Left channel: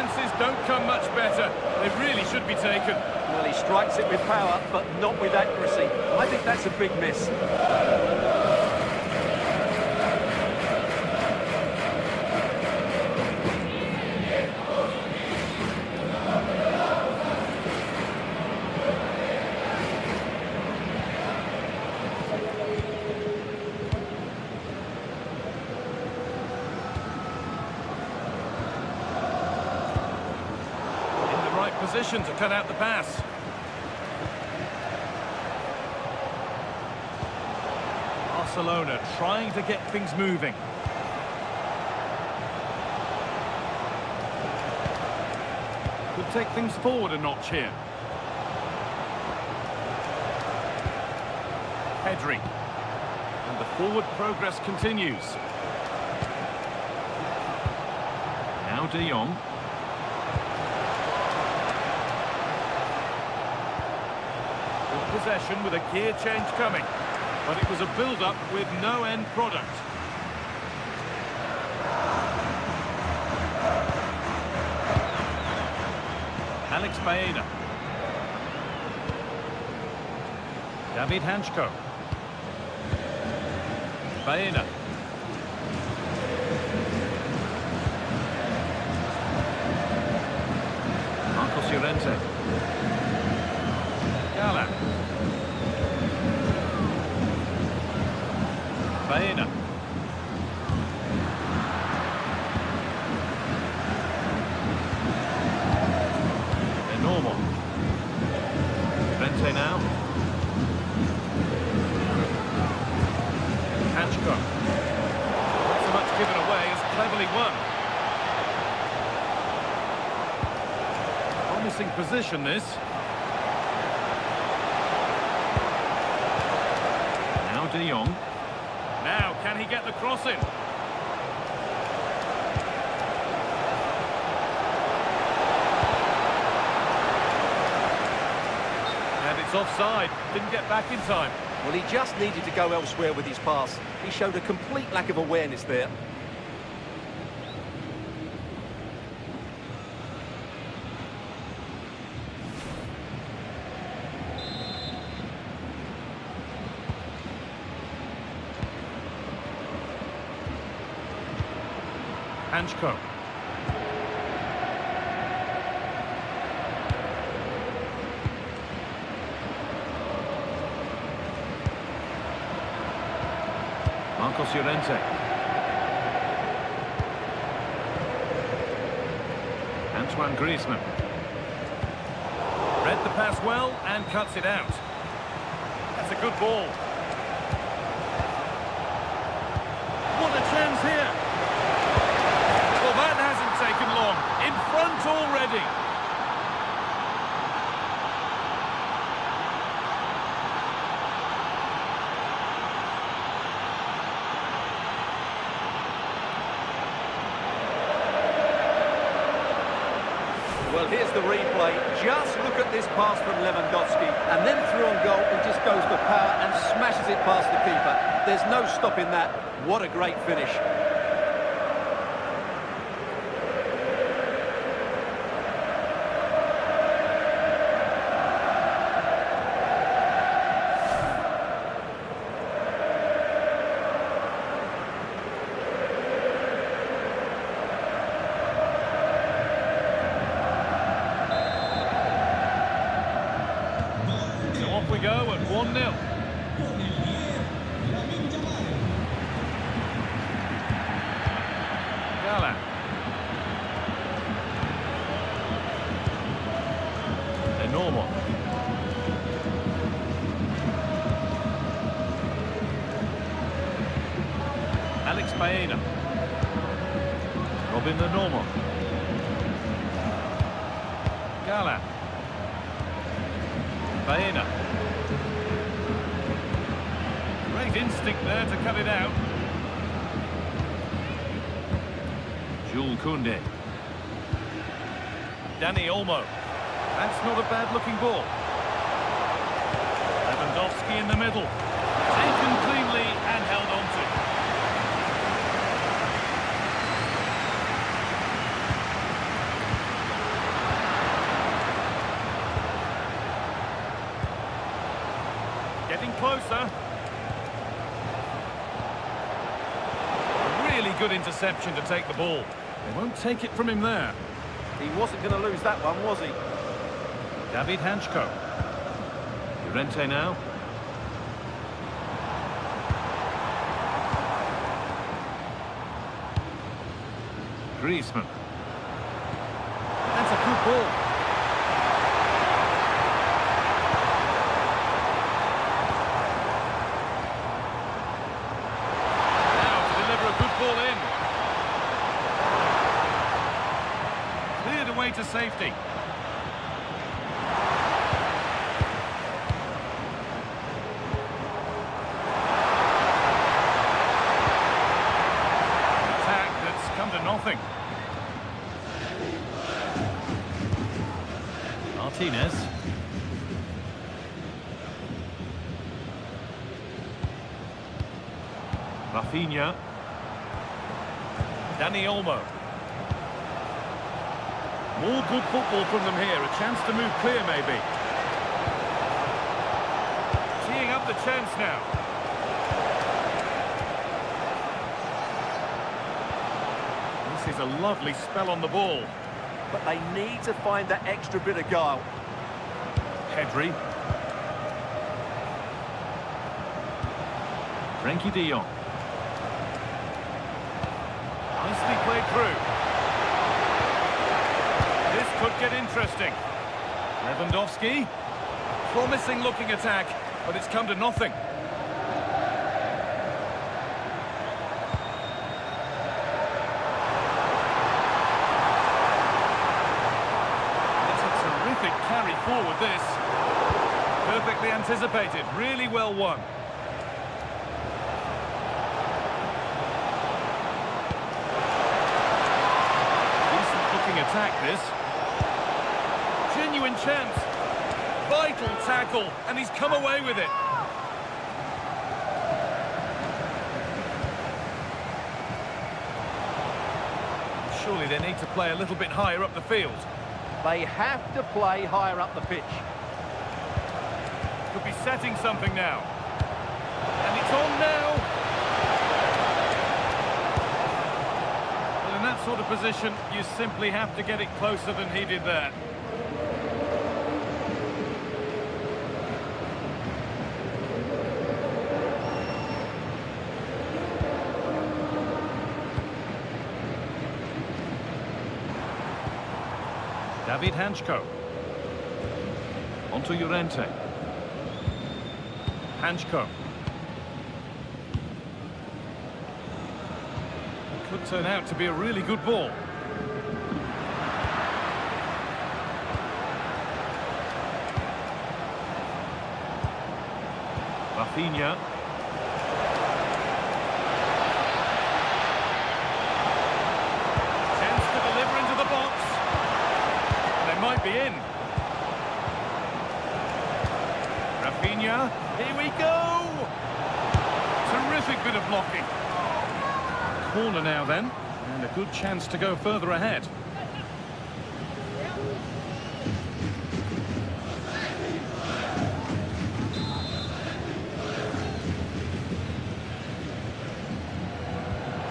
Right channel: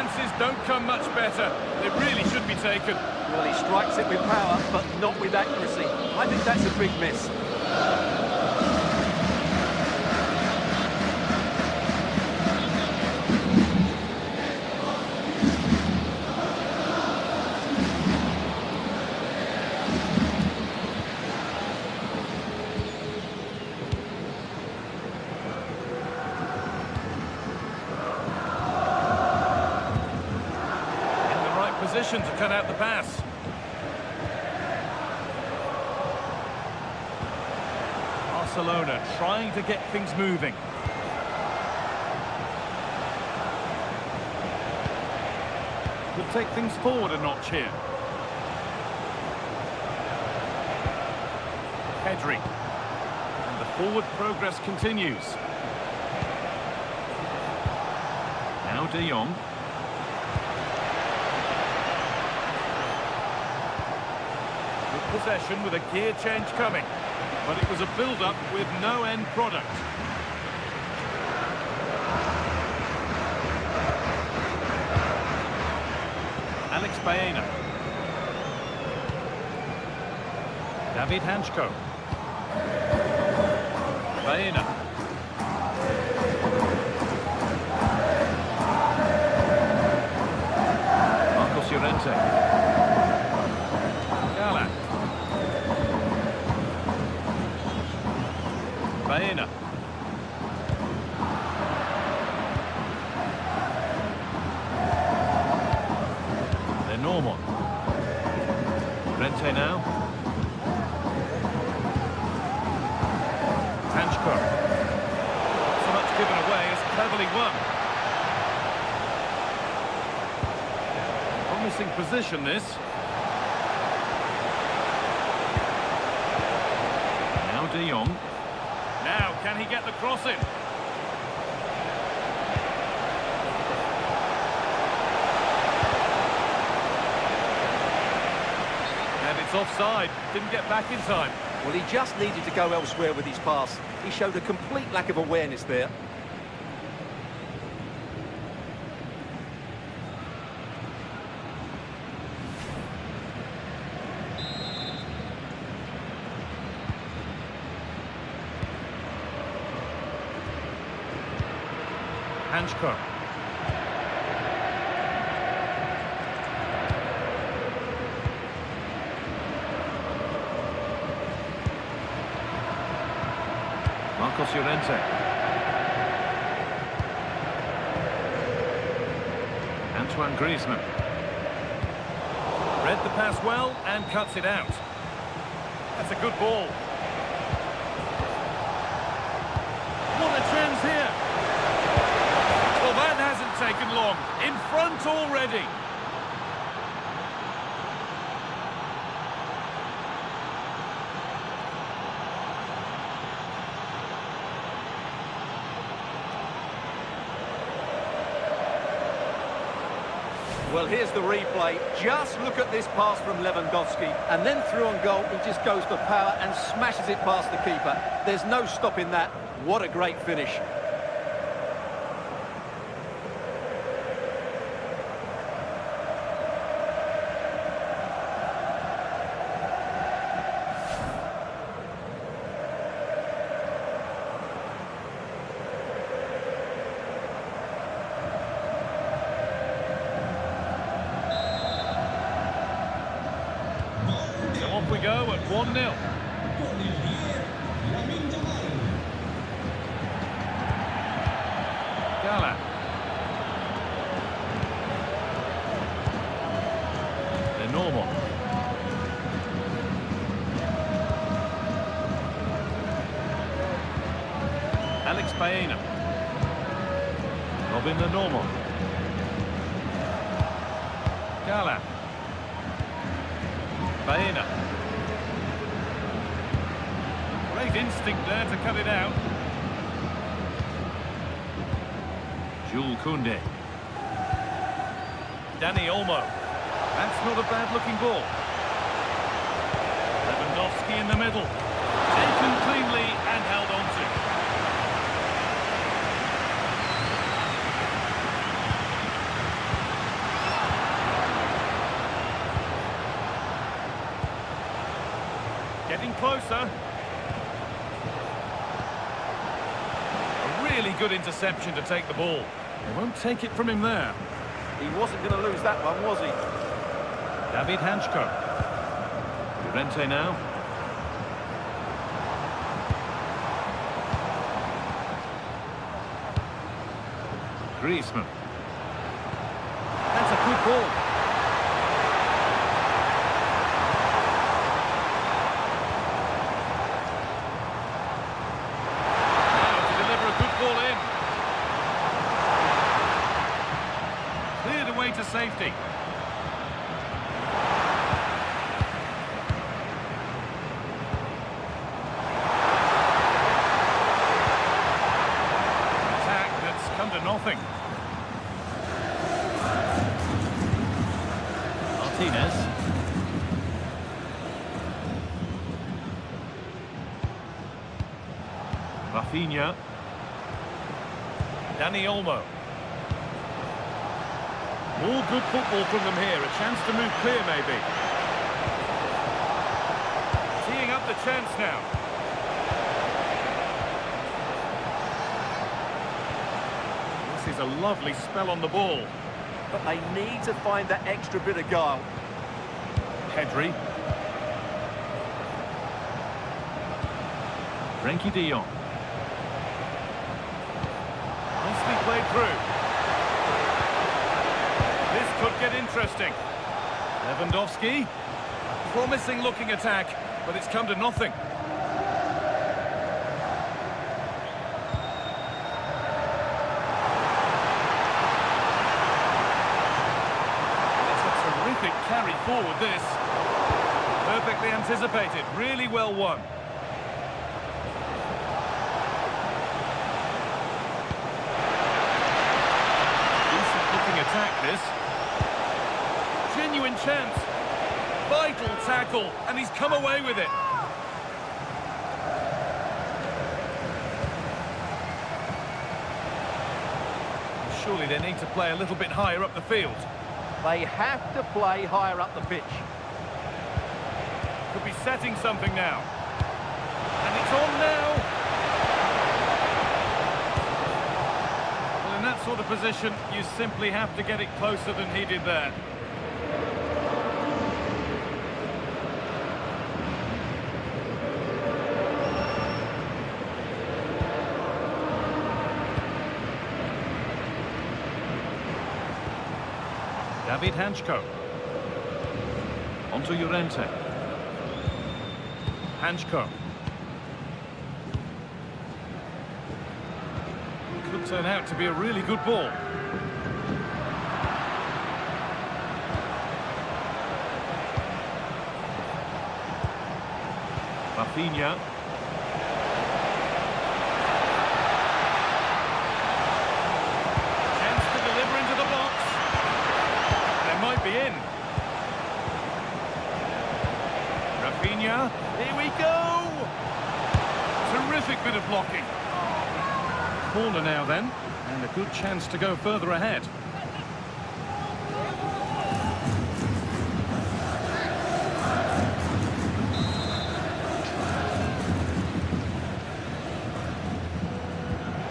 chances don't come much better. They really should be taken. Well, he strikes it with power, but not with accuracy. I think that's a big miss. Position to cut out the pass. Barcelona trying to get things moving. Could take things forward a notch here. Pedri. And the forward progress continues. Now De Jong. Possession with a gear change coming, but it was a build-up with no end product. Alex Baena. David Hanchko. Baena. Marcos Llorente. Gala. Baena. They're normal. Rente now. Hanchko. Not so much given away as cleverly won. Promising position this. Now De Jong. Now, can he get the cross in? And it's offside. Didn't get back in time. Well, he just needed to go elsewhere with his pass. He showed a complete lack of awareness there. Hanchko. Marcos Llorente. Antoine Griezmann. Read the pass well and cuts it out. That's a good ball. What a chance here. Well, that hasn't taken long. In front already. Well, here's the replay. Just look at this pass from Lewandowski. And then through on goal, he just goes for power and smashes it past the keeper. There's no stopping that. What a great finish. Off we go at 1-0. Gala. They're normal. Alex Baena. Robin the normal. Gala. Baena. Great instinct there to cut it out. Jules Koundé. Dani Olmo. That's not a bad-looking ball. Lewandowski in the middle. Taken cleanly and held on to. Getting closer. A really good interception to take the ball. They won't take it from him there. He wasn't going to lose that one, was he? David Hanchko. Llorente now. Griezmann. That's a good ball. Now to deliver a good ball in. Cleared away to safety. Come to nothing. Martinez. Rafinha. Dani Olmo. More good football from them here. A chance to move clear, maybe. Teeing up the chance now. This is a lovely spell on the ball. But they need to find that extra bit of guile. Pedri. Frenkie de Jong. Nicely played through. This could get interesting. Lewandowski. A promising looking attack, but it's come to nothing. Terrific carry forward, this. Perfectly anticipated, really well won. Decent looking attack, this. Genuine chance. Vital tackle, and he's come away with it. Surely they need to play a little bit higher up the field. They have to play higher up the pitch. Could be setting something now. And it's on now. Well, in that sort of position, you simply have to get it closer than he did there. David Hanchko. Onto Llorente. Hanchko. Could turn out to be a really good ball. Rafinha. Chance to deliver into the box. They might be in. Rafinha, here we go! Terrific bit of blocking. Corner now then, and a good chance to go further ahead.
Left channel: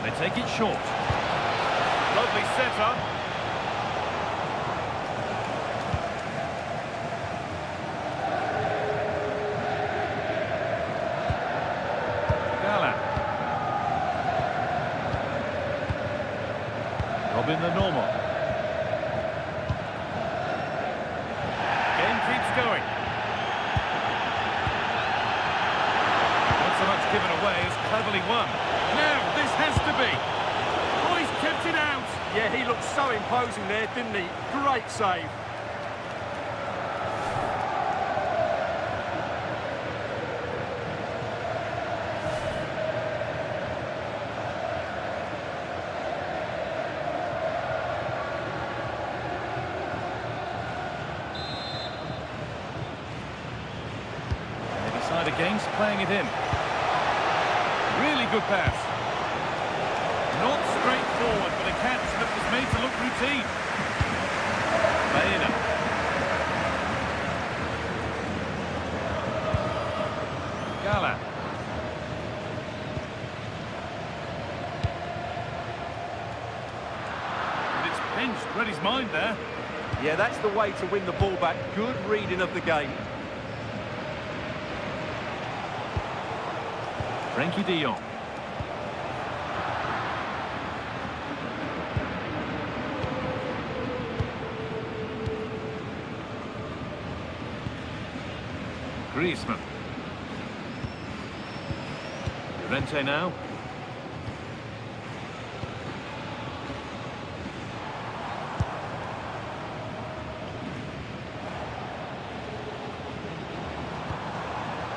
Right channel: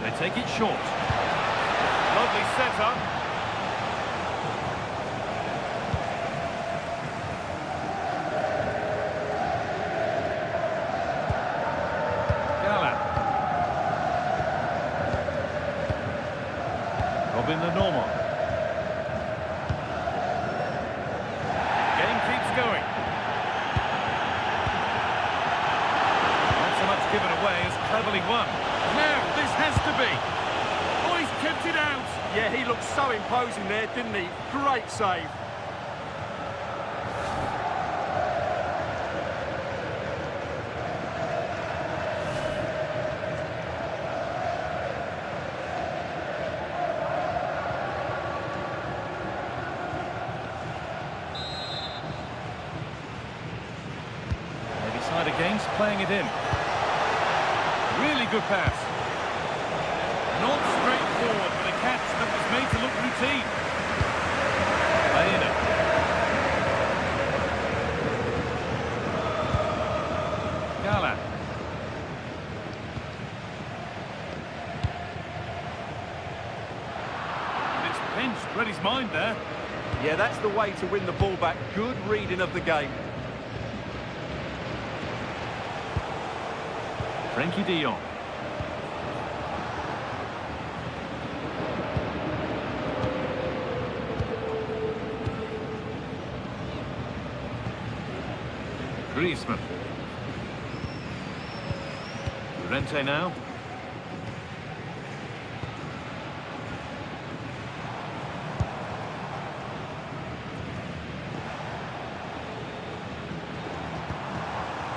They take it short. Lovely setup. Robin the normal. Game keeps going. Not so much given away as cleverly won. Now this has to be. Oh, he's kept it out. Yeah, he looked so imposing there, didn't he? Great save. Side against, playing it in. Really good pass. Not straightforward, but a catch that was made to look routine. Baena. Gala. And it's pinched, read his mind there. Yeah, that's the way to win the ball back. Good reading of the game. Frankie de Jong. Griezmann. Llorente now.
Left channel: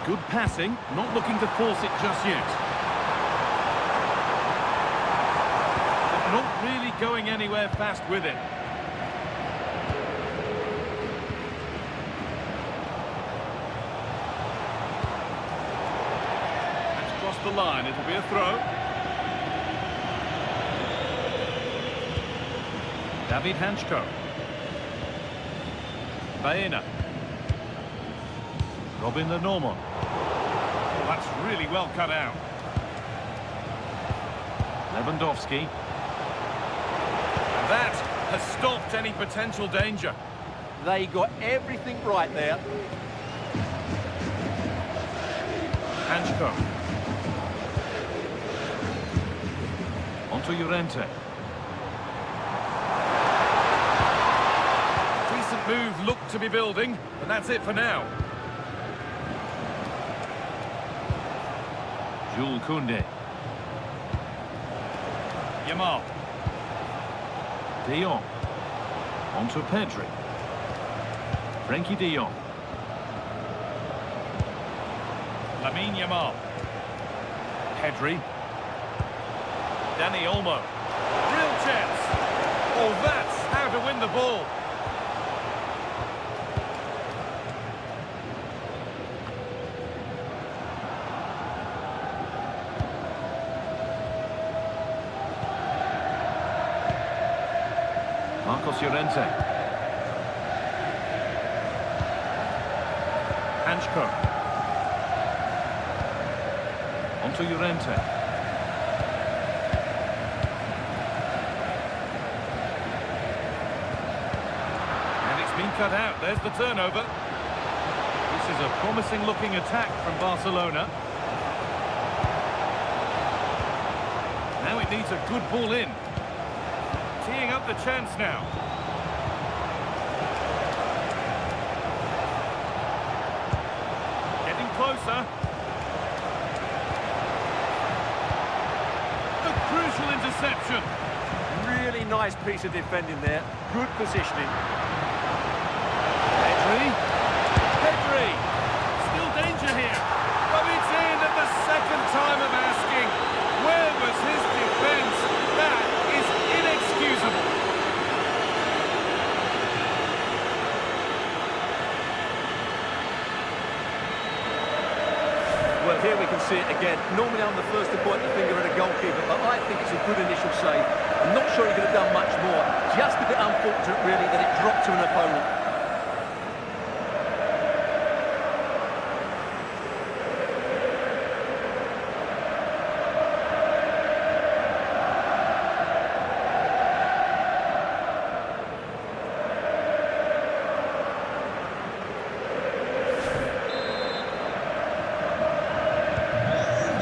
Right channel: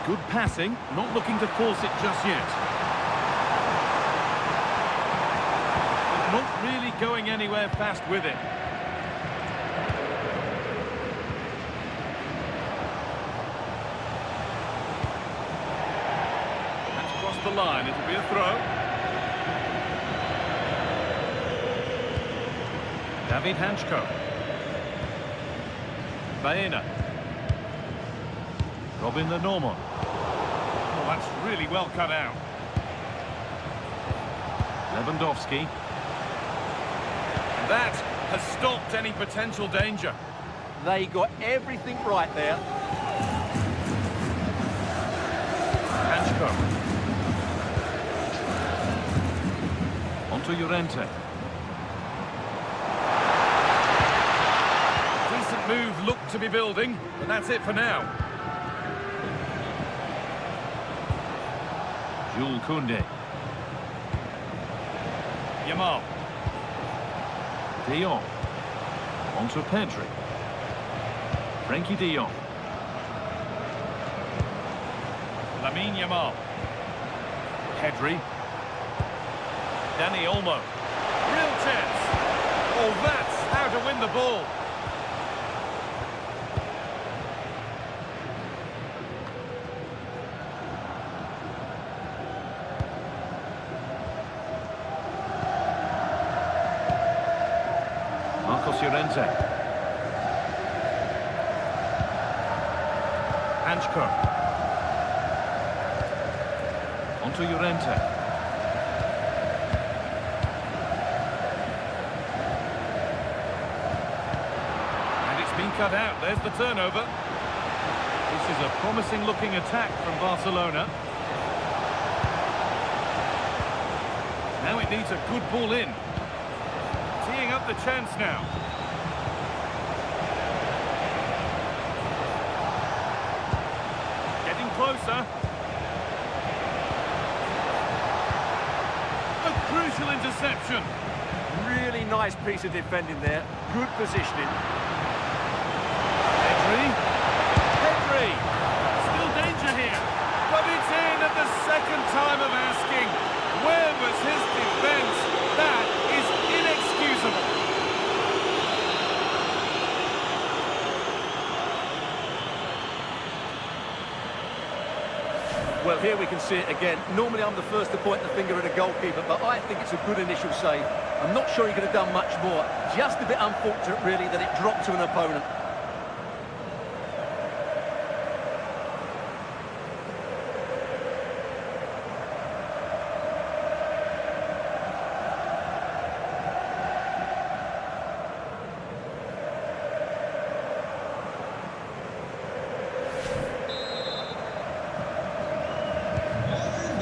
Good passing, not looking to force it just yet. But not really going anywhere fast with it. That's crossed the line, it'll be a throw. David Hanchko. Baena. Robin Lenormand. Oh, that's really well cut out. Lewandowski. And that has stopped any potential danger. They got everything right there. Hanchko. Onto Llorente. Decent move looked to be building, but that's it for now. Jules Koundé. Yamal. De Jong. Onto Pedri. Frankie de Jong. Lamine Yamal. Pedri. Dani Olmo. Real chance. Oh, that's how to win the ball. Marcos Llorente. Hanchko. Onto Llorente. And it's been cut out. There's the turnover. This is a promising looking attack from Barcelona. Now it needs a good ball in. Teeing up the chance now. Getting closer. A crucial interception. Really nice piece of defending there. Good positioning. Pedri. Pedri. Still danger here. But it's in at the second time of asking. Where was his defence? That is inexcusable. Well, here we can see it again. Normally I'm the first to point the finger at a goalkeeper, but I think it's a good initial save. I'm not sure he could have done much more. Just a bit unfortunate, really, that it dropped to an opponent.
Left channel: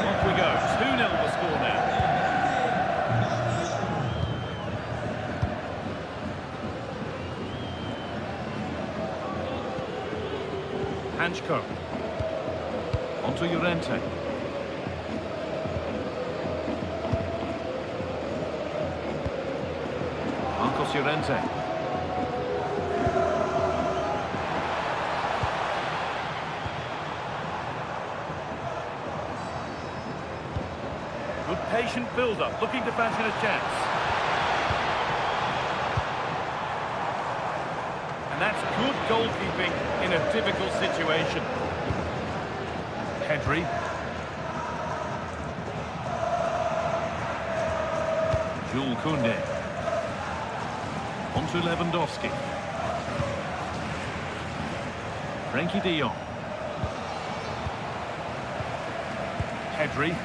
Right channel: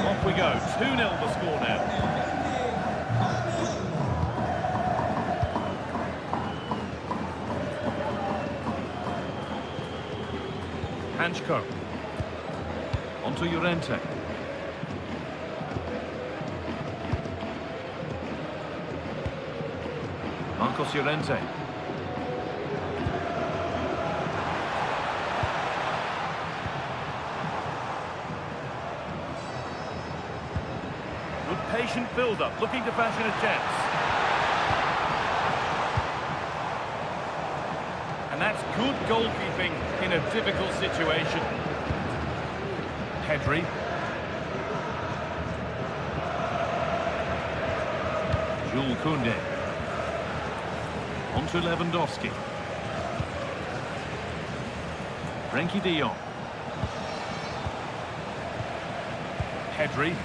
Off we go, 2-0 the score now. Hanchko. Onto Llorente. Marcos Llorente. Good patient build-up, looking to fashion a chance. And that's good goalkeeping in a difficult situation. Pedri. Jules Koundé. Onto Lewandowski. Frankie de Jong. Pedri.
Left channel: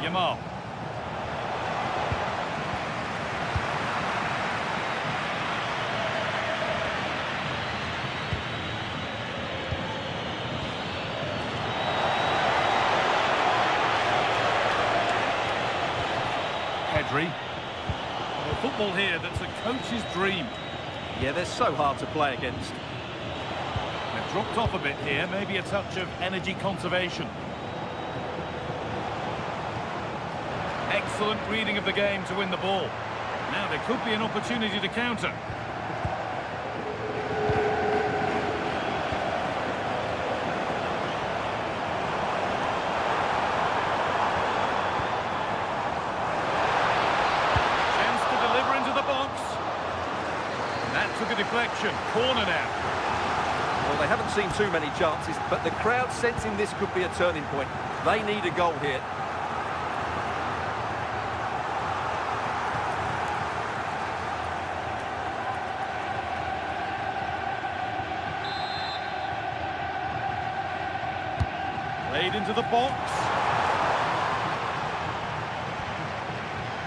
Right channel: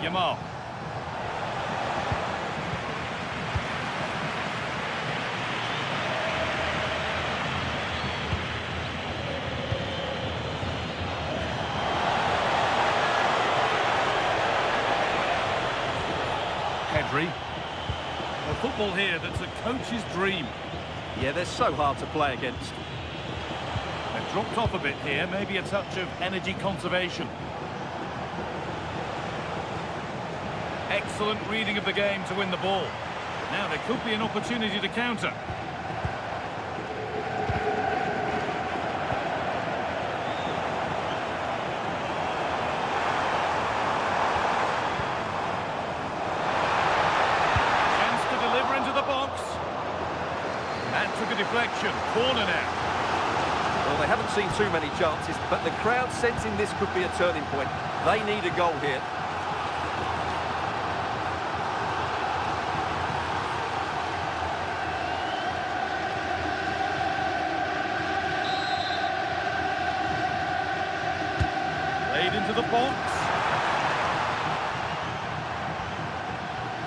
Yamal. Pedri. Well, football here that's a coach's dream. Yeah, they're so hard to play against. They've dropped off a bit here, maybe a touch of energy conservation. Excellent reading of the game to win the ball. Now there could be an opportunity to counter. Chance to deliver into the box. And that took a deflection. Corner now. Well, they haven't seen too many chances, but the crowd sensing this could be a turning point. They need a goal here. Played into the box.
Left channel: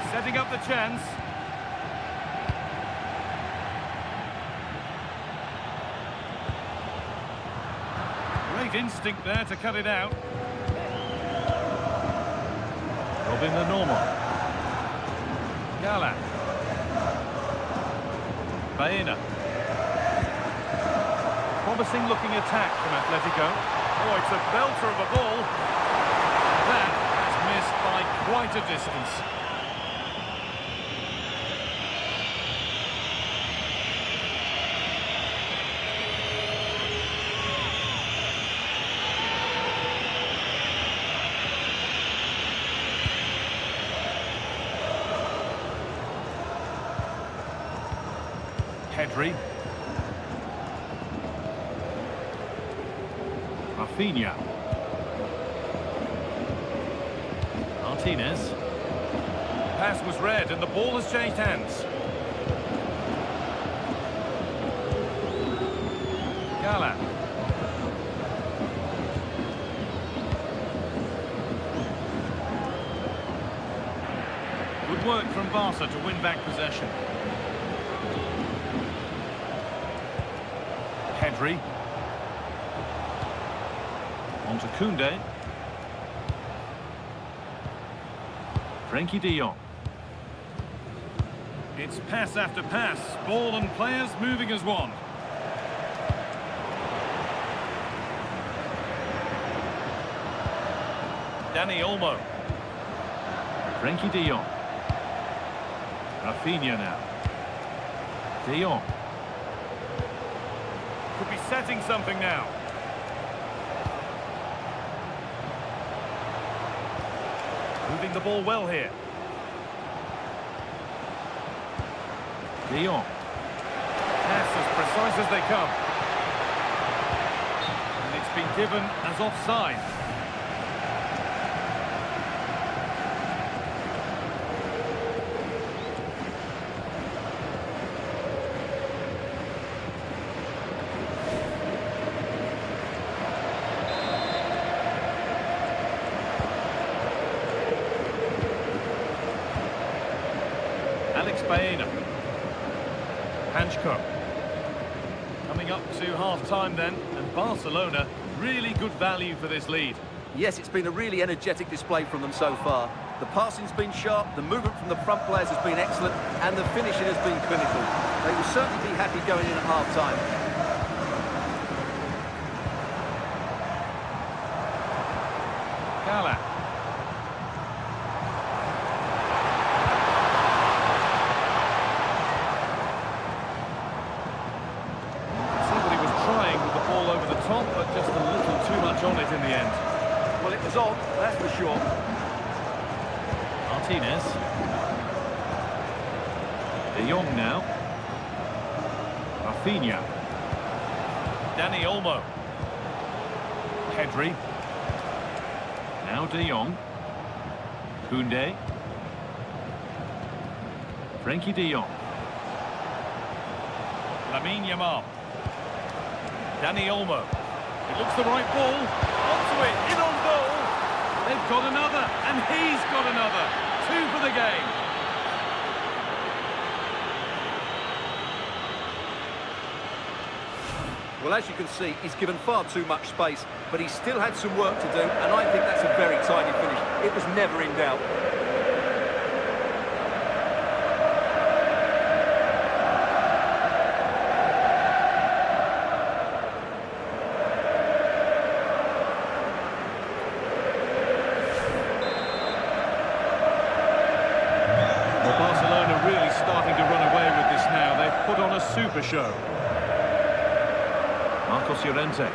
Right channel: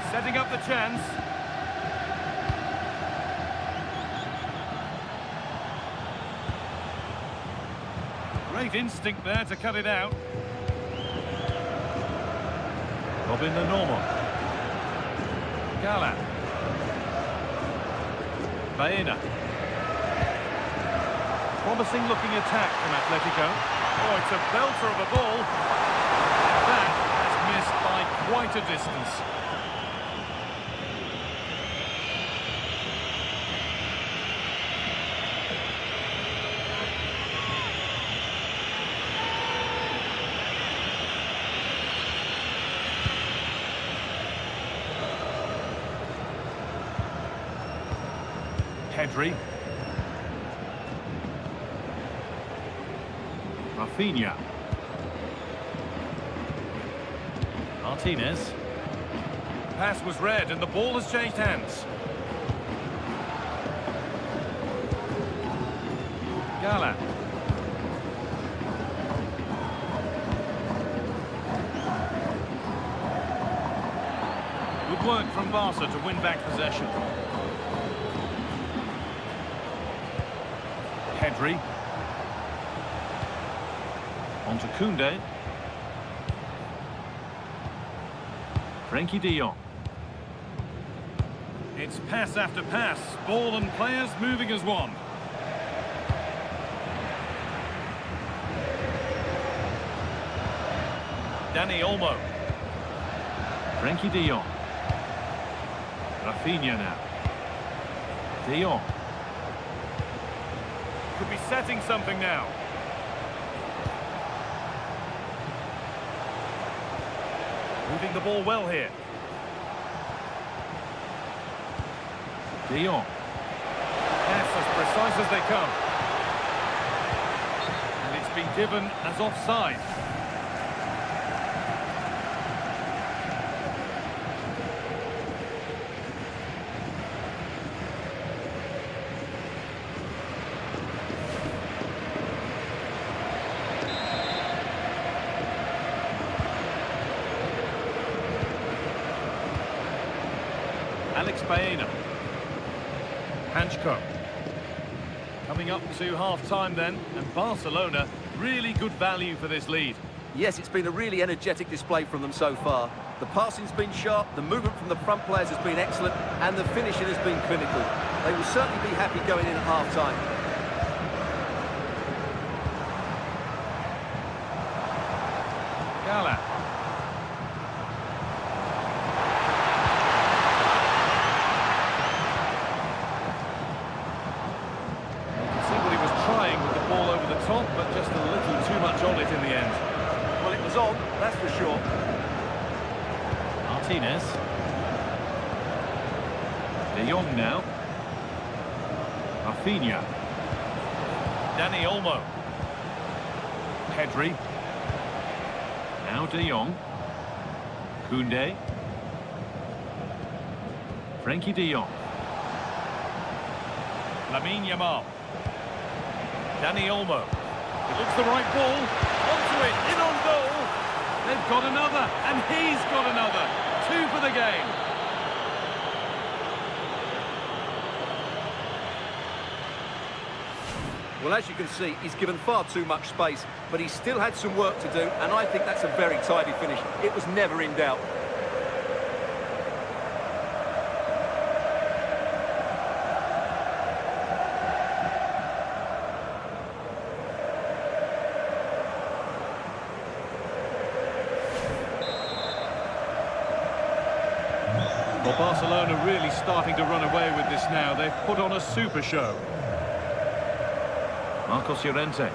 Setting up the chance. Great instinct there to cut it out. Robin the normal. Galán. Baena. Promising looking attack from Atletico. Oh, it's a belter of a ball. That has missed by quite a distance. Pedri. Rafinha. Martinez. Pass was read and the ball has changed hands. Galán. Good work from Barca to win back possession. Pedri. On to Koundé. Frenkie de Jong. It's pass after pass. Ball and players moving as one. Dani Olmo. Frenkie de Jong. Rafinha now. De Jong. Could be setting something now. Moving the ball well here. De Jong. Pass as precise as they come. And it's been given as offside. Alex Baena. Hanchko. Coming up to half-time then, and Barcelona, really good value for this lead. Yes, it's been a really energetic display from them so far. The passing's been sharp, the movement from the front players has been excellent, and the finishing has been clinical. They will certainly be happy going in at half-time. Galán. Trying with the ball over the top, but just a little too much on it in the end. Well, it was on, that's for sure. Martinez. De Jong now. Rafinha. Dani Olmo. Pedri. Now De Jong. Koundé. Frenkie de Jong. Lamine Yamal. Dani Olmo. It looks the right ball. Onto it, in on goal. They've got another, and he's got another. 2 for the game. Well, as you can see, he's given far too much space, but he still had some work to do, and I think that's a very tidy finish. It was never in doubt. Well, Barcelona really starting to run away with this now. They've put on a super show. Marcos Llorente.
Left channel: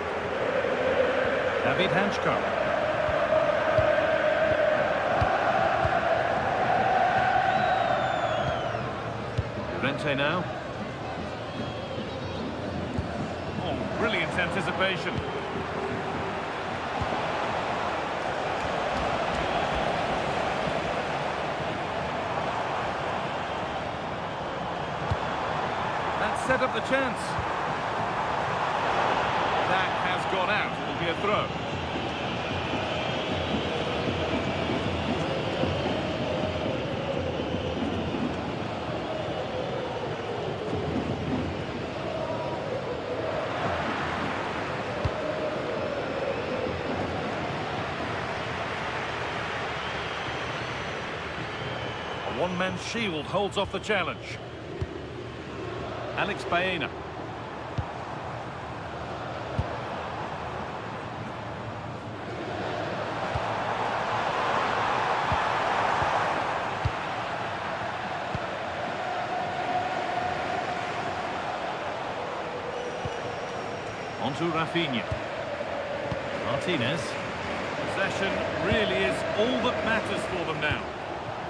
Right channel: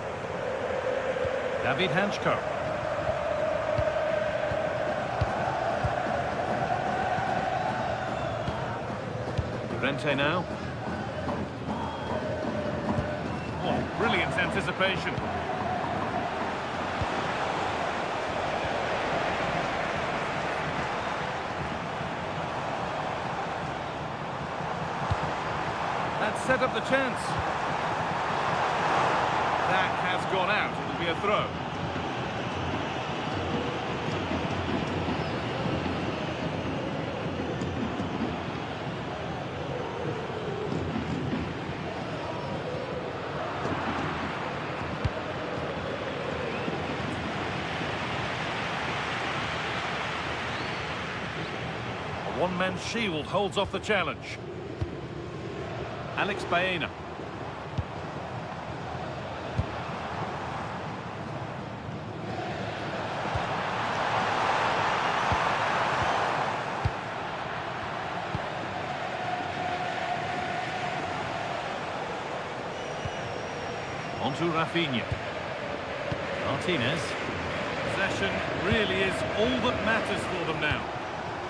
David Hanchko. Llorente now. Oh, brilliant anticipation. That set up the chance. That has gone out. It'll be a throw. A one-man shield holds off the challenge. Alex Baena. On to Rafinha. Martinez. Possession really is all that matters for them now.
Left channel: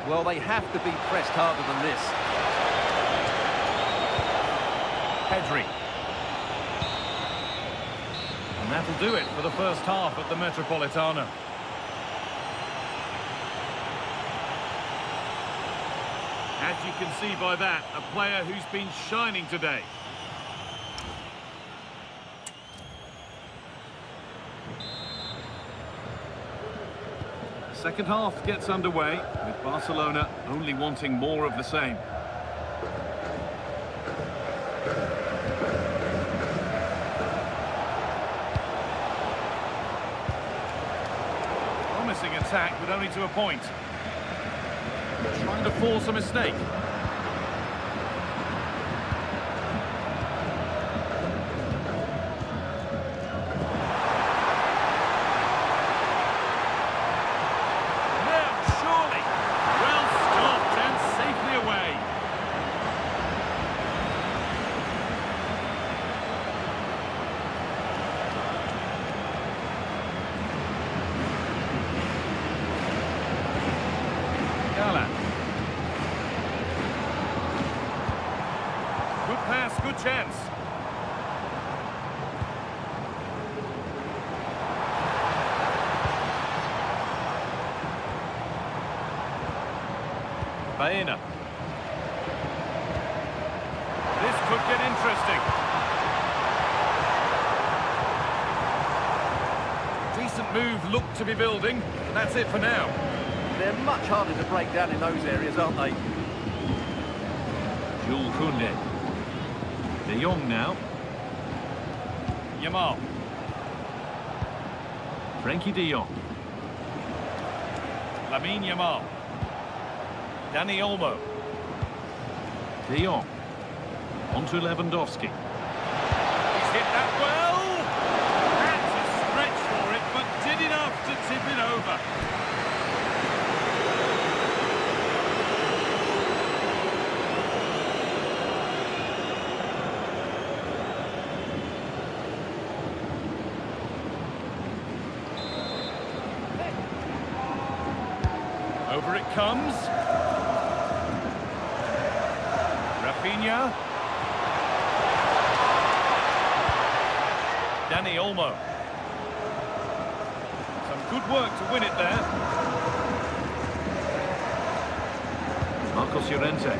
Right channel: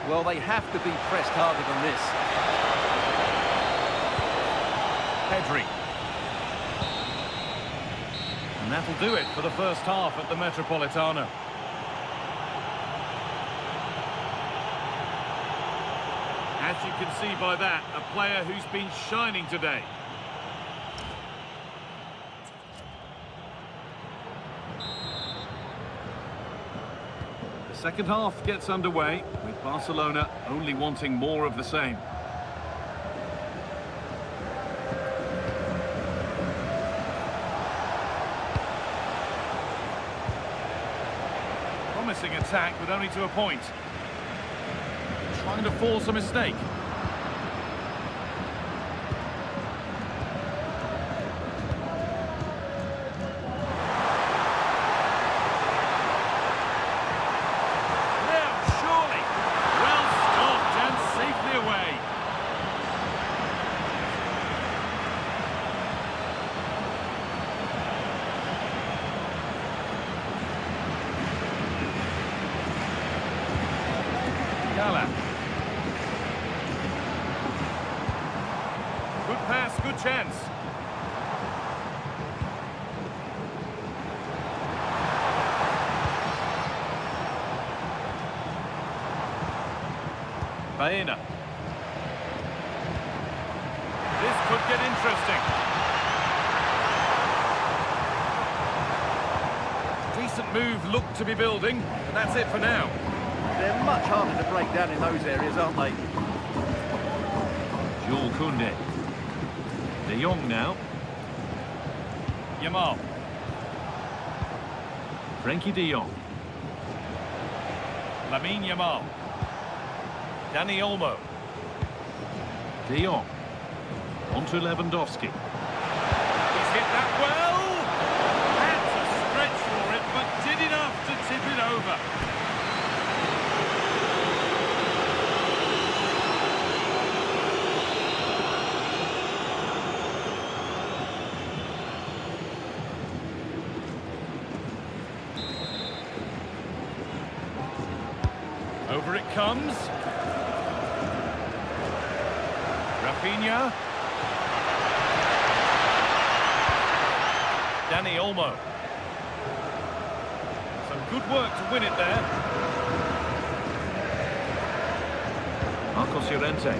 Well, they have to be pressed harder than this. Pedri. And that'll do it for the first half at the Metropolitano. As you can see by that, a player who's been shining today. The second half gets underway, with Barcelona only wanting more of the same. Promising attack, but only to a point. Trying to force a mistake. Now, surely. Well stopped and safely away. Gala. Good pass, good chance. Baena. This could get interesting. Decent move looked to be building, but that's it for now. They're much harder to break down in those areas, aren't they? Jules Koundé. De Jong now. Yamal. Frenkie de Jong. Lamine Yamal. Dani Olmo. De Jong. On to Lewandowski. He's hit that well. Had to stretch for it, but did enough to tip it over. Over it comes. Rafinha. Dani Olmo. Some good work to win it there. Marcos Llorente.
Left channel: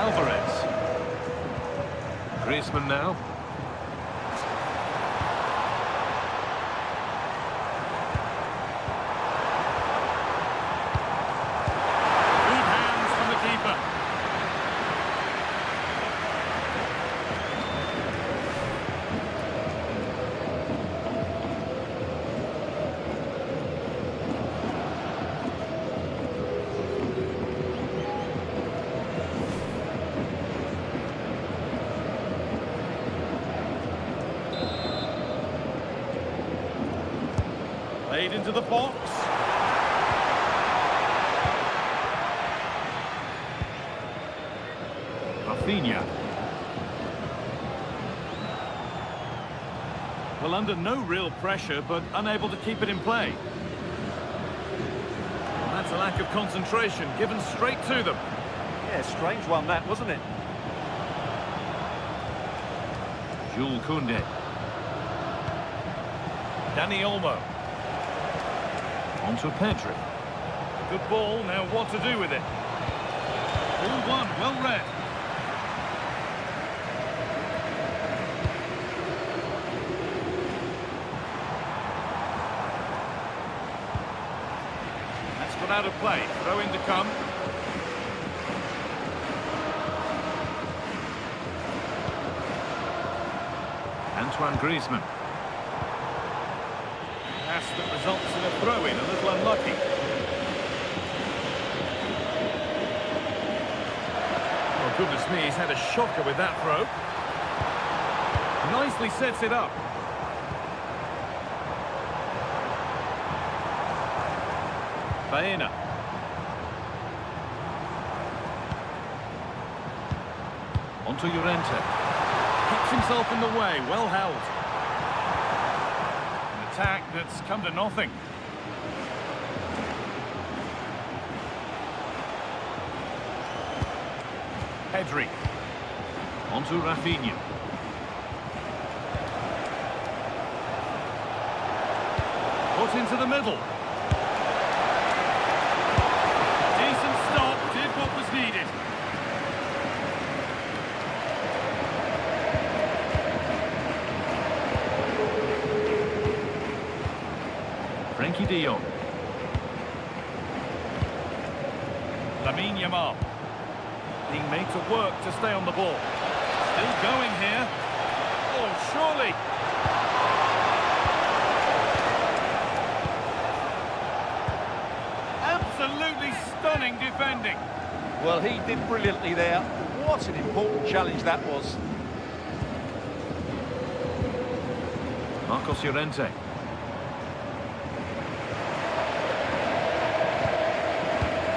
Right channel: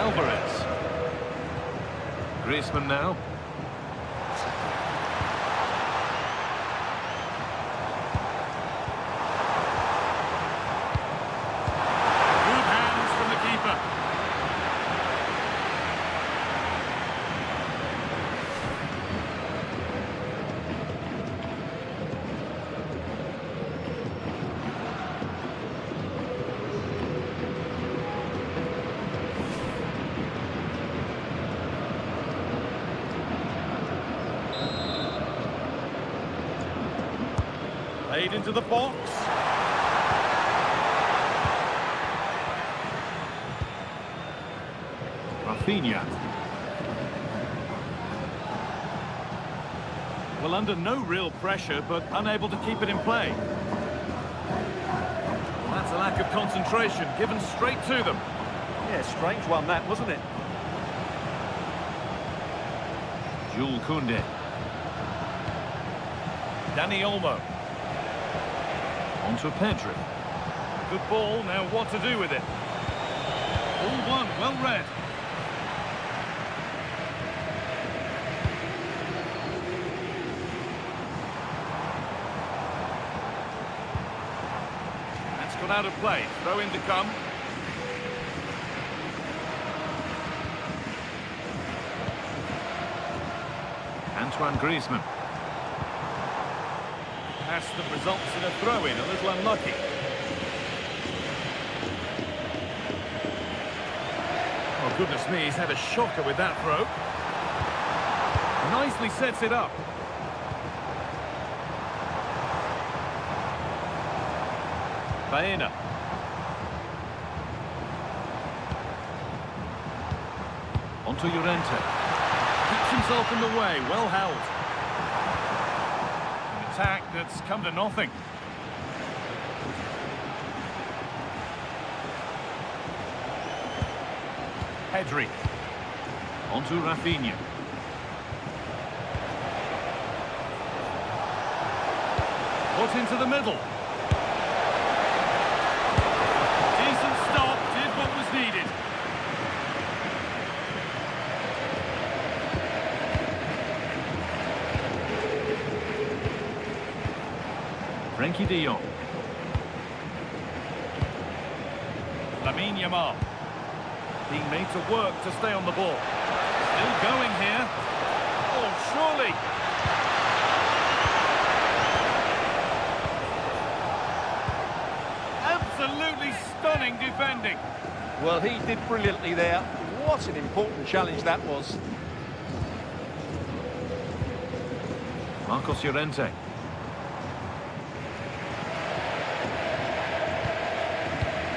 Alvarez. Griezmann now. Good hands from the keeper. Played into the box. Rafinha. Well, under no real pressure, but unable to keep it in play. Well, that's a lack of concentration, given straight to them. Yeah, strange one that, wasn't it? Jules Koundé. Dani Olmo. On to Pedri. Good ball, now what to do with it? All one, well read. That's got out of play, throw in to come. Antoine Griezmann. Pass that results in a throw-in, a little unlucky. Oh, goodness me, he's had a shocker with that throw. Nicely sets it up. Baena. Onto Llorente. Keeps himself in the way, well held. Attack that's come to nothing. Pedri. Onto Rafinha. Put into the middle. Decent stop, did what was needed. Frenkie de Jong. Lamine Yamal. Being made to work to stay on the ball. Still going here. Oh, surely. Absolutely stunning defending. Well, he did brilliantly there. What an important challenge that was. Marcos Llorente.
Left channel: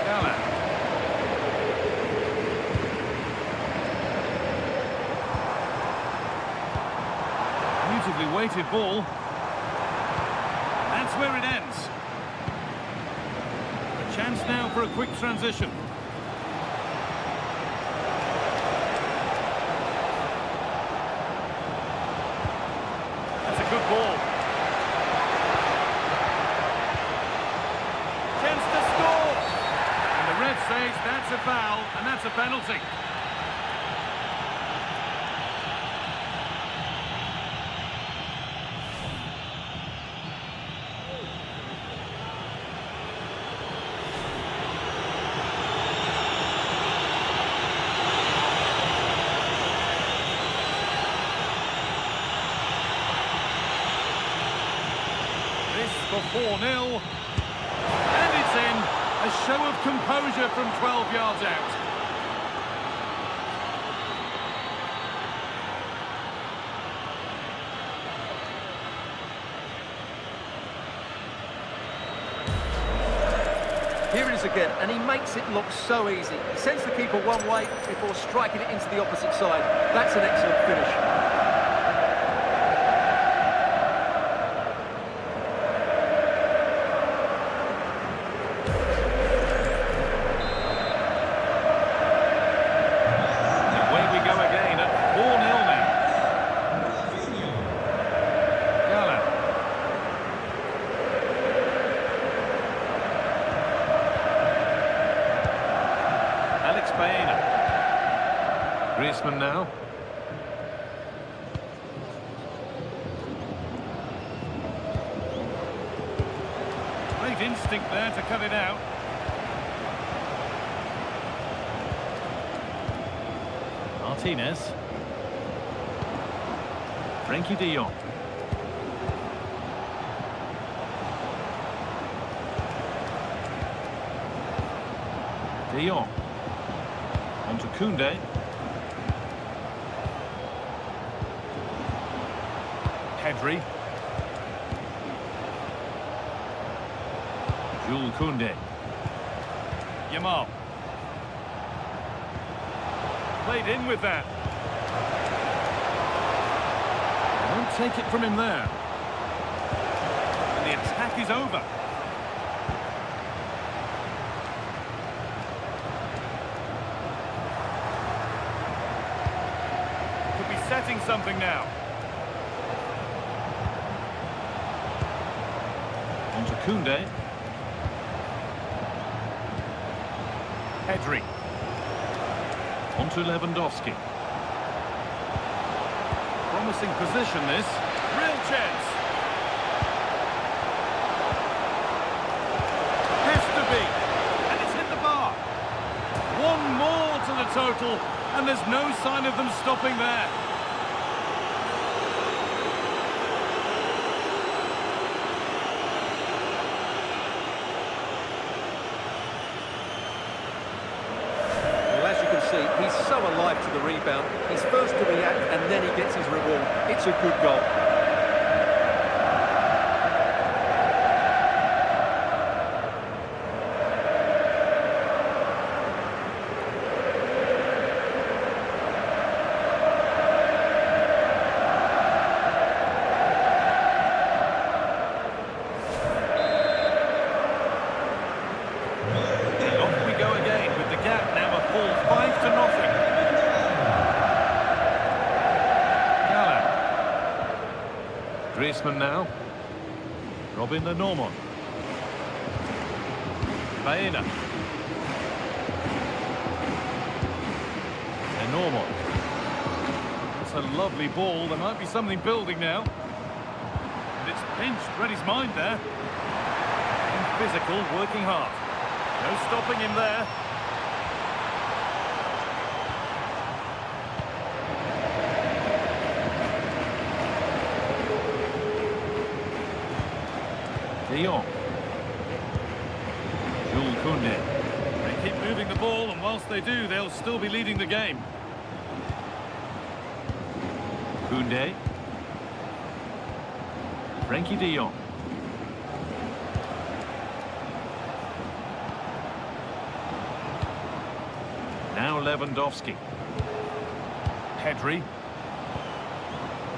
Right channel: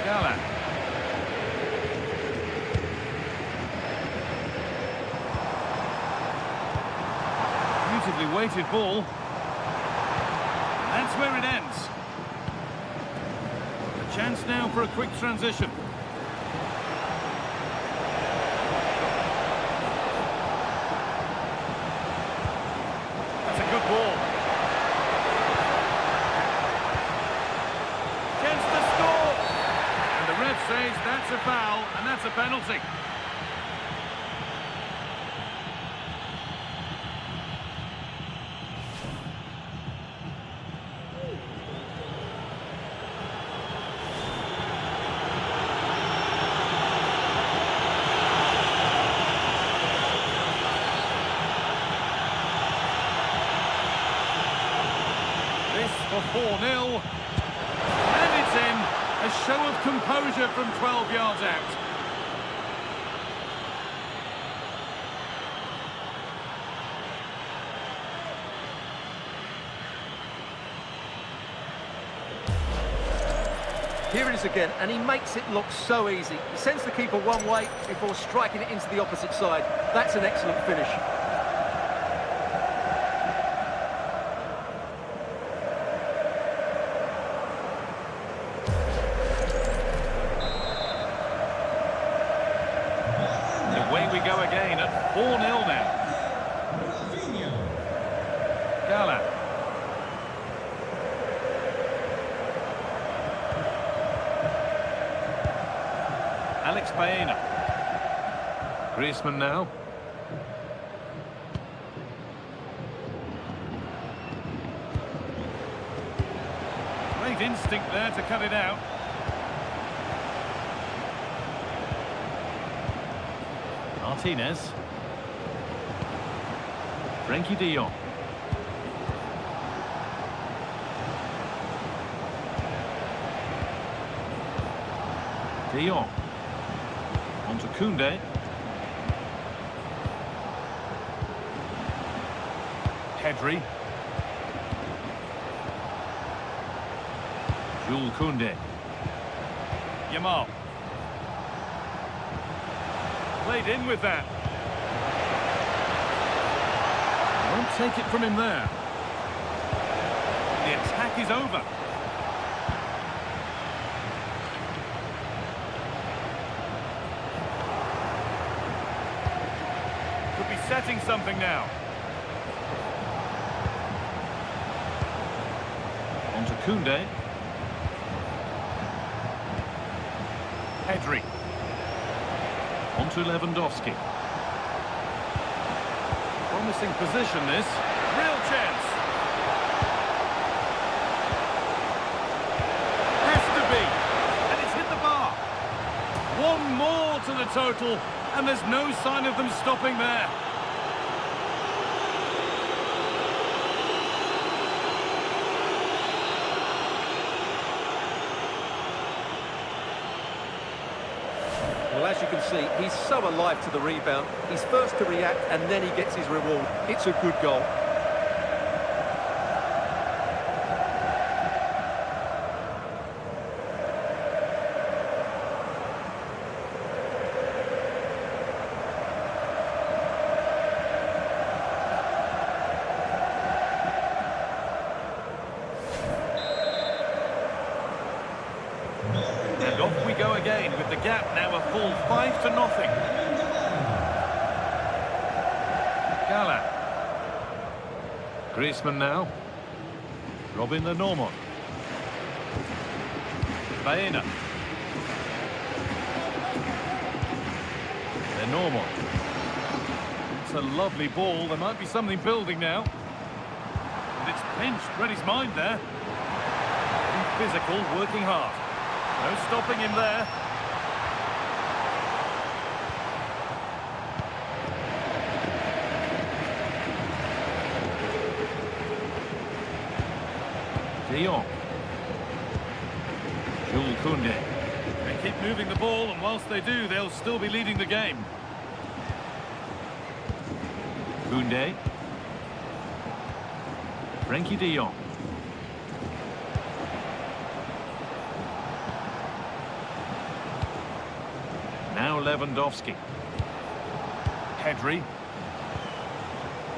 Gala. Beautifully weighted ball. That's where it ends. A chance now for a quick transition. That's a good ball. Chance to score. And the ref says that's a foul, and that's a penalty. This for 4-0. And it's in. A show of composure from 12 yards out. Here it is again, and he makes it look so easy. He sends the keeper one way before striking it into the opposite side. That's an excellent finish. Away we go again at 4-0 now. Gala. Alex Baena. Griezmann now. Great instinct there to cut it out. Martinez. Frankie de Jong. De Jong. On to Koundé. Pedri. Jules Koundé. Yamal. Played in with that. They won't take it from him there. And the attack is over. Could be setting something now. On to Koundé. Pedri. On to Lewandowski. Promising position this. Real chance. Has to be. And it's hit the bar. One more to the total, and there's no sign of them stopping there. Well, as you can see, he's so alive to the rebound. He's first to react, and then he gets his reward. It's a good goal. And off we go again with the gap now a full 5-0. Gala. Griezmann now. Robin the Norman. Baena. The Norman. That's a lovely ball. There might be something building now. And it's pinched. Read his mind there. Getting physical, working hard. No stopping him there. De Jong. Jules Koundé. They keep moving the ball, and whilst they do, they'll still be leading the game. Koundé. Frankie de Jong. Now Lewandowski. Pedri.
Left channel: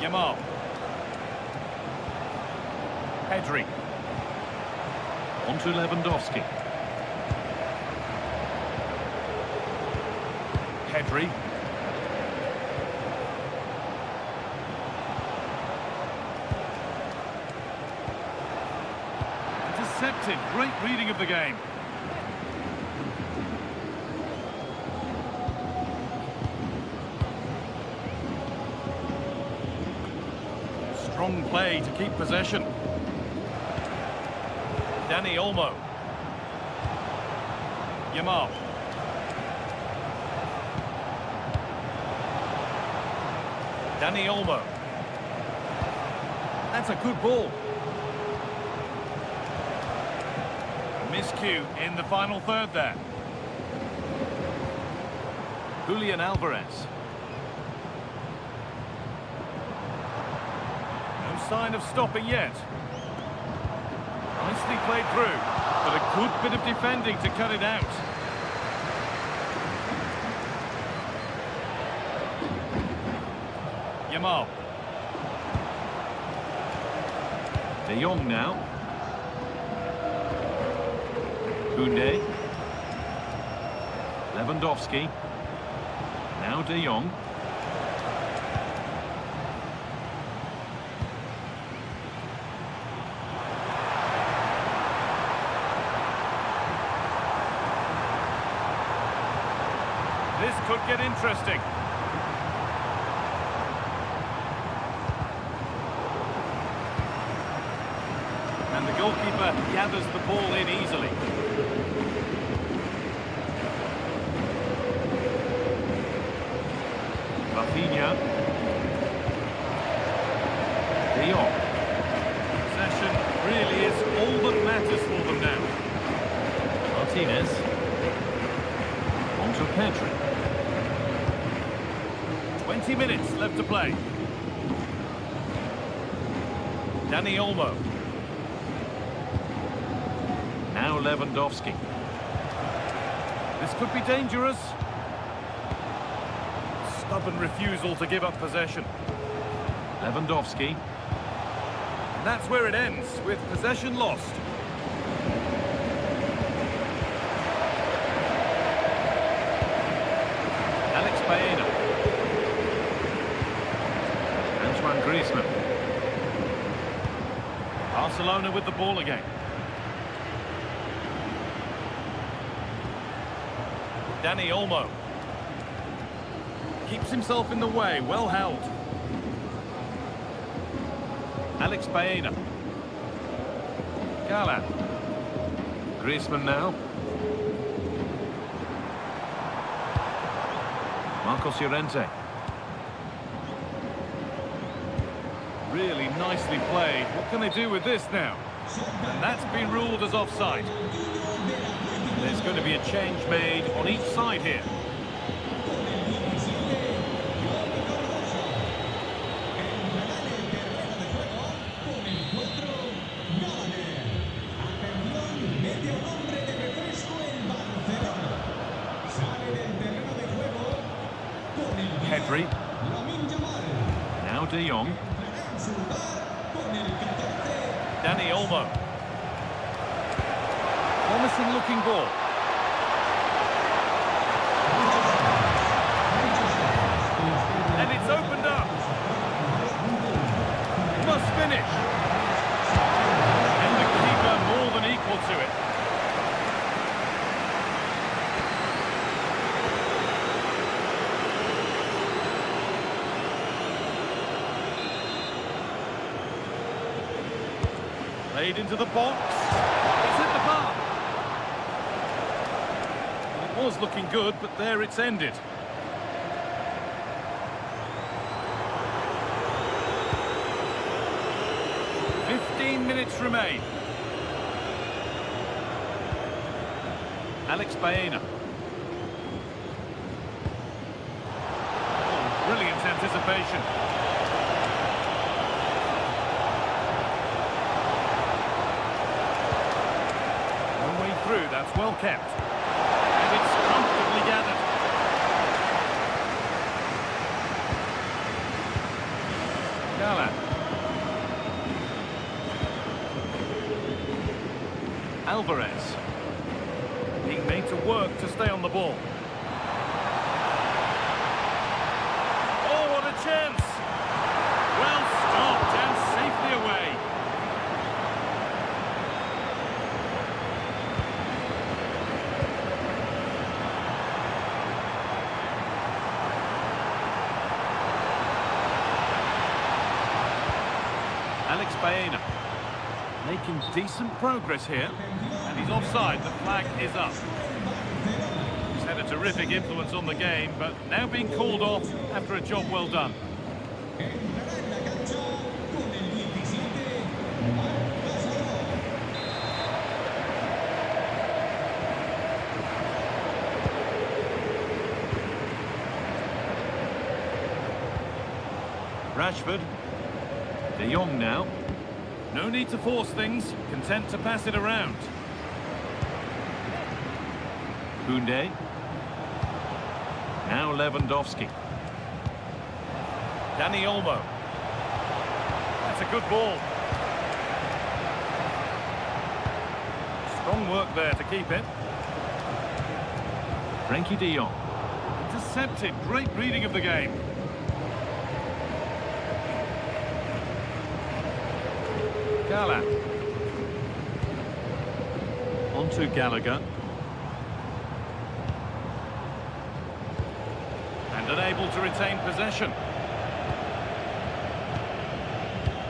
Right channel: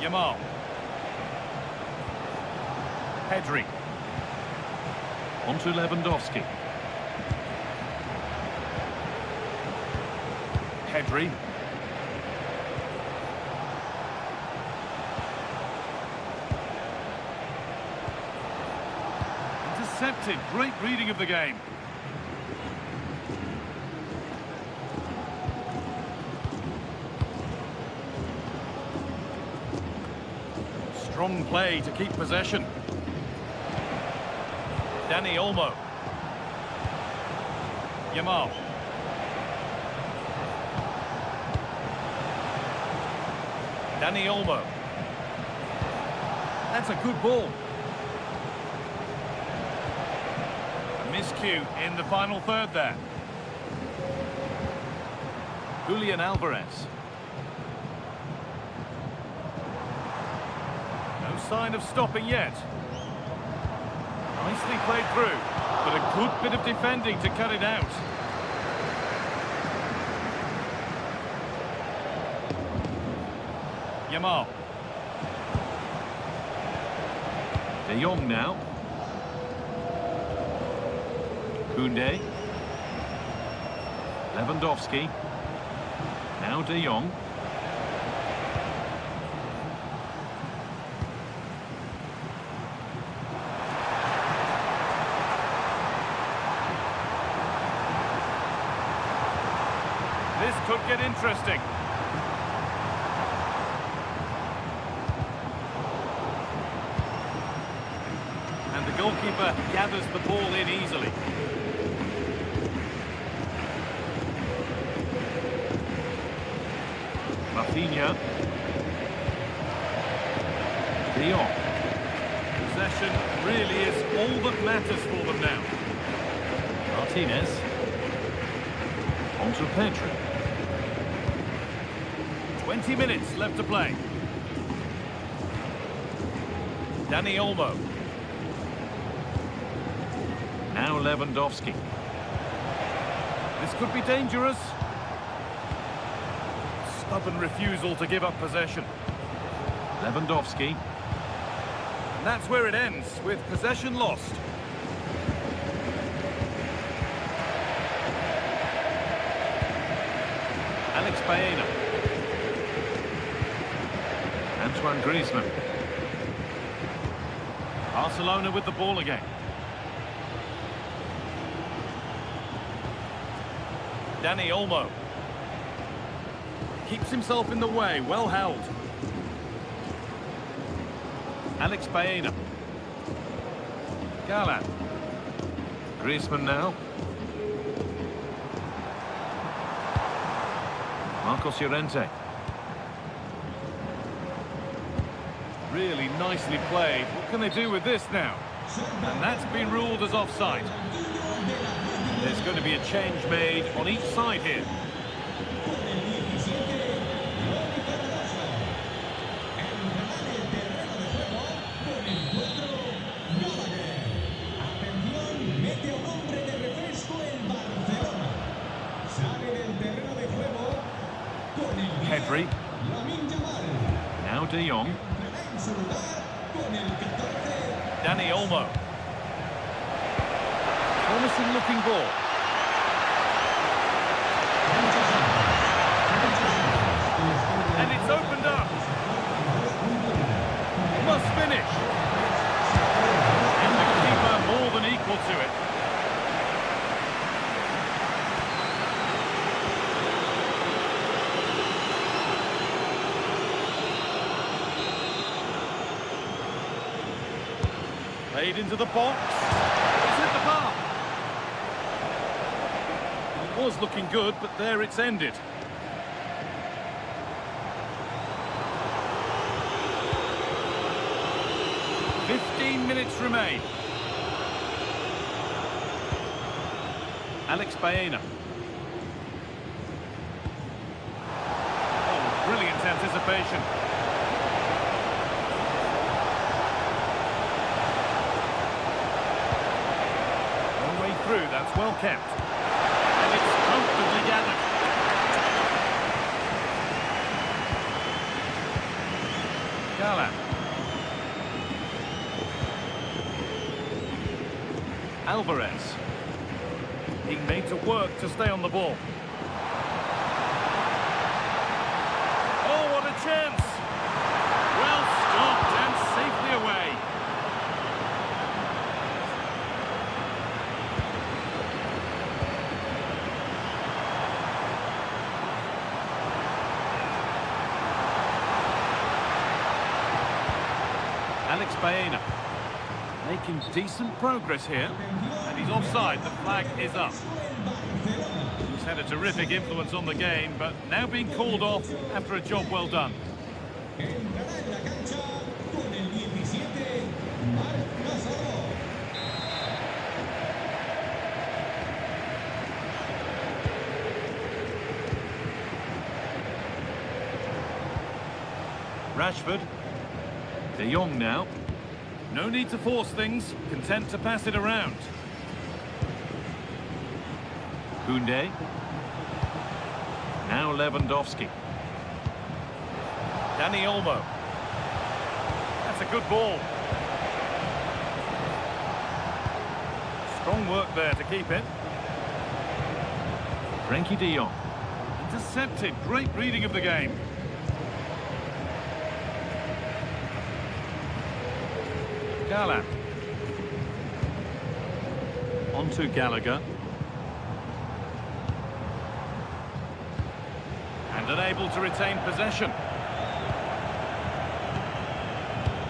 Yamal. Pedri. On to Lewandowski. Pedri. Intercepted. Great reading of the game. Strong play to keep possession. Dani Olmo. Yamal. Dani Olmo. That's a good ball. A miscue in the final third there. Julian Alvarez. No sign of stopping yet. Nicely played through, but a good bit of defending to cut it out. Yamal. De Jong now. Koundé. Lewandowski. Now De Jong. This could get interesting. goalkeeper gathers the ball in easily. Rafinha. De Jong. Possession really is all that matters for them now. Martinez. On to Pedri. 20 minutes left to play. Dani Olmo. Now Lewandowski. This could be dangerous. Stubborn refusal to give up possession. Lewandowski. And that's where it ends, with possession lost. Alex Baena. Antoine Griezmann. Barcelona with the ball again. Dani Olmo. Keeps himself in the way, well held. Alex Baena. Galan. Griezmann now. Marcos Llorente. Really nicely played. What can they do with this now? And that's been ruled as offside. There's going to be a change made on each side here. Pedri. Now De Jong. Dani Olmo. Promising looking ball. And it's opened up. Must finish. And the keeper more than equal to it. Played into the box. It's hit the bar. It was looking good, but there it's ended. "15 minutes remain. Alex Baena. Oh, brilliant anticipation. Through, that's well kept. And it's comfortably gathered. Galan. Alvarez. Being made to work to stay on the ball. Oh, what a chance! Well stopped and safely away. Alex Baena making decent progress here, and he's offside. The flag is up. He's had a terrific influence on the game, but now being called off after a job well done. Rashford. De Jong now. No need to force things, content to pass it around. Koundé. Now Lewandowski. Dani Olmo. That's a good ball. Strong work there to keep it. Frenkie de Jong. Intercepted, great reading of the game. Galan. On to Gallagher. And unable to retain possession.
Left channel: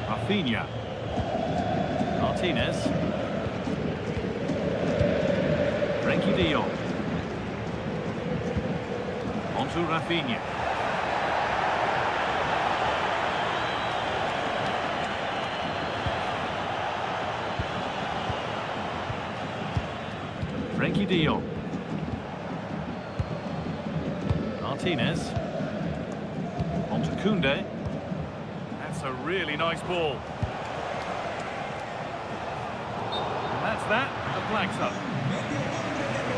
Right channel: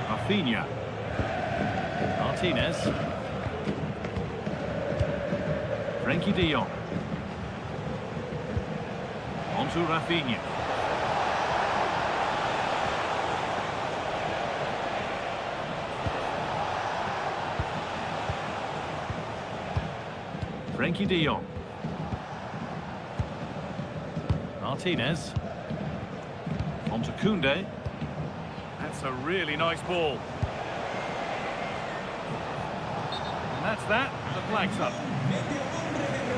Rafinha. Martinez. Frenkie de Jong. On to Rafinha. Frenkie de Jong. Martinez. On to Koundé. That's a really nice ball. And that's that. The flag's up.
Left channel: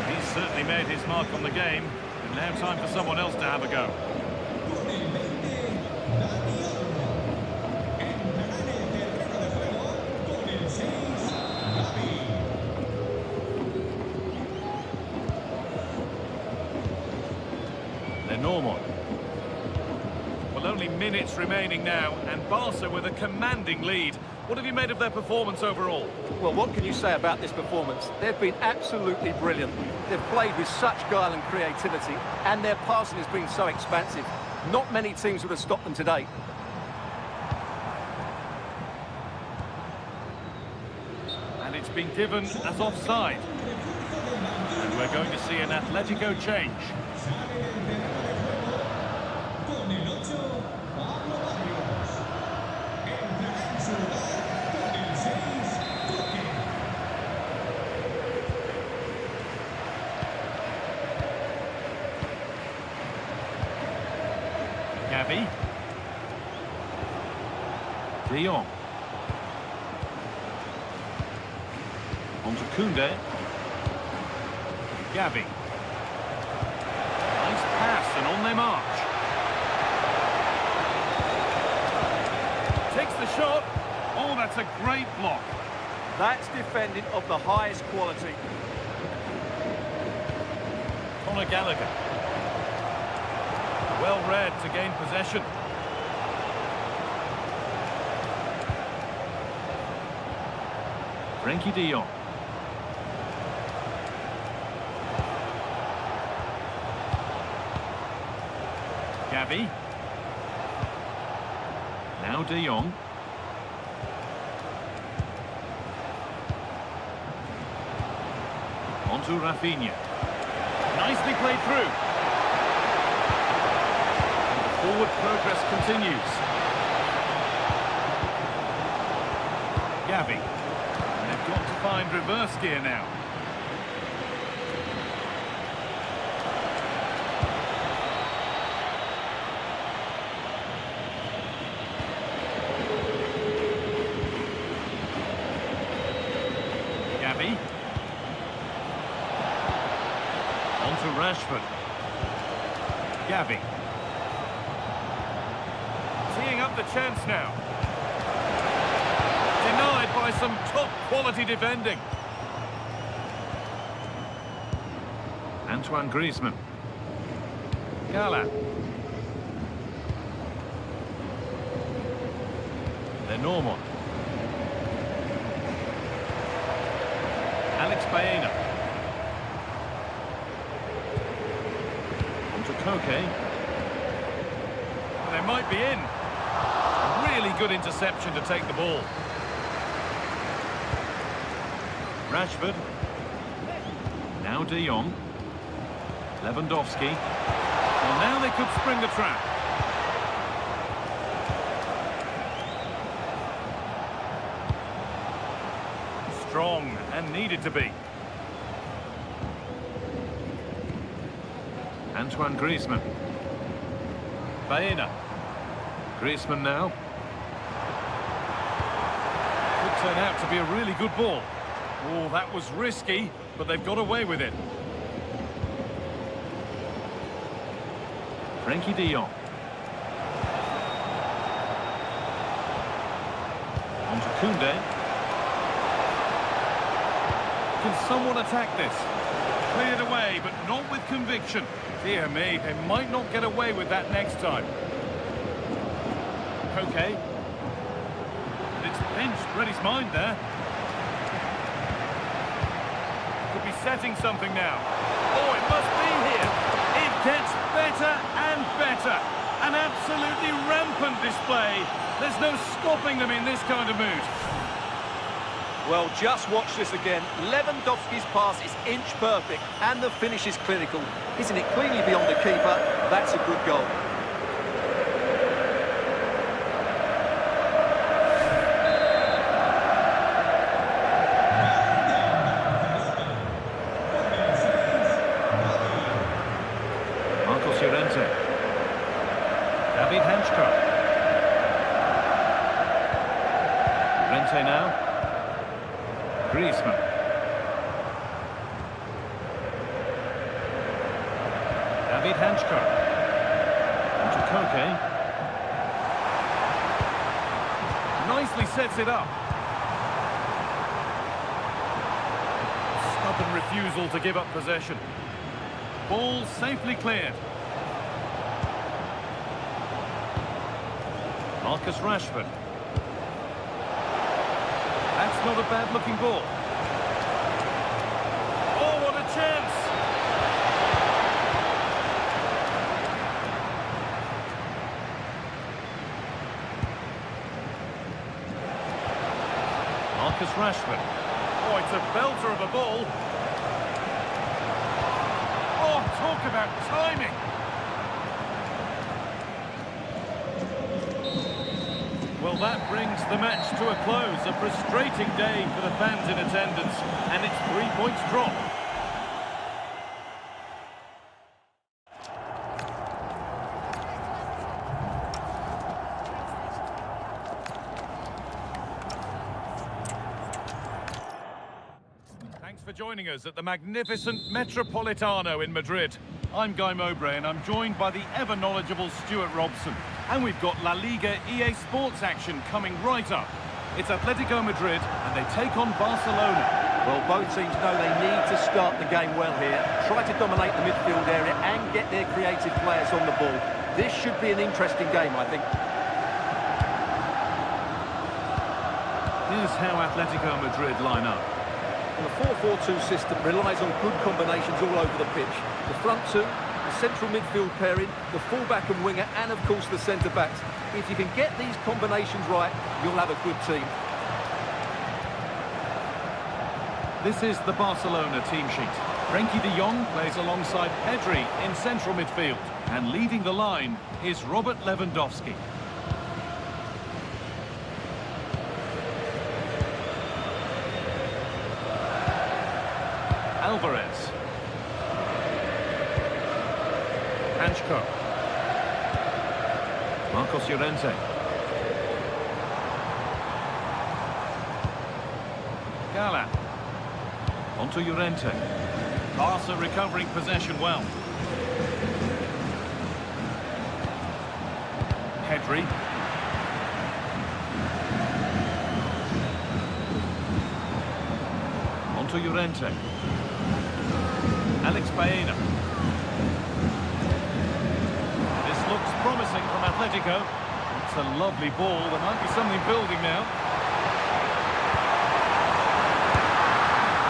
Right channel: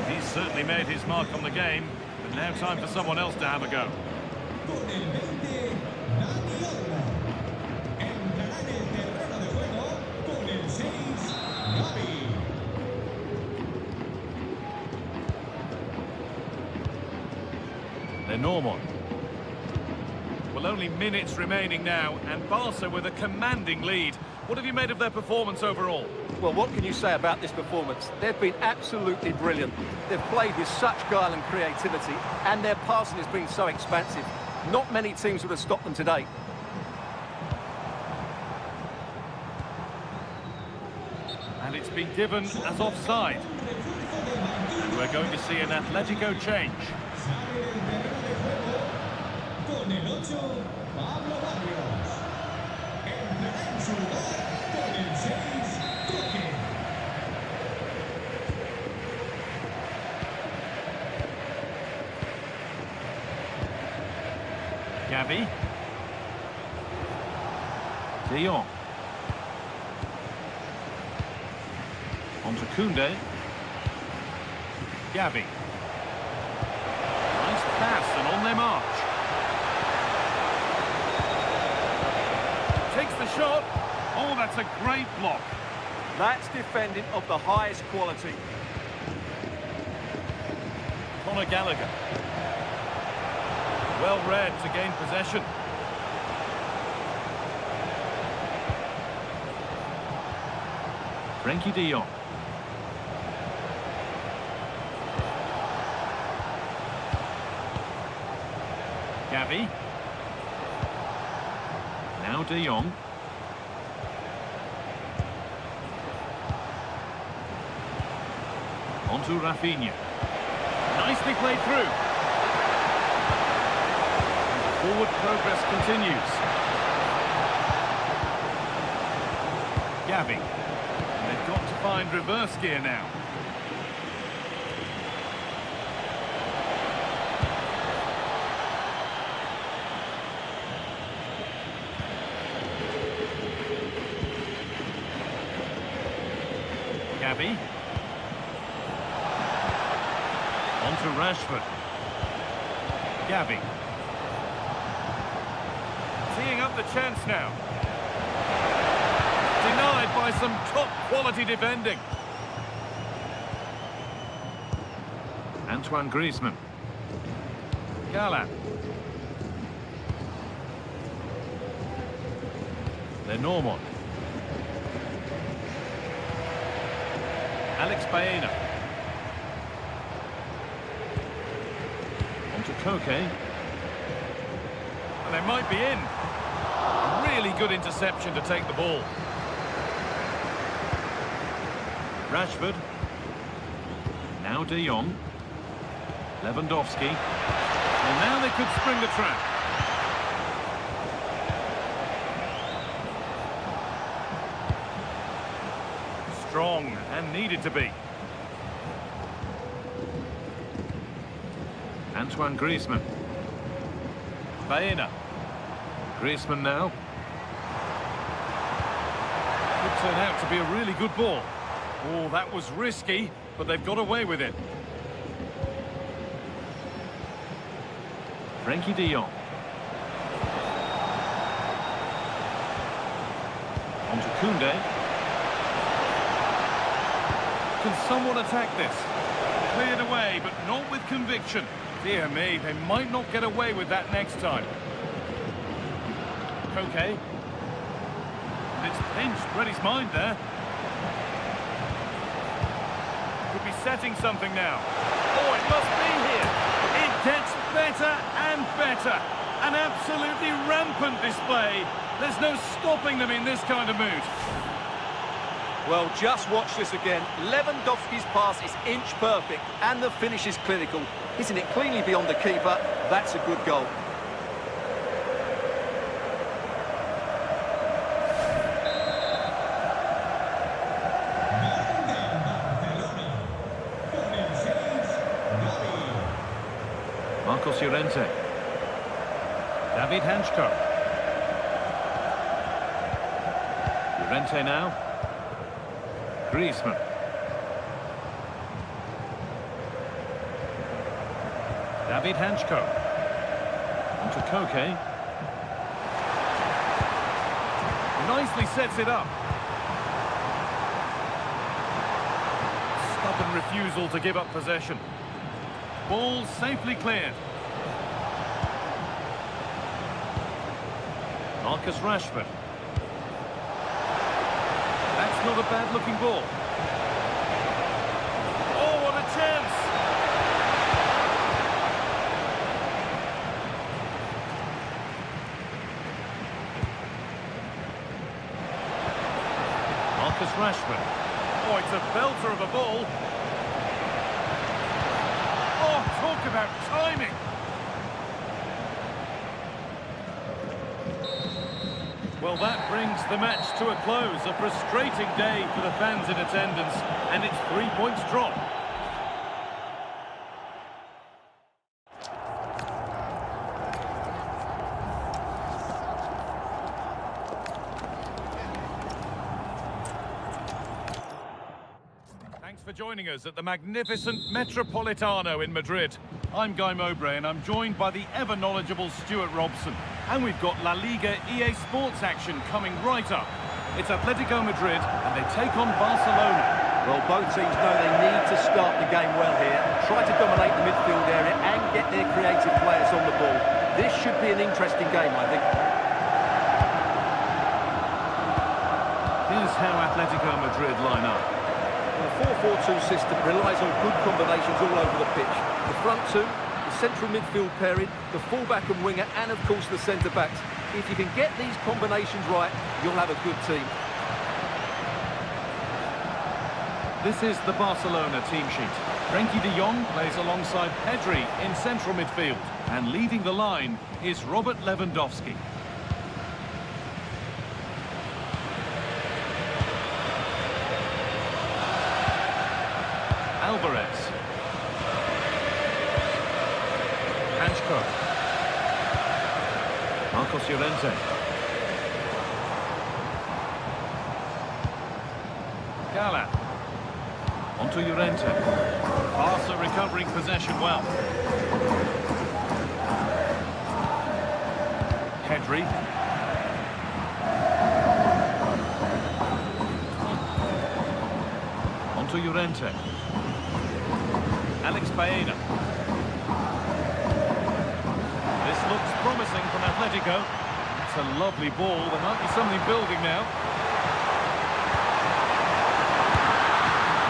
He's certainly made his mark on the game, but now time for someone else to have a go. Con el 20, Dani Olmo. Entrará en el terreno de juego con el 6, Gavi. Lenormand. Well, only minutes remaining now, and Barca with a commanding lead. What have you made of their performance overall? Well, what can you say about this performance? They've been absolutely brilliant. They've played with such guile and creativity, and their passing has been so expansive. Not many teams would have stopped them today. And it's been given as offside. And we're going to see an Atletico change. Sale del terreno de juego con el 8, Pablo Barrios. Entrará en su lugar con el 6, Coque. Gavi. De Jong. On to Koundé. Gavi. Nice pass and on they march. Takes the shot. Oh, that's a great block. That's defending of the highest quality. Conor Gallagher. Well read to gain possession. Frenkie de Jong. Gavi. Now de Jong. On to Rafinha. Nicely played through. And the forward progress continues. Gavi. And they've got to find reverse gear now. Gavi. On to Rashford. Gavi. Teeing up the chance now. Denied by some top-quality defending. Antoine Griezmann. Gallat. Lenormand. Alex Baena. On to Koke. And they might be in. A really good interception to take the ball. Rashford. Now de Jong. Lewandowski. Well, now they could spring the trap. Strong and needed to be. Antoine Griezmann. Baena. Griezmann now. Could turn out to be a really good ball. Oh, that was risky, but they've got away with it. Frenkie de Jong. On to Koundé. Can someone attack this? Cleared away, but not with conviction. Dear me, they might not get away with that next time. Koke. And it's pinched, read his mind there. Could be setting something now. Oh, it must be here. It gets better and better. An absolutely rampant display. There's no stopping them in this kind of mood. Well, just watch this again. Lewandowski's pass is inch perfect, and the finish is clinical. Hitting it cleanly beyond the keeper, that's a good goal. Marcos Llorente. David Hanchko. Llorente now. Griezmann. David Hanchko. On to Koke. Nicely sets it up. Stubborn refusal to give up possession. Ball safely cleared. Marcus Rashford. That's not a bad-looking ball. Oh, what a chance! Marcus Rashford. Oh, it's a belter of a ball. Oh, talk about timing! Well, that brings the match to a close. A frustrating day for the fans in attendance, and it's 3 points drop. Thanks for joining us at the magnificent Metropolitano in Madrid. I'm Guy Mowbray, and I'm joined by the ever-knowledgeable Stuart Robson. And we've got La Liga EA Sports action coming right up. It's Atletico Madrid, and they take on Barcelona. Well, both teams know they need to start the game well here. Try to dominate the midfield area and get their creative players on the ball. This should be an interesting game, I think. Here's how Atletico Madrid line up. Well, the 4-4-2 system relies on good combinations all over the pitch. The front two, the central midfield pairing, the fullback and winger, and of course the centre-backs. If you can get these combinations right, you'll have a good team. This is the Barcelona team sheet. Frenkie de Jong plays alongside Pedri in central midfield. And leading the line is Robert Lewandowski. Alvarez. Hanchko. Marcos Llorente. Gala. Onto Llorente. Barca recovering possession well. Pedri. Onto Llorente. Alex Baena. This looks promising from Atletico. It's a lovely ball. There might be something building now.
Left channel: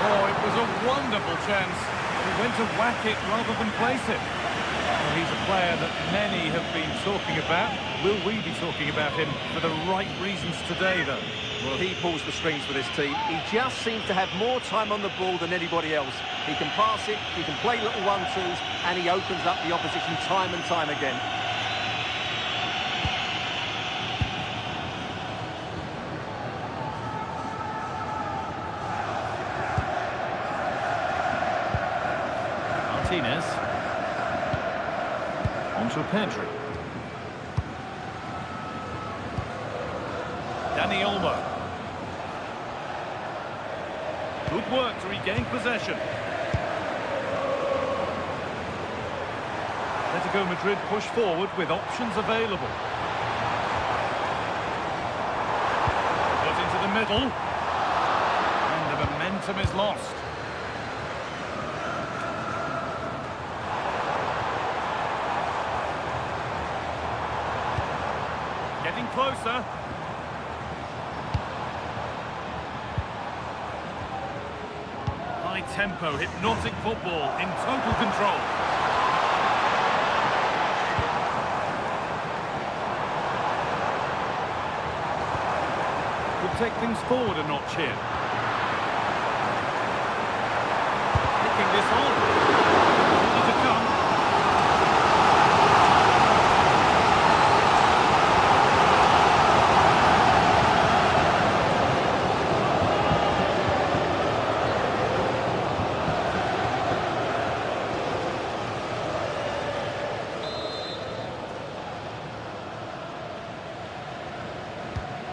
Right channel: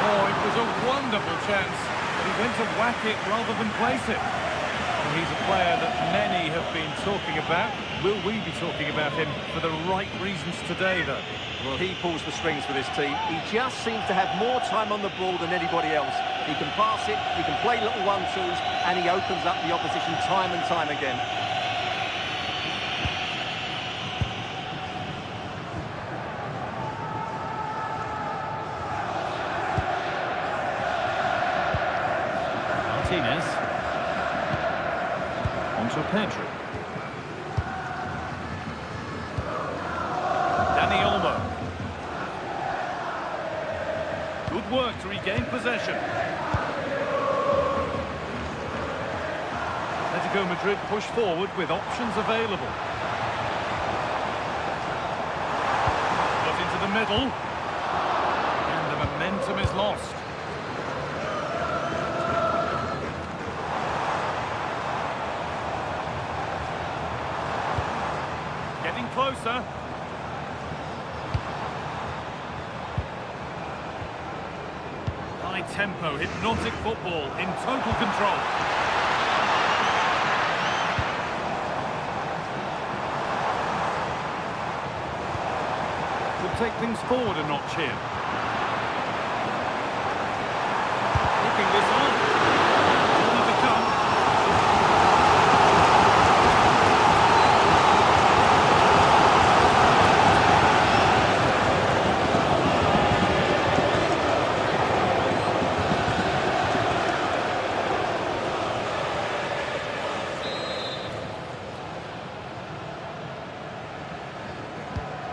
Oh, it was a wonderful chance. He went to whack it rather than place it. Well, he's a player that many have been talking about. Will we be talking about him for the right reasons today, though? Well, he pulls the strings for this team. He just seems to have more time on the ball than anybody else. He can pass it, he can play little 1-2s, and he opens up the opposition time and time again. Martinez. Onto Pedri. Dani Olmo. Good work to regain possession. Atletico Madrid push forward with options available. Got into the middle. And the momentum is lost. Getting closer. High tempo, hypnotic football in total control. Could take things forward a notch here. taking this on. More to come.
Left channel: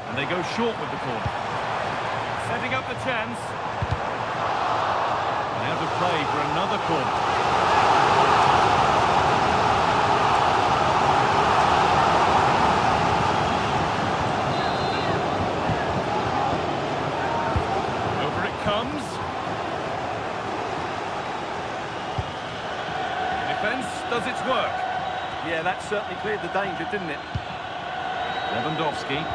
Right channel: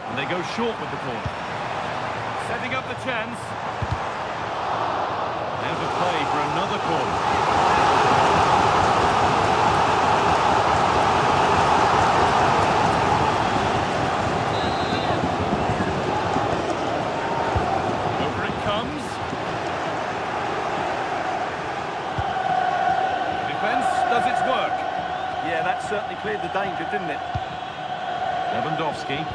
And they go short with the corner. Setting up the chance. Out of play for another corner. Over it comes. The defence does its work. Yeah, that certainly cleared the danger, didn't it? Lewandowski.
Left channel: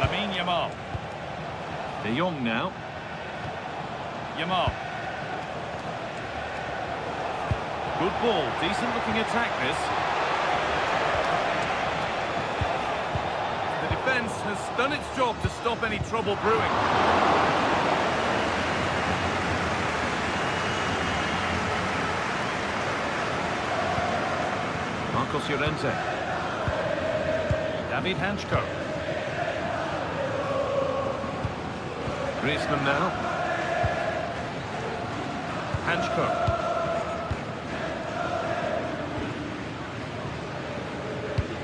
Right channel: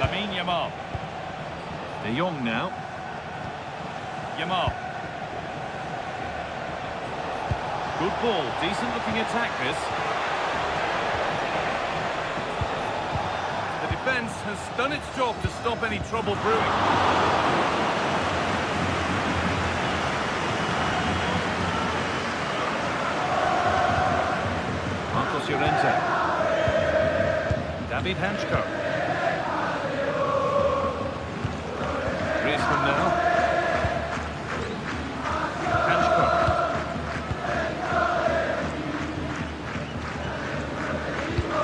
Lamine Yamal. De Jong now. Yamal. Good ball, decent looking attack this. The defence has done its job to stop any trouble brewing. Marcos Llorente. David Hanchko. Griezmann now. Hanchko.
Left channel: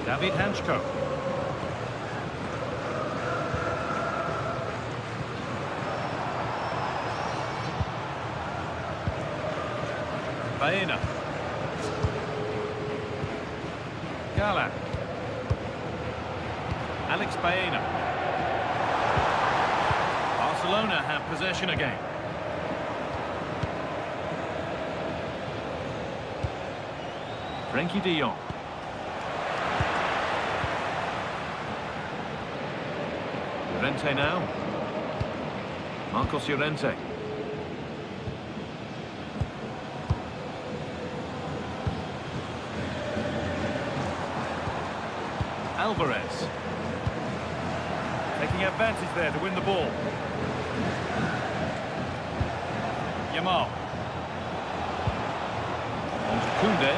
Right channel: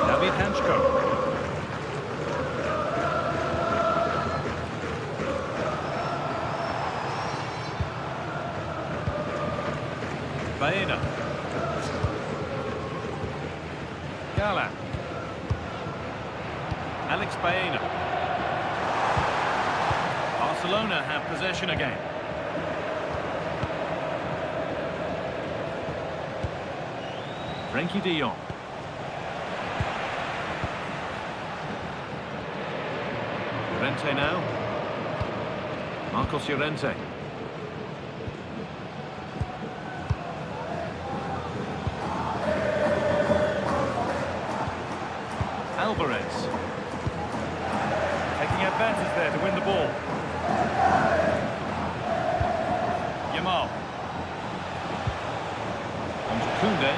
David Hanchko. Baena. Gala. Alex Baena. Barcelona have possession again. Frenkie de Jong. Llorente now. Marcos Llorente. Alvarez. Taking advantage there to win the ball. Yamal. On to Koundé.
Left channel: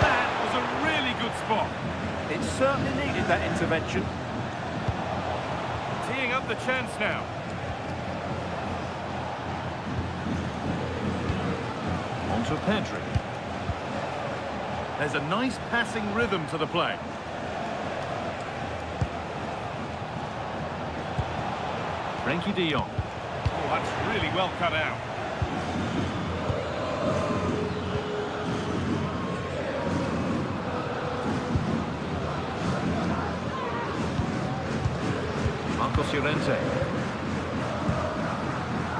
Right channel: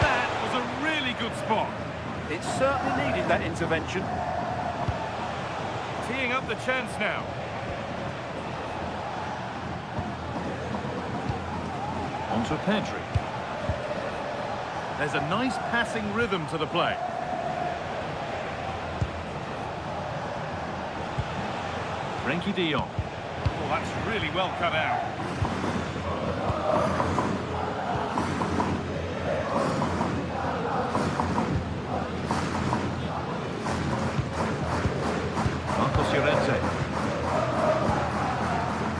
That was a really good spot. It certainly needed that intervention. Teeing up the chance now. On to Pedri. There's a nice passing rhythm to the play. Frenkie de Jong. Oh, that's really well cut out. Marcos Llorente.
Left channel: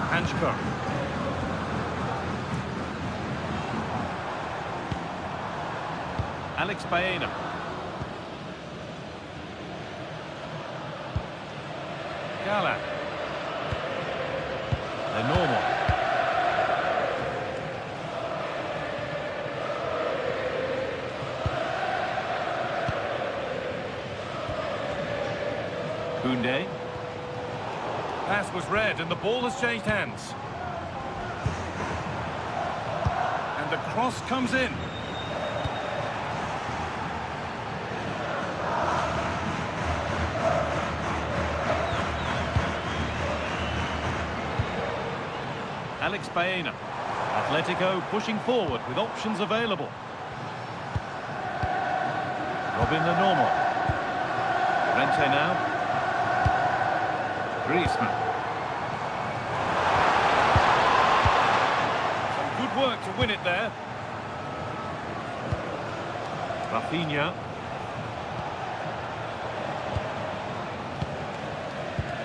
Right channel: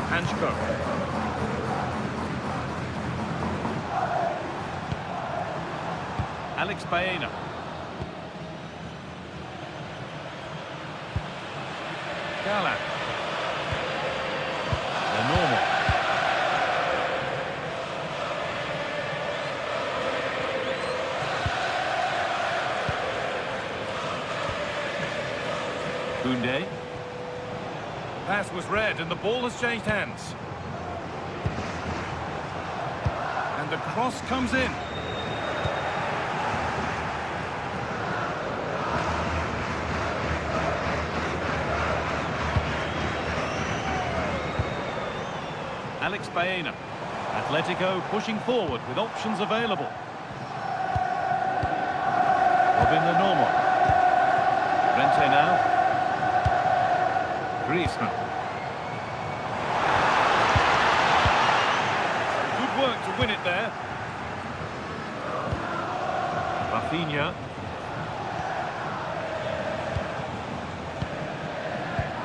Hanchko. Alex Baena. Gala. The normal. Koundé. Pass was read and the ball has changed hands. And the cross comes in. Alex Baena. Atletico pushing forward with options available. Robin the normal. Llorente now. Griezmann. Some good work to win it there. Rafinha.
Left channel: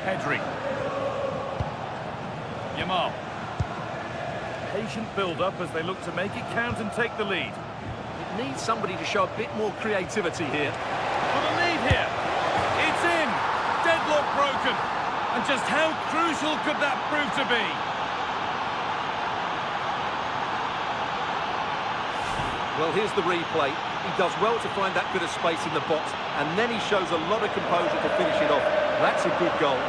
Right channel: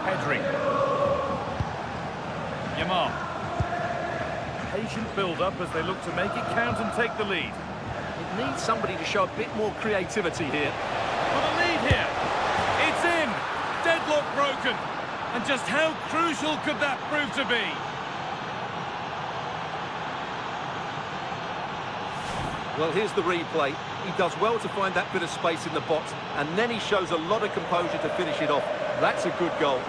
Pedri. Yamal. Patient build-up as they look to make it count and take the lead. It needs somebody to show a bit more creativity here. For the lead here. It's in. Deadlock broken. And just how crucial could that prove to be? Well, here's the replay. He does well to find that bit of space in the box, and then he shows a lot of composure to finish it off. That's a good goal.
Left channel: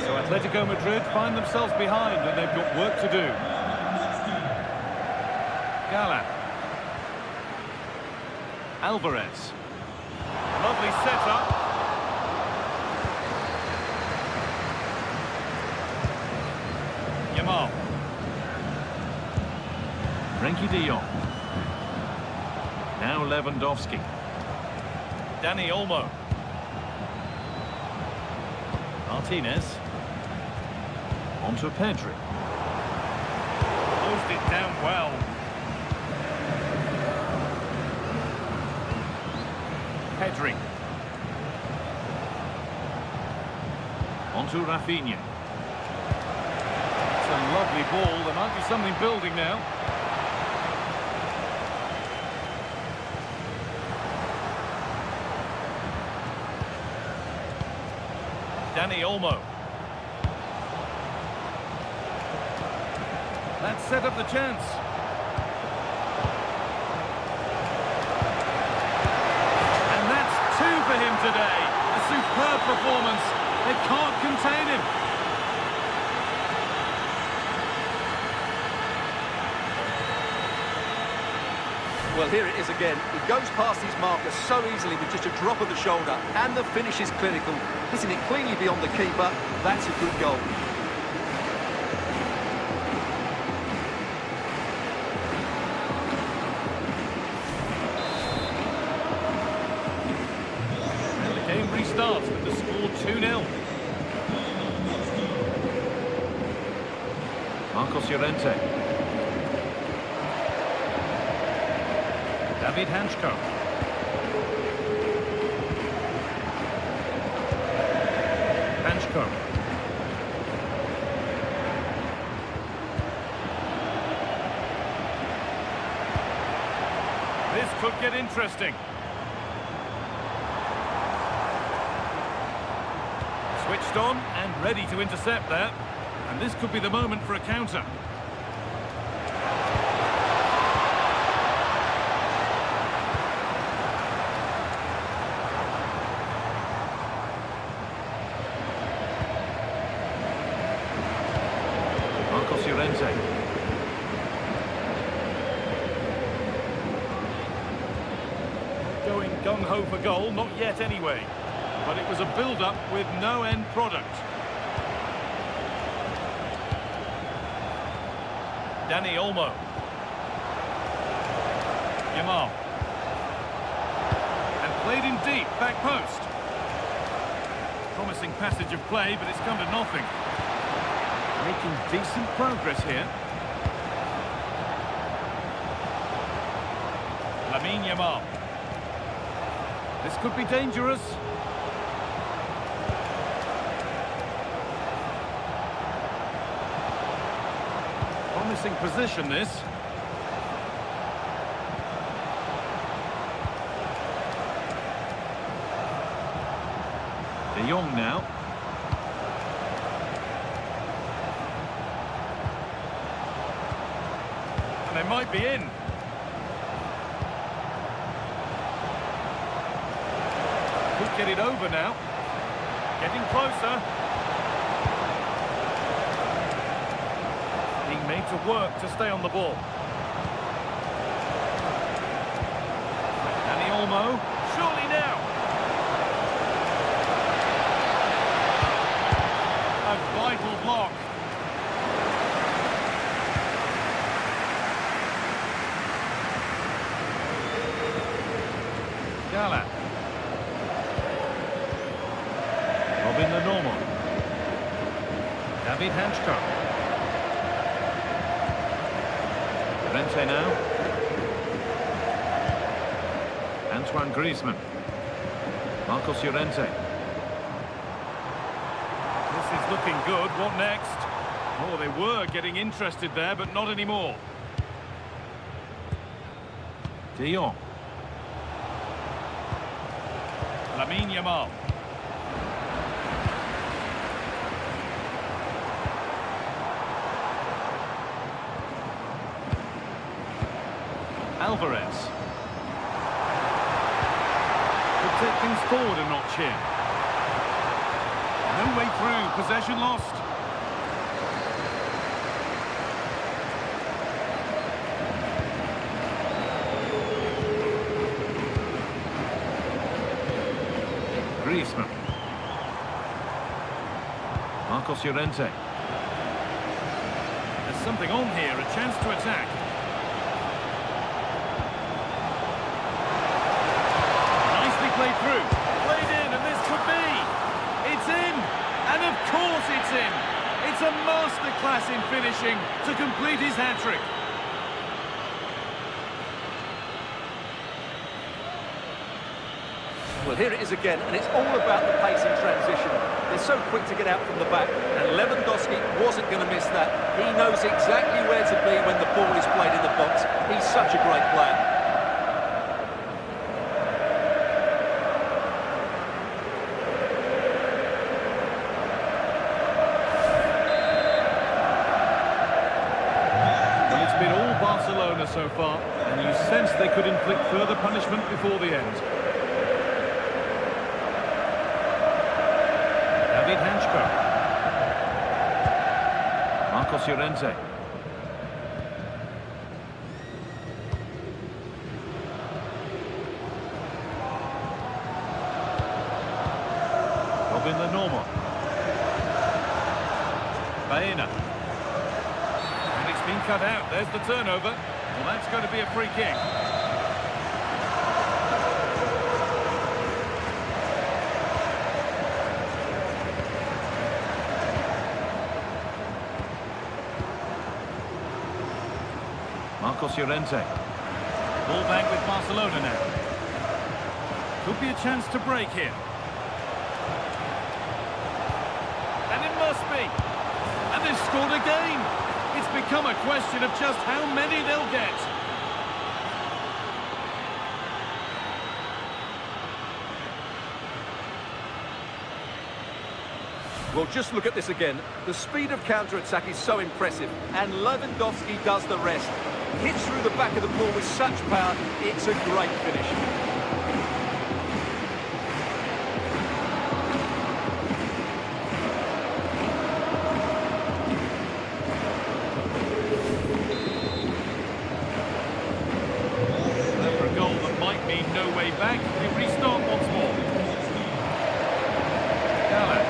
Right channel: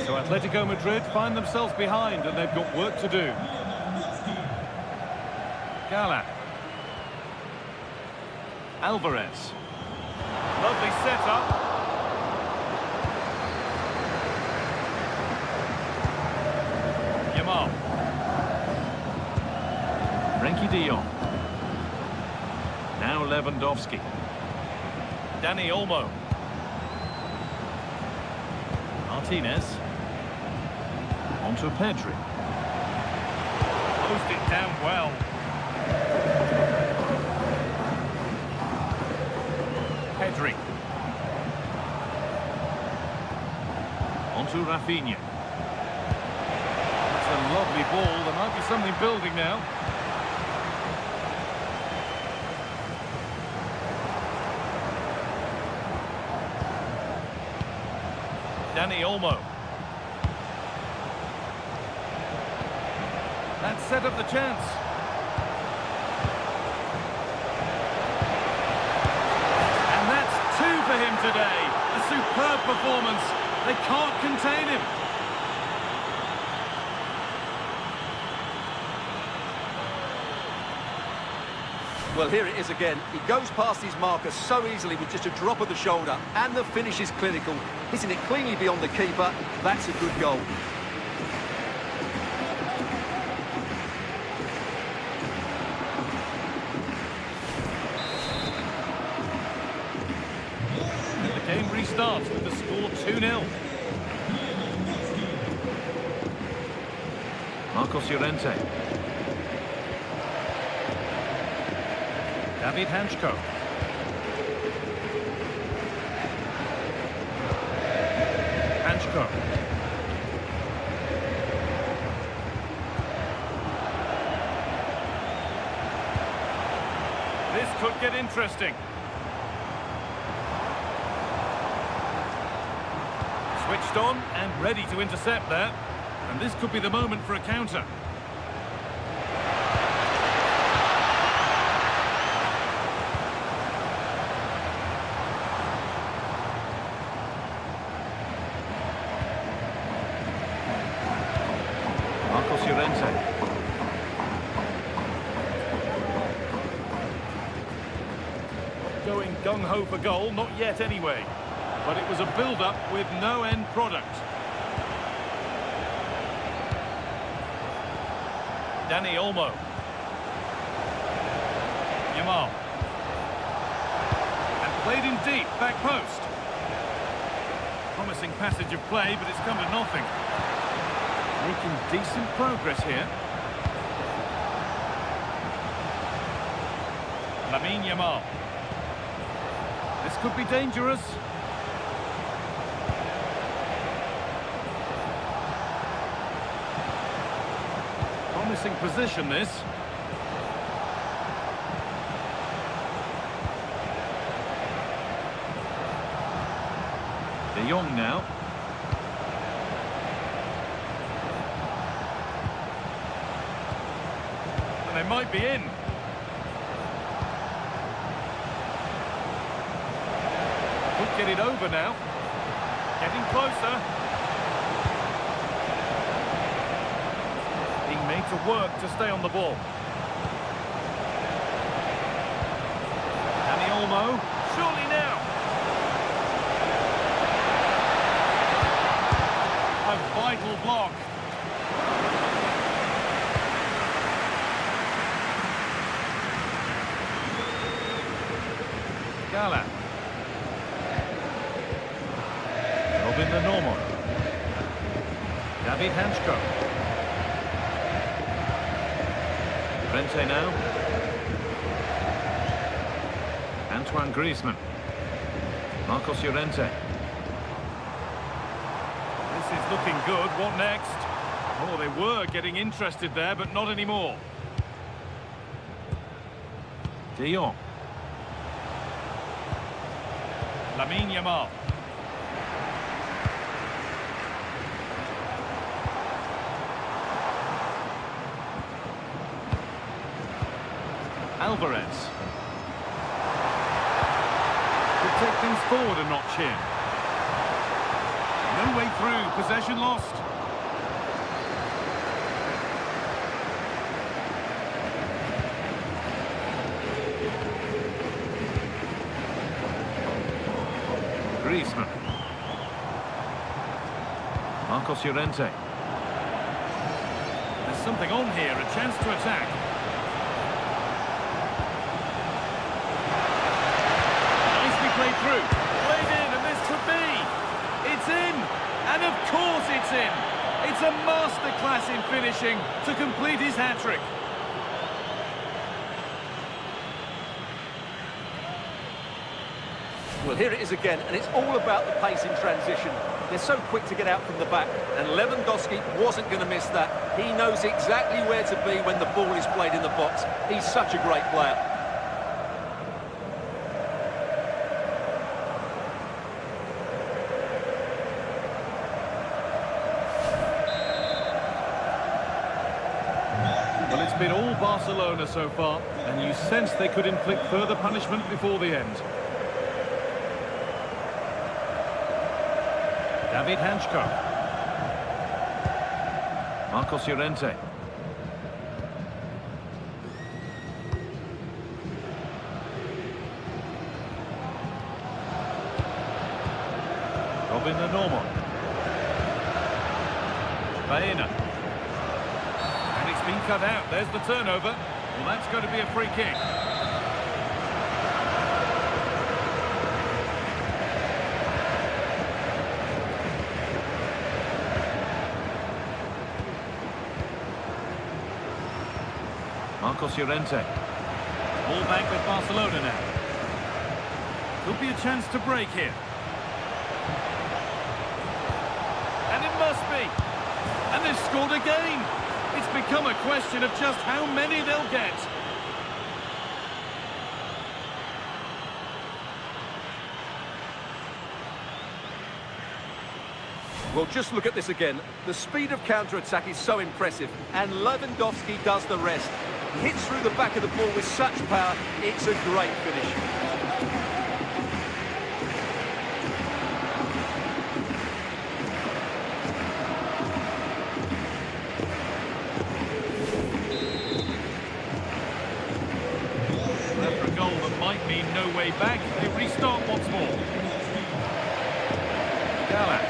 So Atletico Madrid find themselves behind and they've got work to do. Gala. Alvarez. Lovely setup. Yamal. Frenkie de Jong. Now Lewandowski. Dani Olmo. Martinez. Onto Pedri. Closed it down well. Pedri. Onto Rafinha. That's a lovely ball. There might be something building now. Dani Olmo. That set up the chance. And that's two for him today. A superb performance. They can't contain him. Well, here it is again. He goes past his marker so easily with just a drop of the shoulder, and the finish is clinical. Hitting it cleanly beyond the keeper. That's a good goal. And the game restarts with the score 2-0. Marcos Llorente. David Hanchko. Hanchko. This could get interesting. Switched on and ready to intercept there. And this could be the moment for a counter. Marcos Llorente. Not going gung-ho for goal, not yet anyway. But it was a build-up with no end product. Dani Olmo. Yamal. And played in deep, back post. Promising passage of play, but it's come to nothing. Making decent progress here. Lamine Yamal. This could be dangerous. Promising position, this. De Jong now. And they might be in. Could get it over now. Getting closer. Being made to work to stay on the ball. Dani Olmo. Surely now. A vital block. Gala. Robin the Normal. David Hanchko. Llorente now. Antoine Griezmann. Marcos Llorente. This is looking good. What next? Oh, they were getting interested there, but not anymore. De Jong. Lamine Yamal. Alvarez. Could take things forward a notch here. No way through. Possession lost. Griezmann. Marcos Llorente. There's something on here, a chance to attack. Nicely played through. Played in, and this could be. It's in! And of course it's in! It's a masterclass in finishing to complete his hat-trick. Well, here it is again, and it's all about the pace in transition. They're so quick to get out from the back, and Lewandowski wasn't going to miss that. He knows exactly where to be when the ball is played in the box. He's such a great player. Well, it's been all Barcelona so far, and you sense they could inflict further punishment before the end. David Hanchko. Marcos Llorente. Robin Lenormand. Baena. And it's been cut out. There's the turnover. Well, that's going to be a free kick. Marcos Llorente. Ball back with Barcelona now. Could be a chance to break here. And it must be. And they've scored again. It's become a question of just how many they'll get. Well, just look at this again. The speed of counter-attack is so impressive, and Lewandowski does the rest. He hits through the back of the ball with such power, it's a great finish. After a goal that might mean no way back, they restart once more. Gala.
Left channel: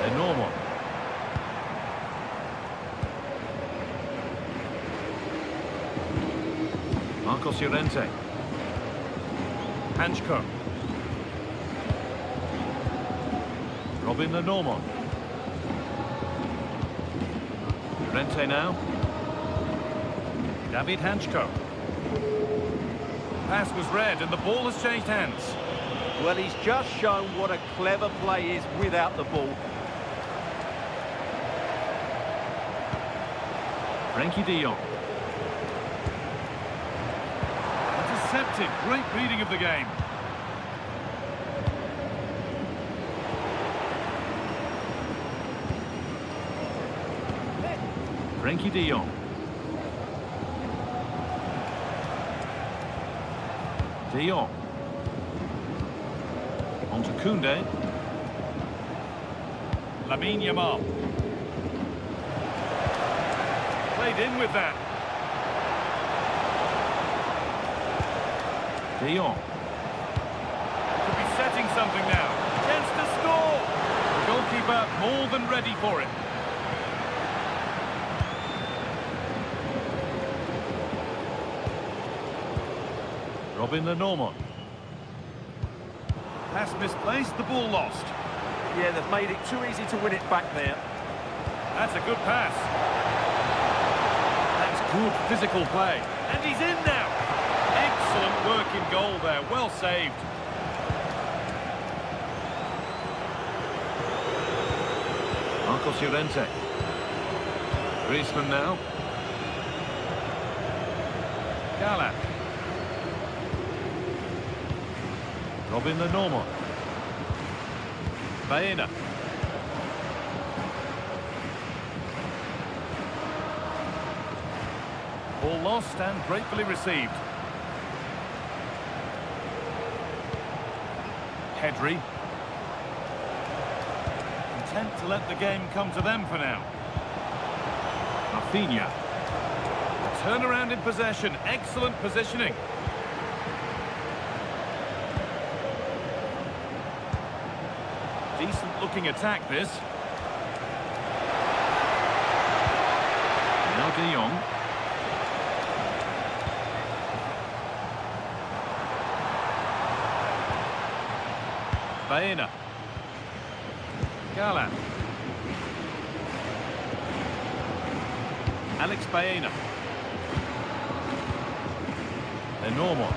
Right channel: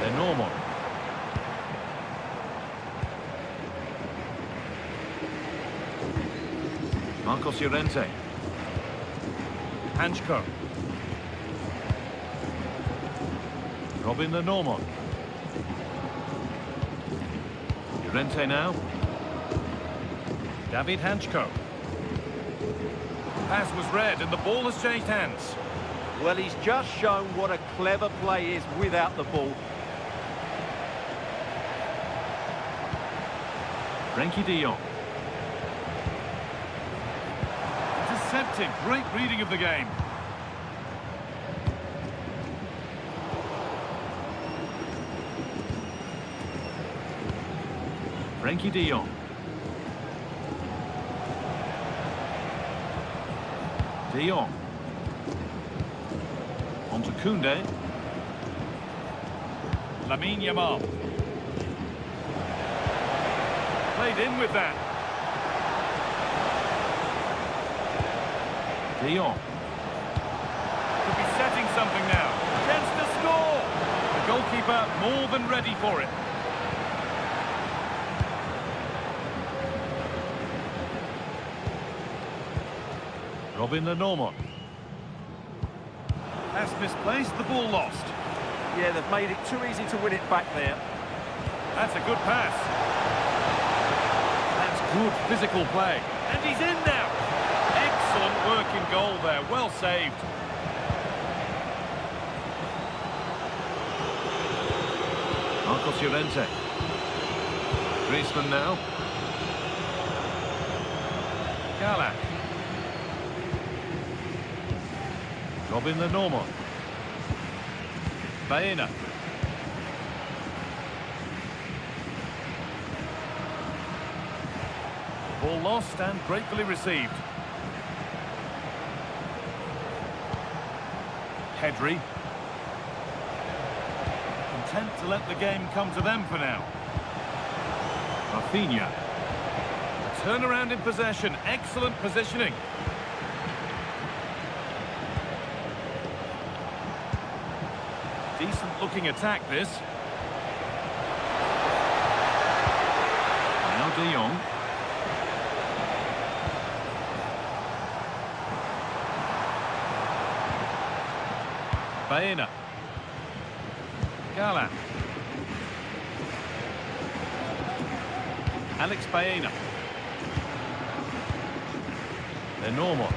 Lenormand. Marcos Llorente. Hanchko. Robin Lenormand. Llorente now. David Hanchko. Pass was read and the ball has changed hands. Well, he's just shown what a clever play is without the ball. Frenkie de Jong. Intercepted. Great reading of the game. Frenkie de Jong. De Jong. On to Koundé. Lamine Yamal. Played in with that. De Jong. Could be setting something now. Chance to score. The goalkeeper more than ready for it. Robin Lenormand. Pass misplaced, the ball lost. Yeah, they've made it too easy to win it back there. That's a good pass. That's good physical play. And he's in now. Excellent work in goal there, well saved. Marcos Llorente. Griezmann now. Gala. Robin the Normal. Baena. Ball lost and gratefully received. Pedri. Content to let the game come to them for now. Rafinha. A turnaround in possession. Excellent positioning. Decent looking attack this. Now De Jong. Baena. Gala. Alex Baena. They're normal.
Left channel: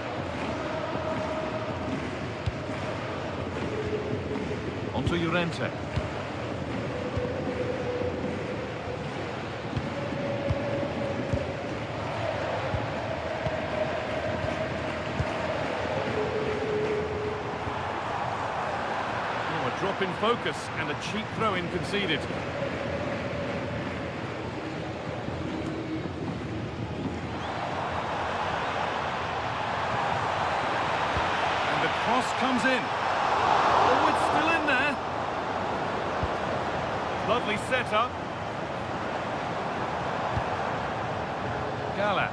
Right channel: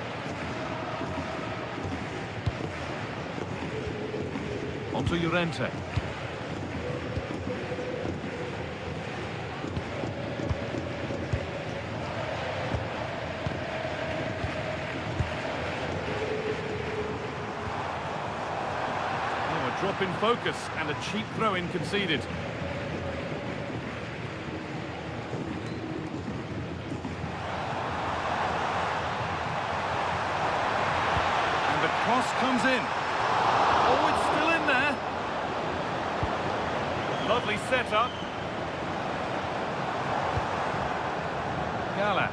Onto Llorente. Oh, a drop in focus and a cheap throw-in conceded. And the cross comes in. Oh, it's still in there. Lovely setup. Gala.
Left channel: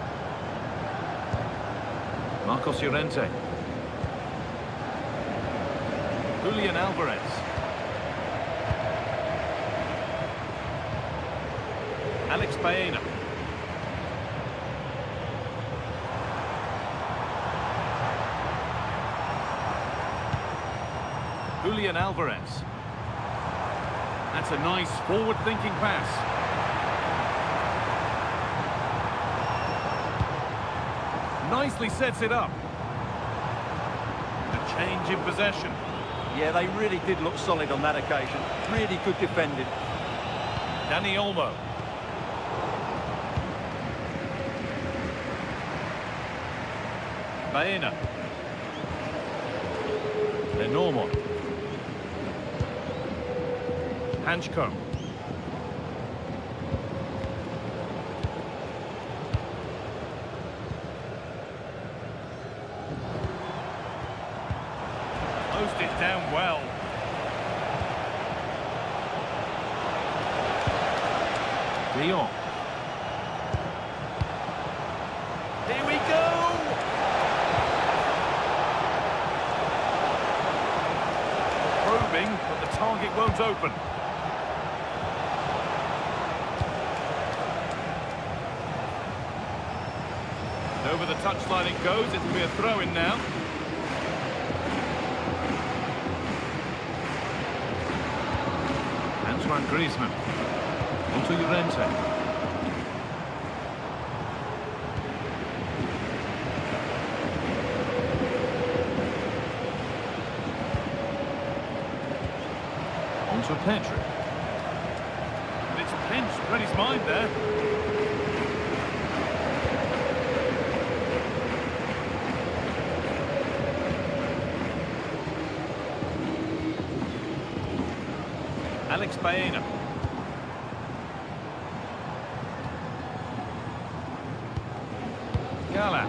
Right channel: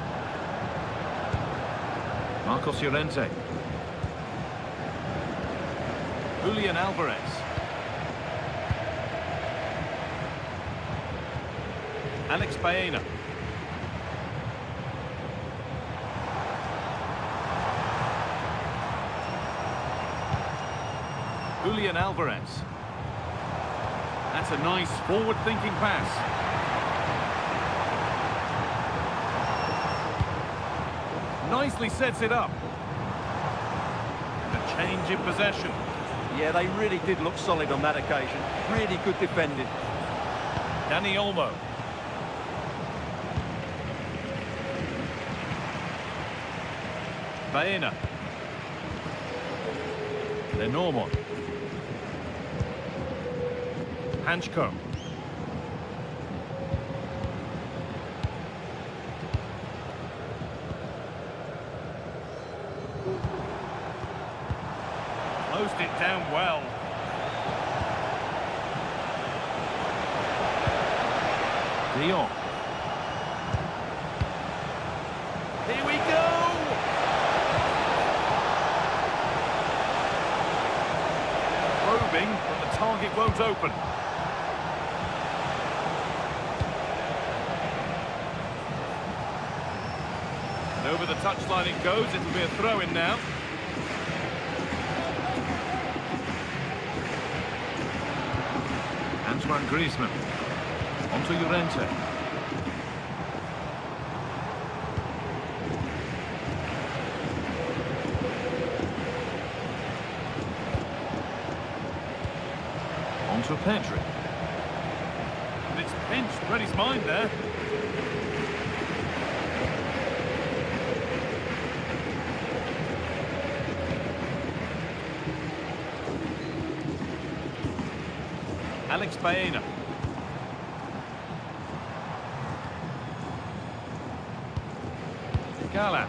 Marcos Llorente. Julian Alvarez. Alex Baena. Julian Alvarez. That's a nice forward-thinking pass. Nicely sets it up. And a change in possession. Yeah, they really did look solid on that occasion. Really good defending. Dani Olmo. Baena. They're normal. Hanchko. Closed it down well. De Jong. Here we go! Probing, but the target won't open. And over the touchline it goes. It'll be a throw-in now. Antoine Griezmann. Onto Llorente. Onto Pedri. And it's pinched. Read his mind there. Alex Baena. Gala.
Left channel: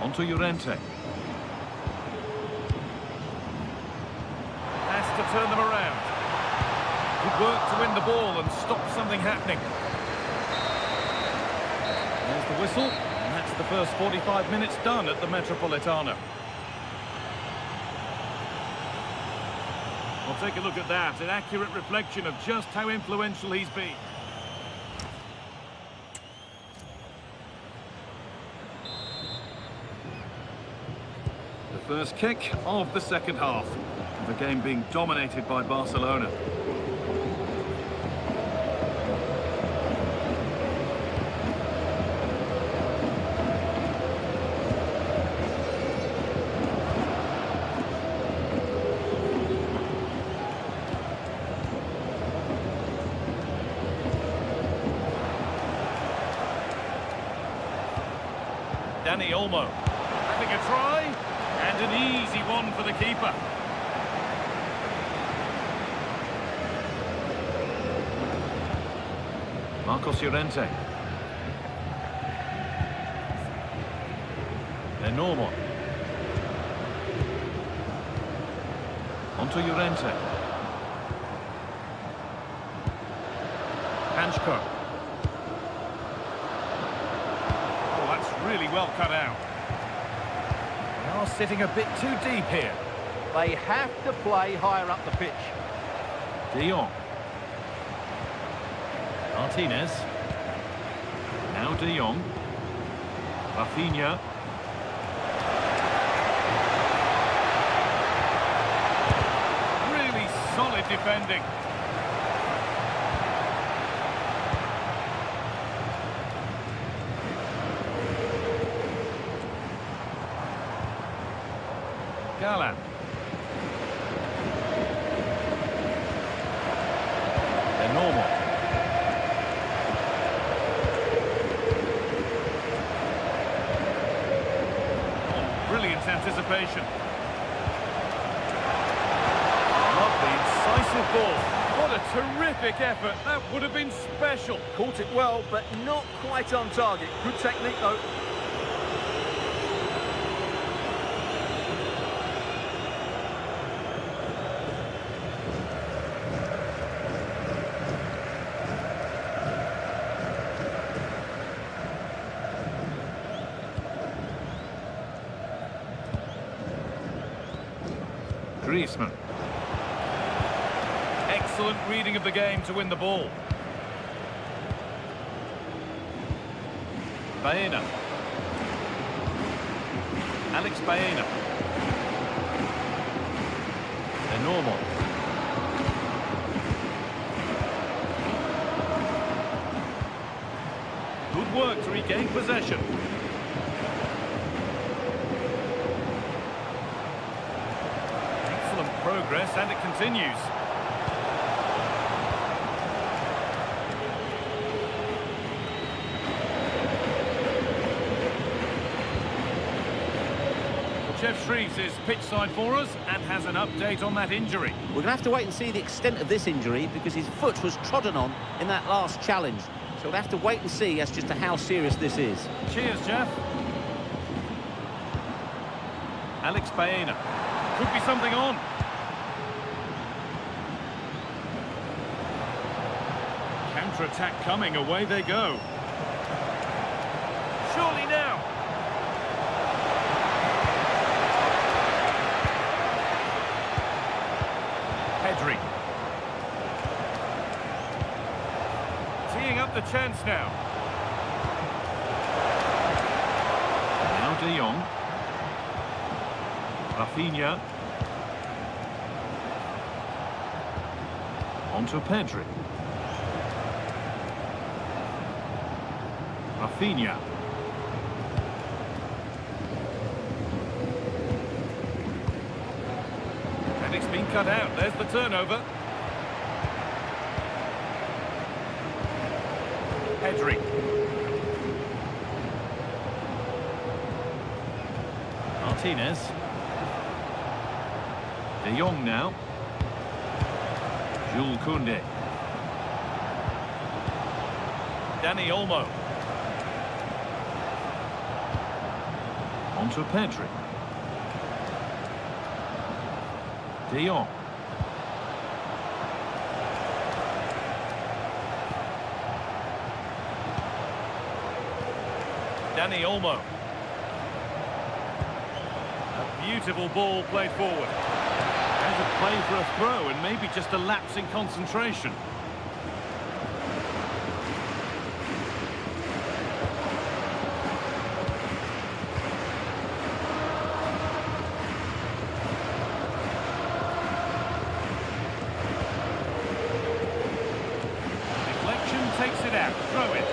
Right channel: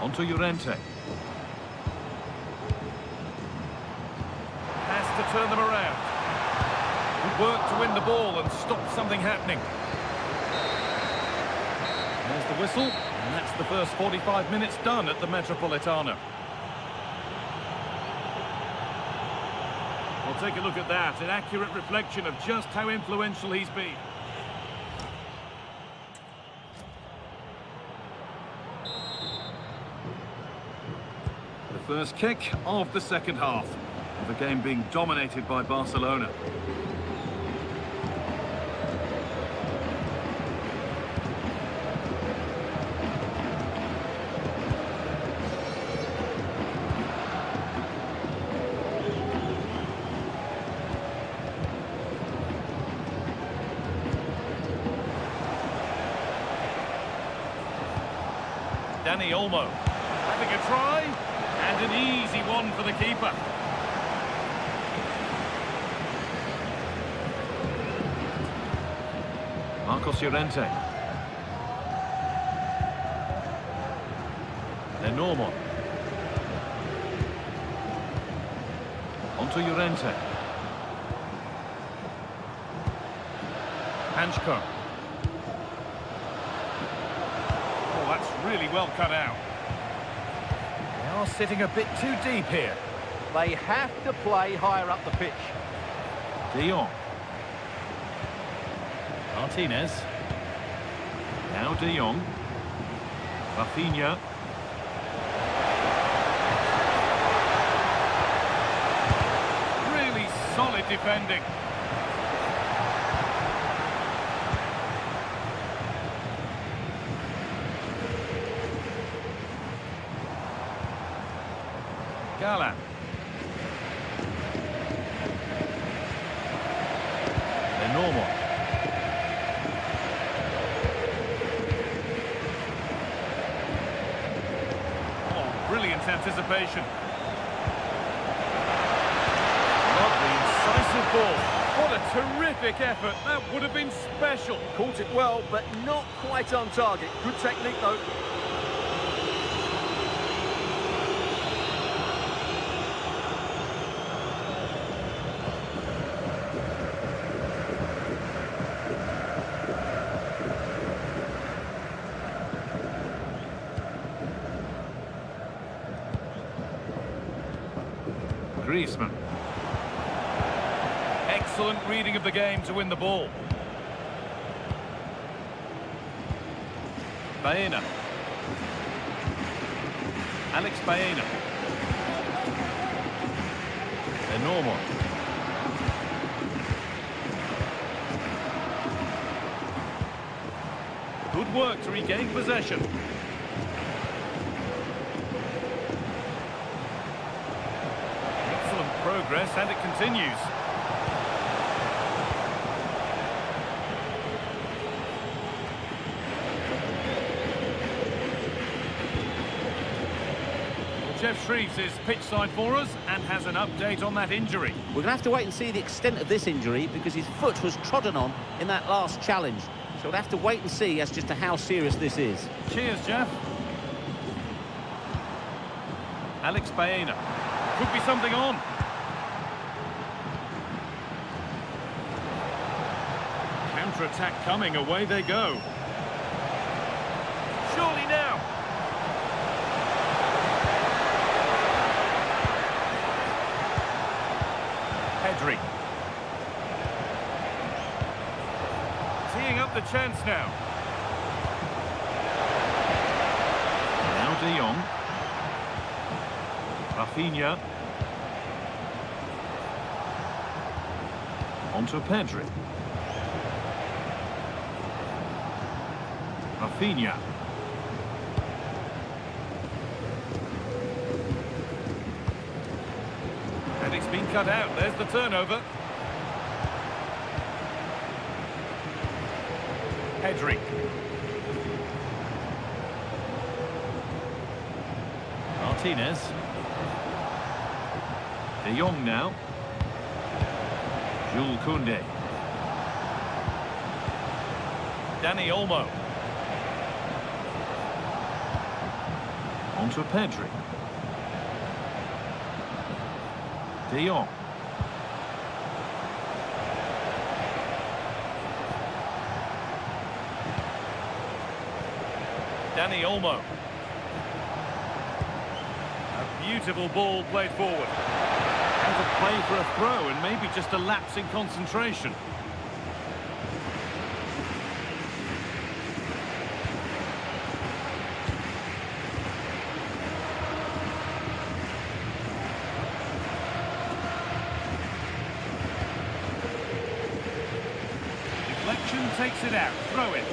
Onto Llorente. Has to turn them around. Good work to win the ball and stop something happening. There's the whistle, and that's the first 45 minutes done at the Metropolitano. Well, take a look at that, an accurate reflection of just how influential he's been. The first kick of the second half, of the game being dominated by Barcelona. Dani Olmo having a try, and an easy one for the keeper. Marcos Llorente. Normal. Onto Llorente. Hanchko. Oh, that's really well cut out. They are sitting a bit too deep here. They have to play higher up the pitch. De Jong. Martinez. Now De Jong. Rafinha. Really solid defending. Galan. They're normal. Oh, brilliant anticipation. Lovely, incisive ball. What a terrific effort. That would have been special. Caught it well, but not quite on target. Good technique, though. Griezmann. Excellent reading of the game to win the ball. Baena. Alex Baena. They're normal. Good work to regain possession. Excellent progress, and it continues. Jeff Shreves is pitch side for us and has an update on that injury. We're going to have to wait and see the extent of this injury because his foot was trodden on in that last challenge. So we'll have to wait and see as just to how serious this is. Cheers, Jeff. Alex Baena. Could be something on. Counter-attack coming, away they go. Surely now. Pedri. Teeing up the chance now. Now De Jong. Rafinha. Onto Pedri. Rafinha. And it's been cut out. There's the turnover. Pedri. Martinez. De Jong now. Jules Koundé. Dani Olmo. Onto Pedri. De Jong. Dani Olmo. A beautiful ball played forward. Out of play for a throw and maybe just a lapse in concentration. Deflection takes it out. Throw it.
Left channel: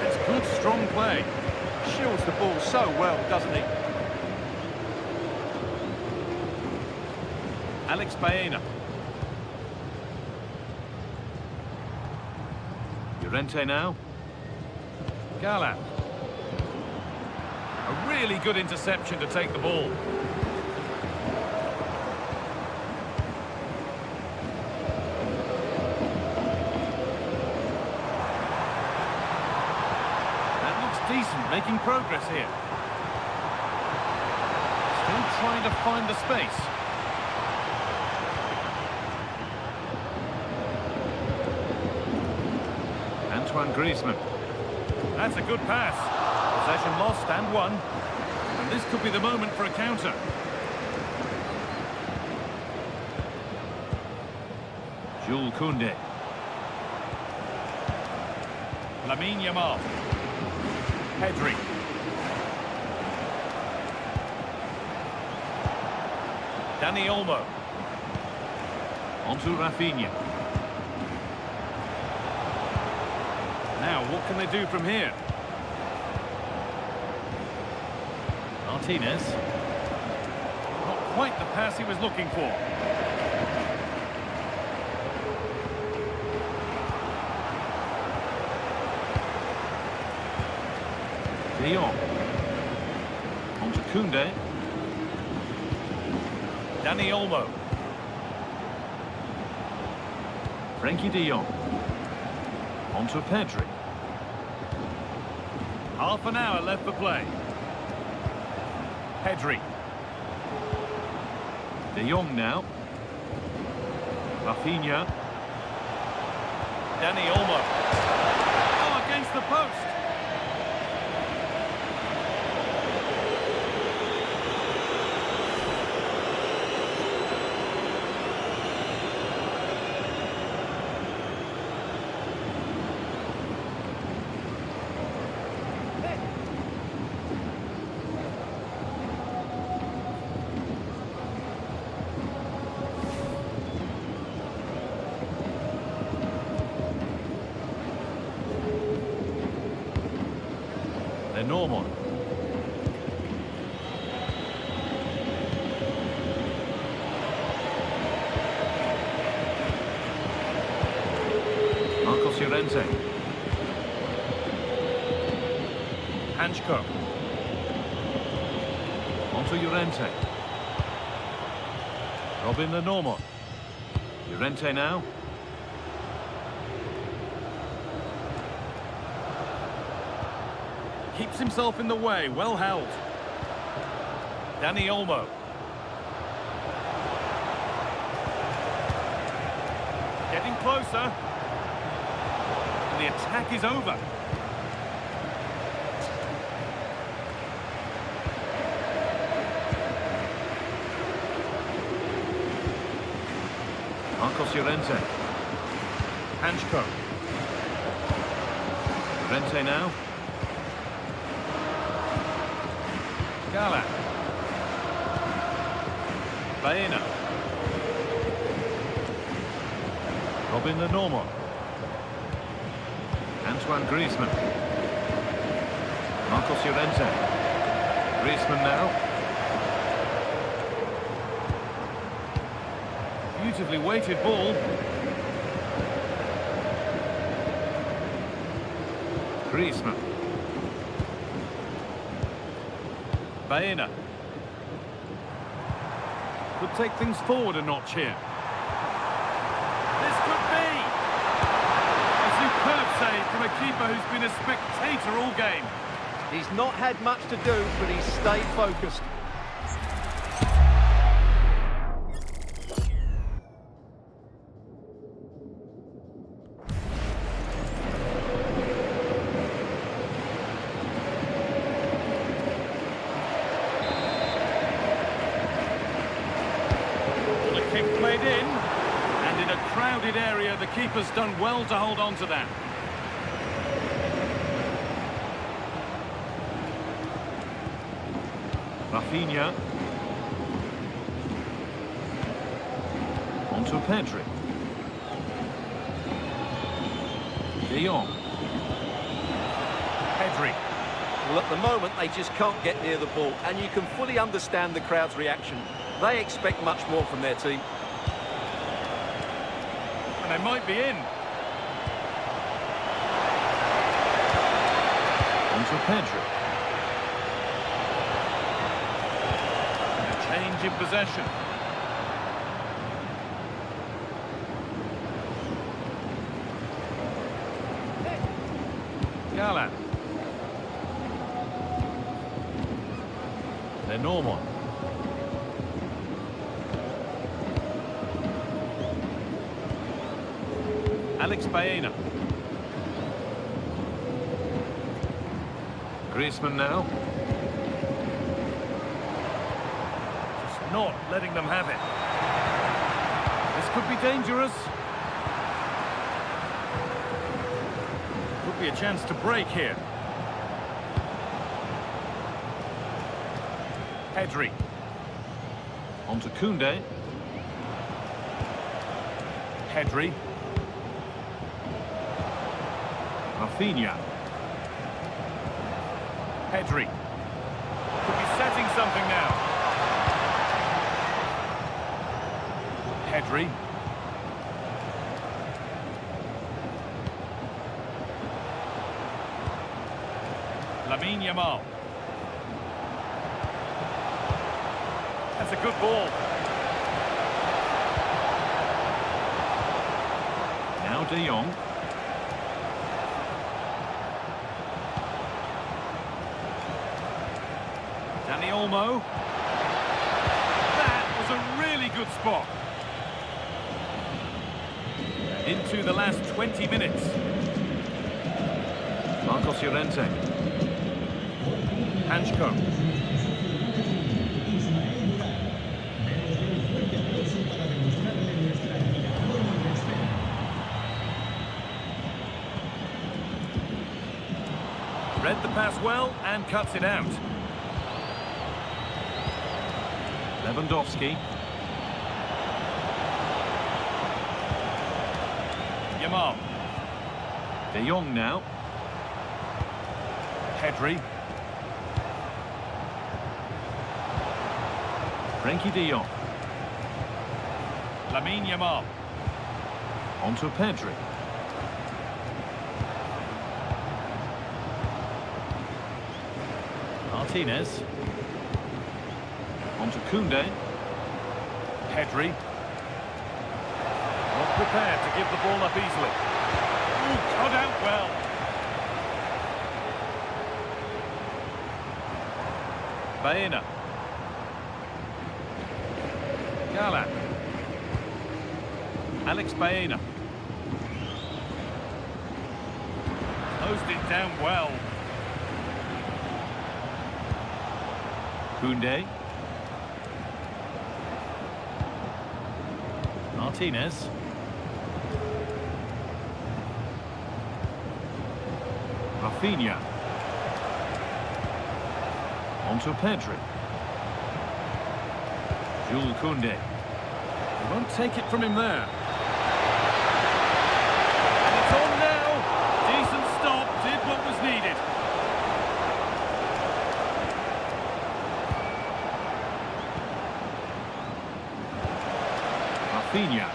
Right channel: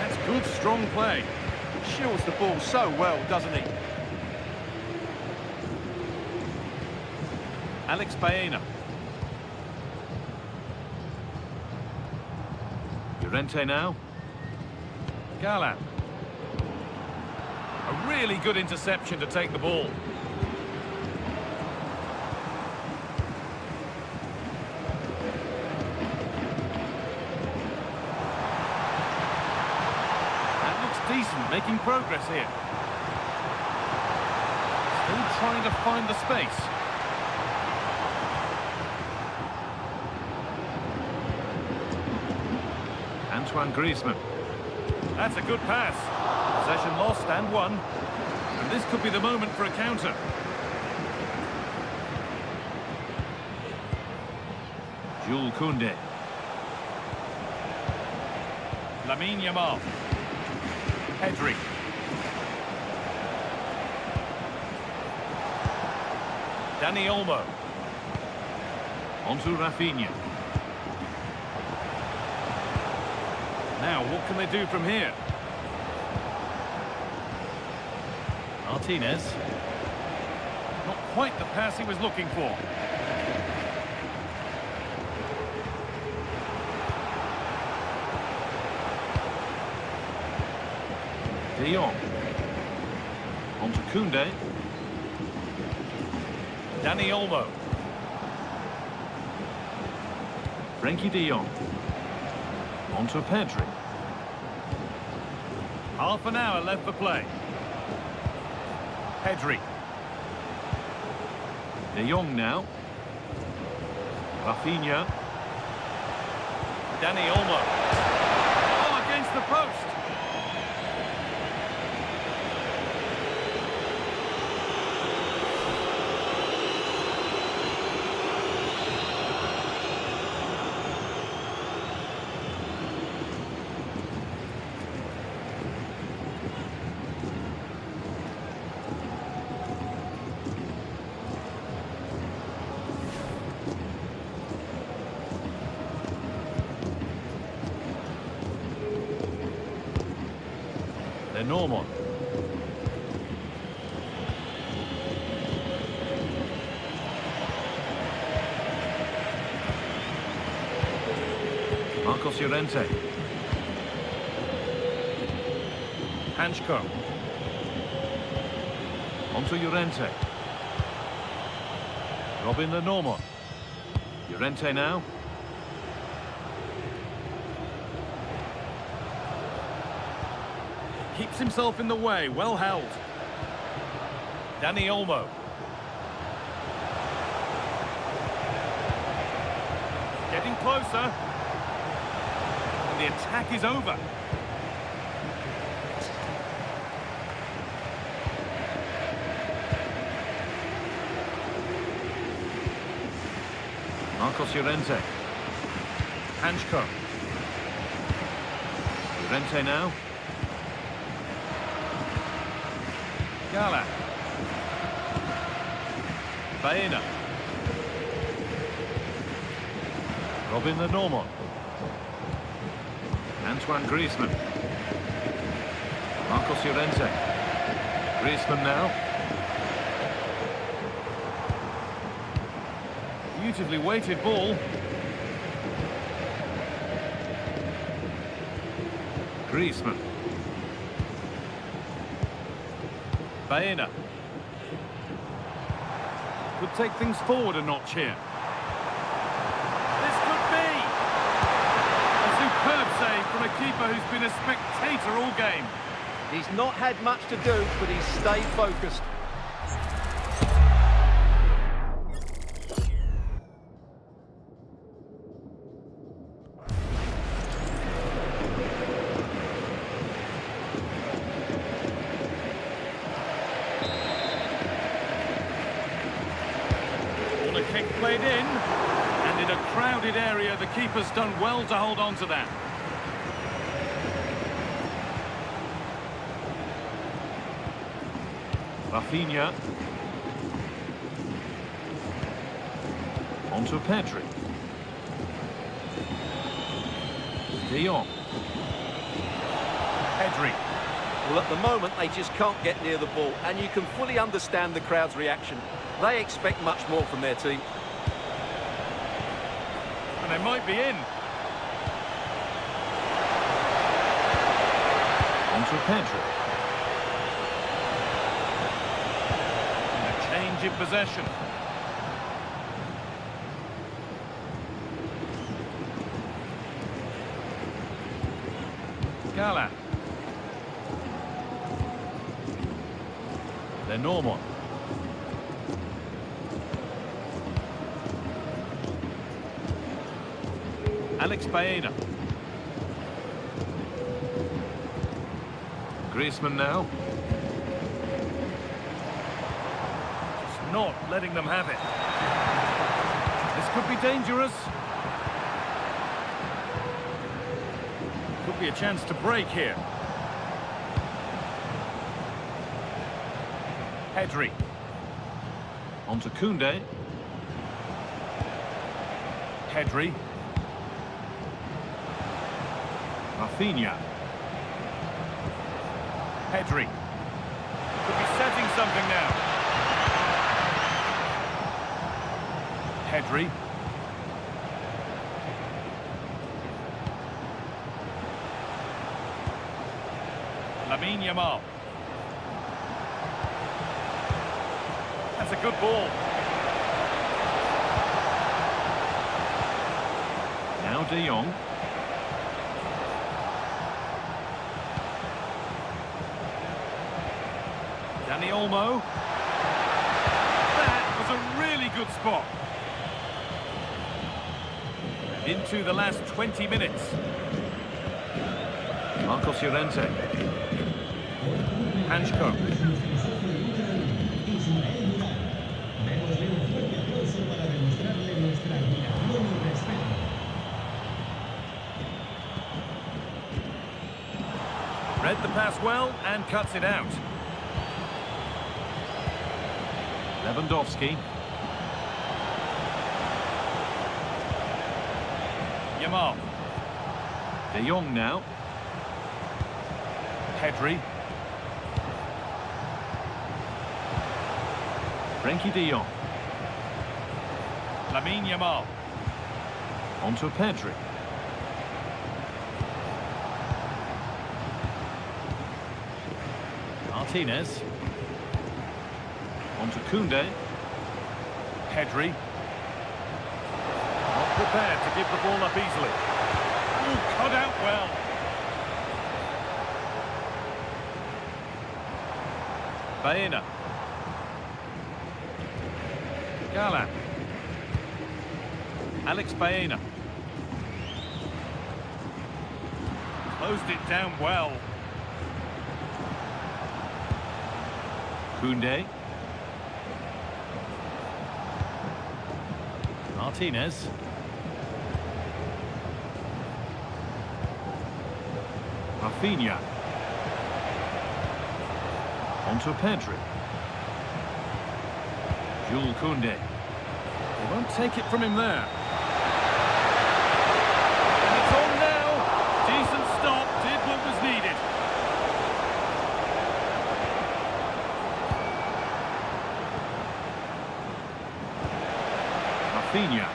That's good, strong play. Shields the ball so well, doesn't he? Alex Baena. Llorente now. Galan. A really good interception to take the ball. That looks decent, making progress here. Still trying to find the space. Antoine Griezmann. That's a good pass. Possession lost and won. And this could be the moment for a counter. Jules Koundé. Lamine Yamal. Pedri. Dani Olmo. Onto Rafinha. Now, what can they do from here? Martinez. Not quite the pass he was looking for. De Jong. Onto Koundé. Dani Olmo. Frenkie de Jong. Onto Pedri. Half an hour left for play. Pedri. De Jong now. Rafinha. Dani Olmo. Oh, against the post. Norman. Marcos Llorente. Hanchko. Onto Llorente. Robin Lenormand. Llorente now. Keeps himself in the way, well held. Dani Olmo. Getting closer. And the attack is over. Marcos Llorente. Hanchko. Llorente now. Galan. Baena. Robin Lenormand. Antoine Griezmann. Marcos Llorente. Griezmann now. Beautifully weighted ball. Griezmann. Baena. Could take things forward a notch here. This could be a superb save from a keeper who's been a spectator all game. He's not had much to do, but he's stayed focused. Kick played in, and in a crowded area, the keeper's done well to hold on to that. Rafinha. Onto Pedri. De Jong. Pedri. Well, at the moment, they just can't get near the ball, and you can fully understand the crowd's reaction. They expect much more from their team. And they might be in. Onto Pedro. And a change in possession. Gallant. Lenormand. Alex Baena. Griezmann now. Just not letting them have it. This could be dangerous. Could be a chance to break here. Pedri. Onto Koundé. Pedri. Rafinha. Pedri. Could be setting something now. Pedri. Lamine Yamal. That's a good ball. Now De Jong. Dani Olmo. That was a really good spot. And into the last 20 minutes. Marcos Llorente. Hanchko. Démosle un fuerte aplauso para demostrarle nuestra admiración y respeto. Read the pass well and cuts it out. Lewandowski. Yamal. De Jong now. Pedri. Frenkie de Jong. Lamine Yamal. Onto Pedri. Martinez. Onto Koundé. Pedri. Not prepared to give the ball up easily. Ooh, cut out well. Baena. Gallant. Alex Baena. Closed it down well. Koundé. Martinez. Rafinha. Onto Pedri. Jules Koundé. They won't take it from him there. And it's on now. Decent stop, did what was needed. Rafinha.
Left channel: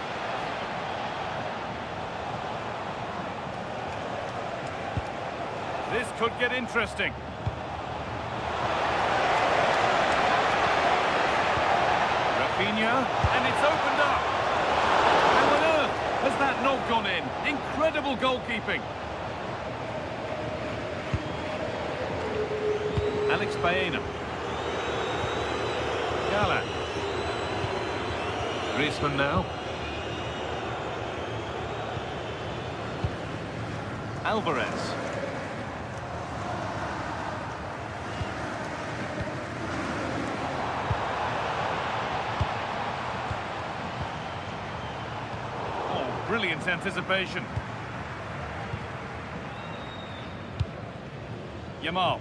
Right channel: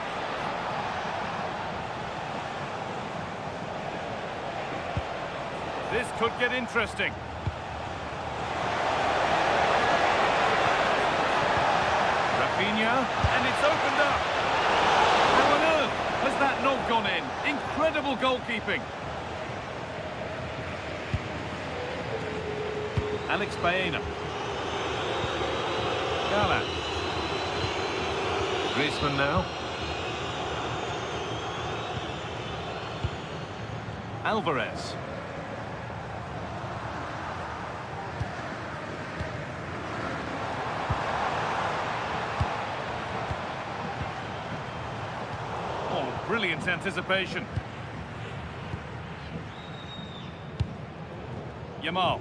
This could get interesting. Rafinha, and it's opened up. How on earth has that not gone in? Incredible goalkeeping. Alex Baena. Gallant. Griezmann now. Alvarez. Oh, brilliant anticipation. Yamal.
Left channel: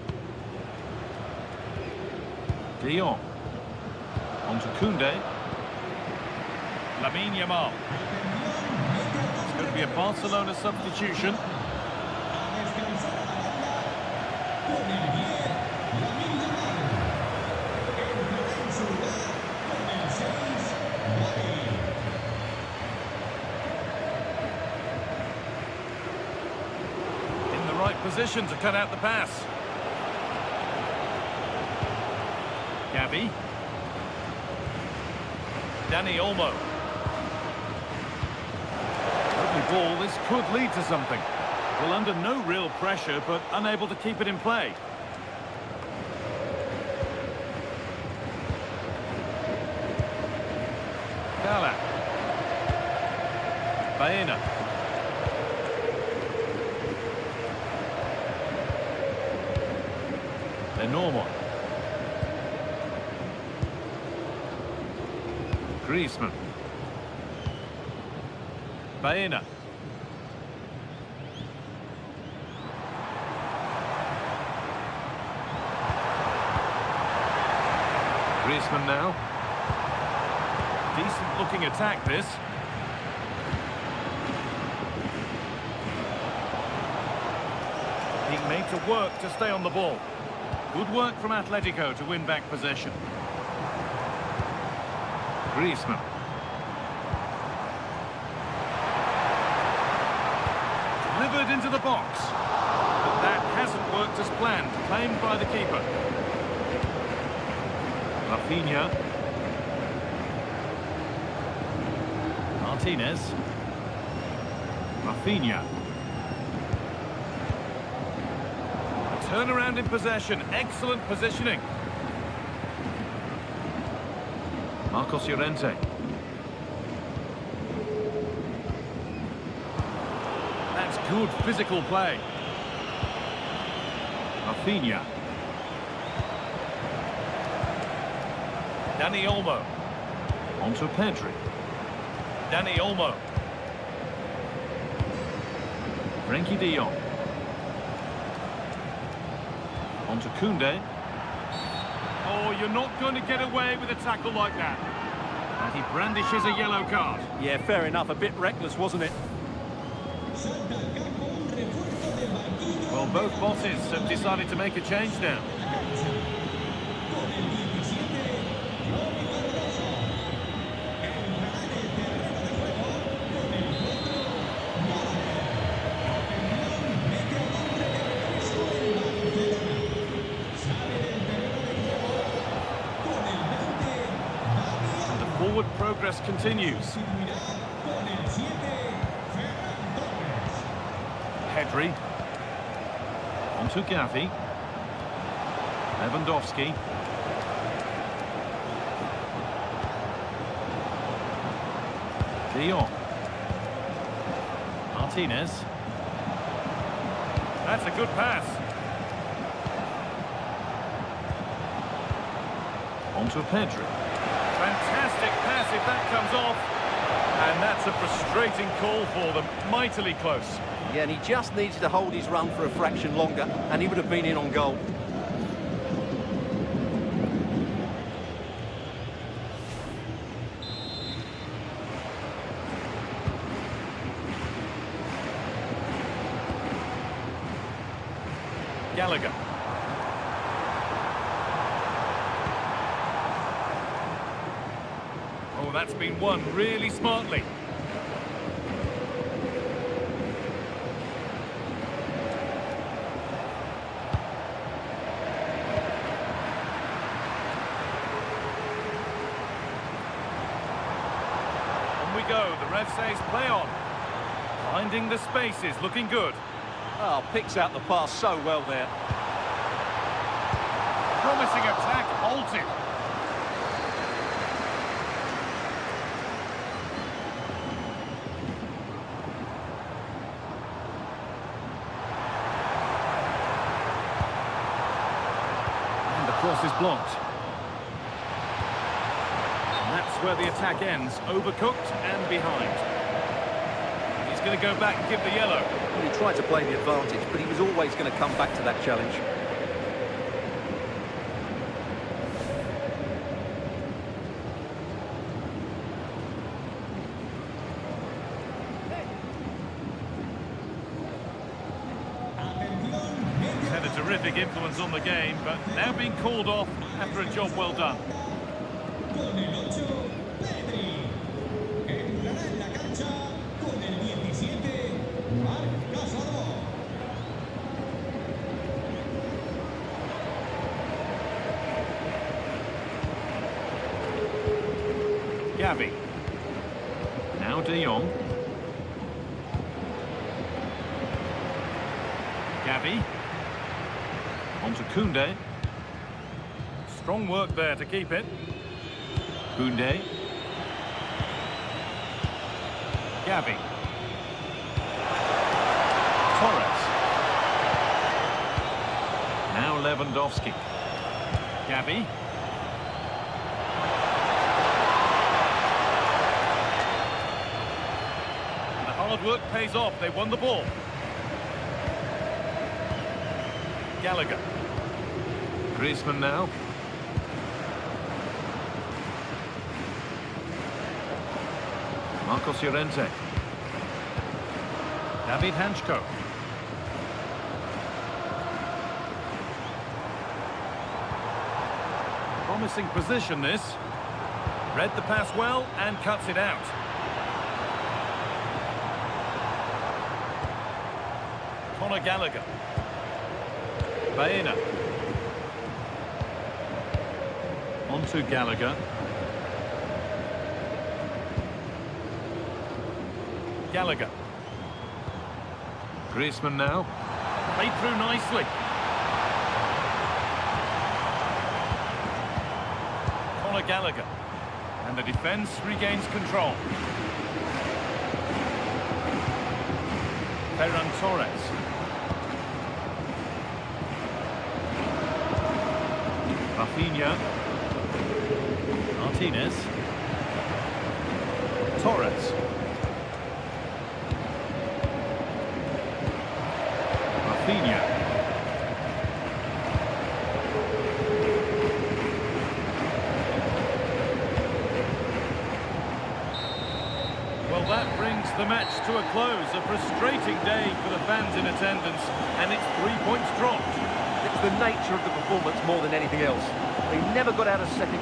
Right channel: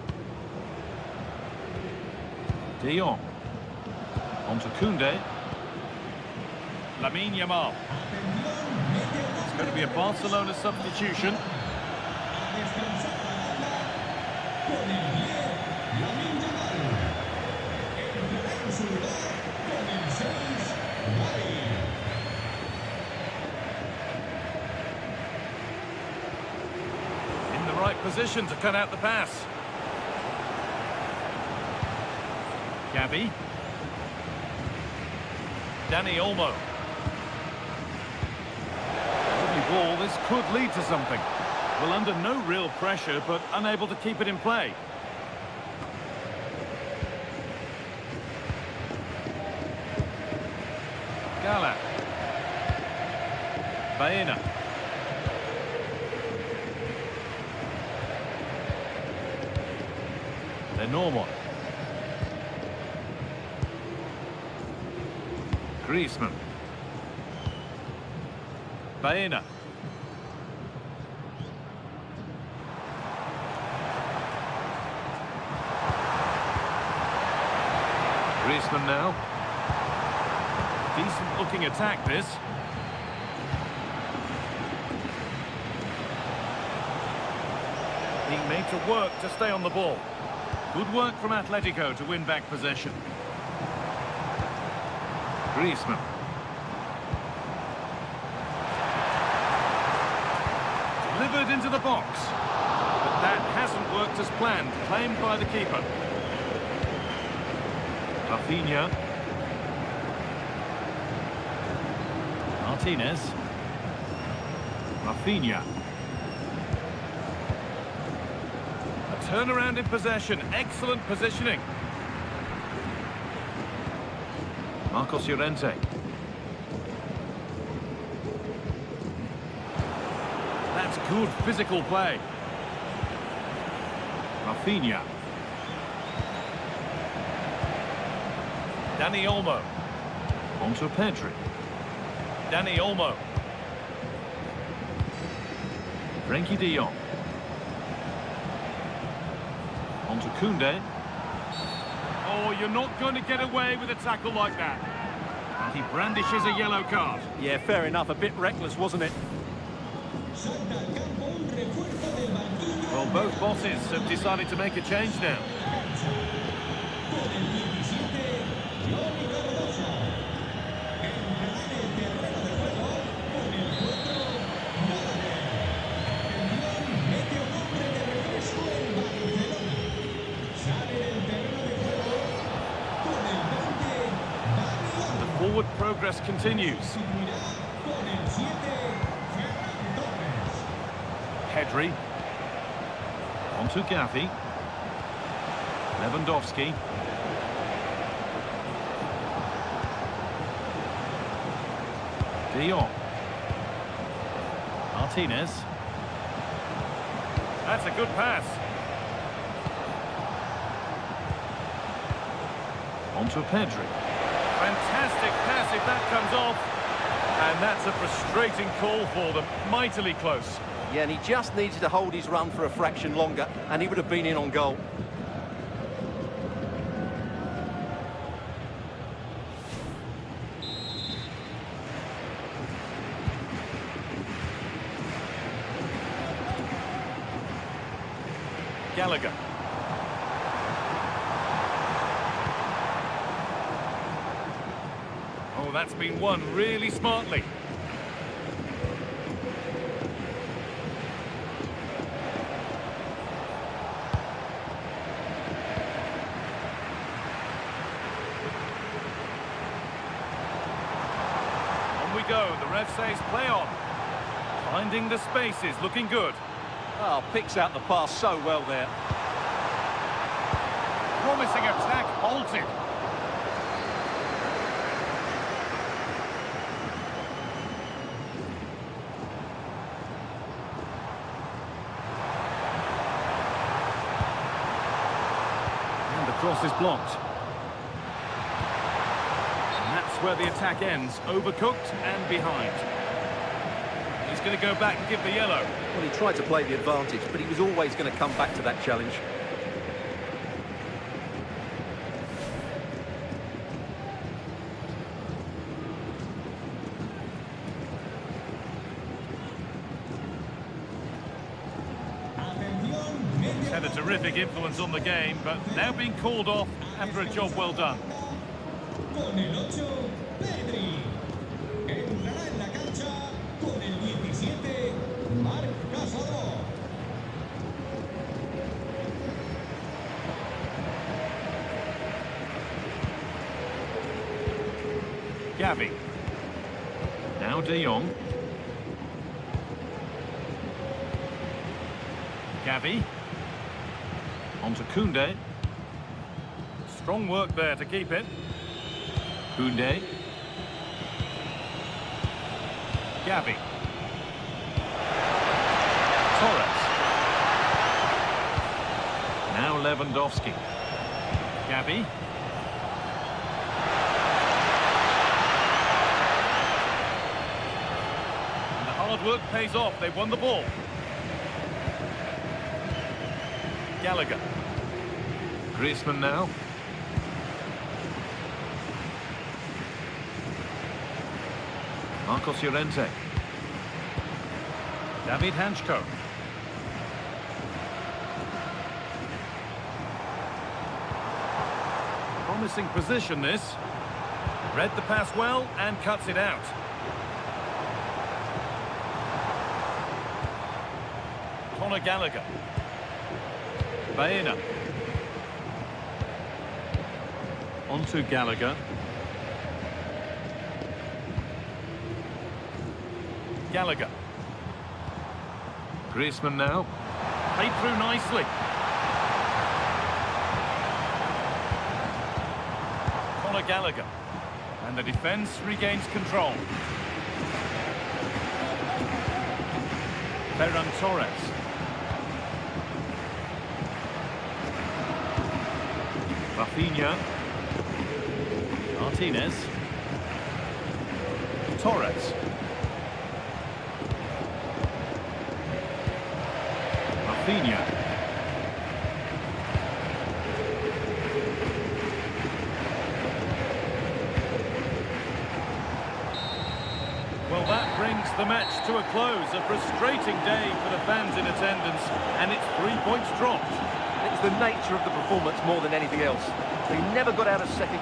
De Jong. Onto Koundé. Lamine Yamal. It's going to be a Barcelona substitution. A descansar a la banda con el 10, Lamine Yamal. Entrará en su lugar con el 6, Gavi. the right position to cut out the pass. Gavi. Dani Olmo. Lovely ball, this could lead to something. Well, under no real pressure, but unable to keep it in play. Gala. Baena. Lenormand. Griezmann. Baena. Griezmann now. Decent looking attack this. Being made to work to stay on the ball. Good work from Atletico to win back possession. Griezmann. Delivered into the box. But that hasn't worked as planned. Claimed by the keeper. Rafinha. Martinez. Rafinha. A turnaround in possession. Excellent positioning. Marcos Llorente. That's good physical play. Rafinha. Dani Olmo. Onto Pedri. Dani Olmo. Frenkie de Jong. Onto Koundé. Oh, you're not going to get away with a tackle like that. And he brandishes a yellow card. Yeah, fair enough. A bit reckless, wasn't it? Salta al campo un refuerzo del banquillo. Well, both bosses have decided to make a change now. La cancha. Con el 17, Johnny Cardoso. Entrará en el terreno de juego con el 4, Gallagher. Atención, mete a un hombre de refresco en Barcelona. Sale del terreno de juego con el 20, Dani And the Olmo. forward progress continues. Sustituirá con el 7, Ferran Torres. Pedri. Onto Gavi. Lewandowski. De Jong. Martinez. That's a good pass. Onto Pedri. Fantastic pass if that comes off. And that's a frustrating call for them. Mightily close. Yeah, and he just needed to hold his run for a fraction longer, and he would have been in on goal. Gallagher. Oh, that's been won really smartly. On we go. The ref says play on. Finding the spaces, looking good. Oh, picks out the pass so well there. Promising attack halted. And the cross is blocked. And that's where the attack ends. Overcooked and behind. He's going to go back and give the yellow. Well, he tried to play the advantage, but he was always going to come back to that challenge. He's had a terrific influence on the game, but now being called off after a job well done. Con el 8, Pedri. Entrará en la cancha con el 17, Marc Casado. Gavi. Now De Jong. Gavi. On to Koundé. Strong work there to keep it. Koundé. Gavi. Torres. Now Lewandowski. Gavi. And the hard work pays off. They won the ball. Gallagher. Griezmann now. Marcos Llorente. David Hanchko. Promising position, this. Read the pass well and cuts it out. Conor Gallagher. Baena. On to Gallagher. Gallagher. Griezmann now. Played through nicely. Conor Gallagher. And the defence regains control. Ferran Torres. Rafinha. Martinez. Torres. Rafinha. Well, that brings the match to a close. A frustrating day for the fans in attendance, and it's 3 points dropped. It was the nature of the performance more than anything else. They never got out of second.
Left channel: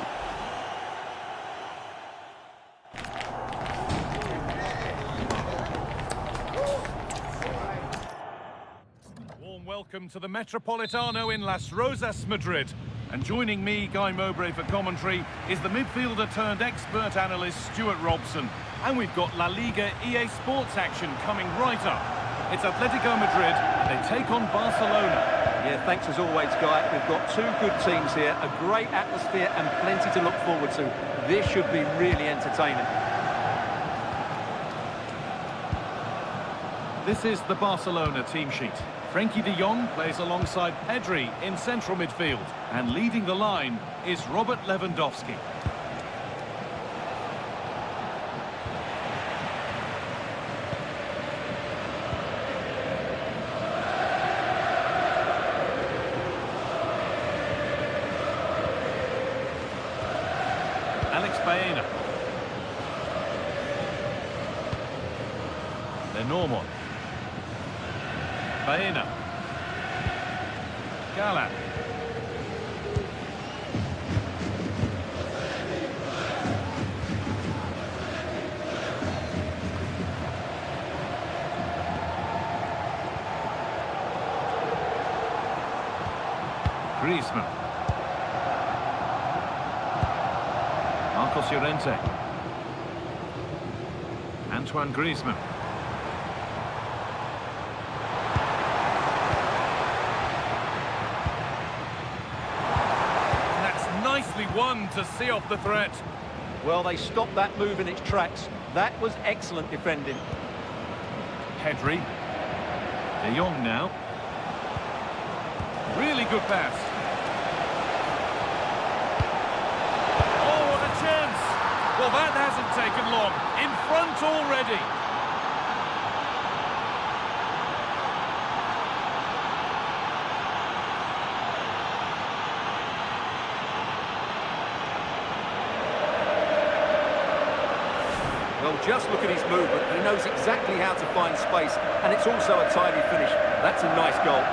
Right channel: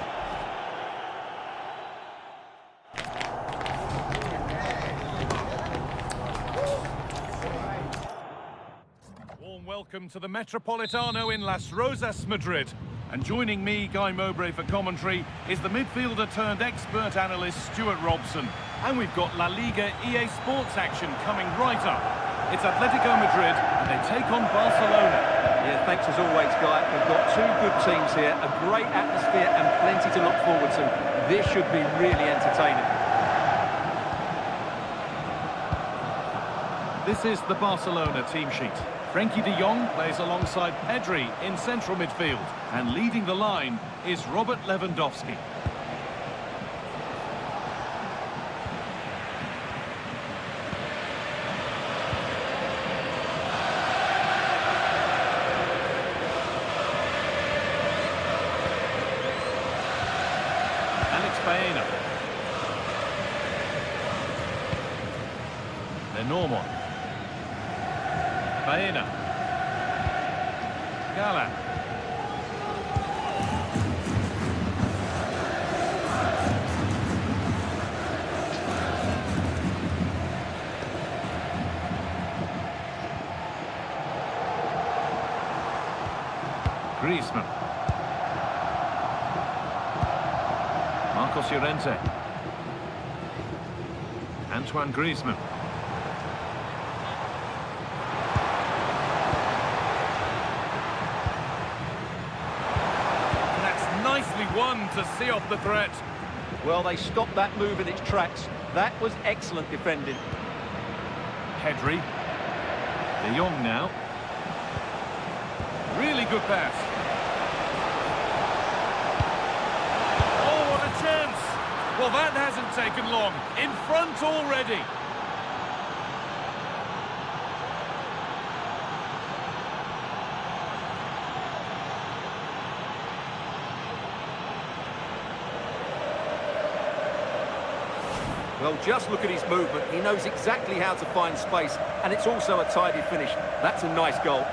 Warm welcome to the Metropolitano in Las Rosas, Madrid. And joining me, Guy Mowbray, for commentary is the midfielder turned expert analyst Stuart Robson. And we've got La Liga EA Sports action coming right up. It's Atletico Madrid and they take on Barcelona. Yeah, thanks as always, Guy. We've got two good teams here, a great atmosphere and plenty to look forward to. This should be really entertaining. This is the Barcelona team sheet. Frenkie de Jong plays alongside Pedri in central midfield. And leading the line is Robert Lewandowski. Alex Baena. Lenormand. Baena. Galan. Griezmann. Marcos Llorente. Antoine Griezmann. Nicely won to see off the threat. Well, they stopped that move in its tracks. That was excellent defending. Pedri. De Jong now. Really good pass. Oh, what a chance. Well, that hasn't taken long. In front already. Well, just look at his movement. He knows exactly how to find space, and it's also a tidy finish. That's a nice goal.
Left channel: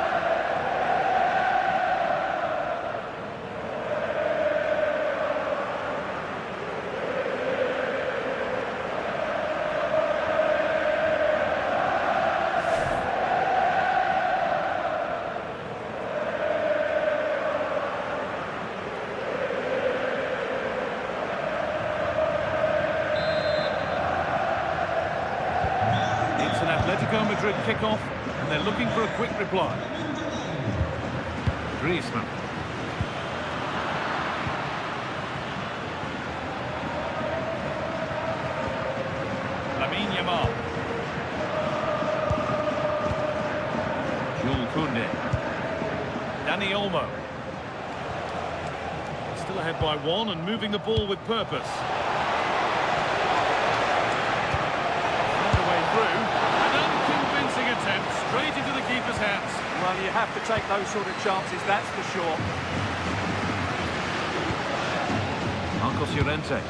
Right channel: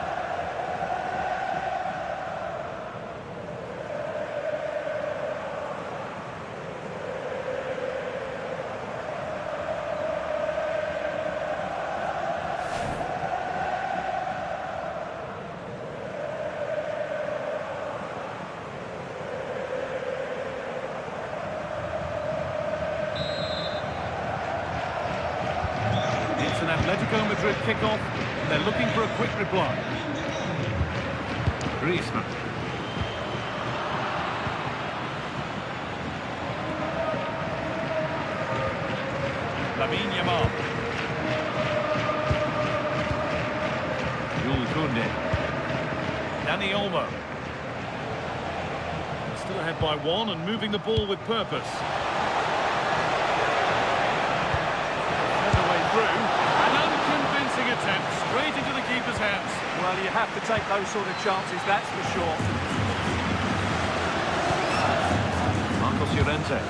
It's an Atletico Madrid kickoff, and they're looking for a quick reply. Griezmann. Lamine Yamal. Jules Koundé. Dani Olmo. Still ahead by one and moving the ball with purpose. Sent away through. An unconvincing attempt straight into the keeper's hands. Well, you have to take those sort of chances, that's for sure. Marcos Llorente.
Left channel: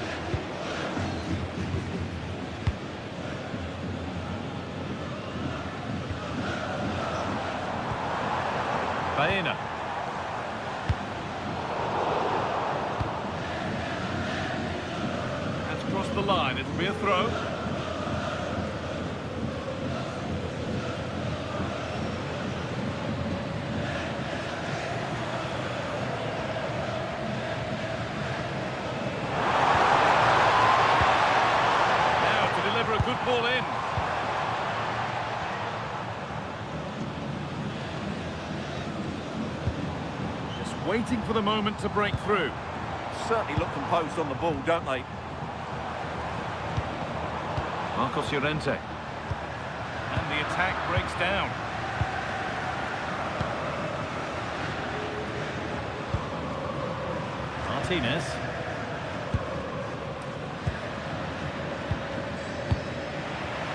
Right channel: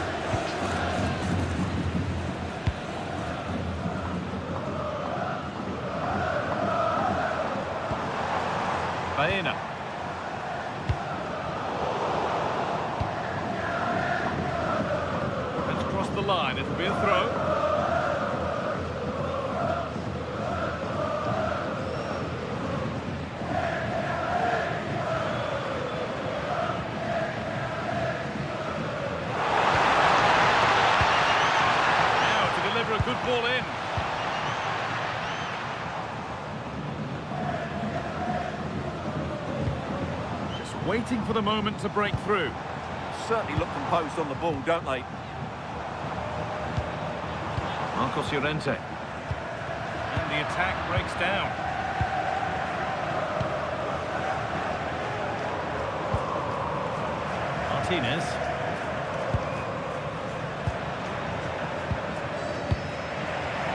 Baena. That's crossed the line. It'll be a throw. Now to deliver a good ball in. Waiting for the moment to break through. Certainly look composed on the ball, don't they? Marcos Llorente. And the attack breaks down. Martinez.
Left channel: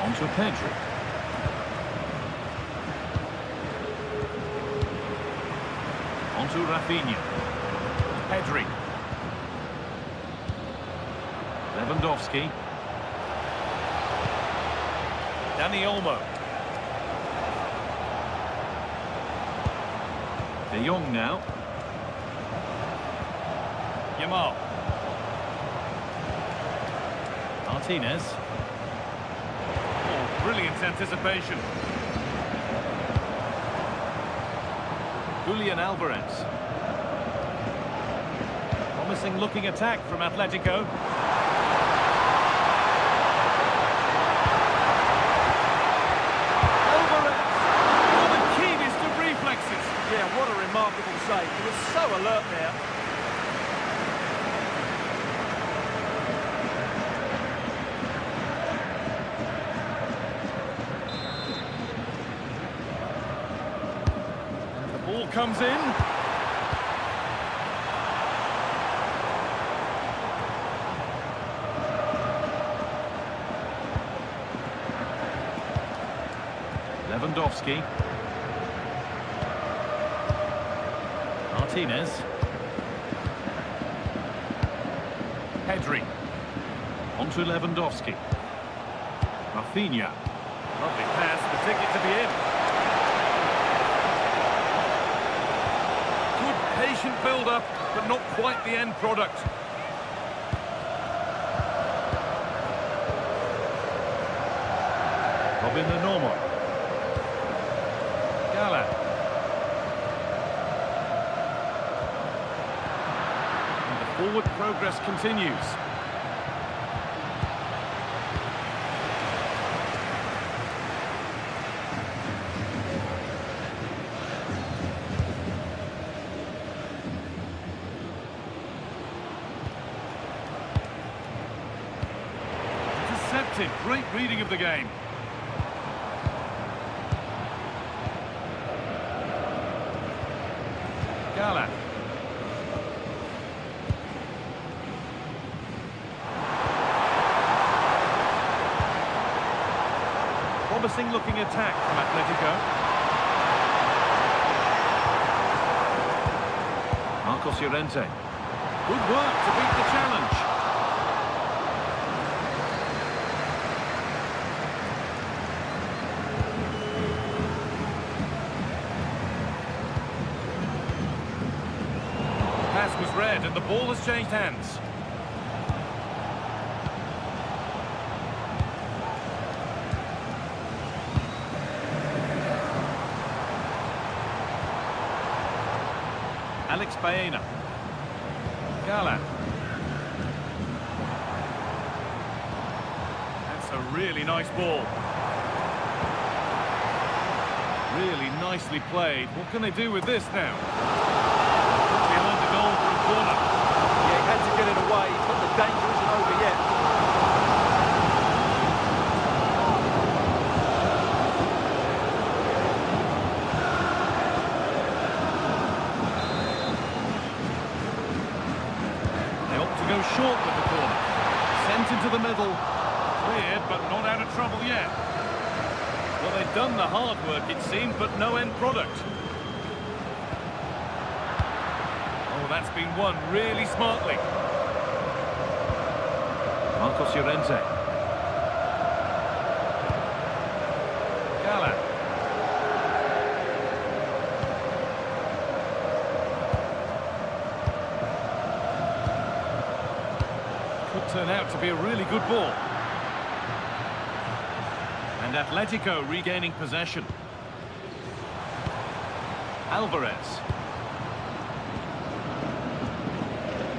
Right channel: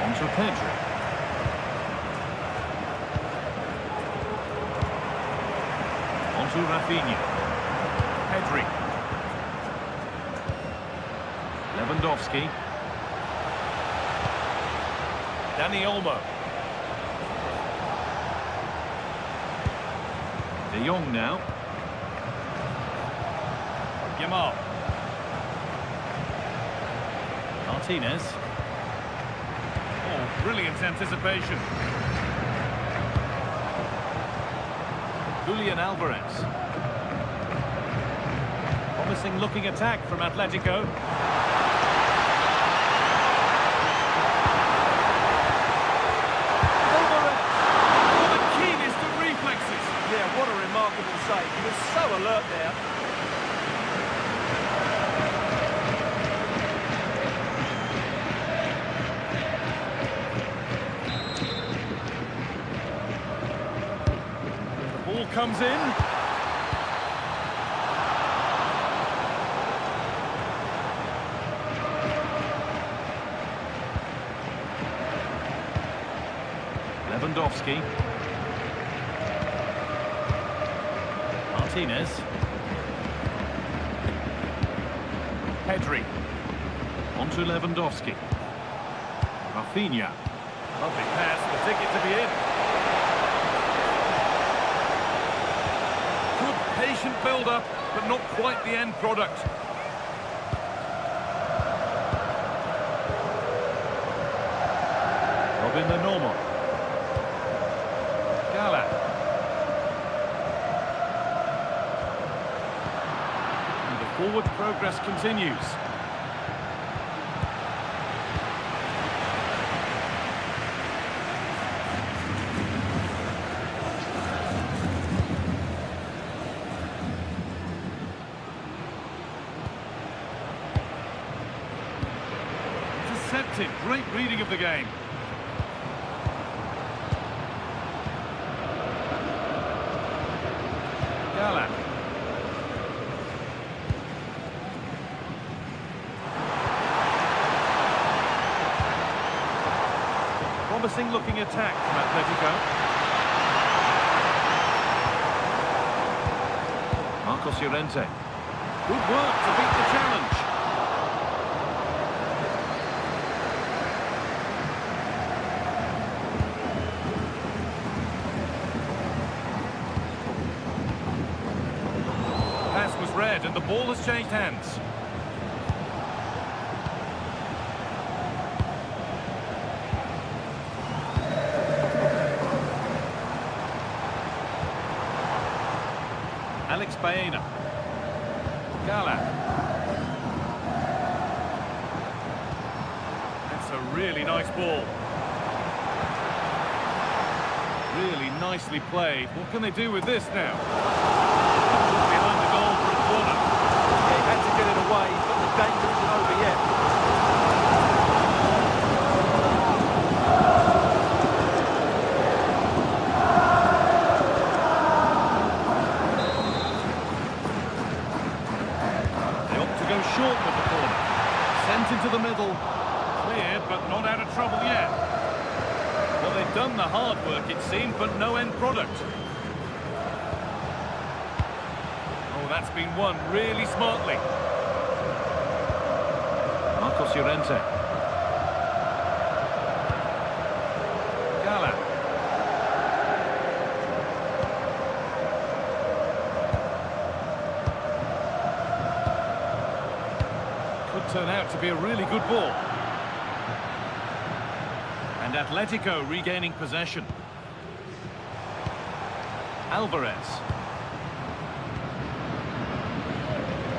On to Pedri. On to Rafinha. Pedri. Lewandowski. Dani Olmo. De Jong now. Yamal. Martinez. Oh, brilliant anticipation. Julian Alvarez. Promising looking attack from Atletico. Alvarez! Oh, the keenest of reflexes. Yeah, what a remarkable save. He was so alert there. Ball comes in. Lewandowski. Martinez. Pedri. On to Lewandowski. Rafinha. Lovely pass, the ticket to be in. Patient build-up, but not quite the end product. Robin the Normal. Gala. And the forward progress continues. Intercepted. Great reading of the game. Gala. Promising looking attack from Atletico. Marcos Llorente. Good work to beat the challenge. Pass was read and the ball has changed hands. Alex Baena. Gala. That's a really nice ball. Really nicely played. What can they do with this now? Behind the goal for a corner. Yeah, he had to get it away, but the danger isn't over yet. They opt to go short with the corner. Sent into the middle. Cleared, but not out of trouble yet. Well, they've done the hard work, it seemed, but no end product. Oh, that's been won really smartly. Marcos Llorente. Gala. Could turn out to be a really good ball. And Atletico regaining possession. Alvarez.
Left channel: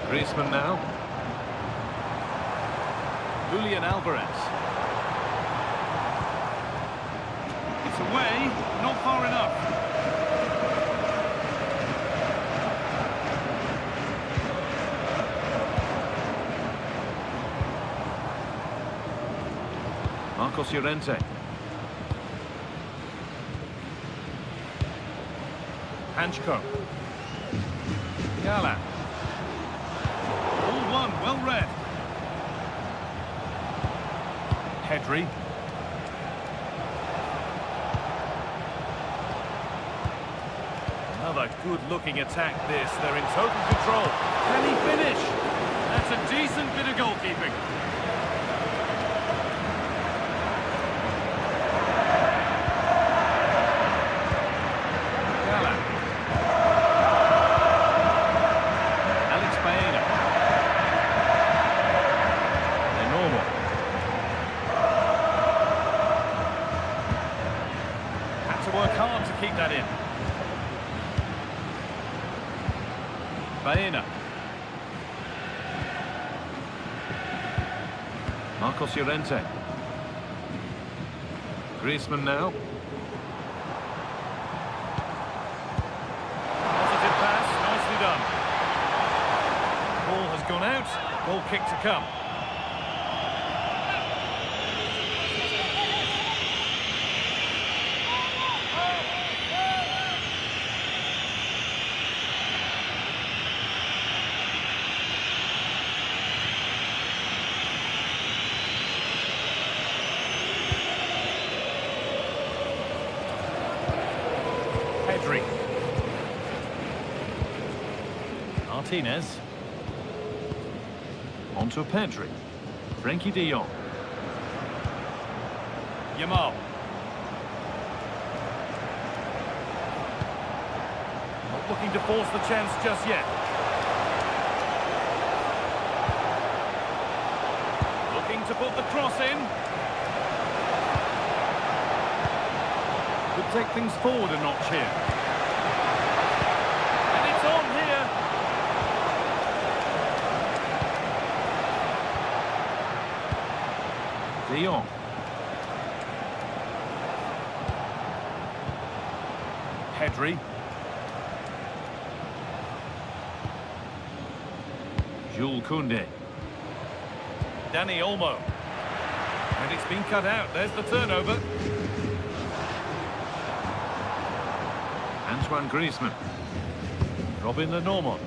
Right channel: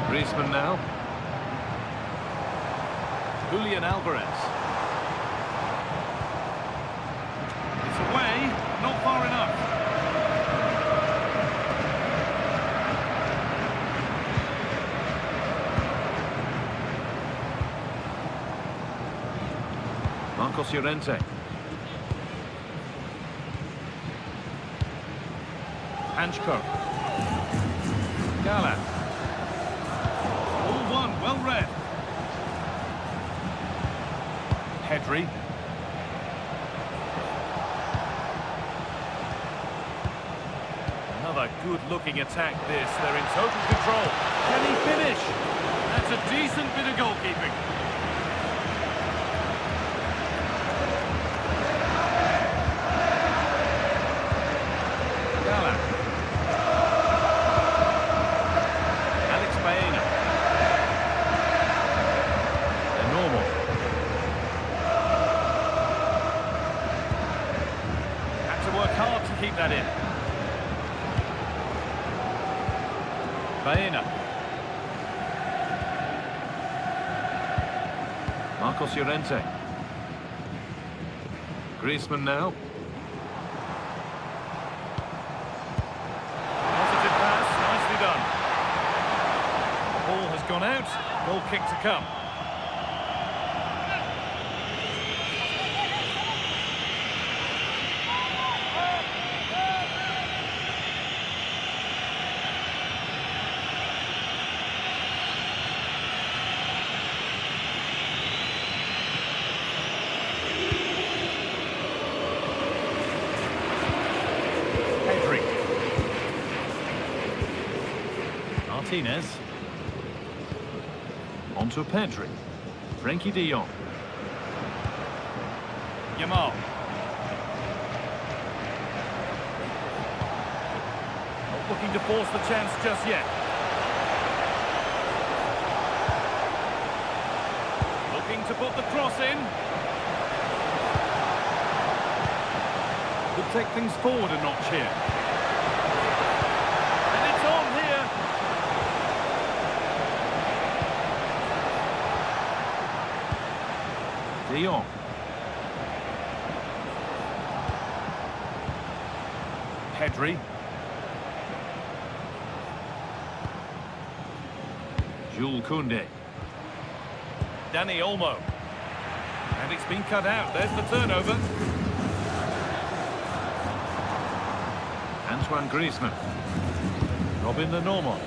Griezmann now. Julian Alvarez. It's away, but not far enough. Marcos Llorente. Hanchko. Gala. All one, well read. Pedri. Another good-looking attack this. They're in total control. Can he finish? That's a decent bit of goalkeeping. Gala. Alex Baena. They're normal. Had to work hard to keep that in. Baena. Marcos Llorente. Griezmann now. Positive pass, nicely done. Ball has gone out, goal kick to come. Pedri. Martinez. On to Pedri. Frankie de Jong. Yamal. Not looking to force the chance just yet. Looking to put the cross in. Could take things forward a notch here. And it's on here. De Jong. Pedri. Jules Koundé. Dani Olmo. And it's been cut out. There's the turnover. Antoine Griezmann. Robin Lenormand.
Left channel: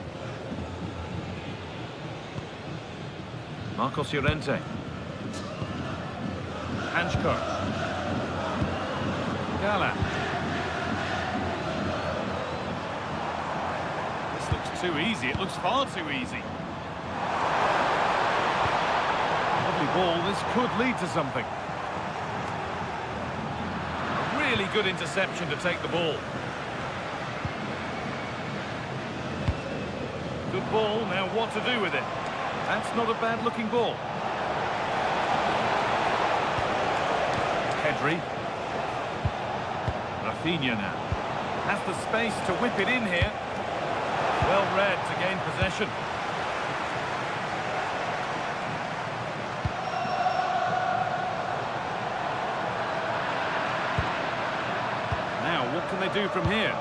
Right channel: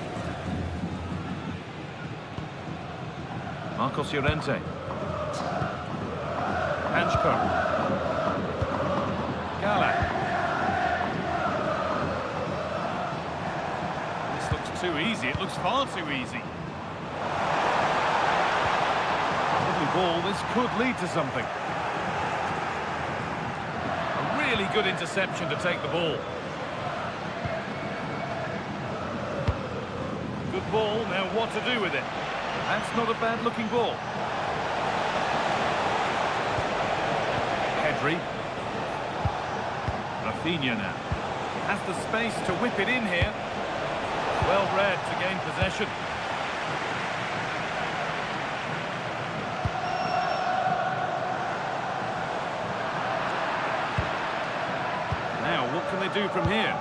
Marcos Llorente. Hanchko. Gala. This looks too easy. It looks far too easy. Lovely ball. This could lead to something. A really good interception to take the ball. Good ball. Now what to do with it? That's not a bad-looking ball. Pedri. Rafinha now. Has the space to whip it in here. Well read to gain possession. Now, what can they do from here?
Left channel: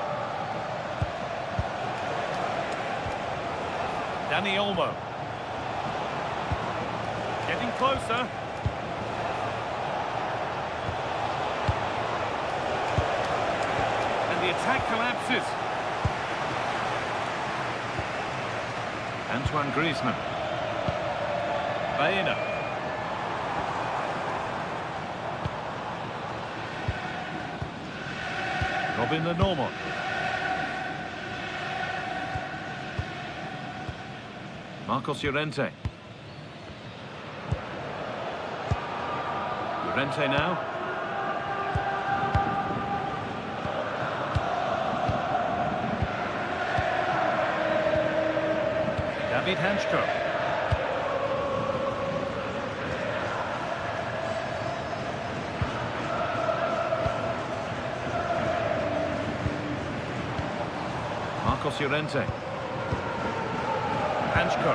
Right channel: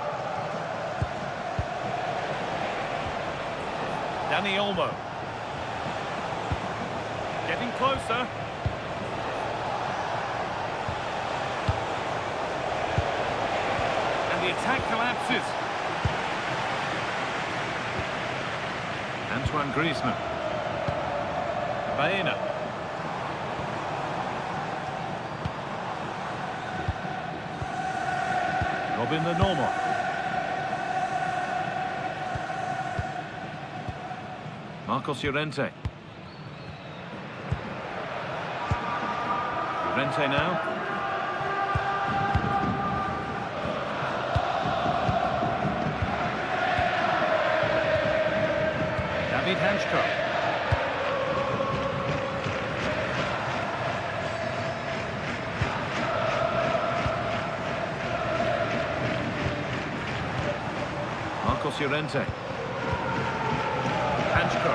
Dani Olmo. Getting closer. And the attack collapses. Antoine Griezmann. Baena. Robin Lenormand. Marcos Llorente. Llorente now. David Hanchko. Marcos Llorente. Hanchko.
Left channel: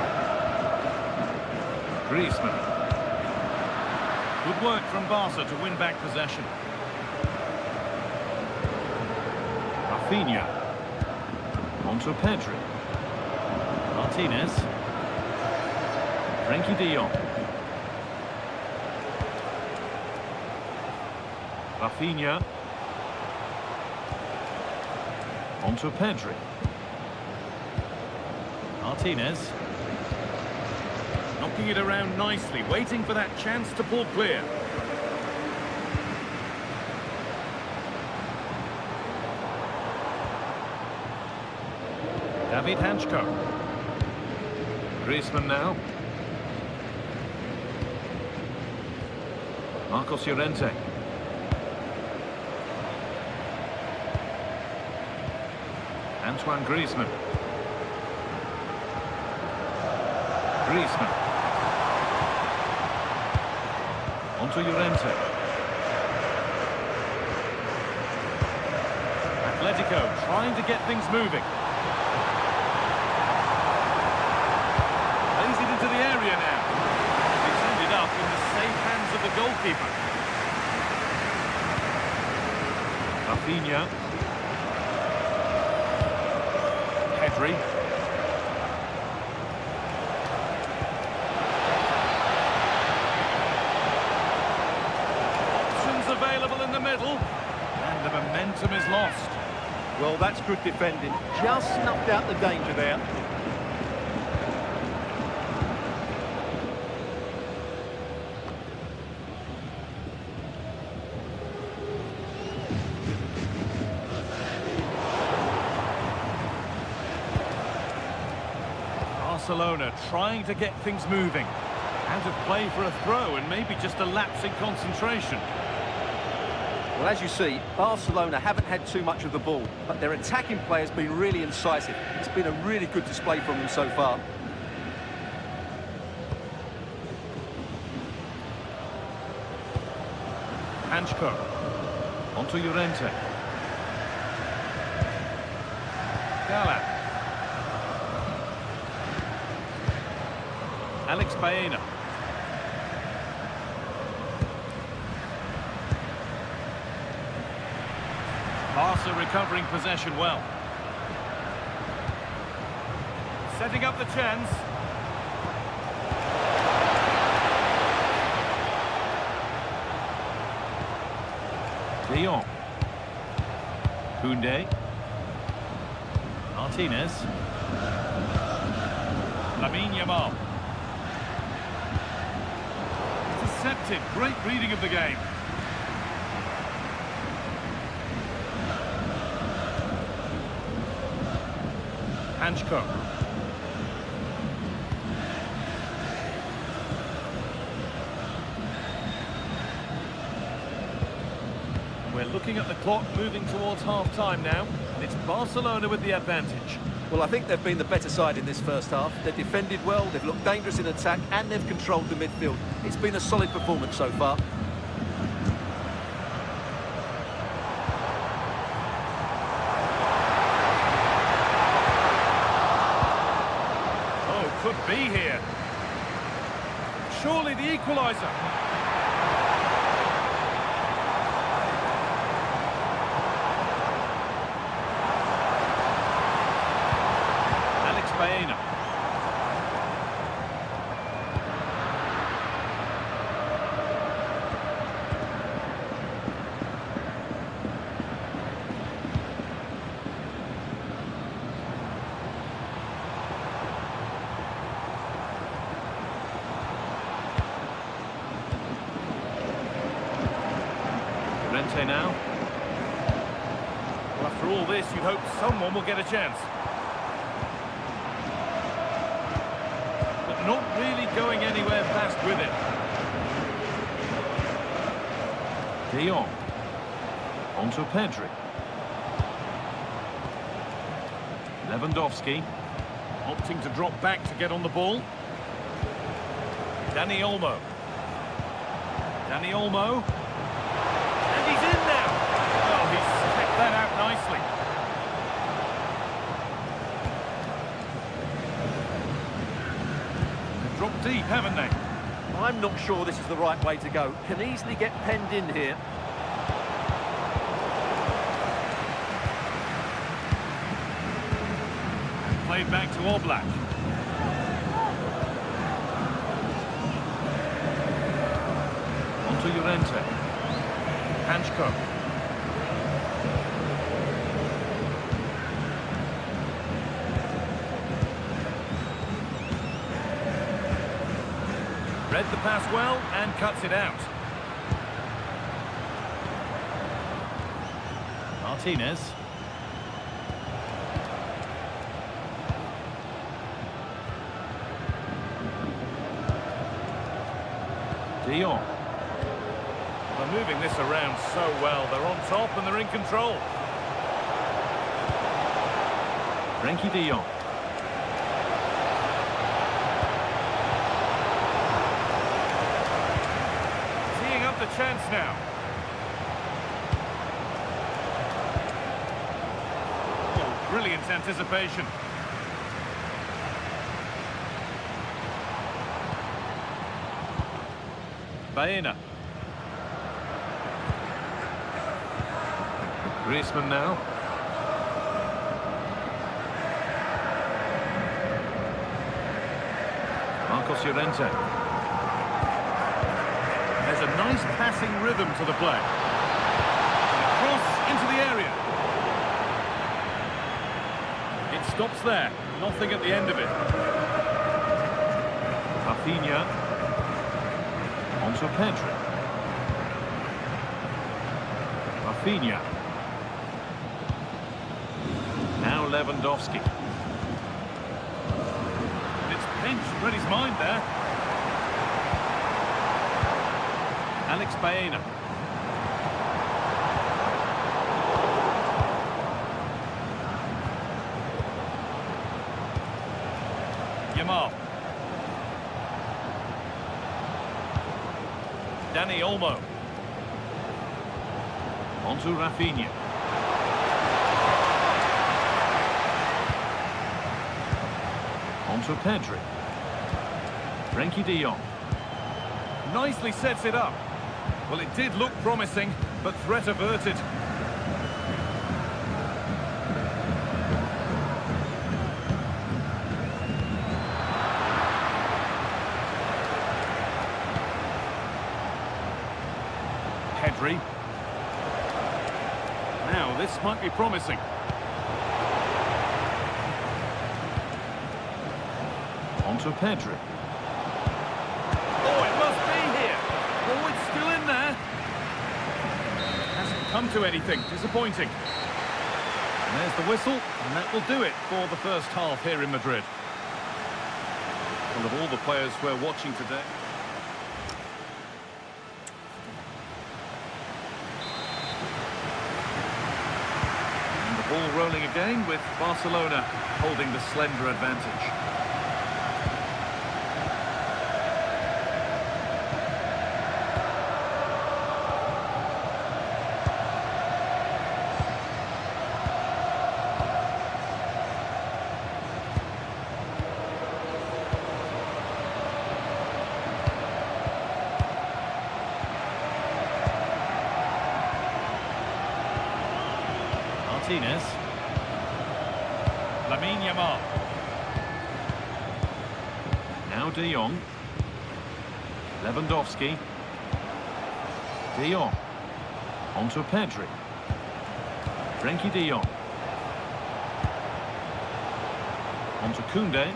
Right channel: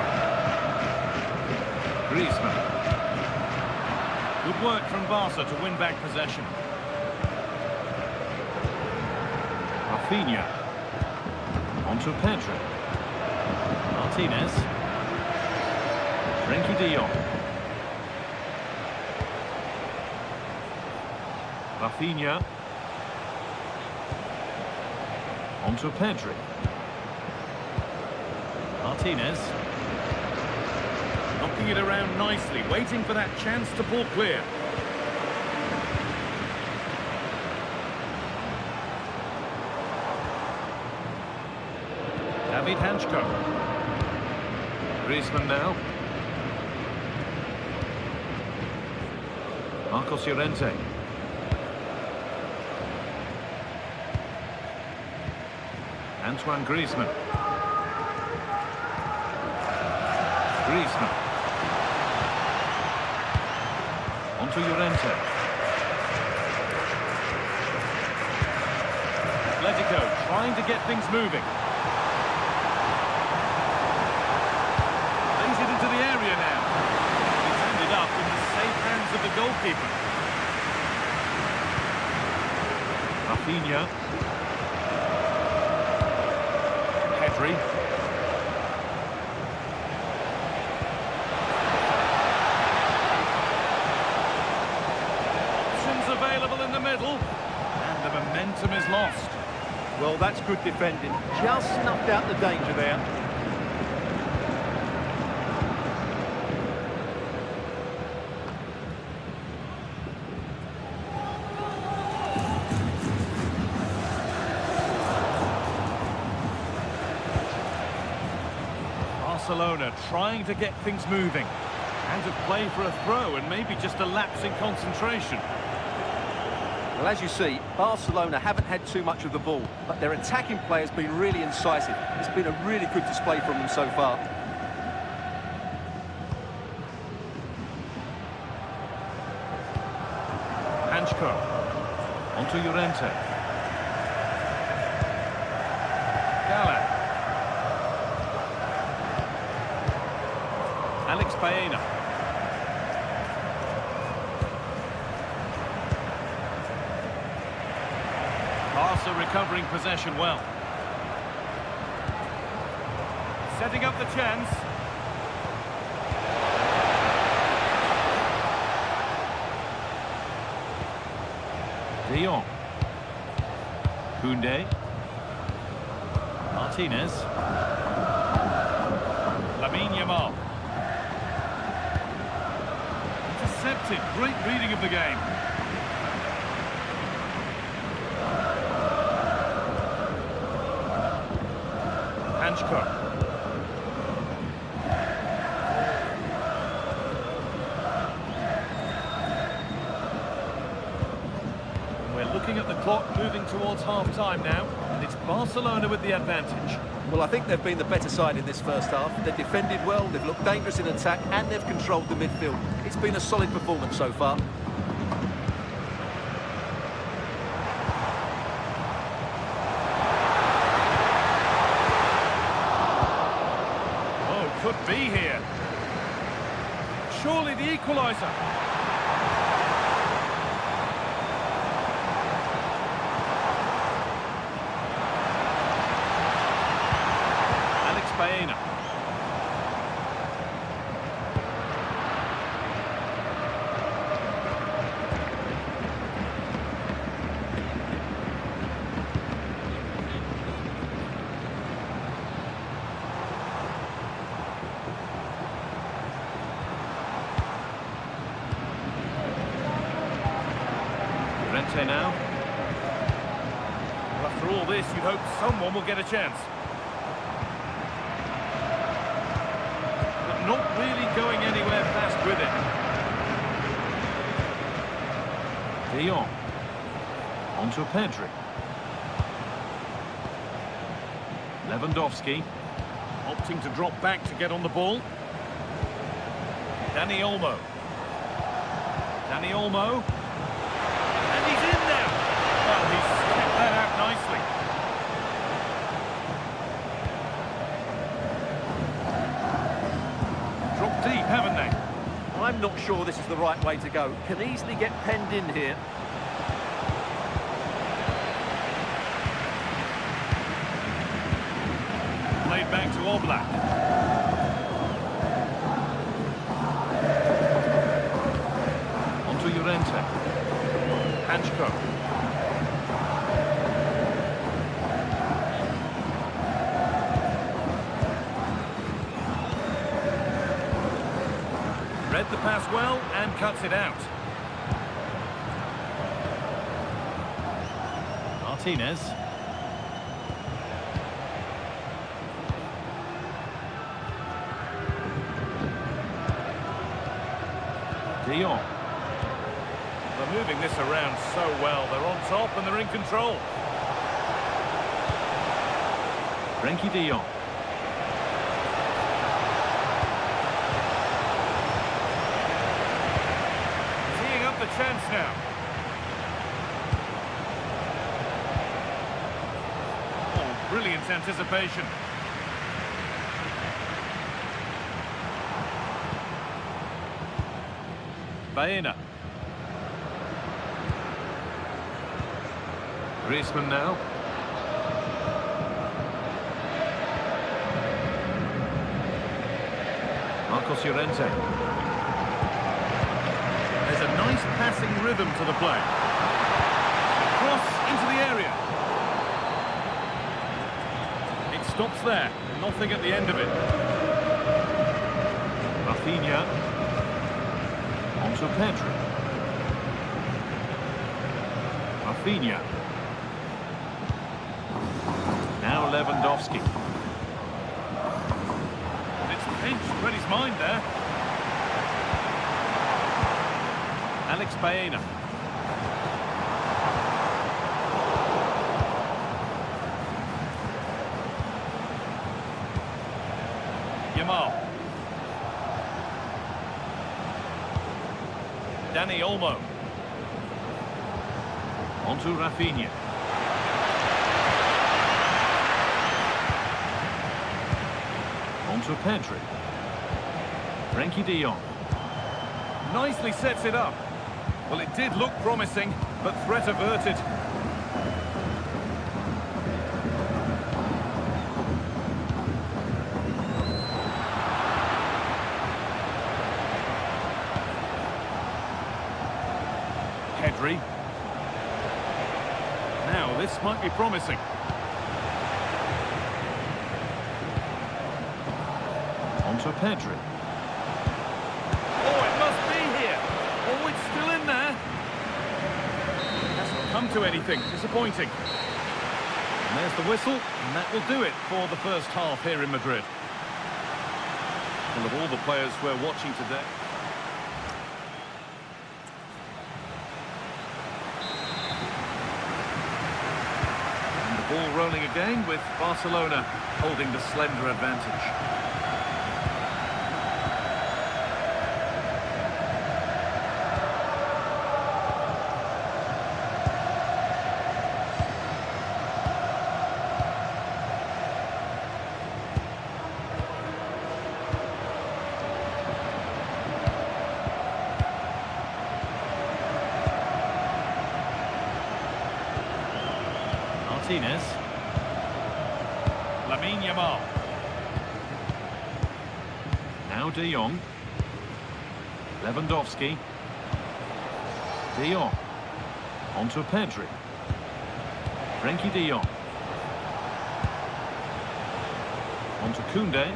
Griezmann. Good work from Barca to win back possession. Rafinha. On to Pedri. Martinez. Frenkie de Jong. Rafinha. On to Pedri. Martinez. Knocking it around nicely, waiting for that chance to pull clear. David Hanchko. Griezmann now. Marcos Llorente. Antoine Griezmann. Griezmann. On to Llorente. Atletico trying to get things moving. Lays it into the area now. It's ended up in the safe hands of the goalkeeper. Rafinha. Pedri. Options available in the middle. And the momentum is lost. Well, that's good defending. Just snuffed out the danger there. Barcelona trying to get things moving. Out of play for a throw and maybe just a lapse in concentration. Well, as you see, Barcelona haven't had too much of the ball, but their attacking play has been really incisive. It's been a really good display from them so far. Hanchko. On to Llorente. Gala. Alex Baena. Barca recovering possession well. Setting up the chance. De Jong. Koundé. Martinez. Lamine Yamal. Intercepted. Great reading of the game. Hanchko. And we're looking at the clock moving towards half-time now, and it's Barcelona with the advantage. Well, I think they've been the better side in this first half. They've defended well, they've looked dangerous in attack, and they've controlled the midfield. It's been a solid performance so far. Oh, could be here. Surely the equalizer. Baena. Rente now. Well, after all this, you'd hope someone will get a chance. But not really going anywhere fast with it. De Jong. On to Pedri. Lewandowski. Opting to drop back to get on the ball. Dani Olmo. Dani Olmo. And he's in now. Well, he's kept that out nicely. They've dropped deep, haven't they? I'm not sure this is the right way to go. Can easily get penned in here. Played back to Oblak. On to Llorente. Hanchko. Read the pass well and cuts it out. Martinez. De Jong. They're moving this around so well. They're on top and they're in control. Frenkie de Jong. Teeing up the chance now. Oh, brilliant anticipation. Baena. Griezmann now. Marcos Llorente. There's a nice passing rhythm to the play. Cross into the area. It stops there. Nothing at the end of it. Rafinha. On to Pedri. Rafinha. Now Lewandowski. And it's pinched. Read his mind there. Alex Baena. Yamal. Dani Olmo. On to Rafinha. On to Pedri. Frenkie de Jong. Nicely sets it up. Well, it did look promising, but threat averted. Pedri. Now, this might be promising. On to Pedri. Oh, it must be here. Oh, it's still in there. Hasn't come to anything. Disappointing. And there's the whistle, and that will do it for the first half here in Madrid. Well, of all the players we're watching today... And the ball rolling again with Barcelona holding the slender advantage. Martinez. Lamine Yamal. Now De Jong. Lewandowski. De Jong. On to Pedri. Frenkie de Jong. On to Koundé.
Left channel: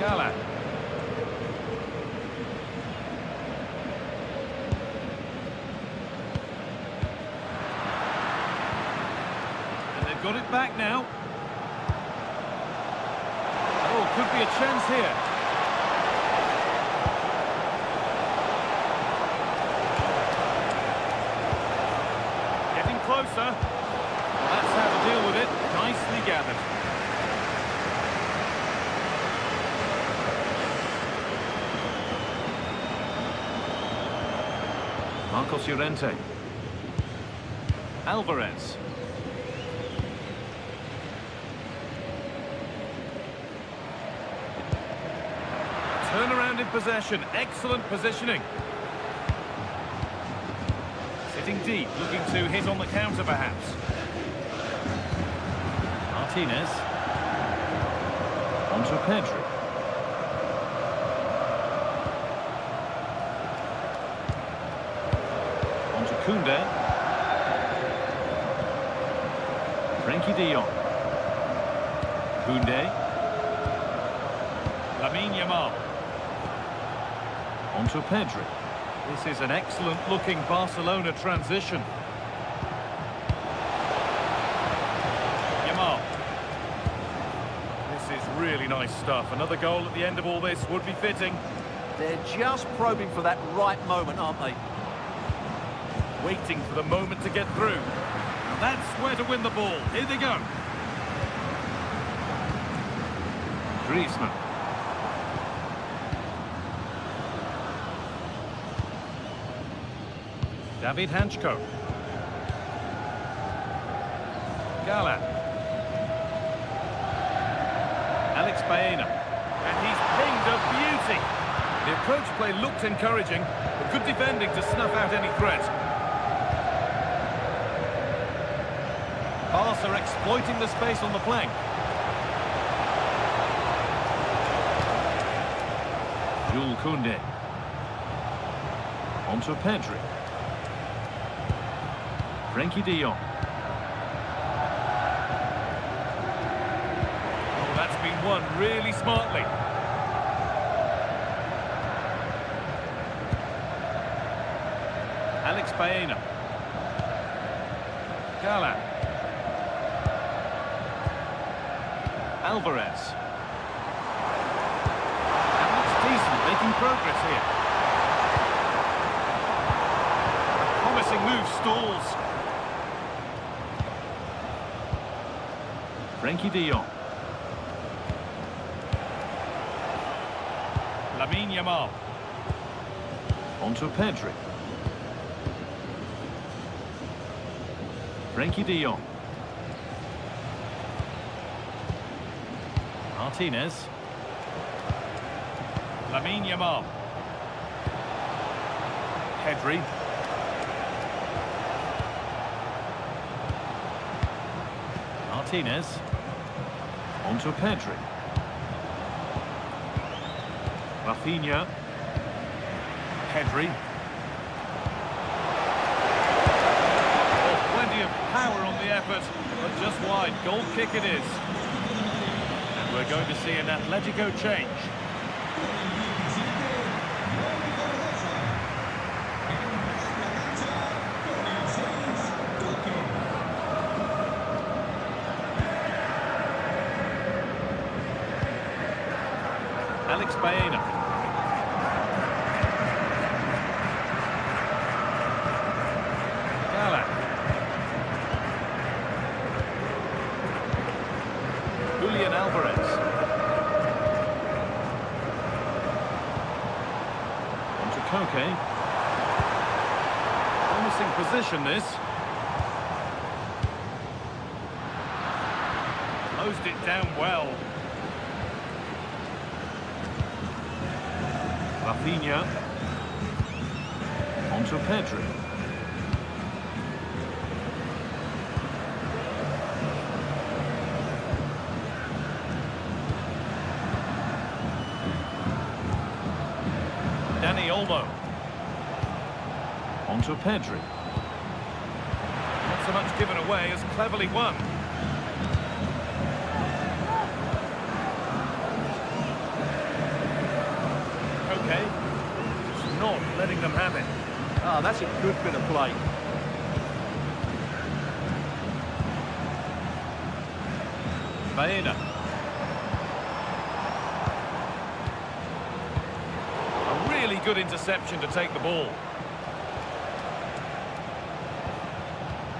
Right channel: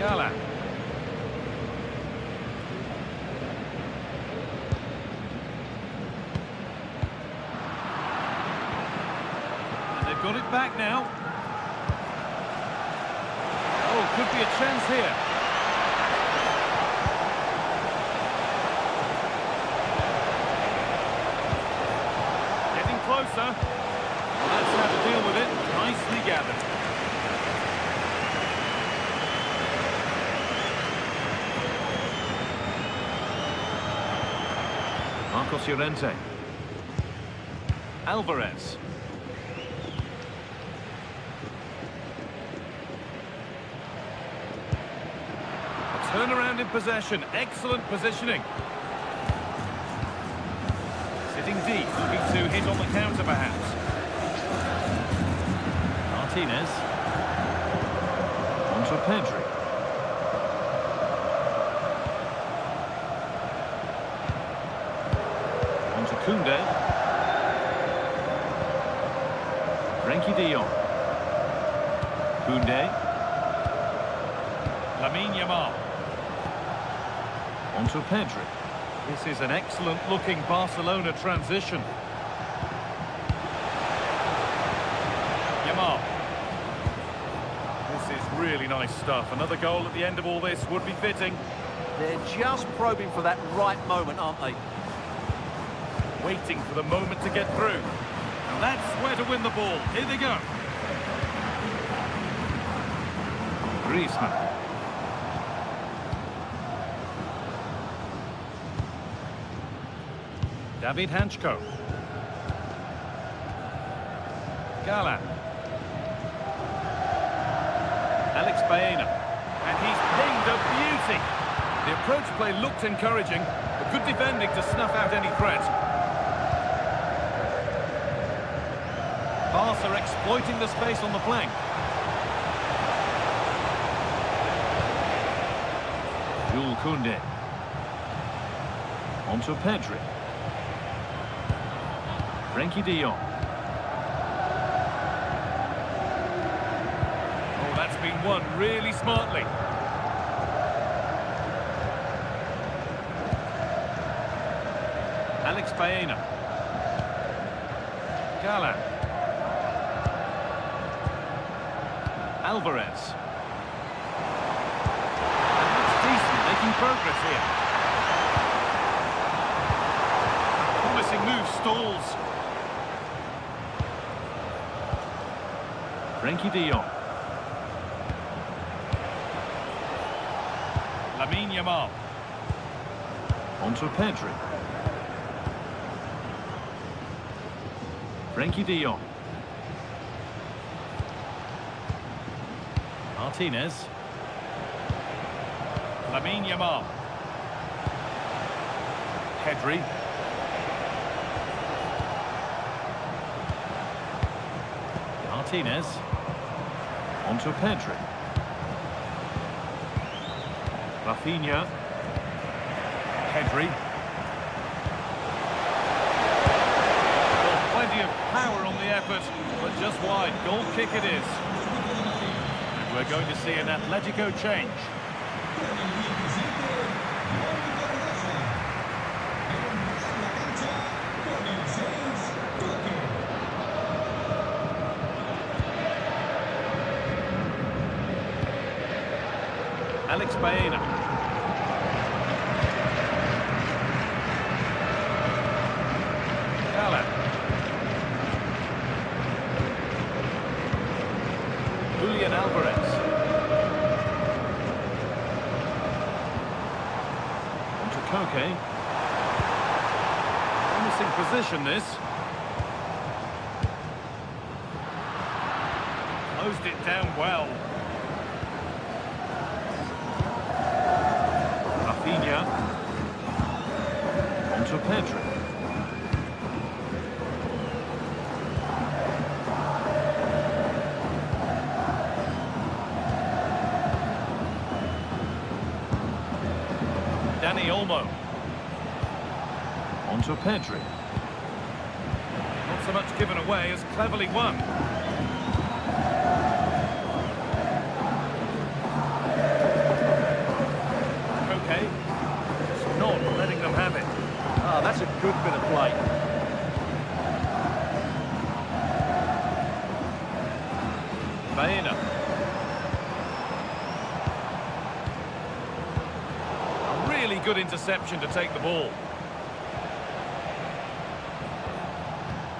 Galán. And they've got it back now. Oh, could be a chance here. Getting closer. Well, that's how to deal with it. Nicely gathered. Marcos Llorente. Alvarez. A turnaround in possession. Excellent positioning. Sitting deep, looking to hit on the counter perhaps. Martinez. On to Pedri. On to Koundé. Frenkie de Jong. Koundé. Lamine Yamal. On to Pedri. This is an excellent looking Barcelona transition. Yamal. This is really nice stuff. Another goal at the end of all this would be fitting. They're just probing for that right moment, aren't they? Waiting for the moment to get through. Now that's where to win the ball. Here they go. Griezmann. David Hanchko. Galán. Alex Baena. And he's pinged a beauty. The approach play looked encouraging, but good defending to snuff out any threat. Barca are exploiting the space on the flank. Jules Koundé. On to Pedri. Frenkie de Jong. Oh, that's been won really smartly. Alex Baena. Galán. Alvarez. That looks decent, making progress here. A promising move stalls. Frenkie de Jong. Lamine Yamal. On to Pedri. Frenkie de Jong. Martinez. Lamine Yamal. Pedri. Martinez. On to Pedri. Rafinha. Pedri. Well, plenty of power on the effort, but just wide. Goal kick it is. And we're going to see an Atletico change. Con el 17, Johnny Cardoso. Entrará en la cancha con el 6, Coque. Alex Baena. Galán. Julian Alvarez. On to Koke. Promising position this. Closed it down well. Rafinha. On to Pedri. Dani Olmo. On to Pedri. Not so much given away as cleverly won. Okay, just not letting them have it. Ah, that's a good bit of play. Baena. A really good interception to take the ball.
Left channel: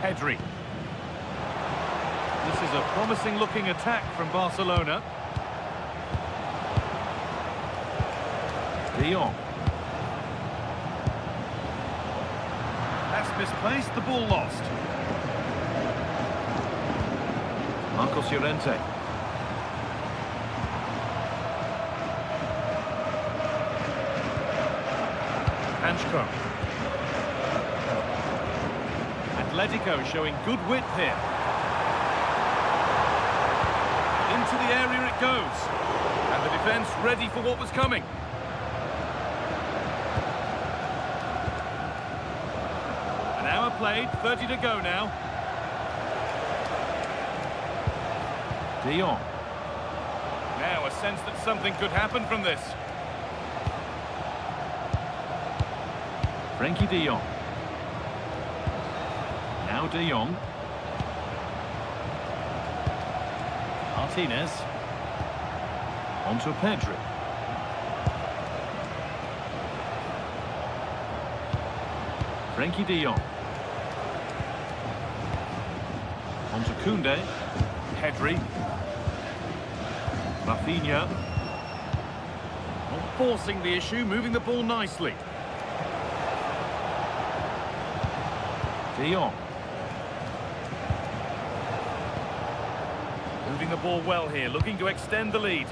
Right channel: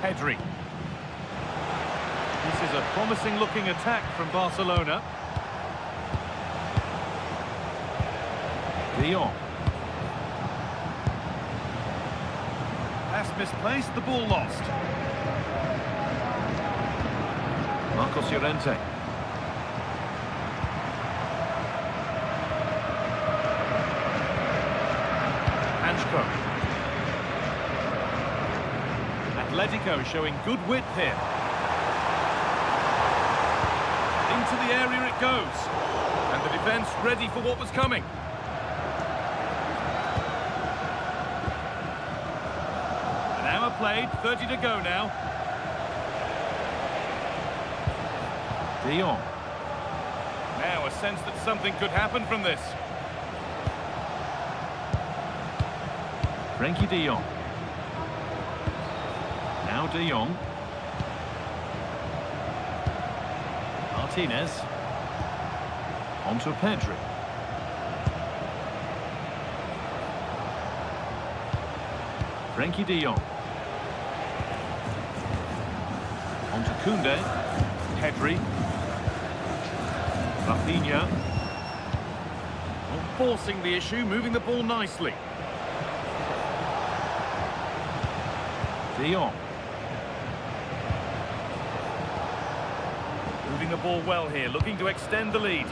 Pedri. This is a promising-looking attack from Barcelona. De Jong. Pass misplaced, the ball lost. Marcos Llorente. Hanchko. Atletico showing good width here. Into the area it goes. And the defence ready for what was coming. An hour played, 30 to go now. De Jong. Now a sense that something could happen from this. Frenkie de Jong. Now de Jong. Martinez. On to Pedri. Frenkie de Jong. On to Koundé. Pedri. Rafinha. Not forcing the issue, moving the ball nicely. De Jong. Moving the ball well here, looking to extend the lead.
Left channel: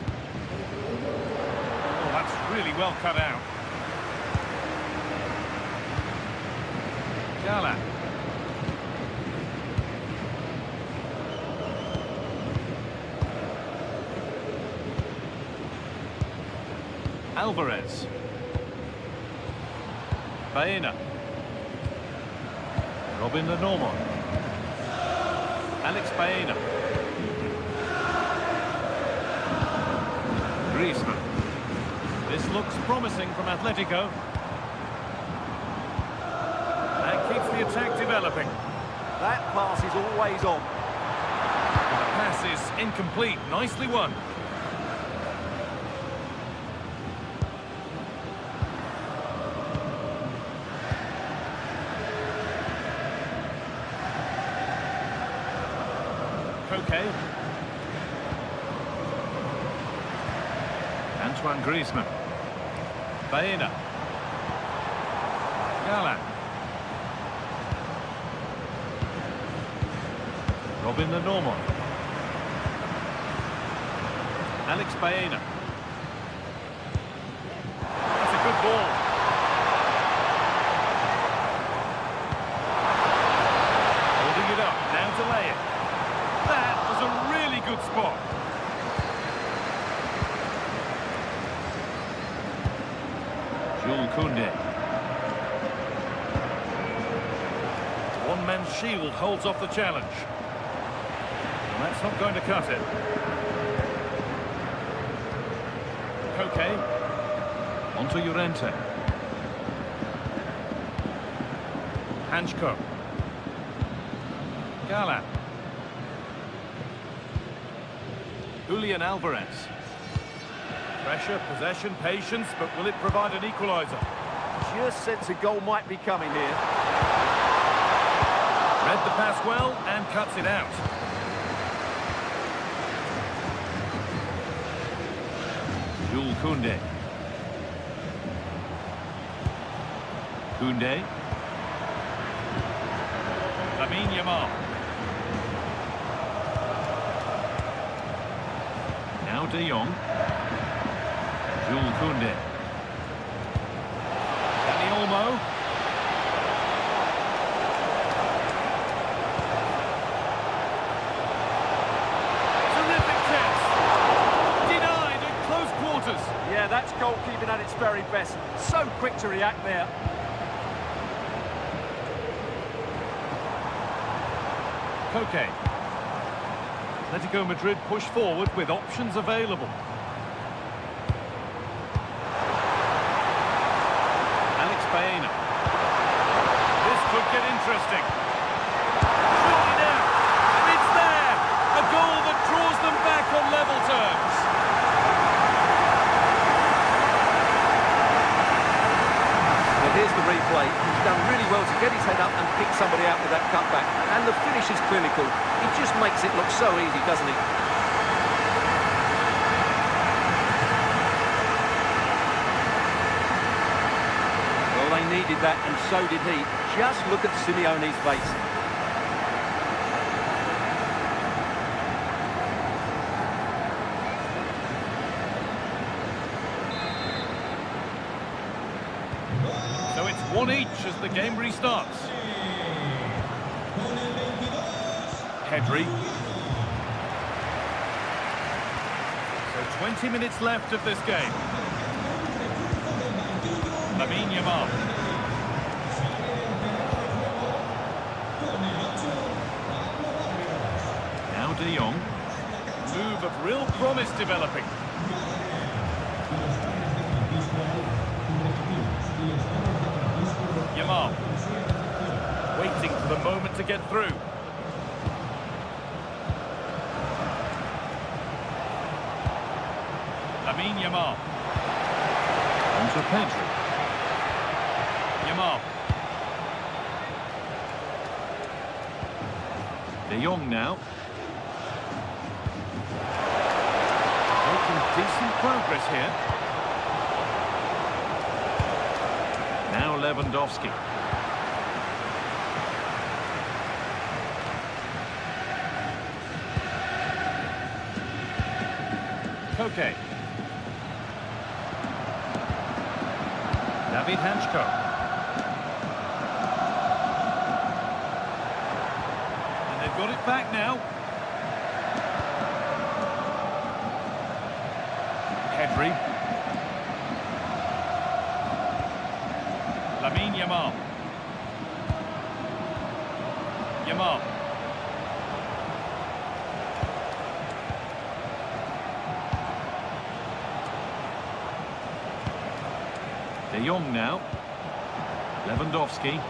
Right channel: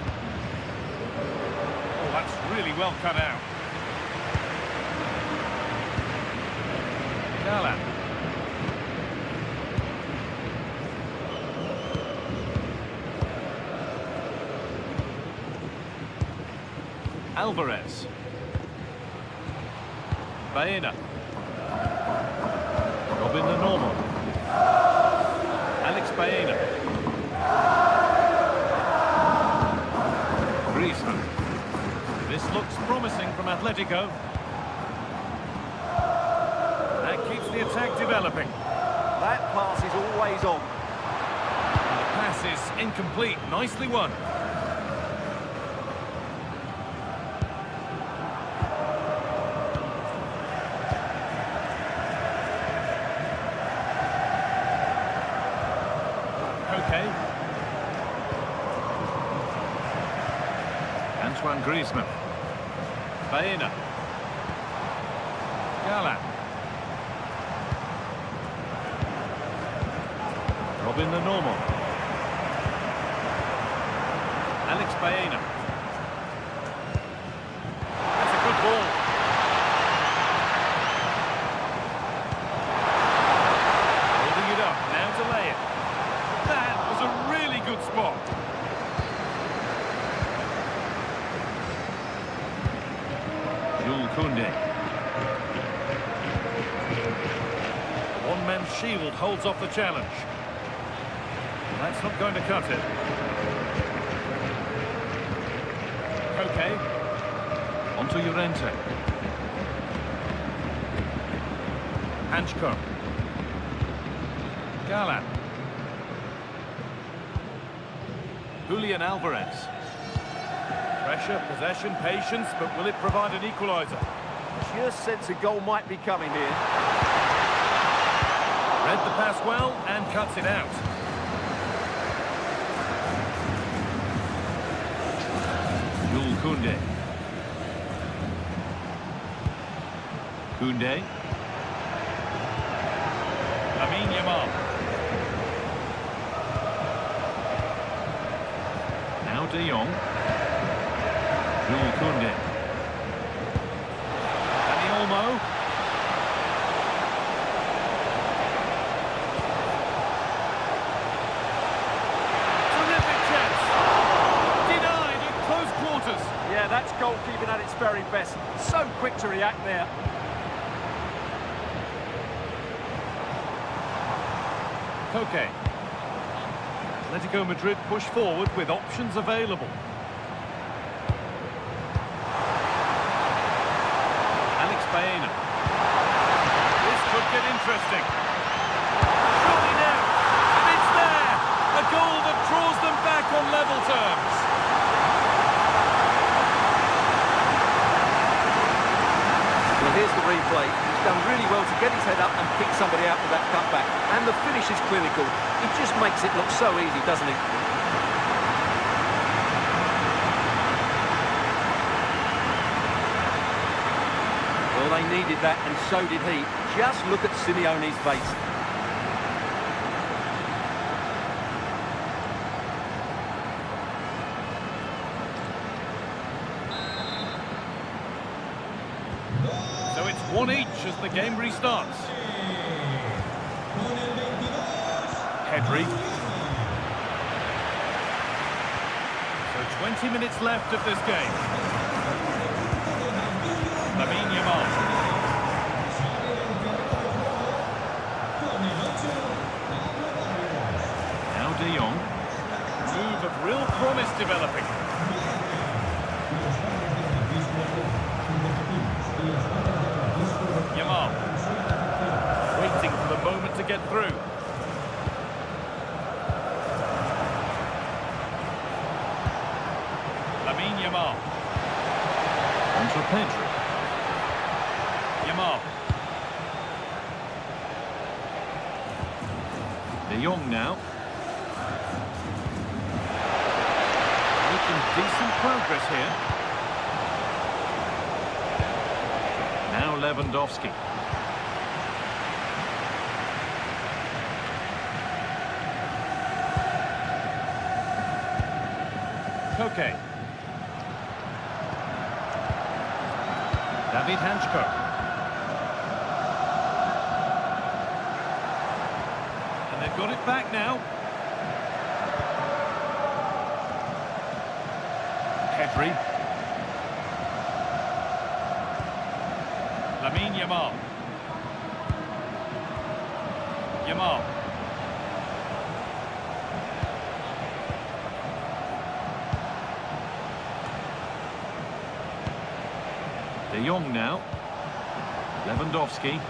Oh, that's really well cut out. Gala. Alvarez. Baena. Robin de Normo. Alex Baena. Griezmann. This looks promising from Atletico. That keeps the attack developing. That pass is always on. And the pass is incomplete. Nicely won. Okay. Antoine Griezmann. Baena. Gala. Robin de Normo. Alex Baena. That's a good ball. Holding it up, now to lay it. That was a really good spot. Jules Koundé. The one-man shield holds off the challenge. Well, that's not going to cut it. Koke. On to Llorente. Hanchko. Gala. Julian Alvarez. Pressure, possession, patience, but will it provide an equalizer? Just sense a goal might be coming here. Read the pass well and cuts it out. Jules Koundé. Koundé. Lamine Yamal. Now de Jong. Jules Koundé. Dani Olmo. Terrific chance. Denied at close quarters. Yeah, that's goalkeeping at its very best. So quick to react there. Koke. Atletico Madrid push forward with options available. Alex Baena. This could get interesting. Surely now. And it's there. A goal that draws them back on level terms. Well, here's the replay. He's done really well to get his head up and pick somebody out with that cutback. And the finish is clinical. It just makes it look so easy, doesn't it? Well, they needed that, and so did he. Just look at Simeone's face. So it's 1 each as the game restarts. Pedri. So 20 minutes left of this game. Lamine Yamal. Now De Jong. Move of real promise developing. Yamal. Waiting for the moment to get through. Lamine Yamal. On to Pedri. Yamal. De Jong now. Making decent progress here. Now Lewandowski. Koke. David Hanchko. And they've got it back now. Pedri. Lamine Yamal. Yamal. De Jong now. Lewandowski.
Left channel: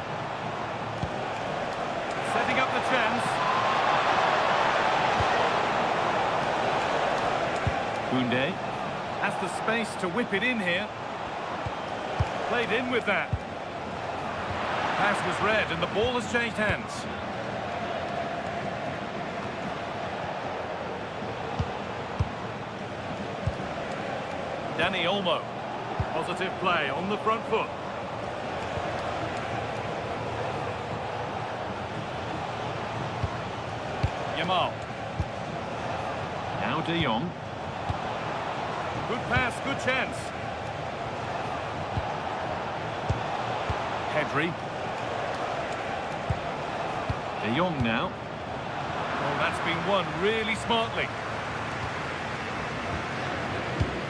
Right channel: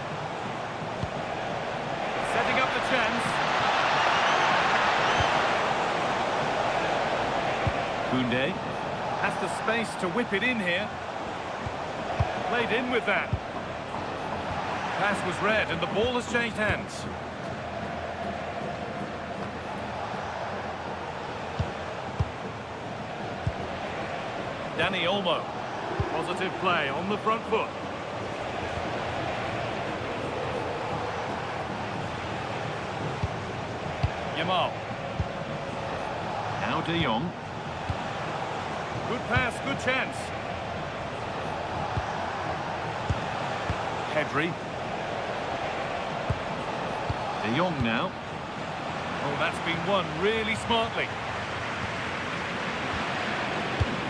Setting up the chance. Koundé has the space to whip it in here. Played in with that. Pass was read and the ball has changed hands. Dani Olmo. Positive play on the front foot. Yamal. Now De Jong. Good pass, good chance. Pedri. De Jong now. Oh, that's been won really smartly.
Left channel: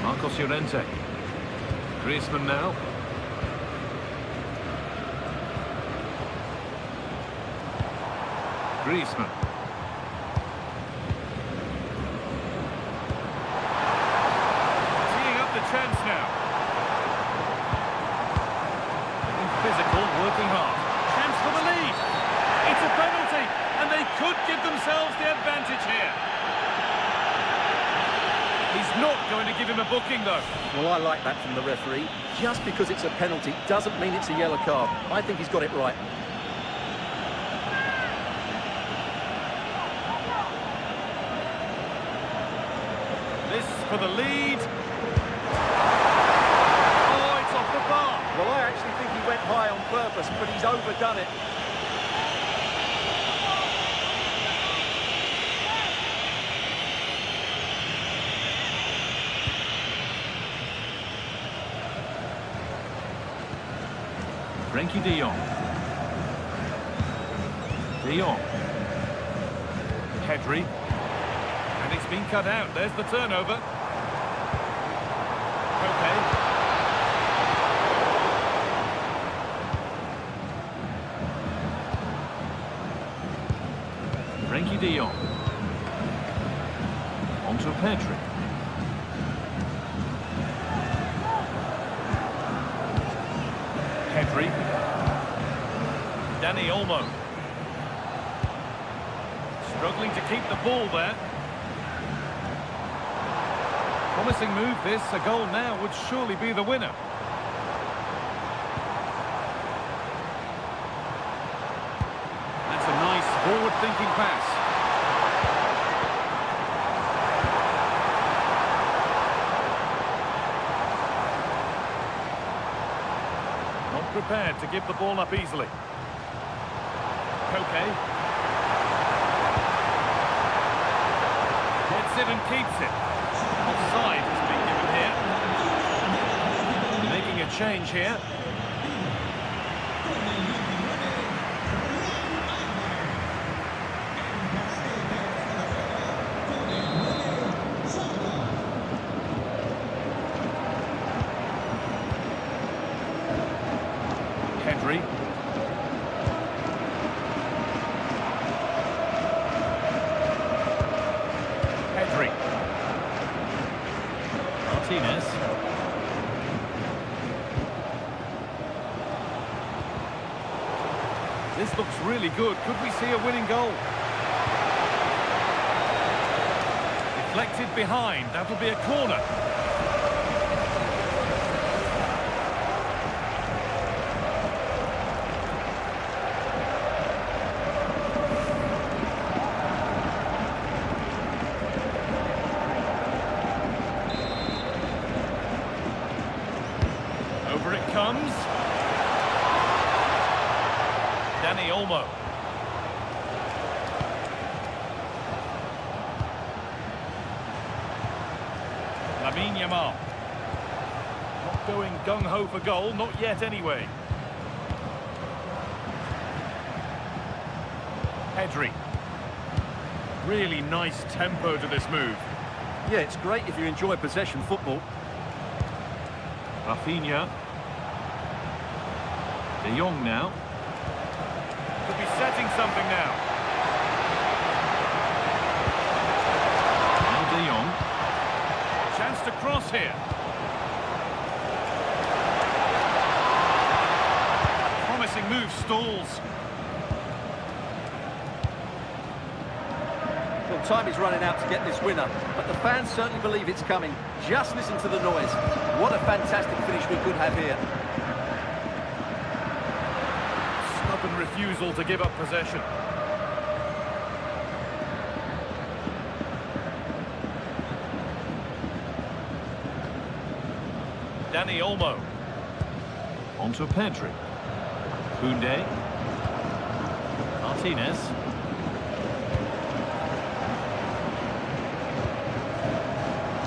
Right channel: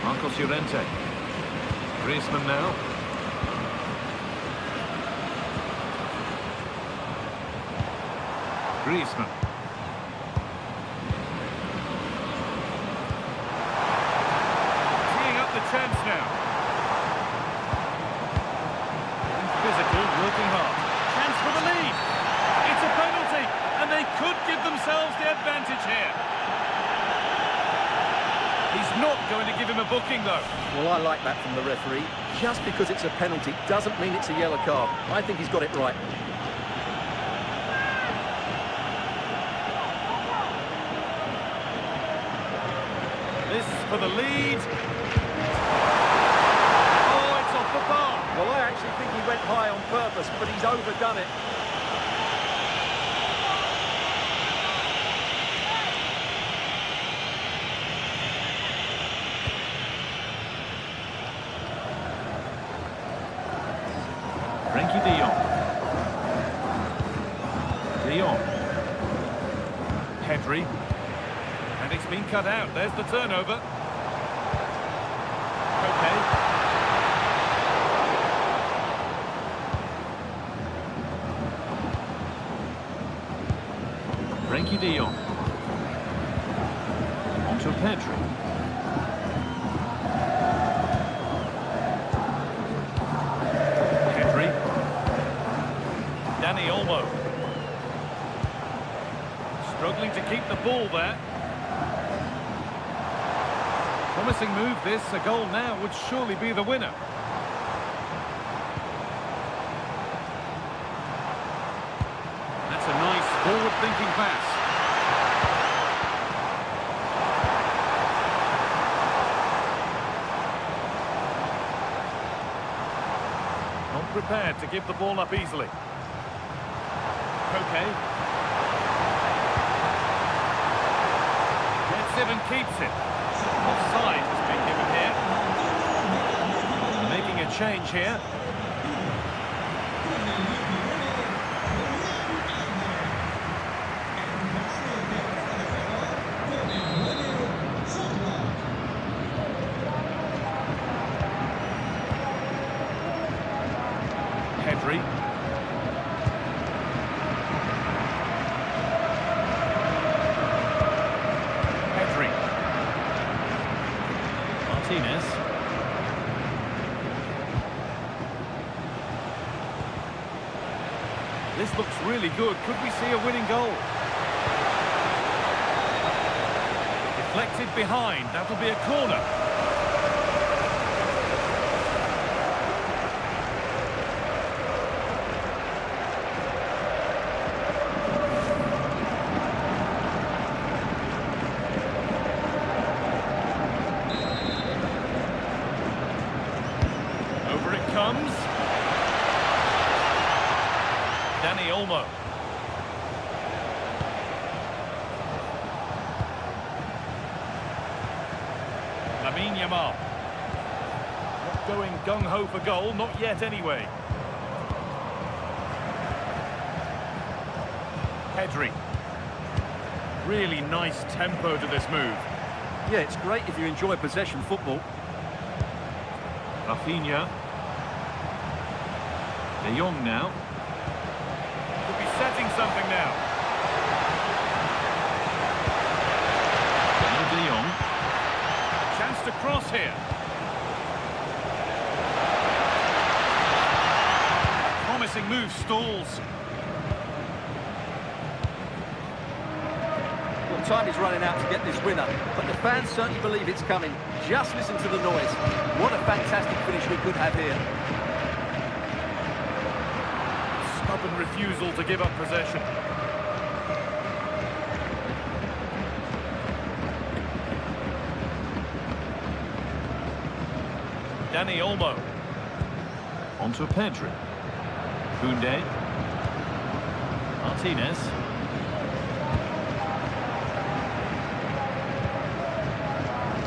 Marcos Llorente. Griezmann now. Griezmann. Teeing up the chance now. Getting physical, working hard. Chance for the lead. It's a penalty, and they could give themselves the advantage here. He's not going to give him a booking, though. Well, I like that from the referee. Just because it's a penalty doesn't mean it's a yellow card. I think he's got it right. This for the lead. Oh, it's off the bar. Well, I actually think he went high on purpose, but he's overdone it. Frankie de Jong. De Jong. Pedri. And it's been cut out. There's the turnover. Okay. Frankie de Jong. Onto Pedri. Pedri. Dani Olmo. Struggling to keep the ball there. Promising move this. A goal now would surely be the winner. That's a nice forward-thinking pass. Not prepared to give the ball up easily. Koke. Gets it and keeps it. Offside has been given here. Making a change here. Pedri. Pedri. Martinez. This looks really good. Could we see a winning goal? Deflected behind. That'll be a corner. Over it comes. Dani Olmo. Lamine Yamal. Not going gung-ho for goal, not yet anyway. Pedri. Really nice tempo to this move. Yeah, it's great if you enjoy possession football. Rafinha. De Jong now. Could be setting something now. Now De Jong. Chance to cross here. A promising move stalls. Well, time is running out to get this winner, but the fans certainly believe it's coming. Just listen to the noise. What a fantastic finish we could have here. Stubborn refusal to give up possession. Dani Olmo. Onto Pedri. Koundé. Martinez.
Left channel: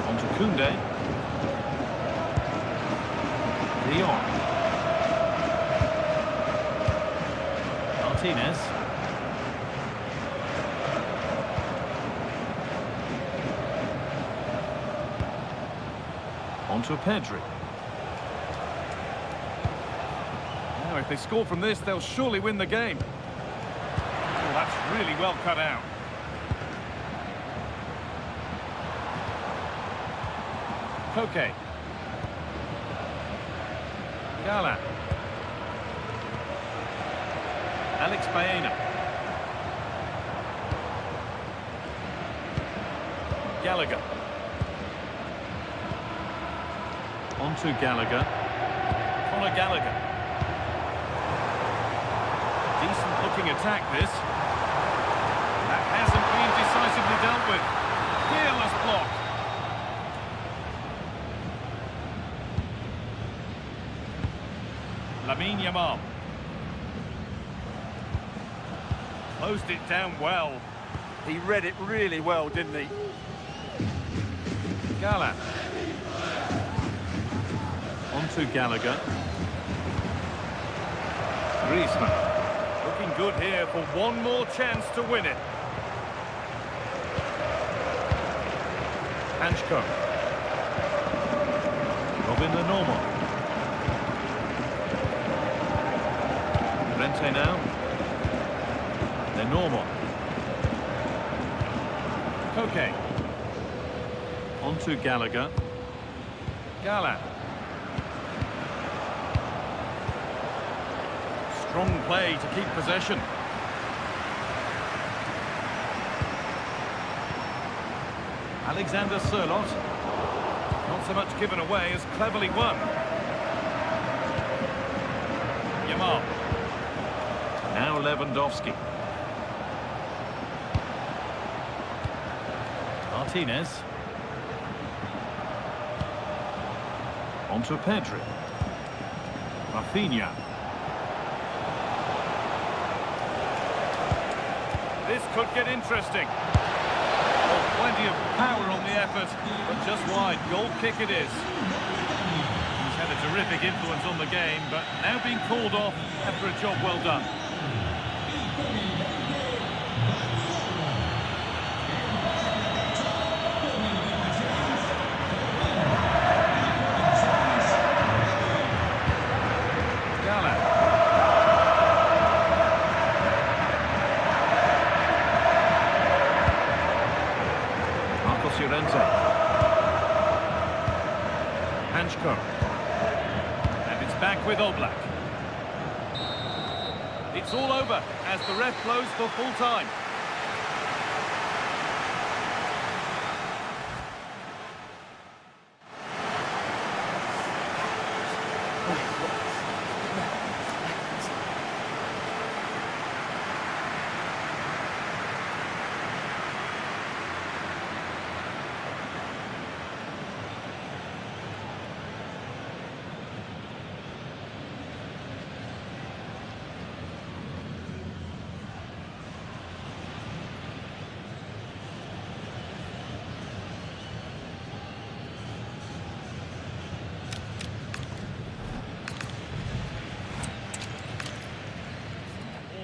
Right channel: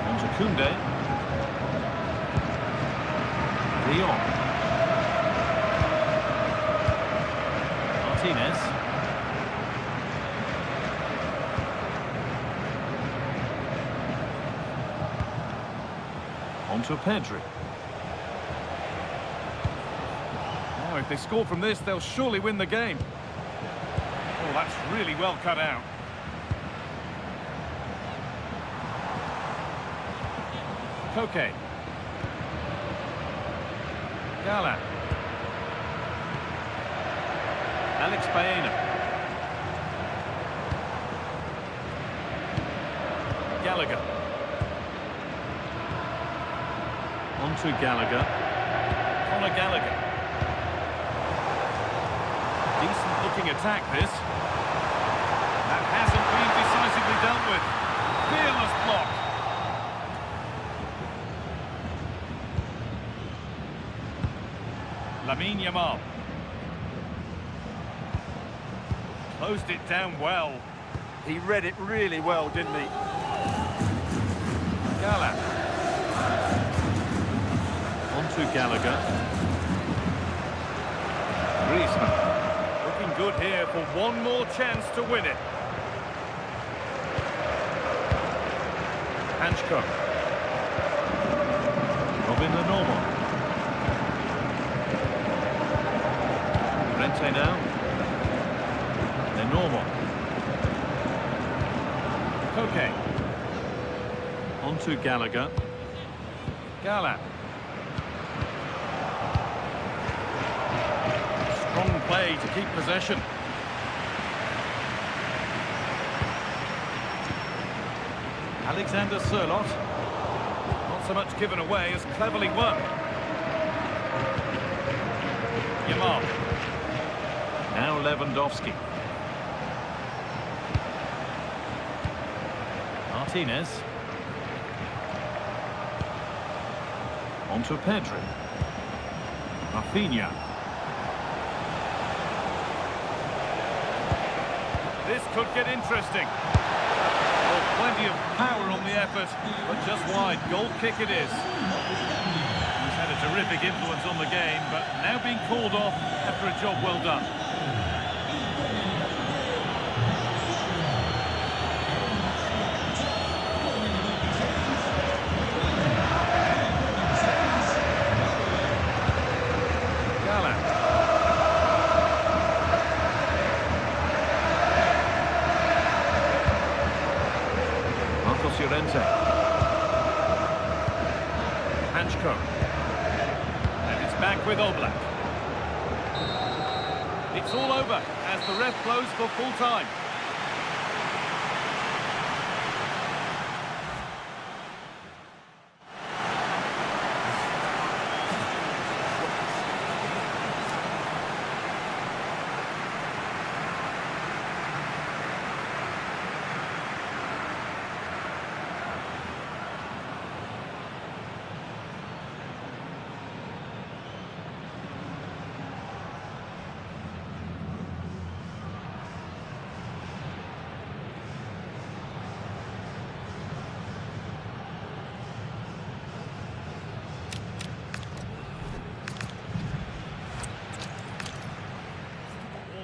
Onto Koundé. De Jong. Martinez. Onto Pedri. Now, if they score from this, they'll surely win the game. Oh, that's really well cut out. Koke. Gala. Alex Baena. Gallagher. Onto Gallagher. Conor Gallagher. Decent looking attack this. That hasn't been decisively dealt with. Fearless block. Lamine Yamal. Closed it down well. He read it really well, didn't he? Gala. Onto Gallagher. Griezmann. Looking good here for one more chance to win it. Hanchko. Robin the normal. Rente now. They're normal. Koke. On to Gallagher. Gala. Strong play to keep possession. Alexander Sørloth. Not so much given away as cleverly won. Yamal. Now Lewandowski. Martinez. On to Pedri. Rafinha. This could get interesting. Well, plenty of power on the effort, but just wide. Goal kick it is. He's had a terrific influence on the game, but now being called off after a job well done. Gala. Llorente. Hanchko. And it's back with Oblak. It's all over as the ref blows for full time.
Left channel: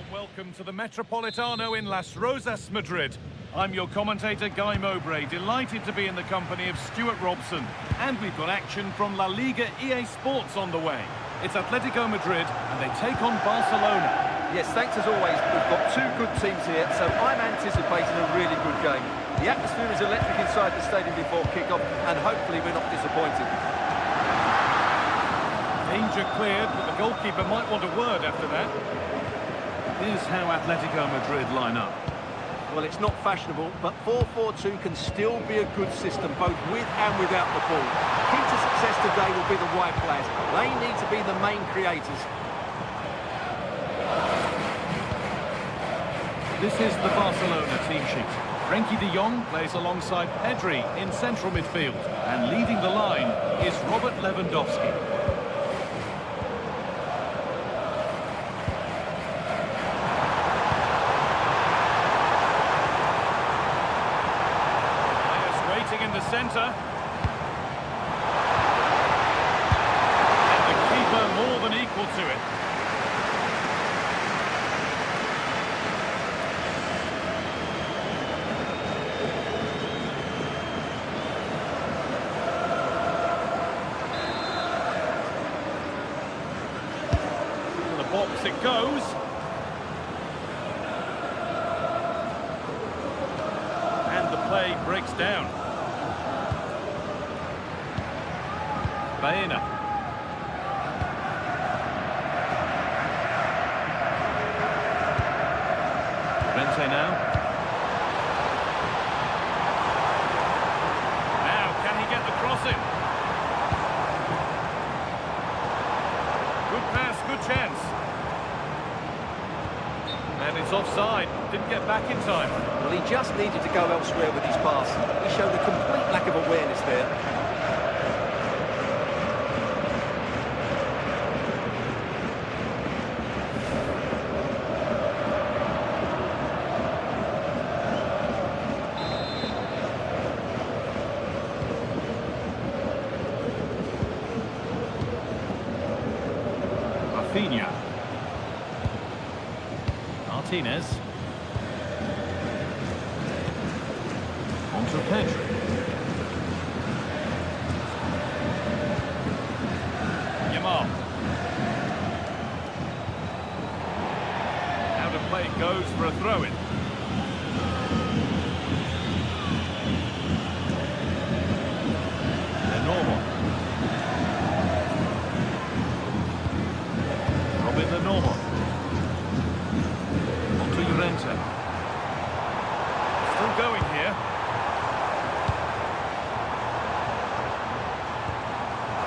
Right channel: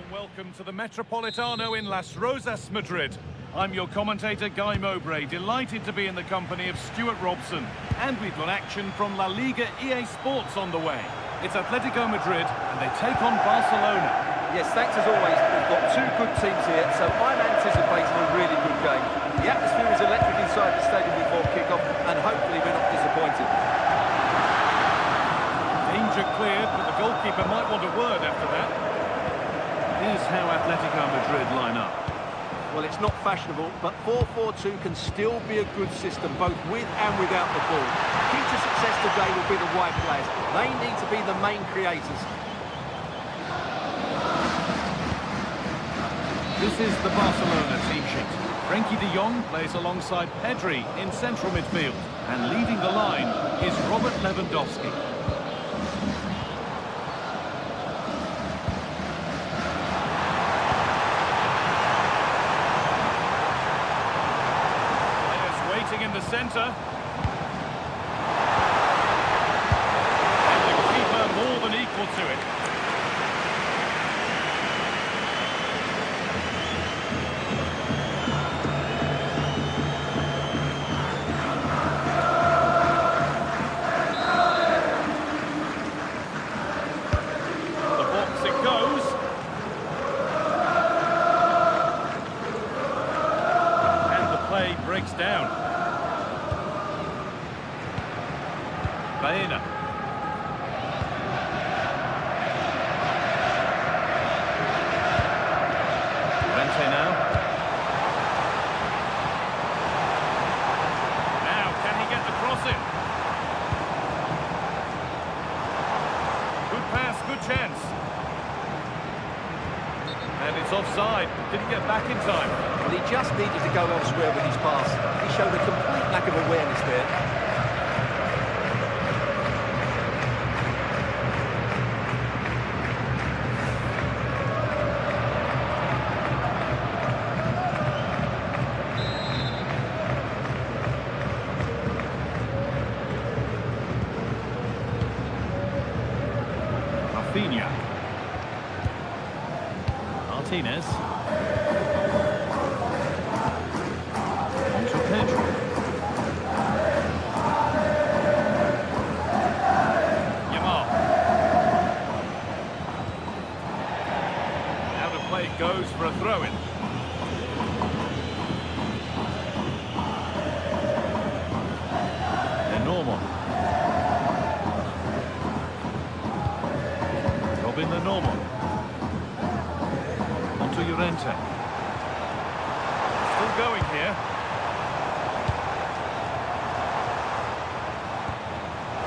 Welcome to the Metropolitano in Las Rosas, Madrid. I'm your commentator, Guy Mowbray, delighted to be in the company of Stuart Robson. And we've got action from La Liga EA Sports on the way. It's Atletico Madrid, and they take on Barcelona. Yes, thanks as always. We've got two good teams here, so I'm anticipating a really good game. The atmosphere is electric inside the stadium before kick-off, and hopefully we're not disappointed. Danger cleared, but the goalkeeper might want a word after that. Here's how Atletico Madrid line up. Well, it's not fashionable, but 4-4-2 can still be a good system, both with and without the ball. Key to success today will be the wide players. They need to be the main creators. This is the Barcelona team sheet. Frenkie de Jong plays alongside Pedri in central midfield. And leading the line is Robert Lewandowski. In the centre. And the keeper more than equal to it. To the box it goes. And the play breaks down. Baena. Rente now. Now, can he get the cross in? Good pass, good chance. And it's offside. Didn't get back in time. Well, he just needed to go elsewhere with his pass. He showed a complete lack of awareness there. Rafinha. Martinez. On to Pedri. Play goes for a throw-in. They're normal. Robin the normal. Onto Llorente. Still going here.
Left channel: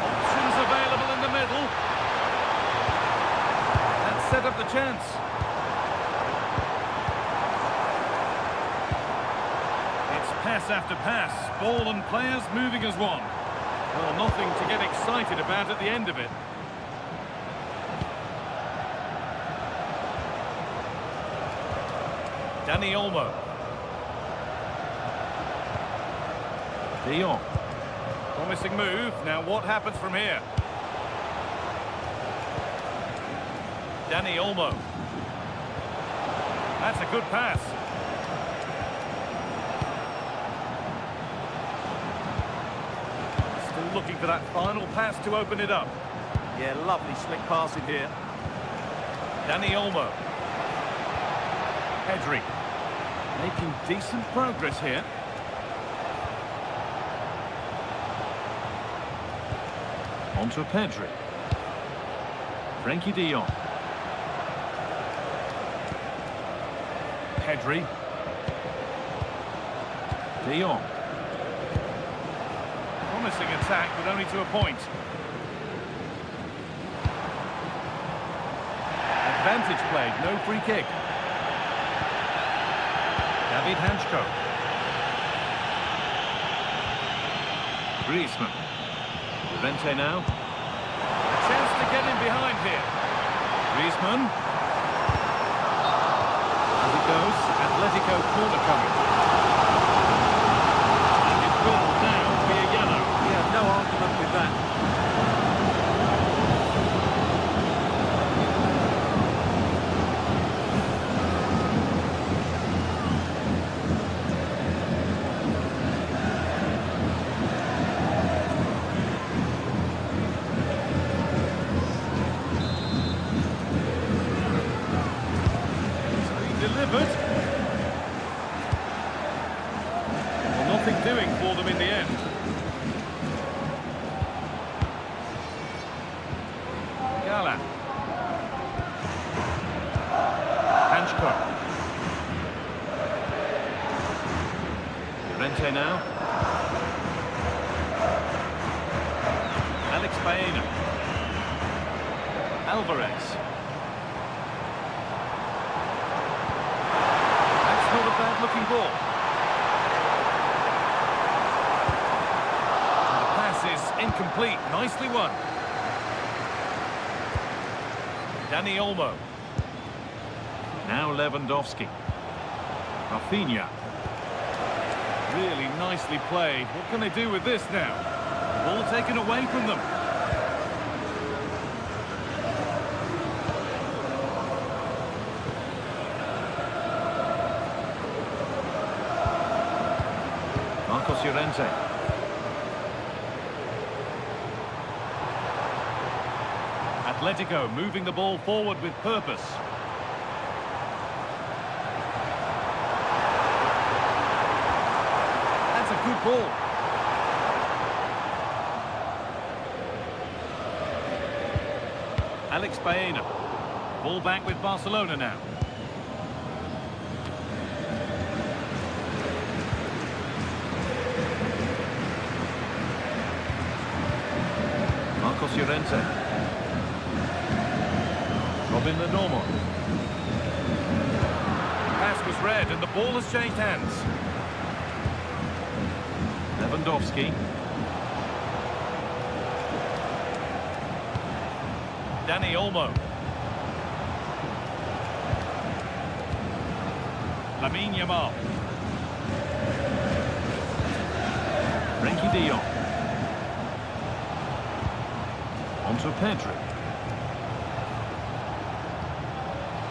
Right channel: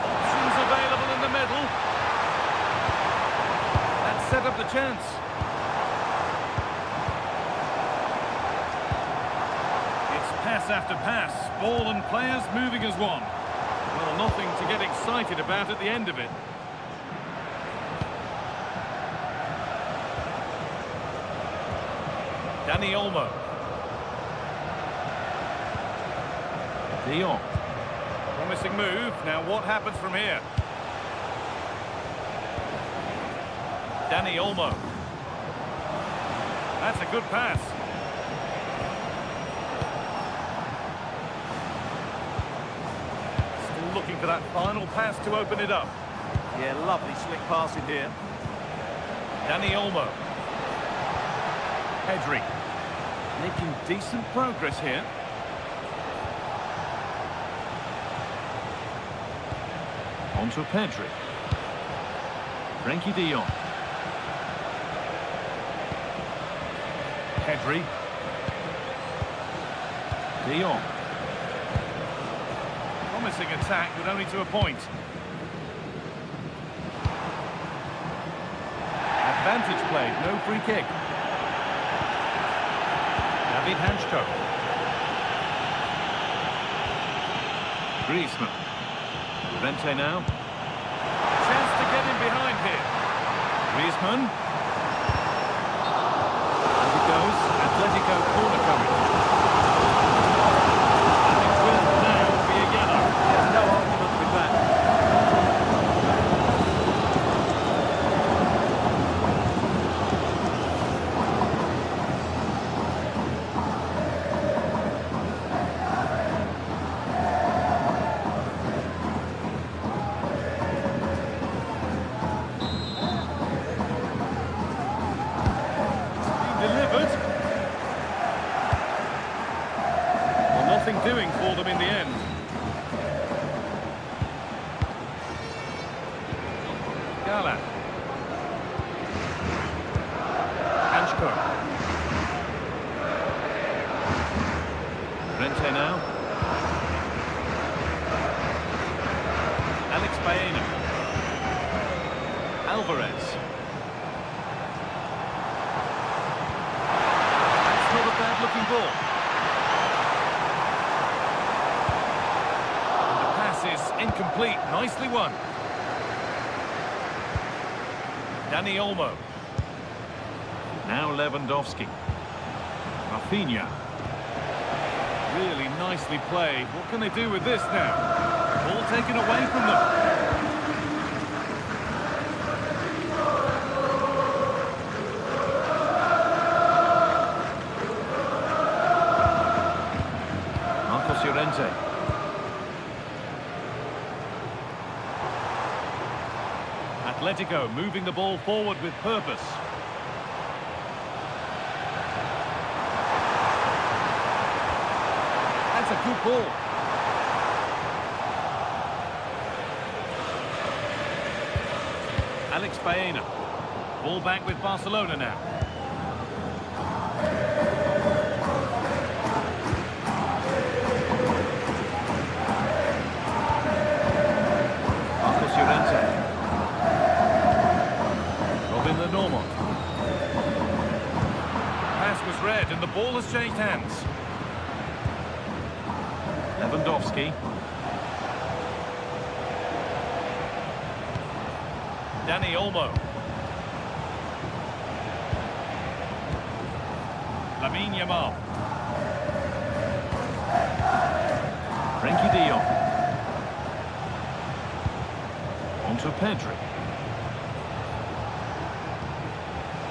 Options available in the middle. That set up the chance. It's pass after pass. Ball and players moving as one. Well, nothing to get excited about at the end of it. Dani Olmo. De Jong. Promising move. Now what happens from here? Dani Olmo. That's a good pass. Still looking for that final pass to open it up. Yeah, lovely slick passing here. Dani Olmo. Pedri. Making decent progress here. Onto Pedri. Frankie de Jong. Pedri. De Jong. Promising attack, but only to a point. Advantage played, no free kick. David Hanchko. Griezmann. Llorente now. A chance to get in behind here. Griezmann. As it goes, Atletico corner coming. And it will now be a yellow. Yeah, no argument with that. Delivered. Well, nothing doing for them in the end. Gala. Hanchko. Llorente now. Alex Baena. Alvarez. Not a bad-looking ball. And the pass is incomplete. Nicely won. Dani Olmo. Now Lewandowski. Rafinha. Really nicely played. What can they do with this now? Ball taken away from them. Llorente. Atletico moving the ball forward with purpose. That's a good ball. Alex Baena. Ball back with Barcelona now. Llorente. Robin the normal. Pass was read and the ball has changed hands. Lewandowski. Dani Olmo. Lamine Yamal. Frankie de Jong. Onto Pedri.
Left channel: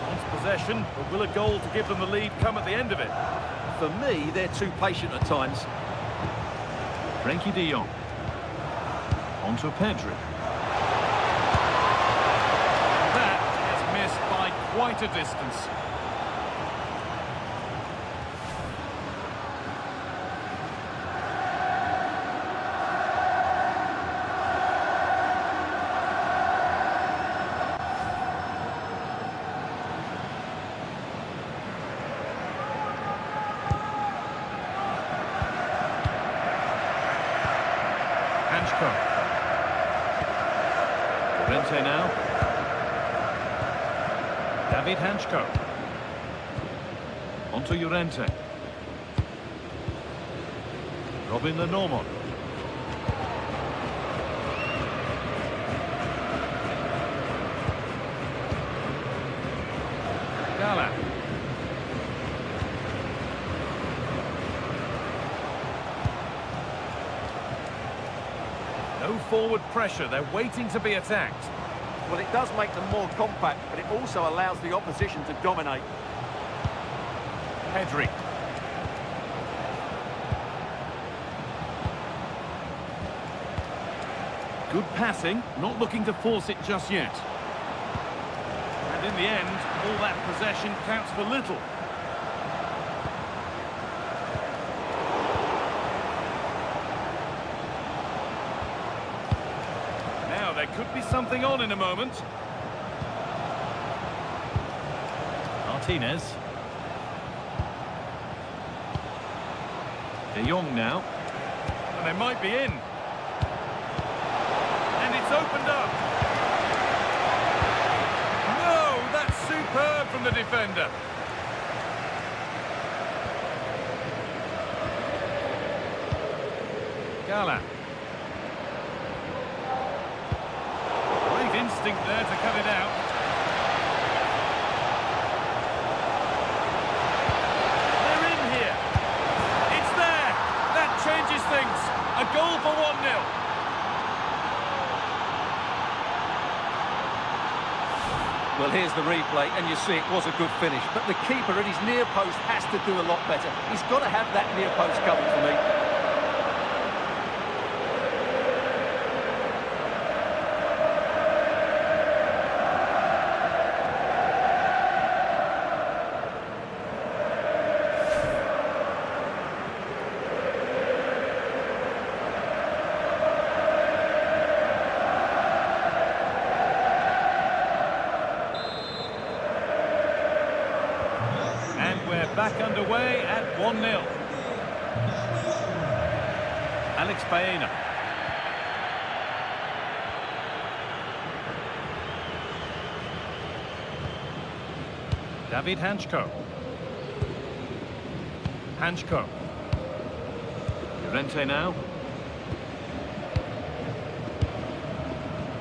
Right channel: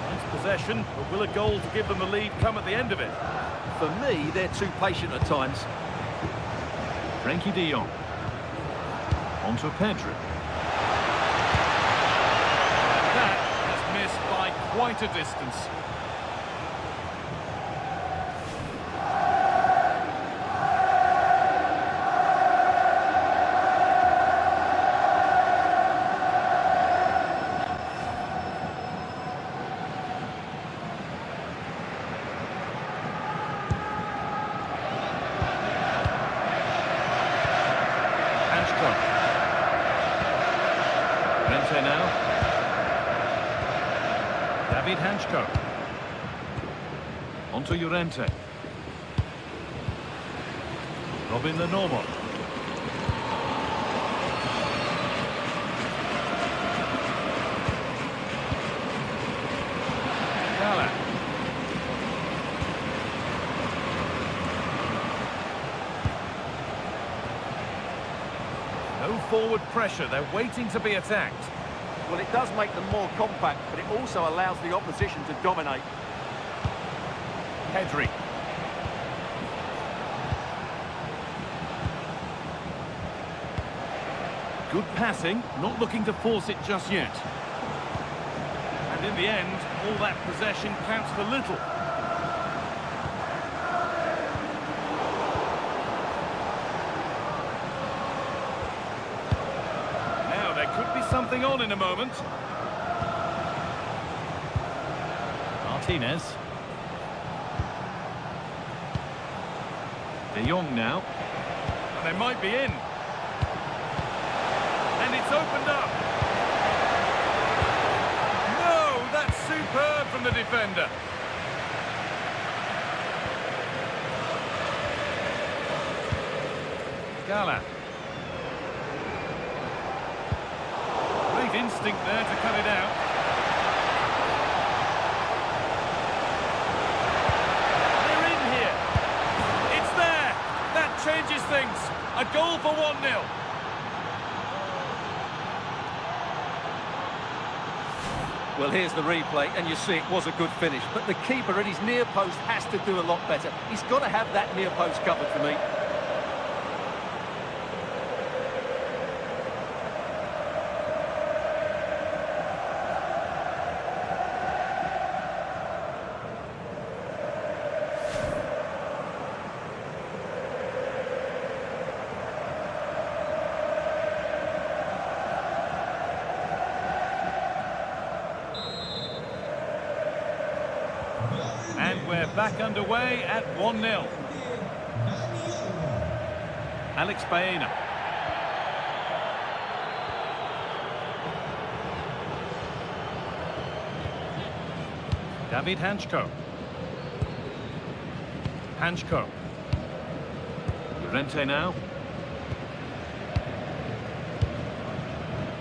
Nice possession, but will a goal to give them the lead come at the end of it? For me, they're too patient at times. Frankie de Jong. Onto Pedri. And that has missed by quite a distance. Hanchko. Llorente now. David Hanchko. Onto Llorente. Robin Lenormand. Gala. No forward pressure, they're waiting to be attacked. Well, it does make them more compact, but it also allows the opposition to dominate. Pedri. Good passing, not looking to force it just yet. And in the end, all that possession counts for little. Now, there could be something on in a moment. Martinez. De Jong now. And they might be in. And it's opened up. No, that's superb from the defender. Gala. Great instinct there to cut it out. They're in here. It's there. That changes things. A goal for 1-0. Well, here's the replay, and you see it was a good finish. But the keeper at his near post has to do a lot better. He's got to have that near post covered for me. And we're back underway at 1-0. Alex Baena. David Hanchko. Hanchko. Llorente now.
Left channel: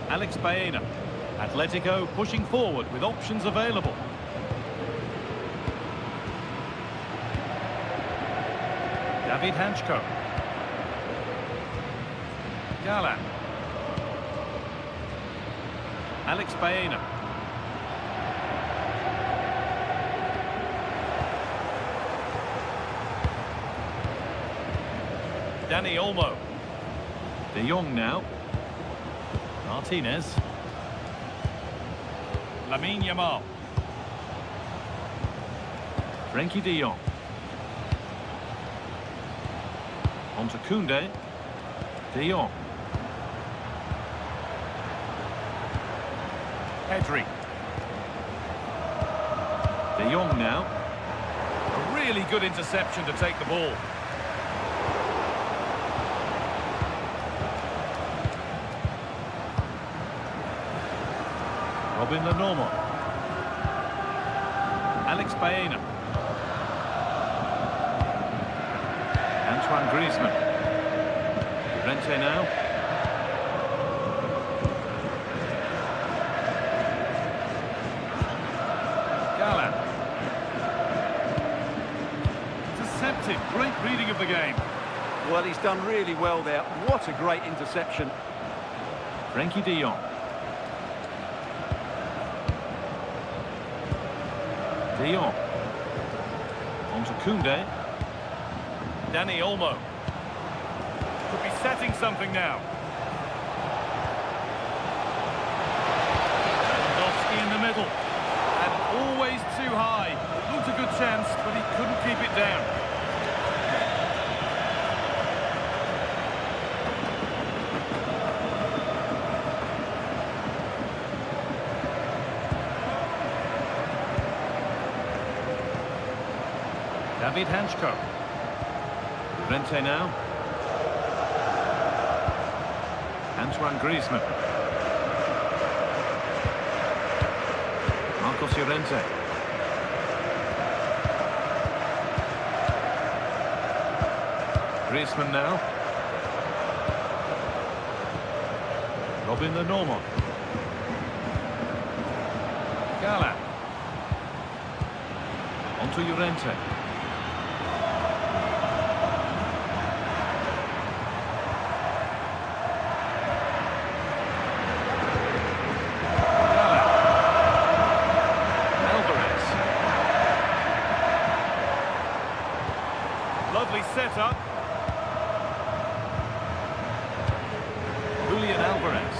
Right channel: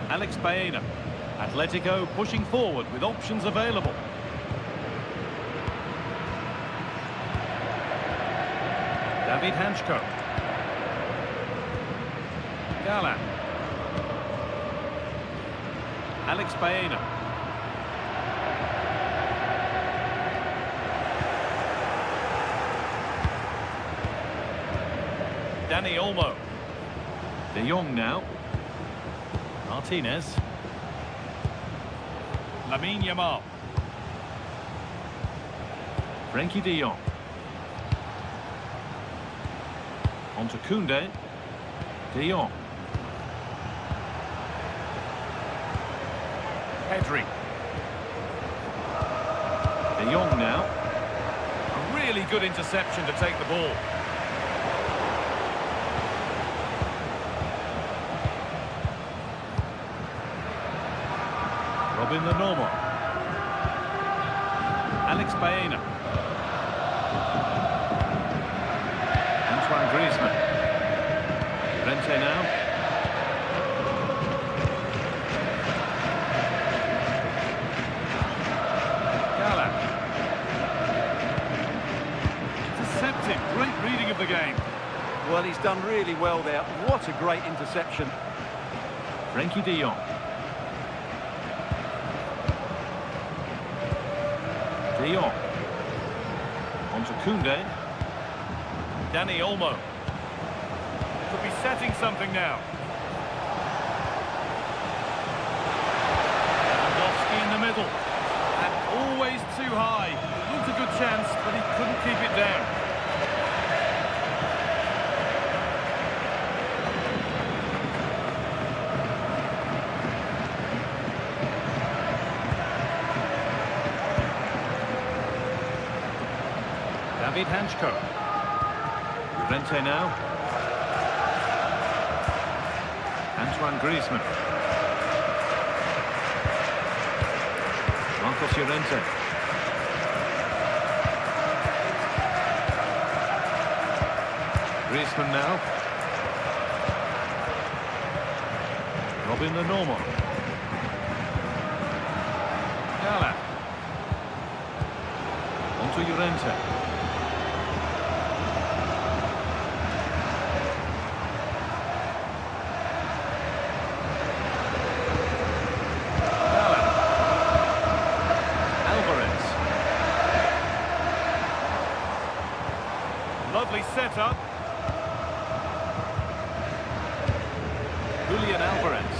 Alex Baena. Atletico pushing forward with options available. David Hanchko. Gala. Alex Baena. Dani Olmo. De Jong now. Martinez. Lamine Yamal. Frenkie de Jong. Onto Koundé. De Jong. Pedri. De Jong now. A really good interception to take the ball. Robin Lenormand. Alex Baena. Antoine Griezmann. Llorente now. Gala. Intercepted. Great reading of the game. Well, he's done really well there. What a great interception. Frenkie de Jong. De Jong. Onto Koundé. Dani Olmo. Could be setting something now. Lewandowski in the middle. And always too high. It looked a good chance, but he couldn't keep it down. David Hanchko. Llorente now. Antoine Griezmann. Marcos Llorente. Griezmann now. Robin Lenormand. Gala. Onto Llorente. Gala. Alvarez. Lovely setup. Julian Alvarez.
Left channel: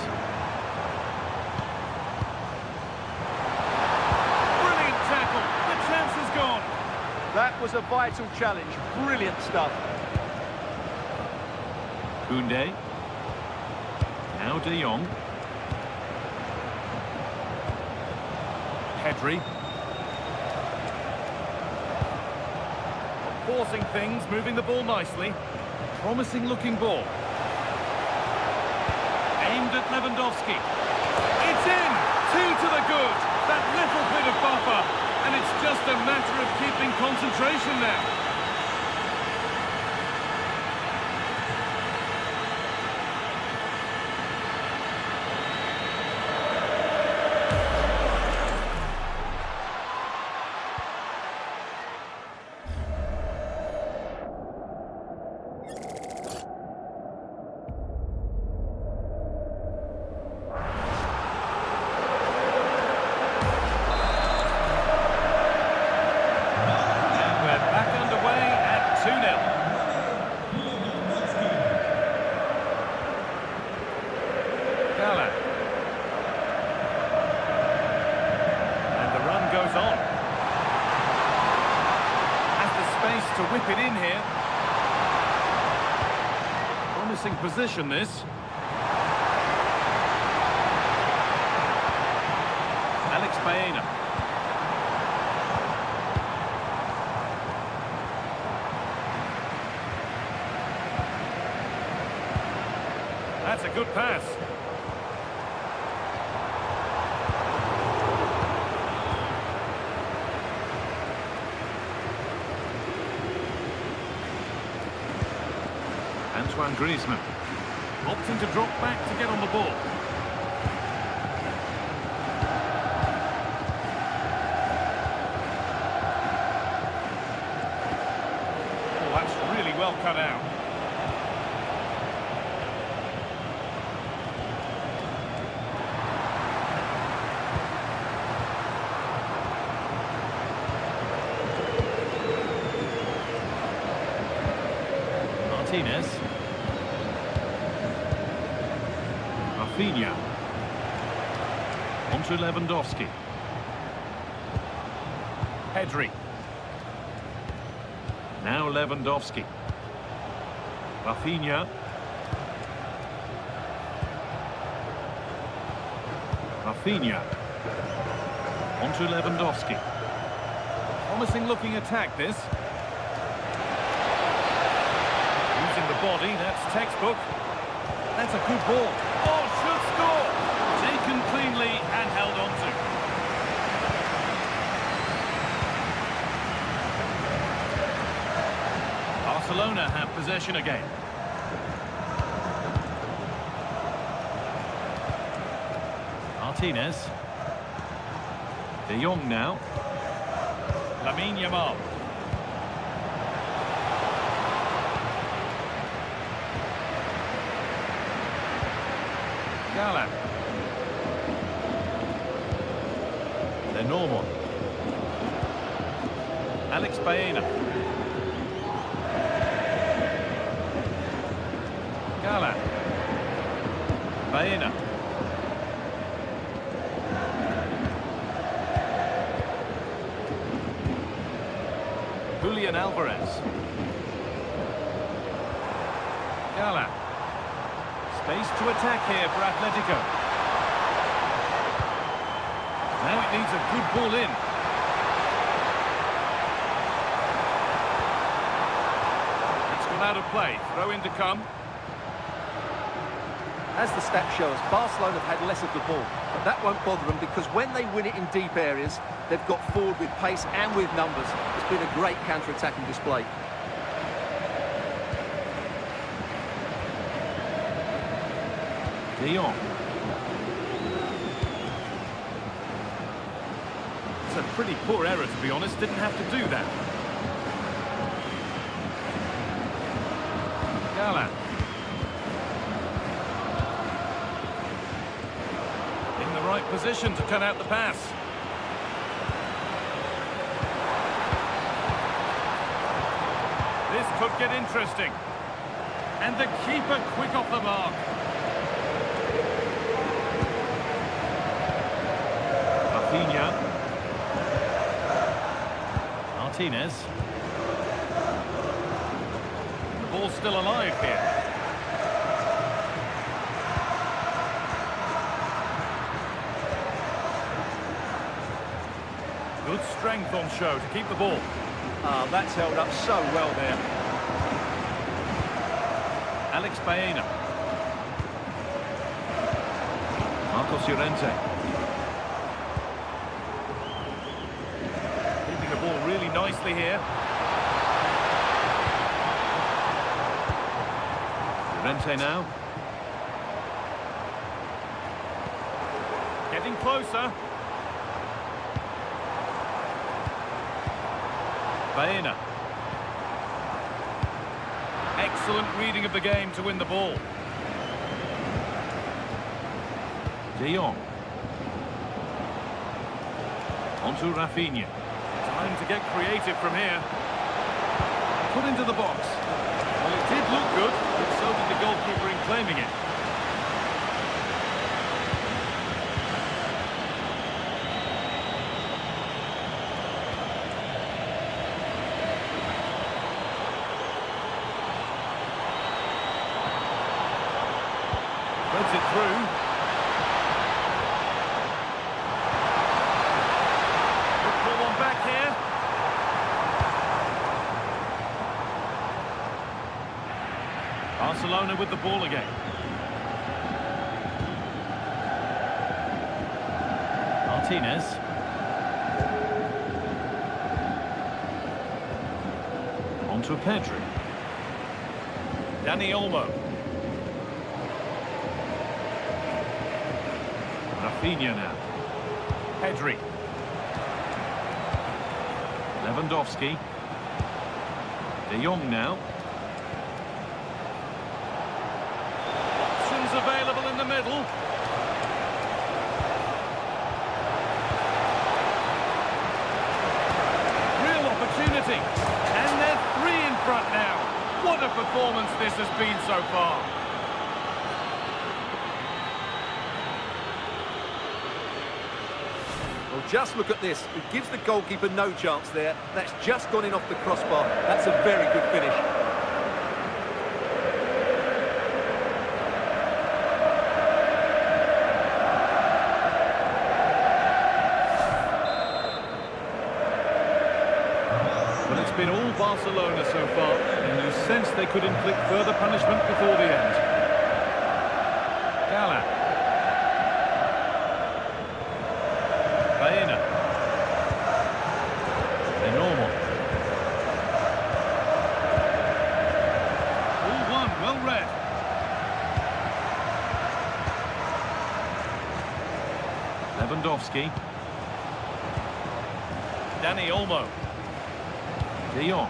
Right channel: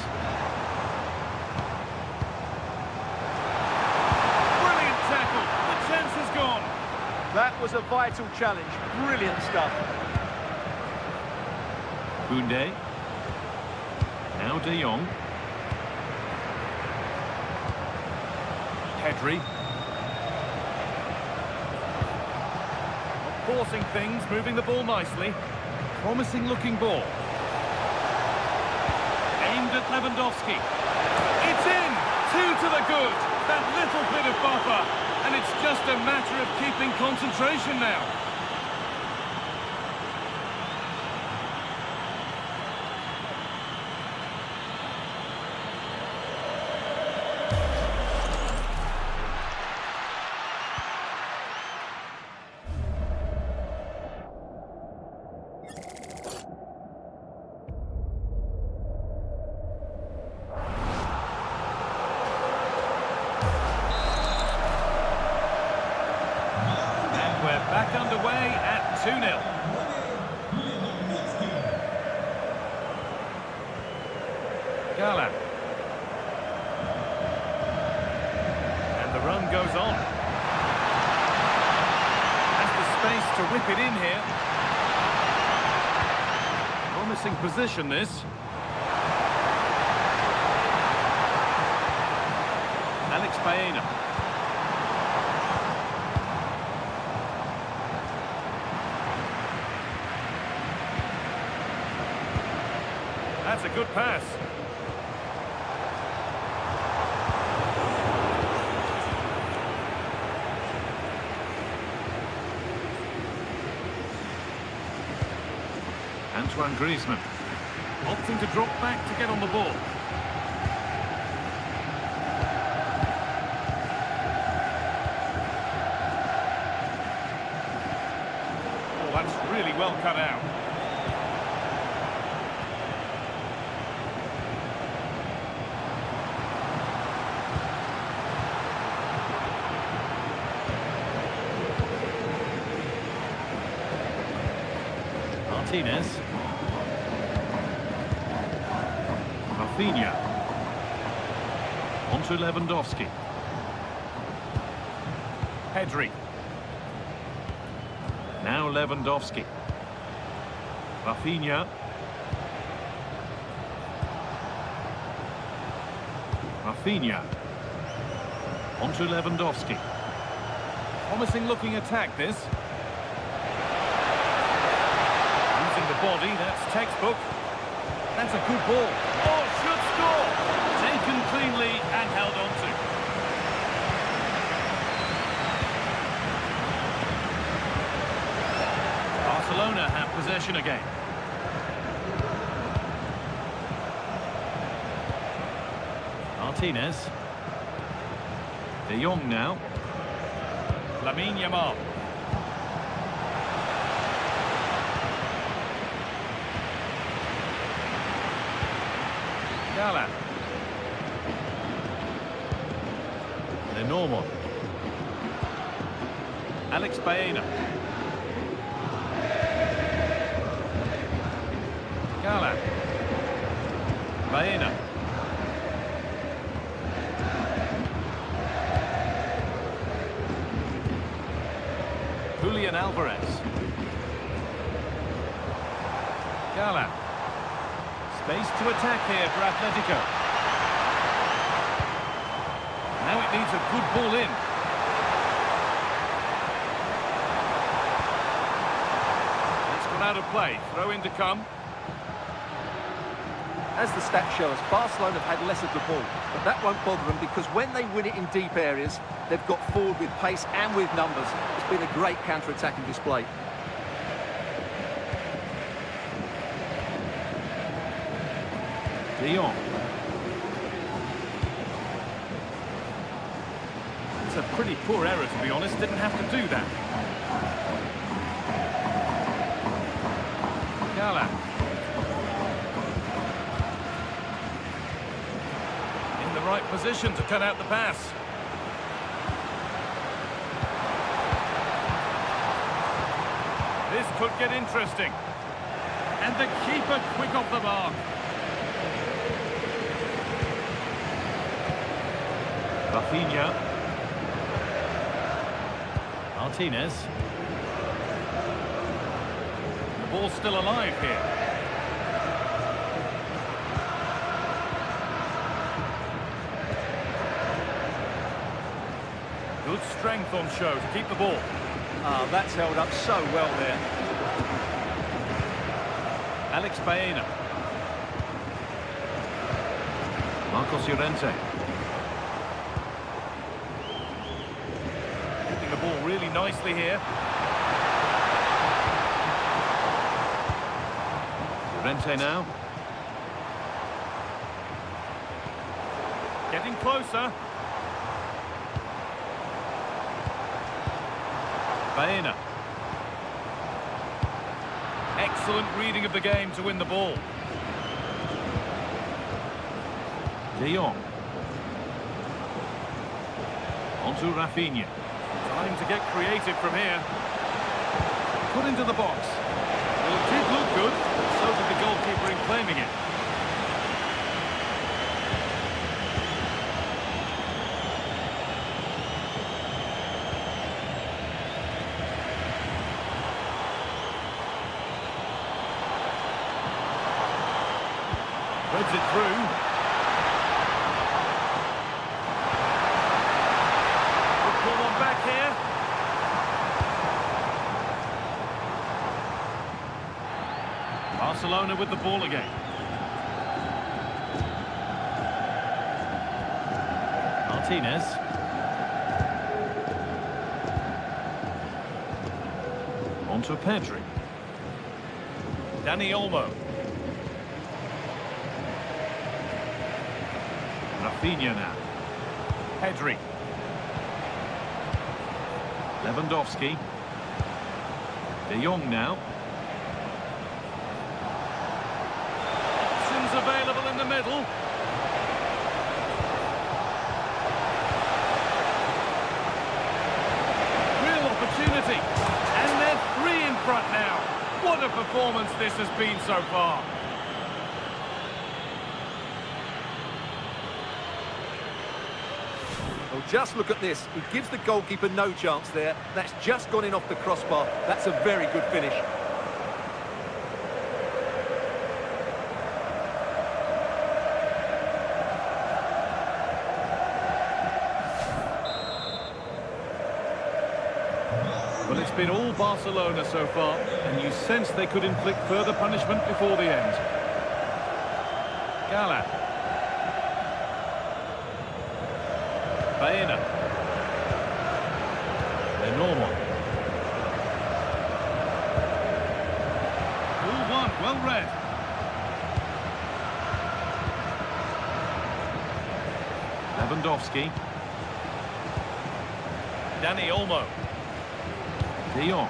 Brilliant tackle. The chance is gone. That was a vital challenge. Brilliant stuff. Koundé. Now De Jong. Pedri. Not forcing things, moving the ball nicely. Promising looking ball. Aimed at Lewandowski. It's in! 2 to the good. That little bit of buffer. And it's just a matter of keeping concentration now. We're back underway at 2-0. Gala. And the run goes on. Has the space to whip it in here. Promising position, this. Alex Baena. That's a good pass. Antoine Griezmann. Opting to drop back to get on the ball. Oh, that's really well cut out. Martinez. Rafinha. Onto Lewandowski. Pedri. Now Lewandowski. Rafinha. Rafinha. Onto Lewandowski. Promising looking attack, this. Using the body, that's textbook. That's a good ball. Oh, should score! Taken cleanly and held on to. Barcelona have possession again. Martinez. De Jong now. Lamine Yamal. Gala. Lenormand. Alex Baena. Gala. Baena. Julian Alvarez. Gala. Space to attack here for Atletico. Now it needs a good ball in. It's gone out of play. Throw in to come. As the stats show us, Barcelona have had less of the ball, but that won't bother them because when they win it in deep areas, they've got forward with pace and with numbers. It's been a great counter-attacking display. De Jong. It's a pretty poor error, to be honest. Didn't have to do that. Gala. In the right position to cut out the pass. This could get interesting. And the keeper quick off the mark. Rafinha. Martinez. The ball's still alive here. Good strength on show to keep the ball. Ah, that's held up so well there. Alex Baena. Marcos Llorente. Keeping the ball really nicely here. Llorente now. Getting closer. Baena. Excellent reading of the game to win the ball. De Jong. Onto Rafinha. Time to get creative from here. Put into the box. Well, it did look good, but so did the goalkeeper in claiming it. Threads it through. Could pull one back here. Barcelona with the ball again. Martinez. Onto Pedri. Dani Olmo. Rafinha now. Pedri. Lewandowski. De Jong now. Options available in the middle. Real opportunity. And they're three in front now. What a performance this has been so far. Well, just look at this. He gives the goalkeeper no chance there. That's just gone in off the crossbar. That's a very good finish. Well, it's been all Barcelona so far, and you sense they could inflict further punishment before the end. Gala. Baena. They're normal. All one, well read. Lewandowski. Dani Olmo. De Jong.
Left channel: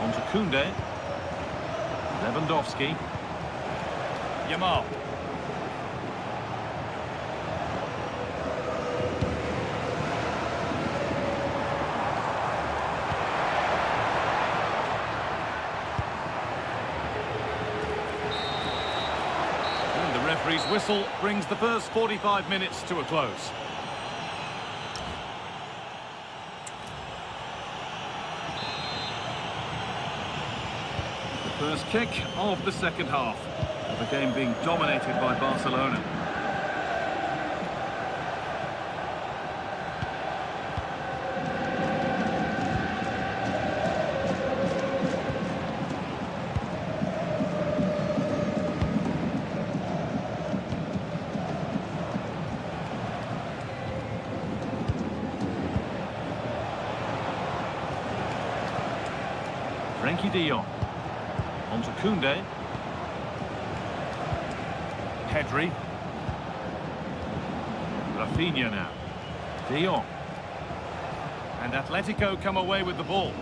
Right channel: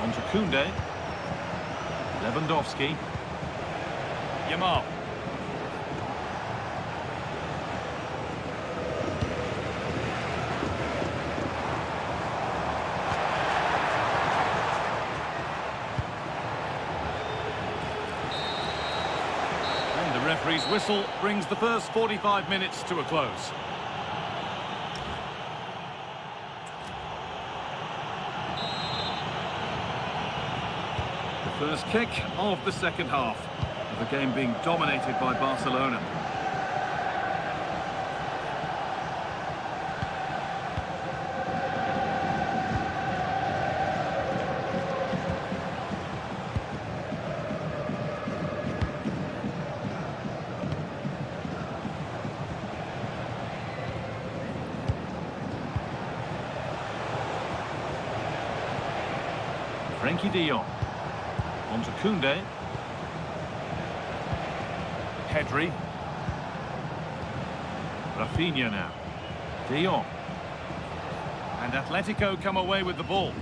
On to Koundé. Lewandowski. Yamal. And the referee's whistle brings the first 45 minutes to a close. First kick of the second half, of the game being dominated by Barcelona. Frenkie de Jong. On to Koundé. Pedri. Rafinha now. De Jong. And Atletico come away with the ball.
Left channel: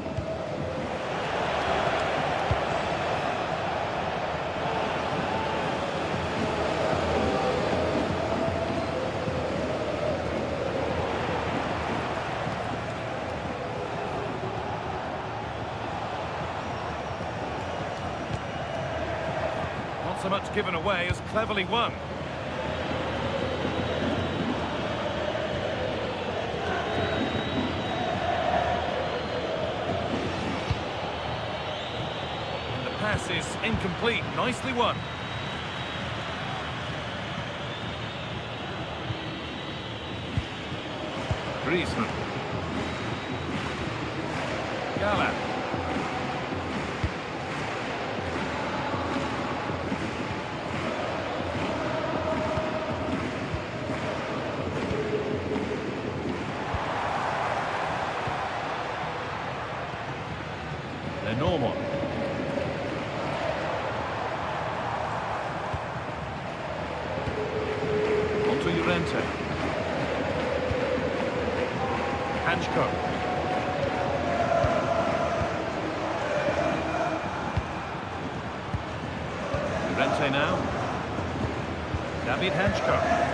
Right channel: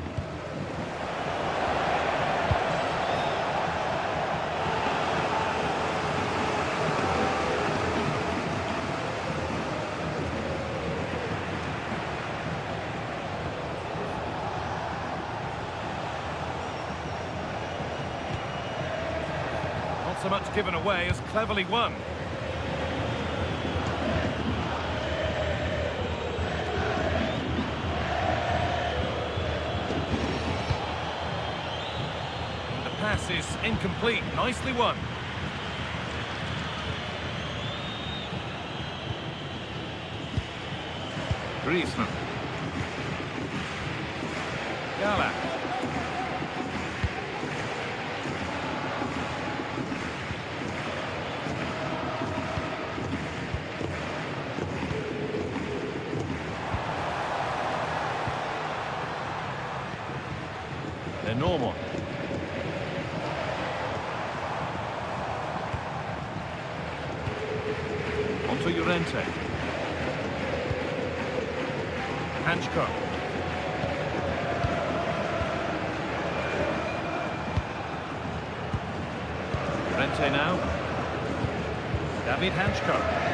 Not so much given away as cleverly won. And the pass is incomplete. Nicely won. Griezmann. Gala. Normal. On to Llorente. Hanchko. Llorente now. David Hanchko.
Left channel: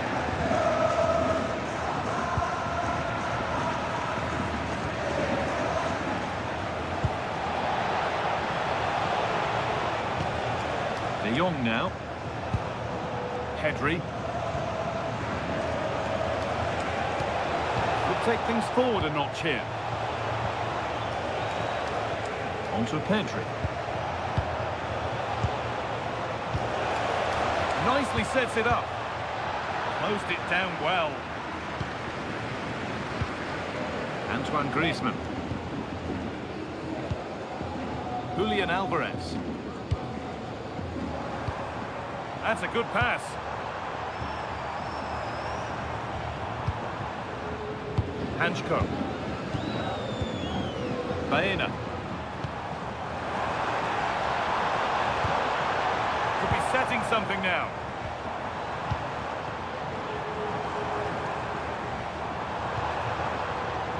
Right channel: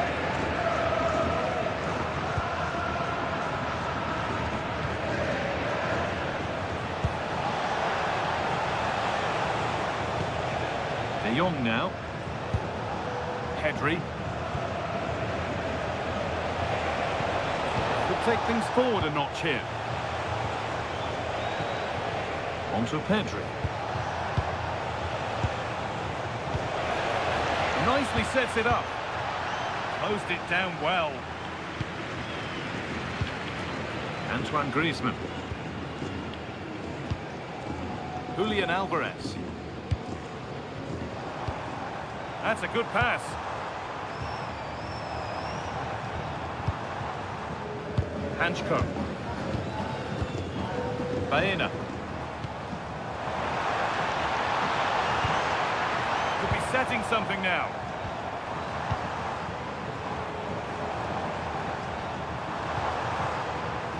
De Jong now. Pedri. Could take things forward a notch here. On to Pedri. Nicely sets it up. Closed it down well. Antoine Griezmann. Julian Alvarez. That's a good pass. Hanchko. Baena. Could be setting something now.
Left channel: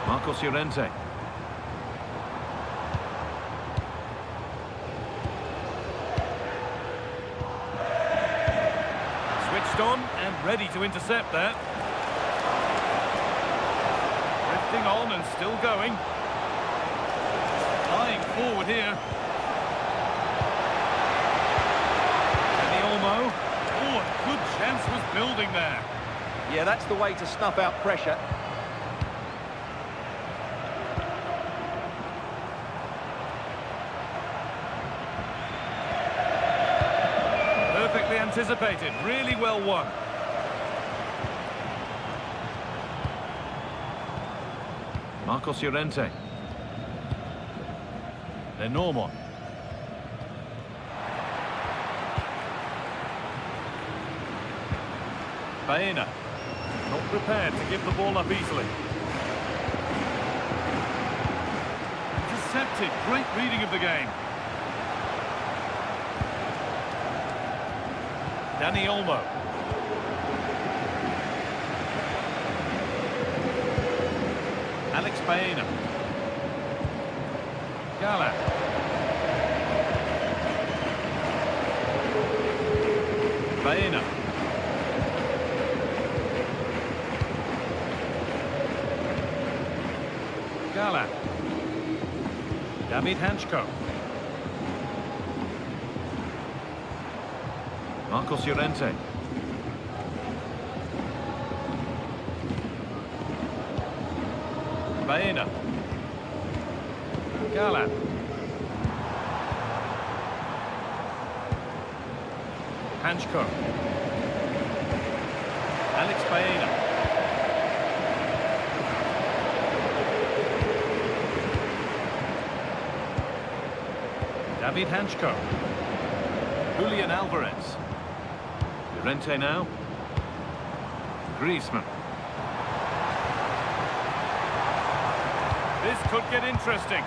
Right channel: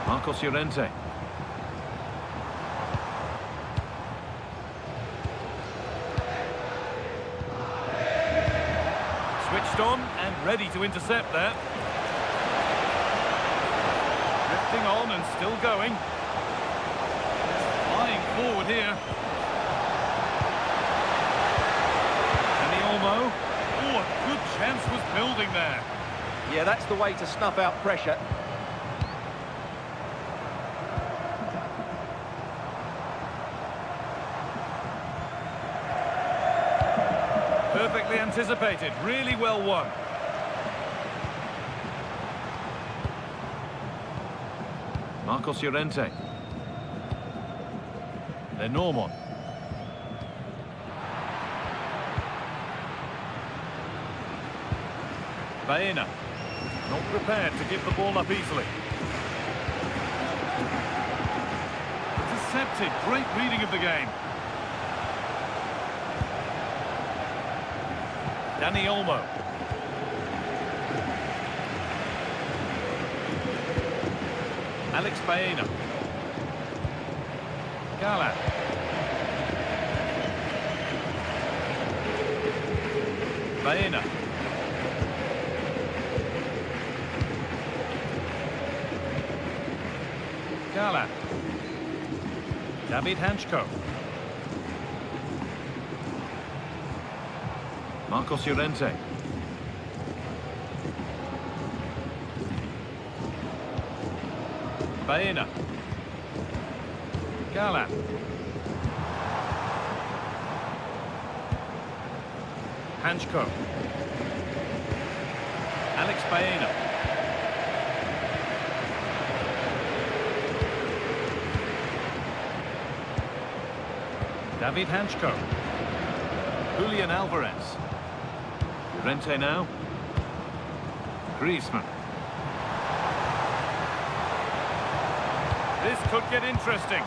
Marcos Llorente. Switched on and ready to intercept that. Drifting on and still going. Flying forward here. Dani Olmo. Oh, a good chance was building there. Yeah, that's the way to snuff out pressure. Perfectly anticipated, really well won. Marcos Llorente. Lenormand. Baena. Not prepared to give the ball up easily. Intercepted, great reading of the game. Dani Olmo. Alex Baena. Gala. Baena. Gala. David Hanchko. Marcos Llorente. Baena. Gala. Hanchko. Alex Baena. David Hanchko. Julian Alvarez. Llorente now. Griezmann. This could get interesting.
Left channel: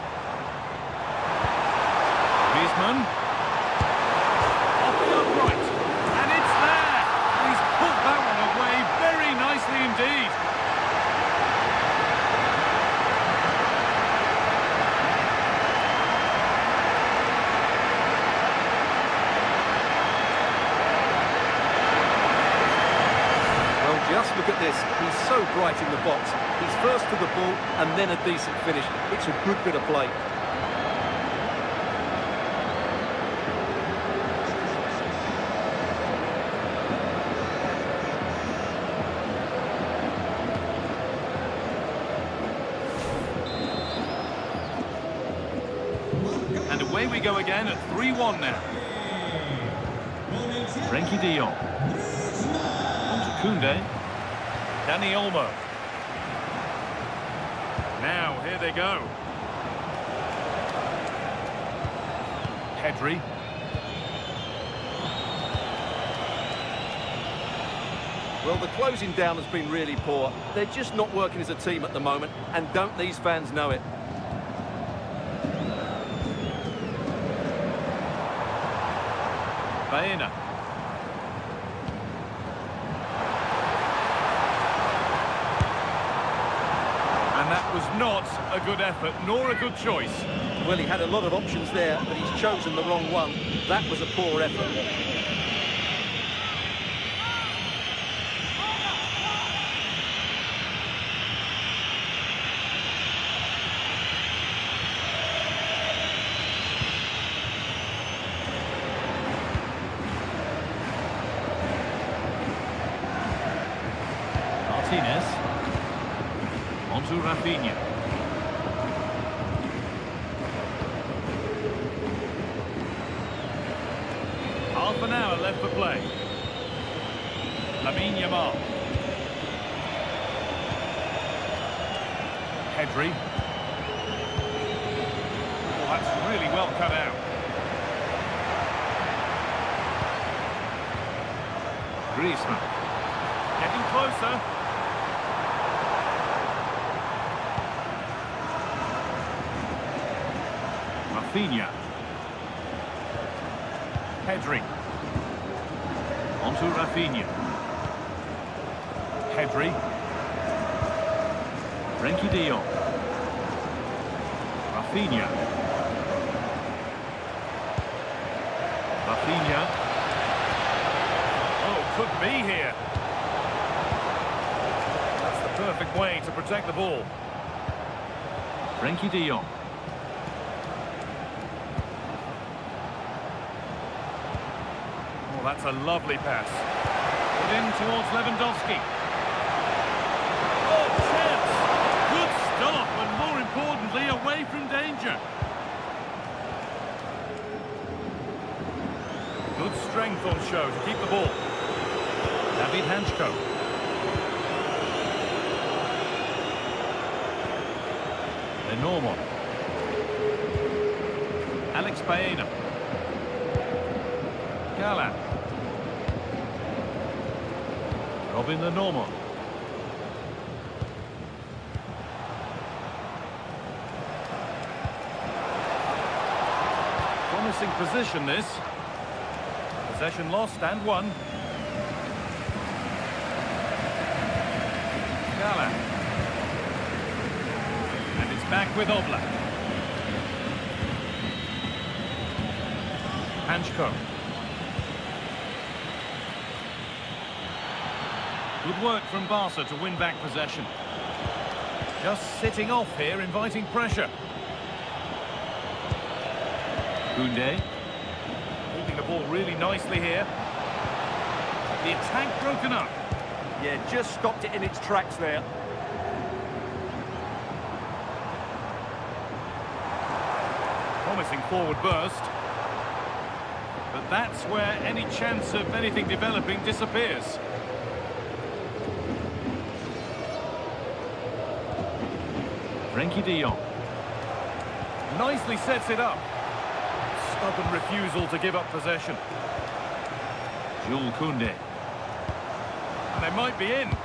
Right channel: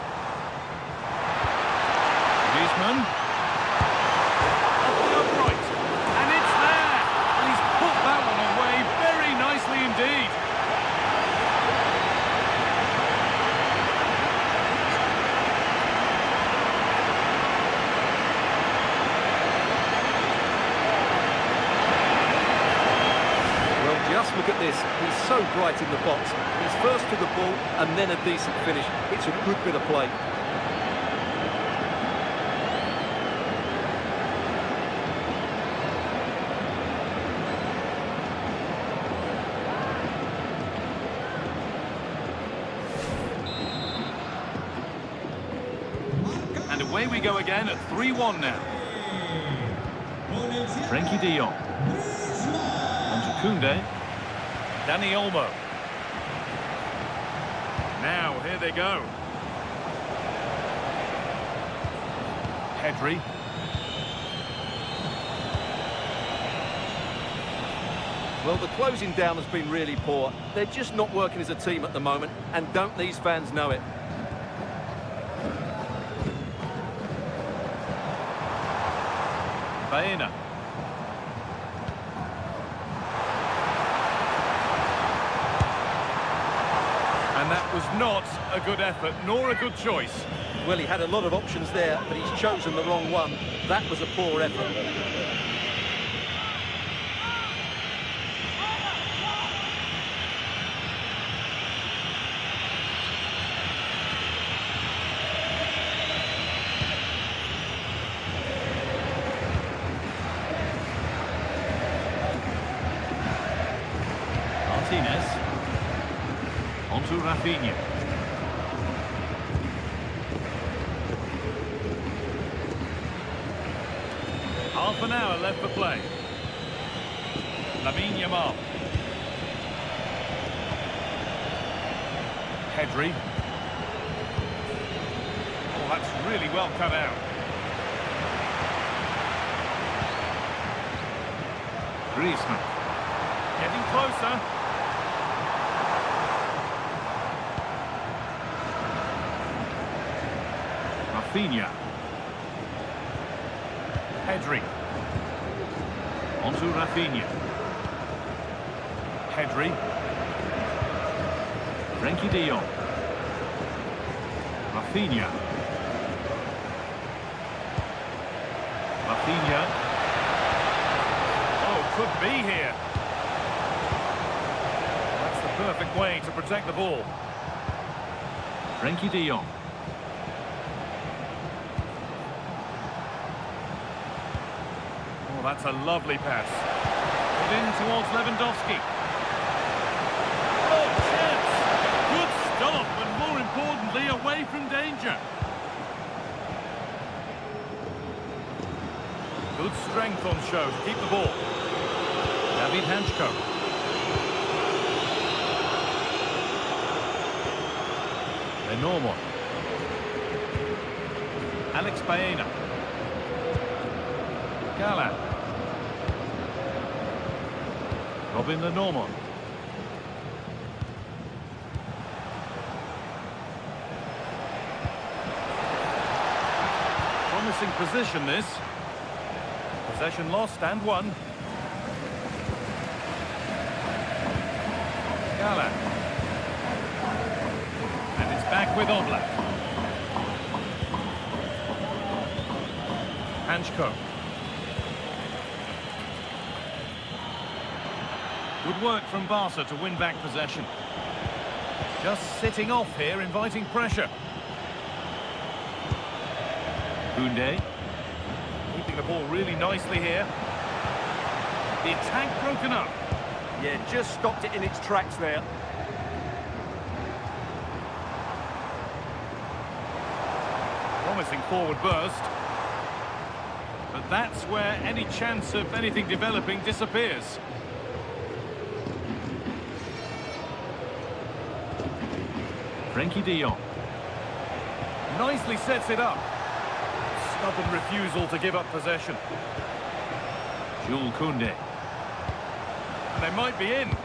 Griezmann. Off the upright. And it's there. And he's put that one away very nicely indeed. Well, just look at this. He's so bright in the box. He's first to the ball and then a decent finish. It's a good bit of play. And away we go again at 3-1 now. Frenkie de Jong. On to Koundé. Dani Olmo. Now, here they go. Pedri. Well, the closing down has been really poor. They're just not working as a team at the moment, and don't these fans know it? Baena. And that was not a good effort, nor a good choice. Well, he had a lot of options there, but he's chosen the wrong one. That was a poor effort. Martinez. On to Rafinha. Half an hour left for play. Lamine Yamal. Pedri. Oh, that's really well cut out. Griezmann. Getting closer. Rafinha. Pedri. On to Rafinha. Pedri. Frenkie de Jong. Rafinha. Rafinha. Oh, could be here. That's the perfect way to protect the ball. Frenkie de Jong. Oh, that's a lovely pass. Put in towards Lewandowski. Oh, chance! Good stop, and more importantly, away from danger. Good strength on show to keep the ball. David Hanchko. Lenormand. Alex Baena. Gala. Robin Lenormand. Promising position this. Possession lost and won. Gala. And it's back with Oblak. Hanchko. Good work from Barca to win back possession. Just sitting off here, inviting pressure. Koundé. Keeping the ball really nicely here. The attack broken up. Yeah, just stopped it in its tracks there. Promising forward burst. But that's where any chance of anything developing disappears. Frenkie de Jong. Nicely sets it up. Stubborn refusal to give up possession. Jules Koundé. And they might be in.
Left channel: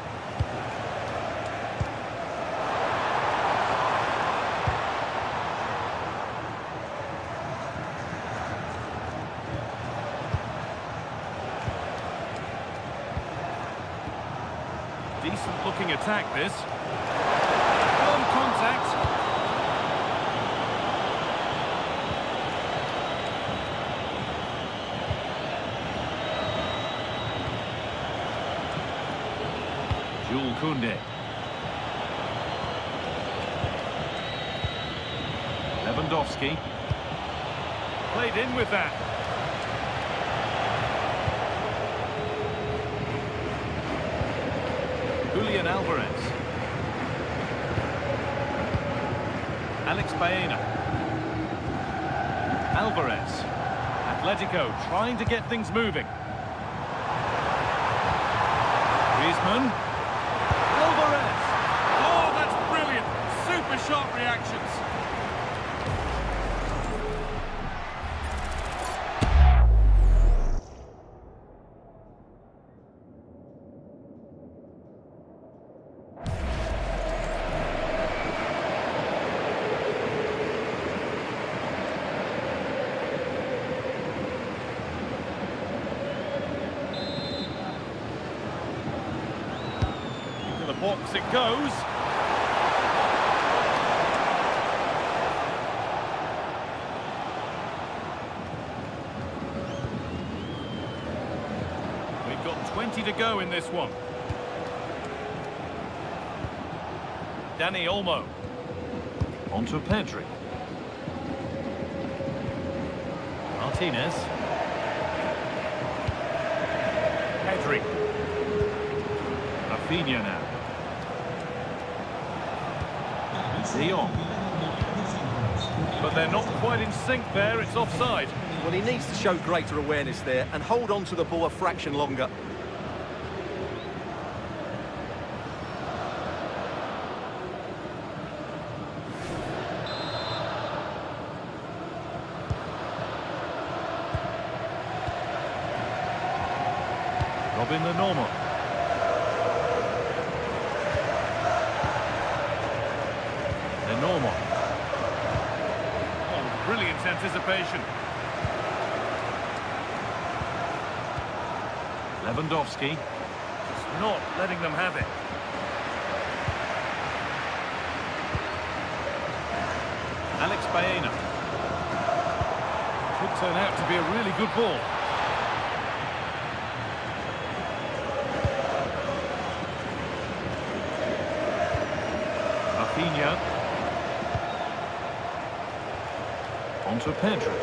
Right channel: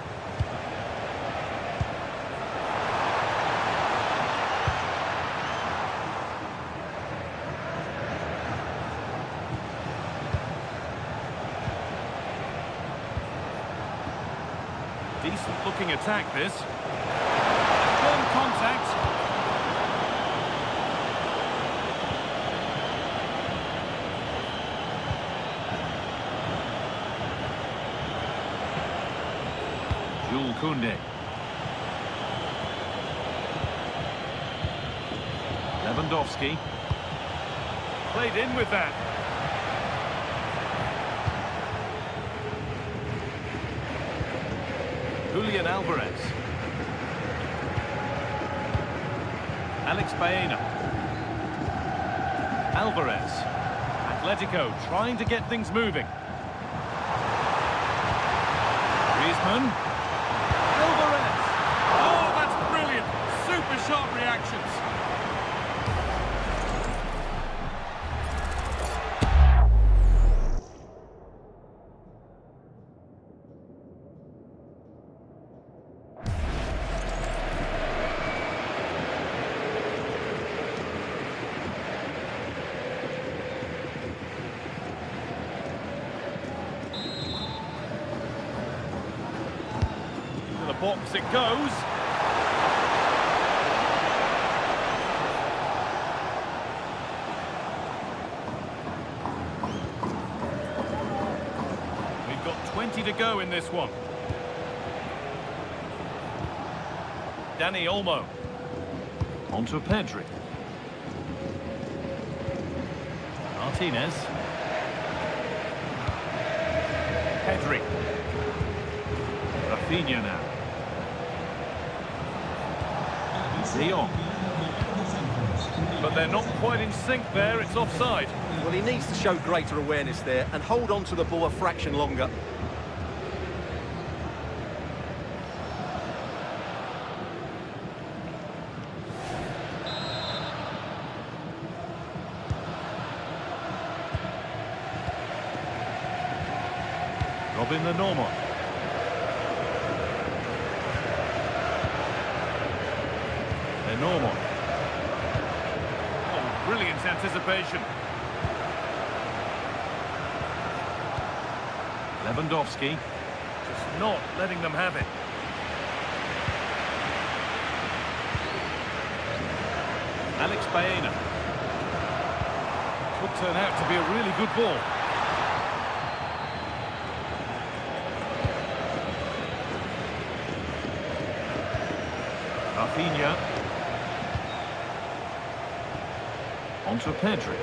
Decent-looking attack, this. Firm contact. Jules Koundé. Lewandowski. Played in with that. Julian Alvarez. Alex Baena. Alvarez. Atletico trying to get things moving. Griezmann. Alvarez. Oh, that's brilliant. Super sharp reactions. To the box it goes. We've got 20 to go in this one. Dani Olmo. Onto Pedri. Martinez. Pedri. Rafinha now. De Jong. But they're not quite in sync there, it's offside. Well, he needs to show greater awareness there and hold on to the ball a fraction longer. Robin the Normal. The Normal. Oh, brilliant anticipation. Lewandowski. Just not letting them have it. Alex Baena. Could turn out to be a really good ball. Rafinha. Onto Pedri.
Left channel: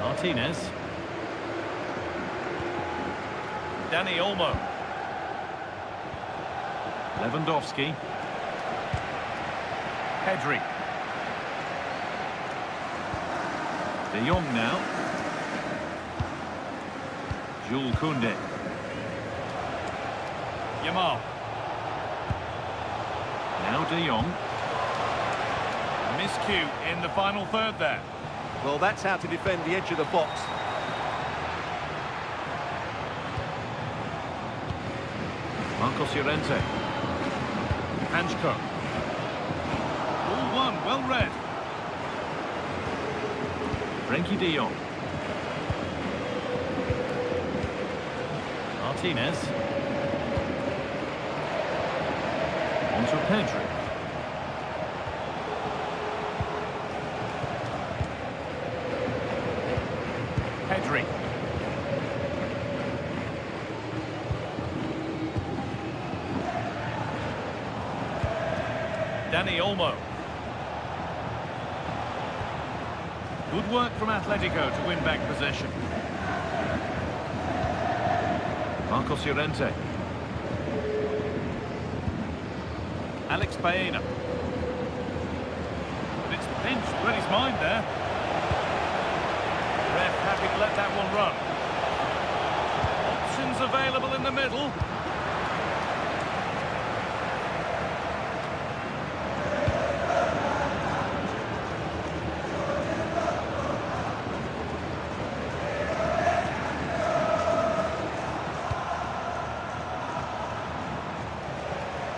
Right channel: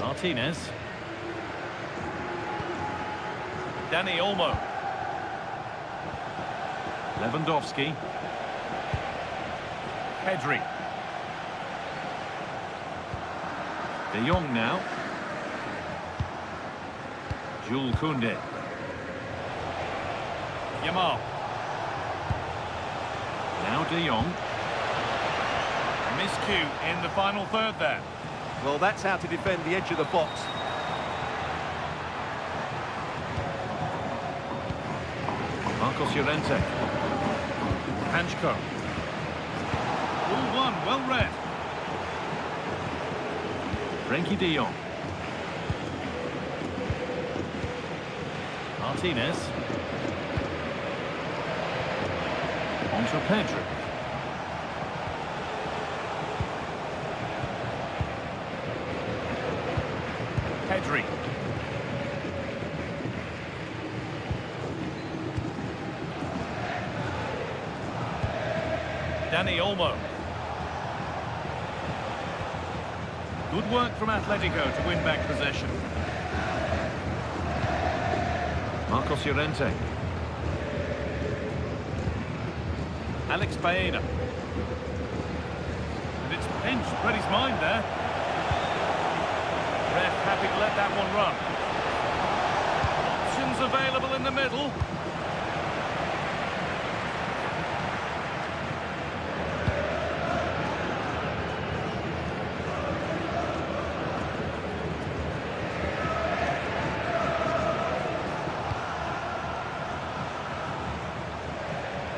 Martinez. Dani Olmo. Lewandowski. Pedri. De Jong now. Jules Koundé. Yamal. Now De Jong. Miscue in the final third there. Well, that's how to defend the edge of the box. Marcos Llorente. Hanchko. Ball one, well read. Frenkie de Jong. Martinez. Onto Pedri. Pedri. Dani Olmo. Good work from Atletico to win back possession. Marcos Llorente. Alex Baena. And it's pinched, read his mind there. Ref happy to let that one run. Options available in the middle.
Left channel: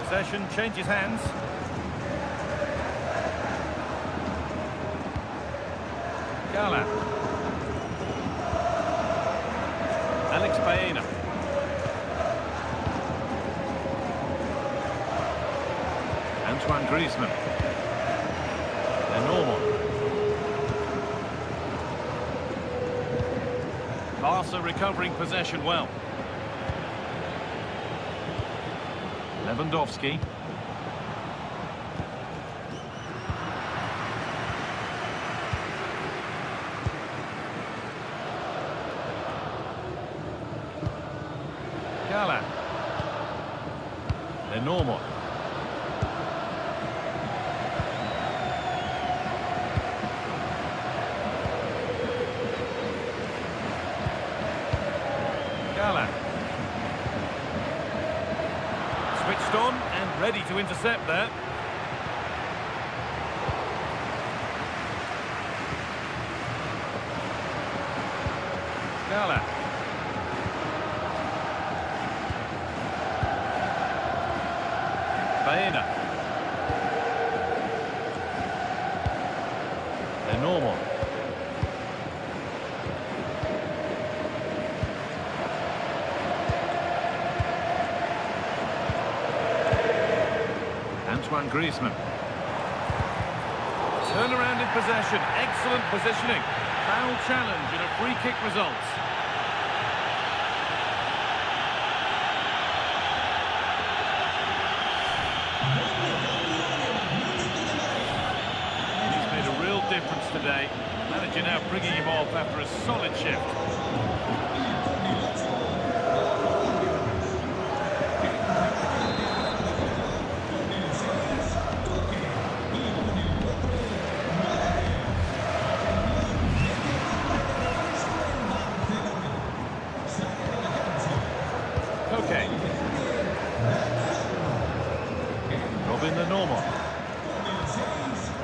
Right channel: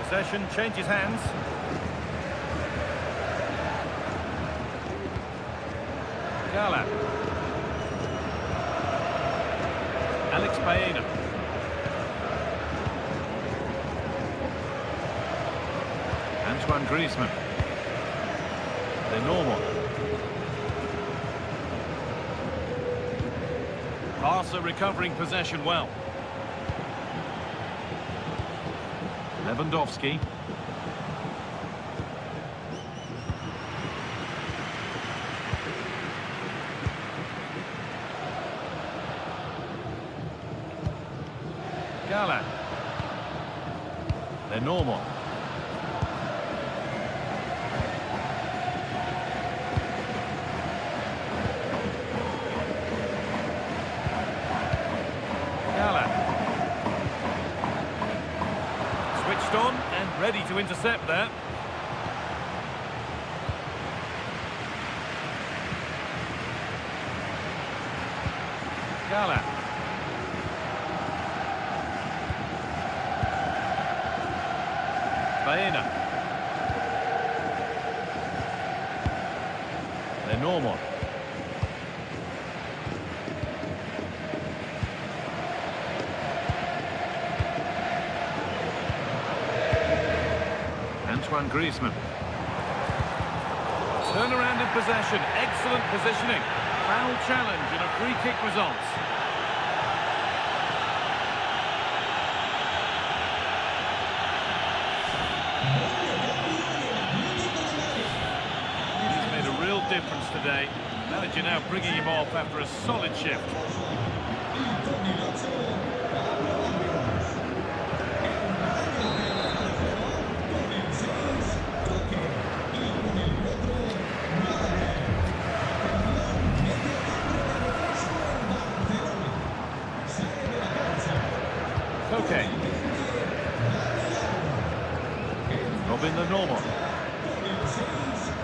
Possession changes hands. Gala. Alex Baena. Antoine Griezmann. Lenormand. Barca recovering possession well. Lewandowski. Galán. Lenormand. Galán. Switched on and ready to intercept there. Galán. Baena. Lenormand. Antoine Griezmann. Turnaround in possession, excellent positioning. Foul challenge and a free kick results. He's made a real difference today. Manager now bringing him off after a solid shift. Okay. Robin Lenormand.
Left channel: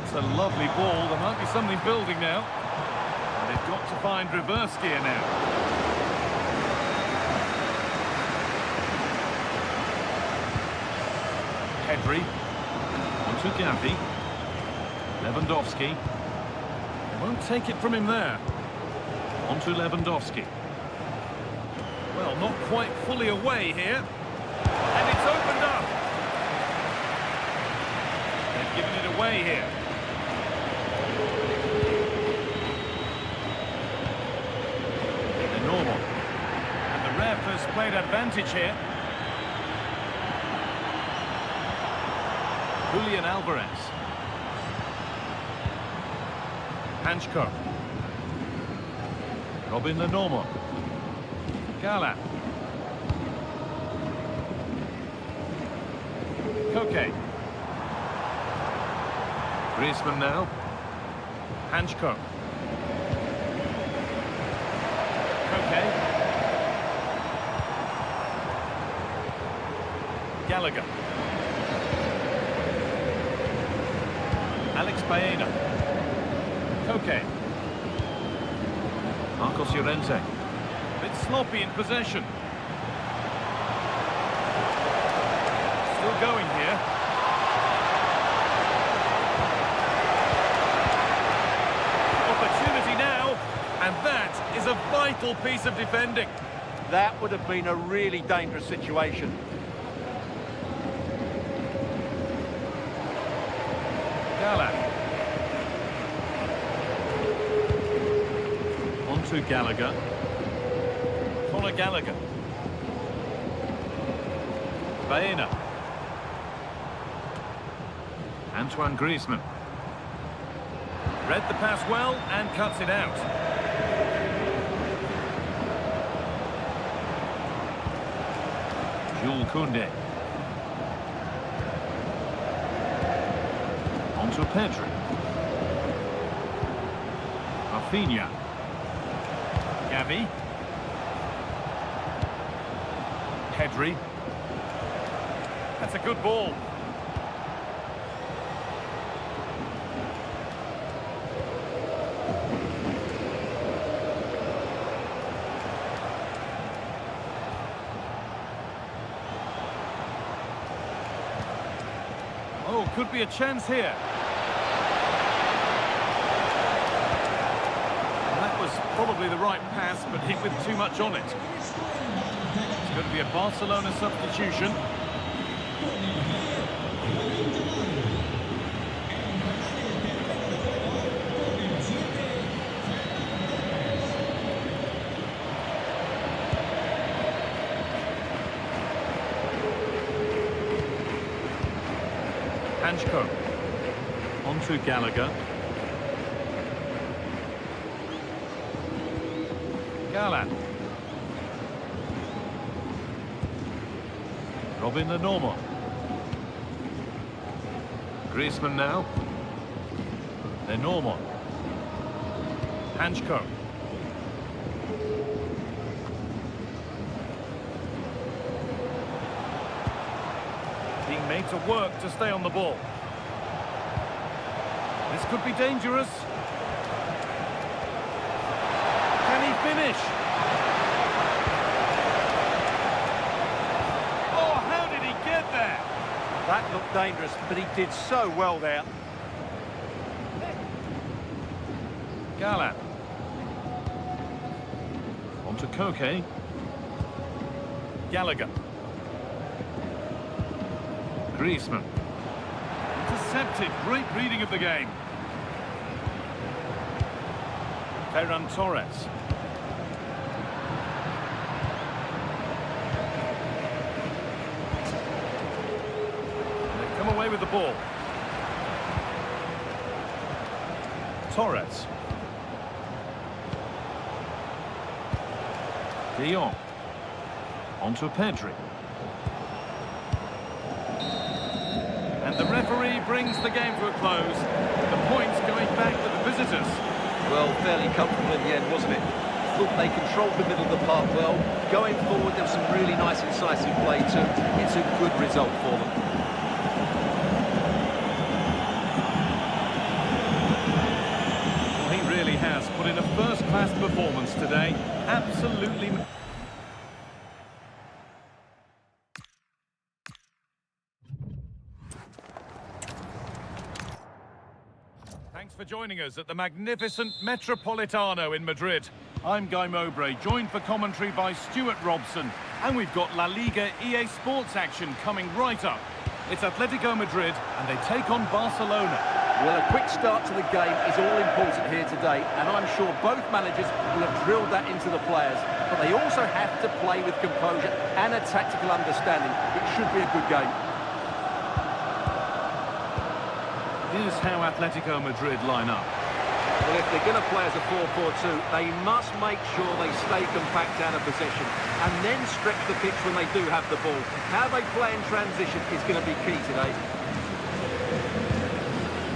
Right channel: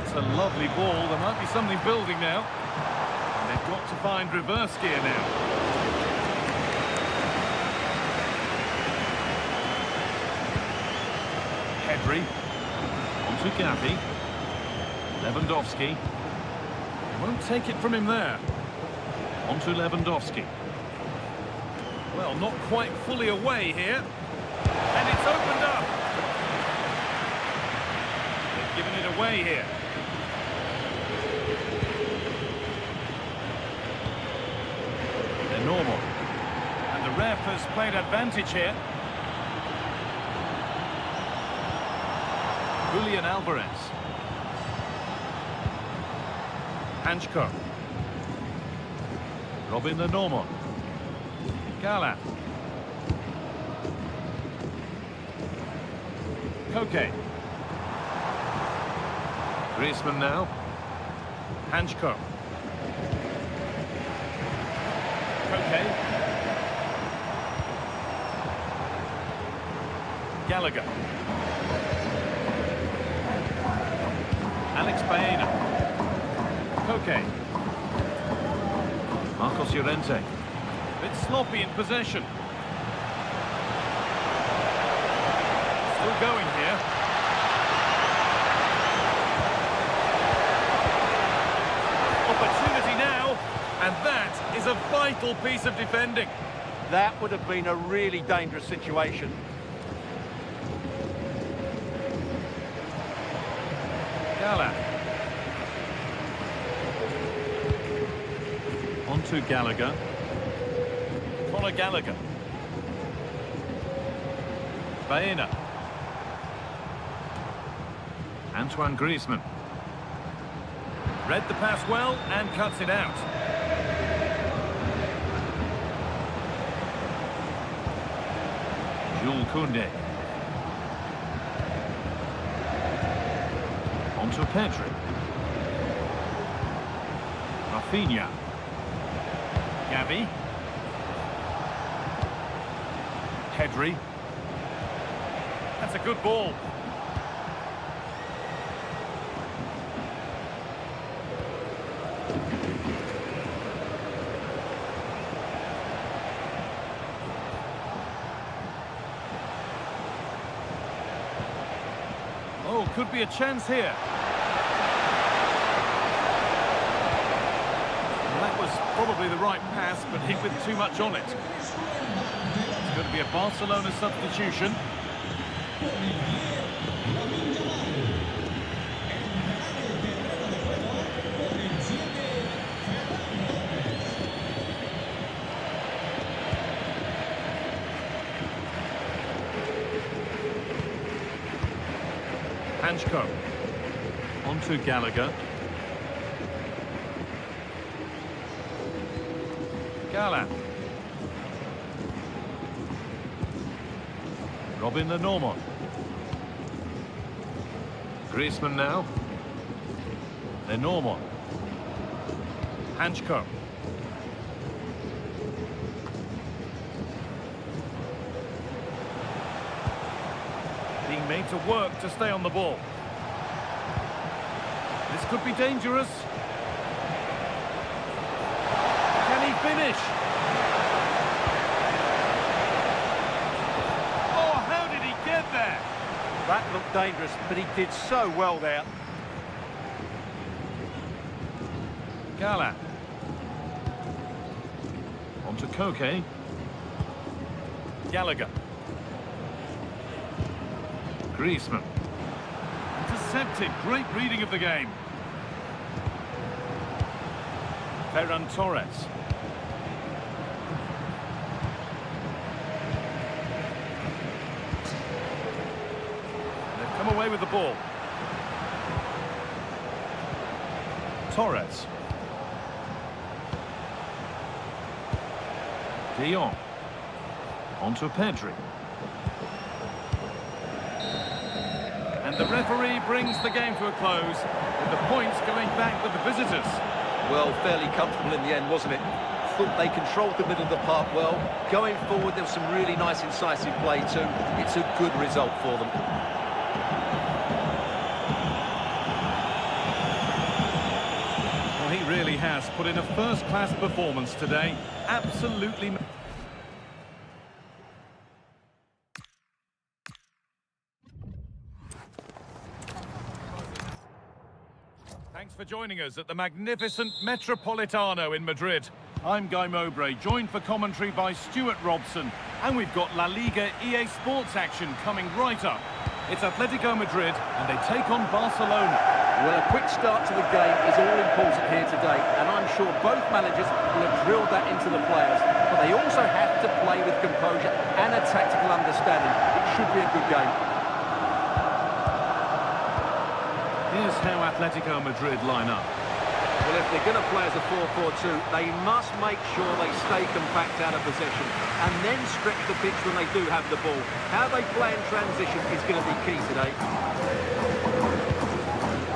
It's a lovely ball. There might be something building now. And they've got to find reverse gear now. Pedri. On to Gavi. Lewandowski. They won't take it from him there. On to Lewandowski. Well, not quite fully away here. And it's opened up. They've given it away here. Lenormand. And the ref has played advantage here. Julian Alvarez. Hanchko. Robin Lenormand. Galán. Koke. Griezmann now. Hanchko. Koke. Gallagher. Alex Baena. Koke. Marcos Llorente. Bit sloppy in possession. Still going here. Opportunity now, and that is a vital piece of defending. That would have been a really dangerous situation. Galán. On to Gallagher. Conor Gallagher. Baena. Antoine Griezmann. Read the pass well and cuts it out. Jules Koundé. On to Pedri. Rafinha. Gavi. Pedri. That's a good ball. Oh, could be a chance here. And that was was probably the right pass, but hit with too much on it. It's going to be a Barcelona substitution. Con el 10, Lamine Yamal. Entrará en el terreno de juego con el 7, Ferran Torres. Hanchko. On to Gallagher. Gallan. Robin Lenormand. Griezmann now. Lenormand. Hanchko. Being made to work to stay on the ball. This could be dangerous. Can he finish? Oh, how did he get there? That looked dangerous, but he did so well there. Gallan. On to Koke. Gallagher. Griezmann. Intercepted. Great reading of the game. Ferran Torres. They've come away with the ball. Torres. De Jong. On to Pedri. And the referee brings the game to a close, with the points going back with the visitors. Well, fairly comfortable in the end, wasn't it? Thought they controlled the middle of the park well. Going forward, there was some really nice incisive play too. It's a good result for them. Well, he really has put in a first-class performance today. Absolutely. Thanks for joining us at the magnificent Metropolitano in Madrid. I'm Guy Mowbray, joined for commentary by Stuart Robson. And we've got La Liga EA Sports action coming right up. It's Atletico Madrid, and they take on Barcelona. Well, a quick start to the game is all important here today, and I'm sure both managers will have drilled that into the players. But they also have to play with composure and a tactical understanding. It should be a good game. Here's how Atletico Madrid line up. Well, if they're going to play as a 4-4-2, they must make sure they stay compact out of possession and then stretch the pitch when they do have the ball. How they play in transition is going to be key today.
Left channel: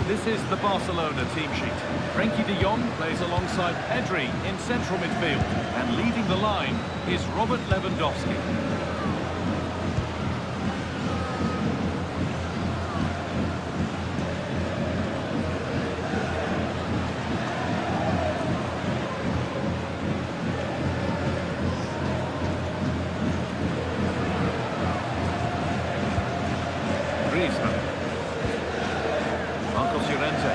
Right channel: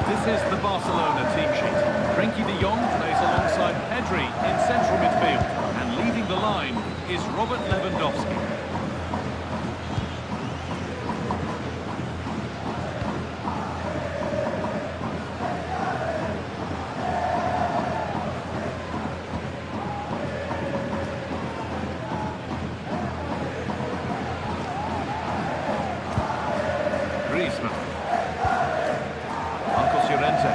This is the Barcelona team sheet. Frenkie de Jong plays alongside Pedri in central midfield. And leading the line is Robert Lewandowski. Griezmann. Marcos Llorente.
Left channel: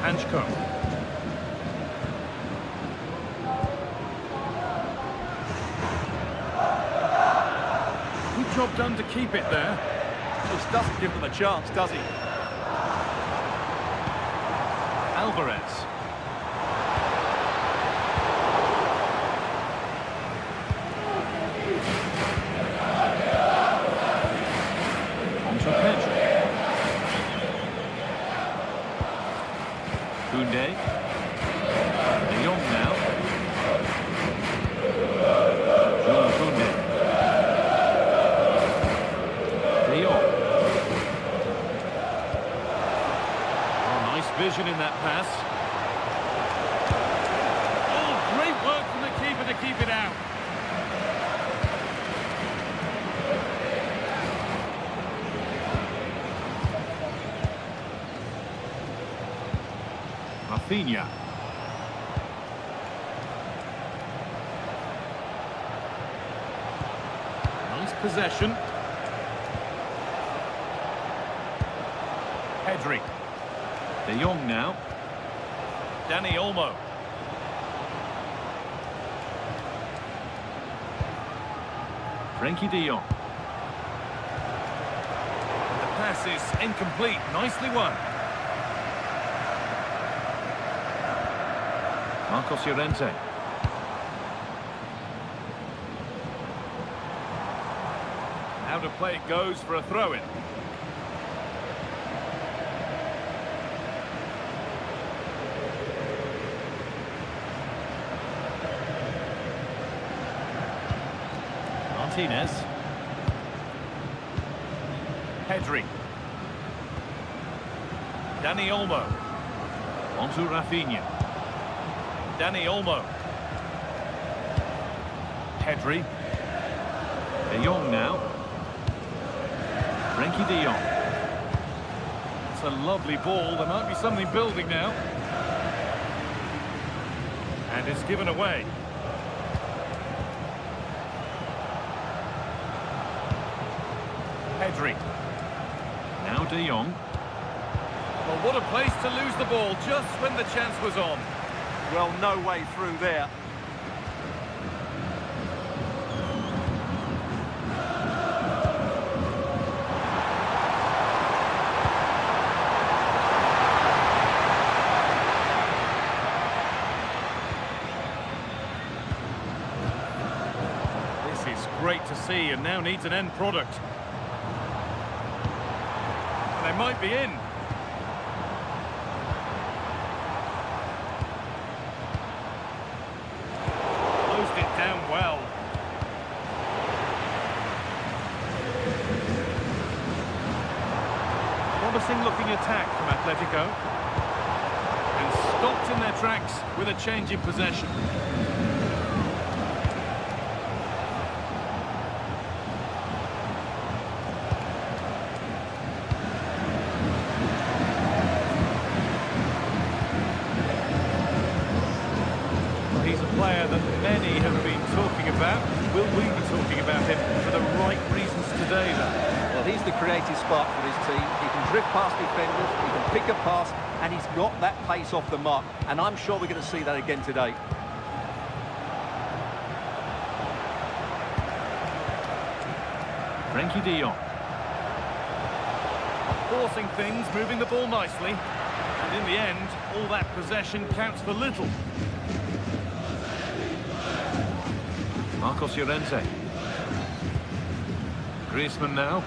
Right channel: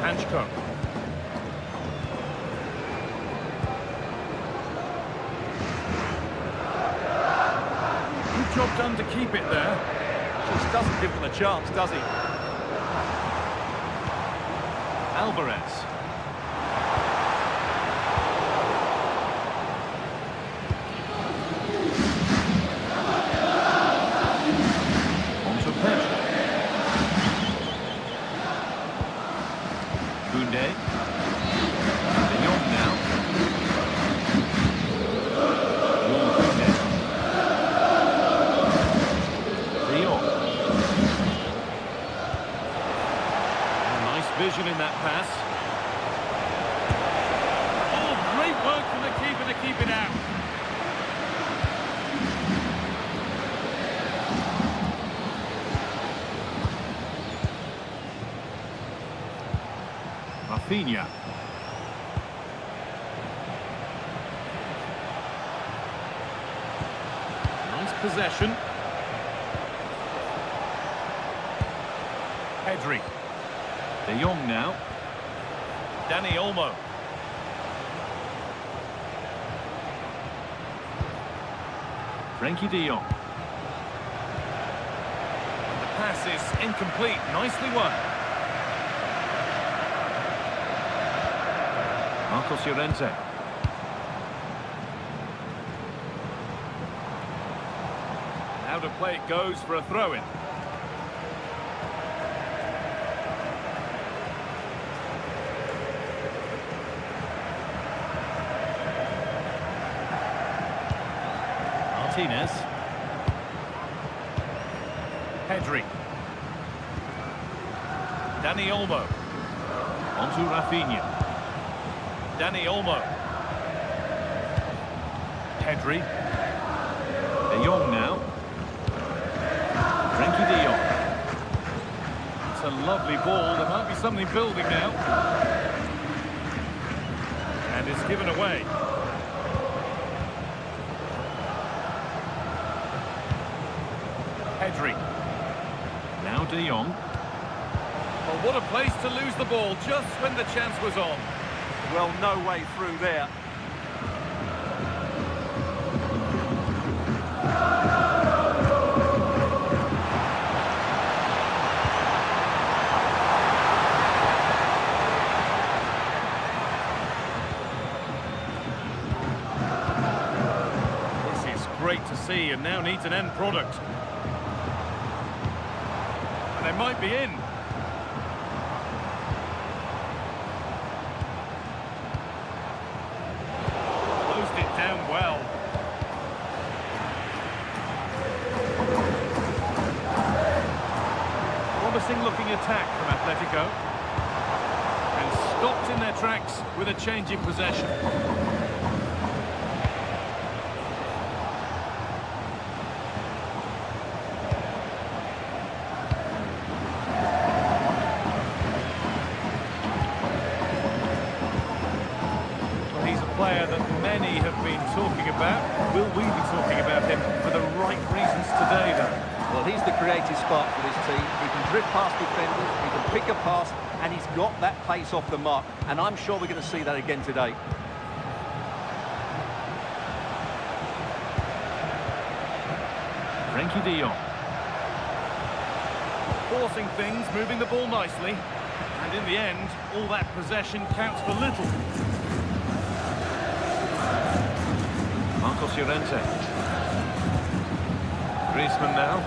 Hanchko. Good job done to keep it there. Just doesn't give them a chance, does he? Alvarez. On to Pedri. Koundé. De Jong now. Jules Koundé. De Jong. Oh, nice vision in that pass. Oh, great work from the keeper to keep it out. Rafinha. Nice possession. Pedri. De Jong now. Dani Olmo. Frankie de Jong. And the pass is incomplete. Nicely won. Marcos Llorente. Out of play it goes for a throw-in. Martinez. Pedri. Dani Olmo. Onto Rafinha. Dani Olmo. Pedri. De Jong now. Frankie de Jong. That's a lovely ball. There might be something building now. And it's given away. Pedri. Now de Jong. Well, what a place to lose the ball just when the chance was on. Well, no way through there. This is great to see and now needs an end product. And they might be in. Closed it down well. Promising looking attack from Atletico. And stopped in their tracks with a change in possession. He's a player that many have been talking about. Will we be talking about him for the right reasons today, though? Well, he's the creative spark for this team. He can drift past defenders, he can pick a pass, and he's got that pace off the mark. And I'm sure we're going to see that again today. Frankie de Jong. Forcing things, moving the ball nicely. And in the end, all that possession counts for little. Marcos Llorente. Griezmann now.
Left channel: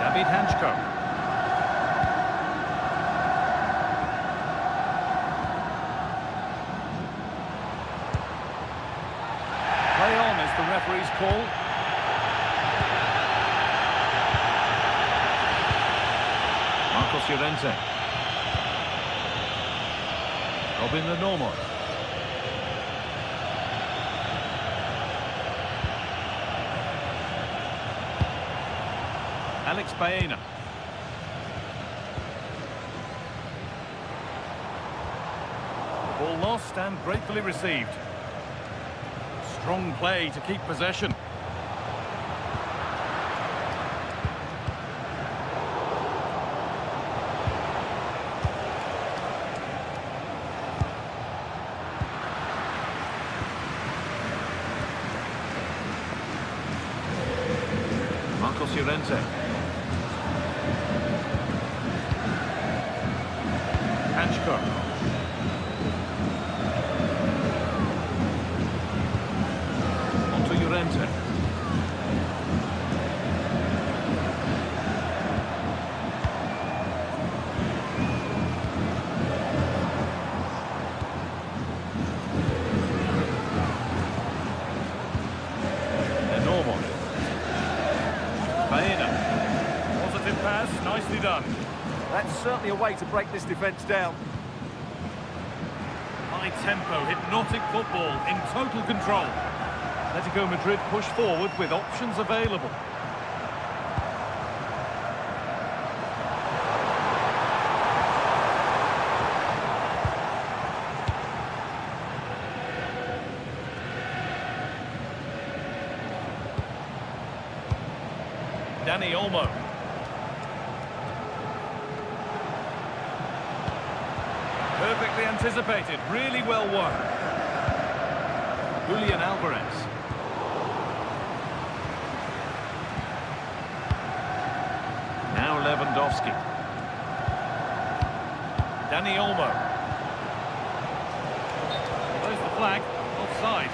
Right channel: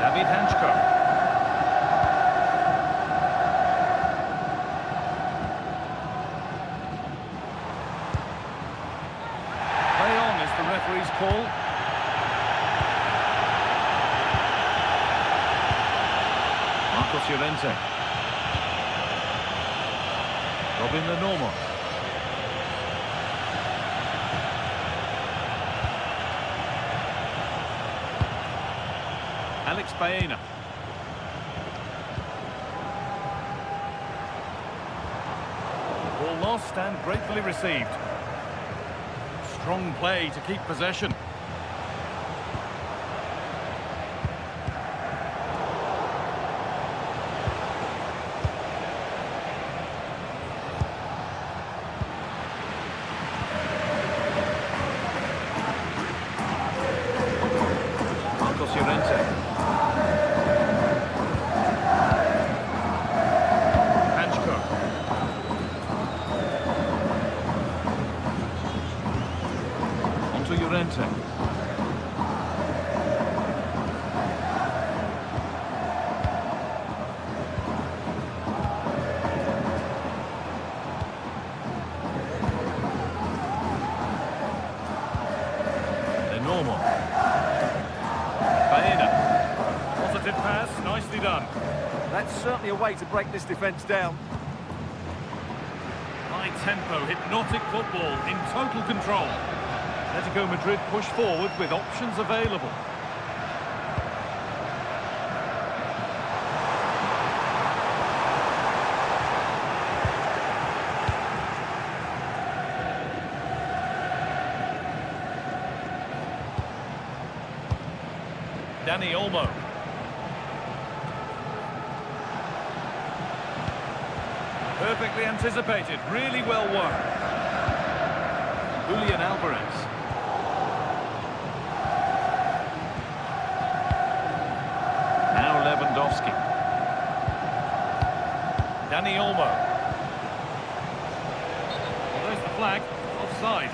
David Hanchko. Play on is the referee's call. Marcos Llorente. Robin the Normal. Alex Baena. Ball lost and gratefully received. Strong play to keep possession. Marcos Llorente. Hanchko. Onto Llorente. They're normal. Baena. Positive pass, nicely done. That's certainly a way to break this defence down. High tempo, hypnotic football in total control. Atletico Madrid push forward with options available. Dani Olmo. Perfectly anticipated, really well won. Julian Alvarez. Now Lewandowski. Dani Olmo. Well, there's the flag. Offside.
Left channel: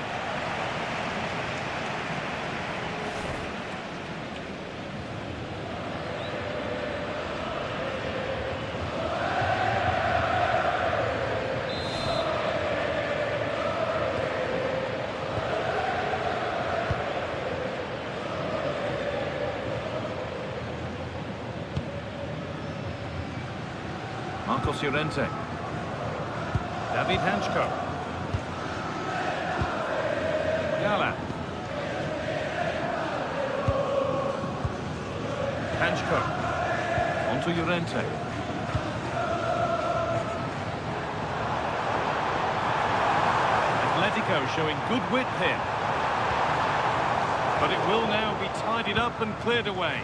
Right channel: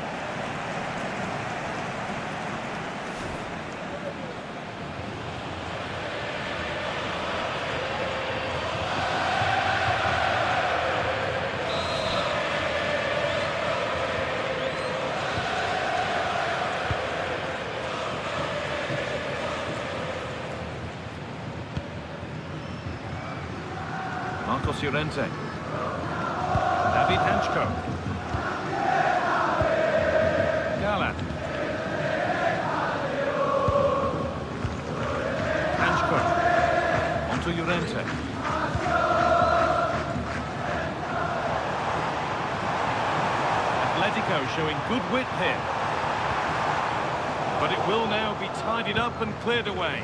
Marcos Llorente. David Hanchko. Gala. Hanchko. Onto Llorente. Atletico showing good width here. But it will now be tidied up and cleared away.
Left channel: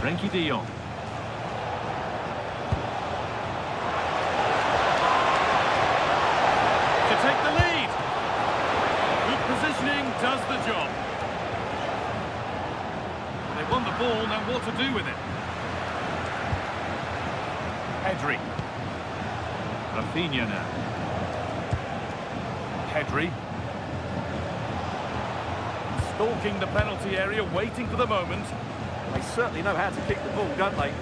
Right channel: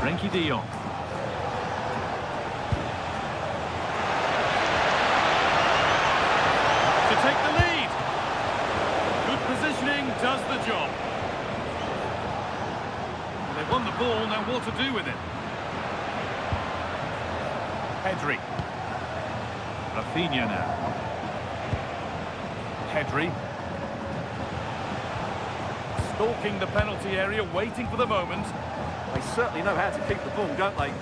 Frenkie de Jong. To take the lead. Good positioning does the job. Well, they won the ball, now what to do with it? Pedri. Rafinha now. Pedri. Stalking the penalty area, waiting for the moment. They certainly know how to keep the ball, don't they?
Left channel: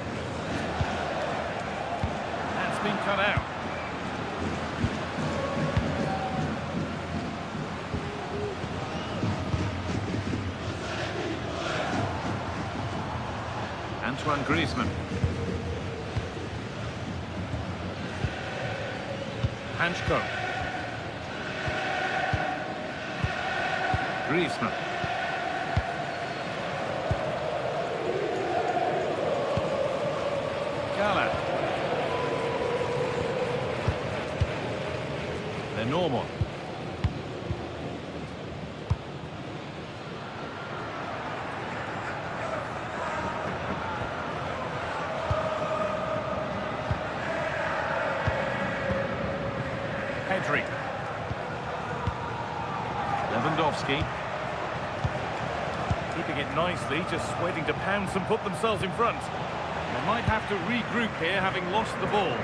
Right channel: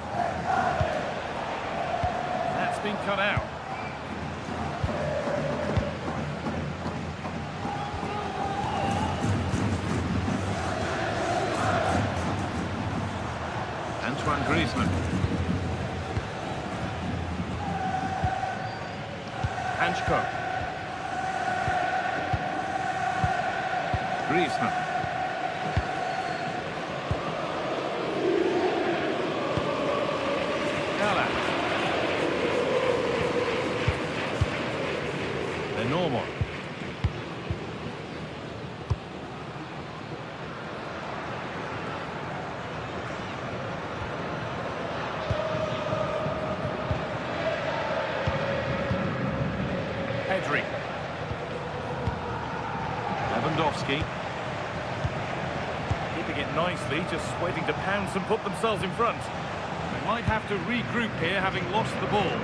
That's been cut out. Antoine Griezmann. Hanchko. Griezmann. Gala. They're normal. Pedri. Lewandowski. Keeping it nicely, just waiting to pounce and put themselves in front. They might have to regroup here, having lost the ball.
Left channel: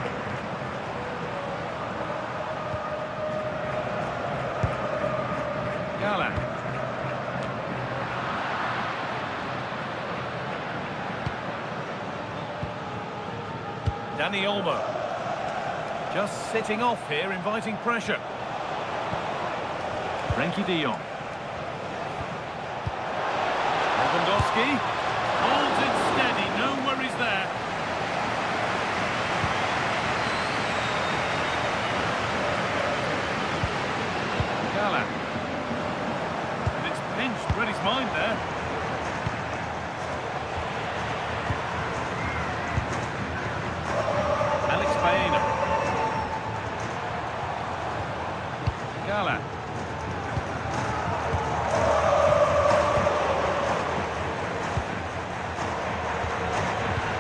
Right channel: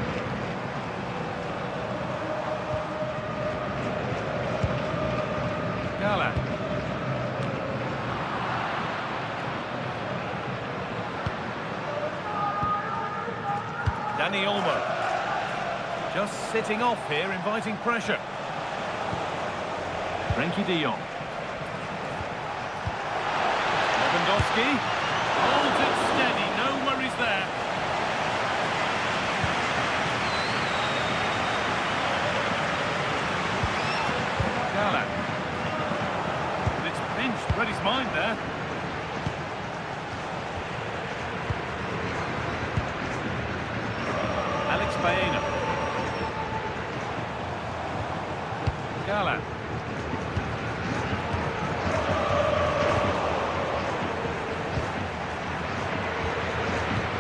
Gala. Dani Olmo. Just sitting off here, inviting pressure. Frenkie de Jong. Lewandowski. Holds it steady, no worries there. Gala. And it's pinched, read his mind there. Alex Baena. Gala.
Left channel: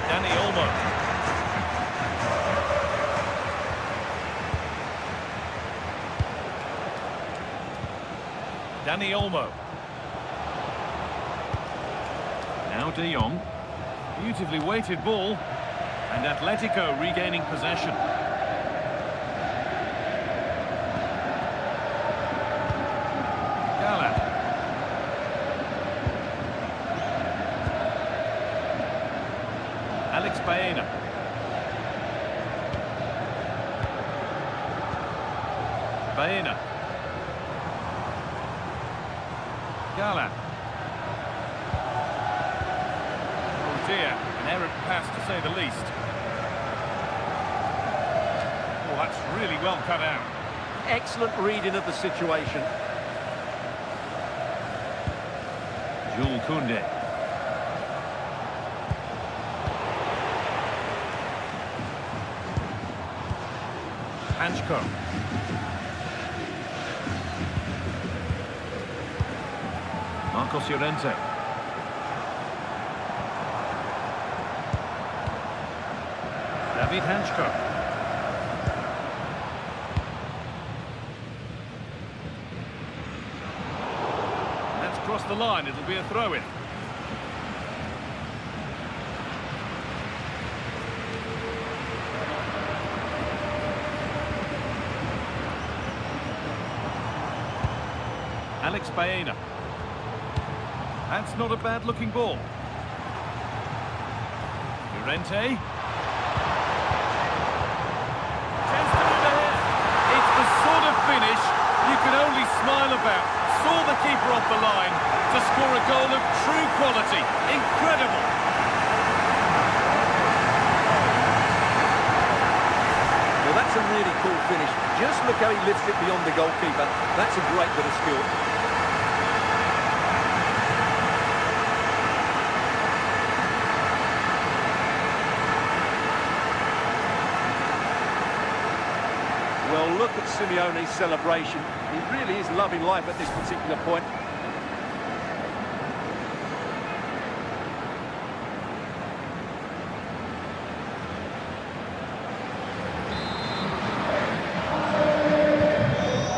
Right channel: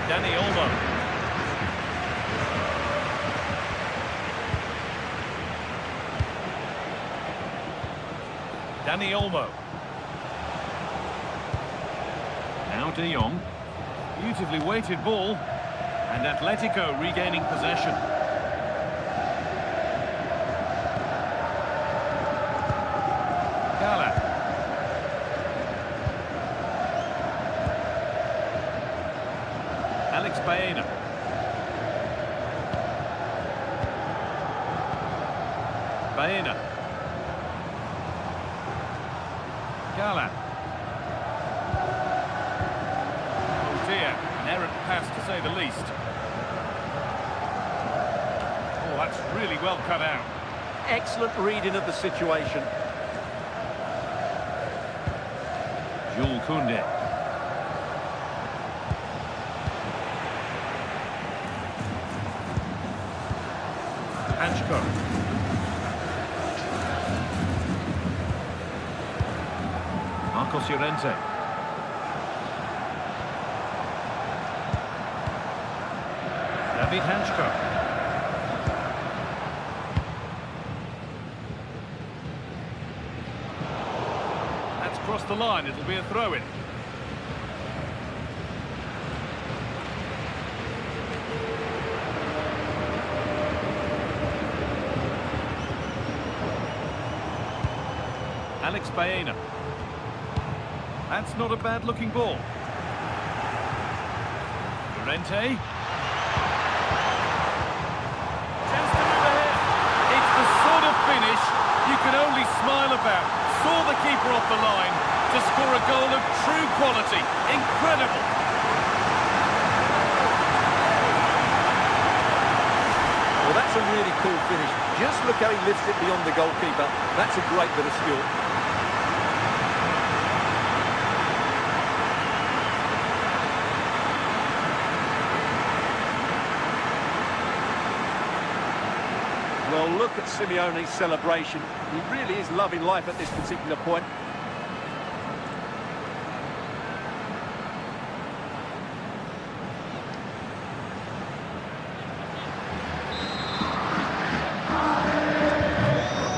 Dani Olmo. Dani Olmo. Now De Jong. Beautifully weighted ball. And Atletico regaining possession. Gala. Alex Baena. Baena. Gala. Oh dear, an errant pass to say the least. Oh, that's really well cut out. Excellent reading of the situation. Jules Koundé. Hanchko. Marcos Llorente. David Hanchko. That's crossed the line. It'll be a throw-in. Alex Baena. That's not a bad-looking ball. Llorente. Chance to move ahead. It's the sort of finish you can only smile about. Saw the keeper off the line to score a goal of true quality. Incredible. Well, that's a really cool finish. Just look how he lifts it beyond the goalkeeper. That's a great bit of skill. Well, look at Simeone's celebration. He really is loving life at this particular point.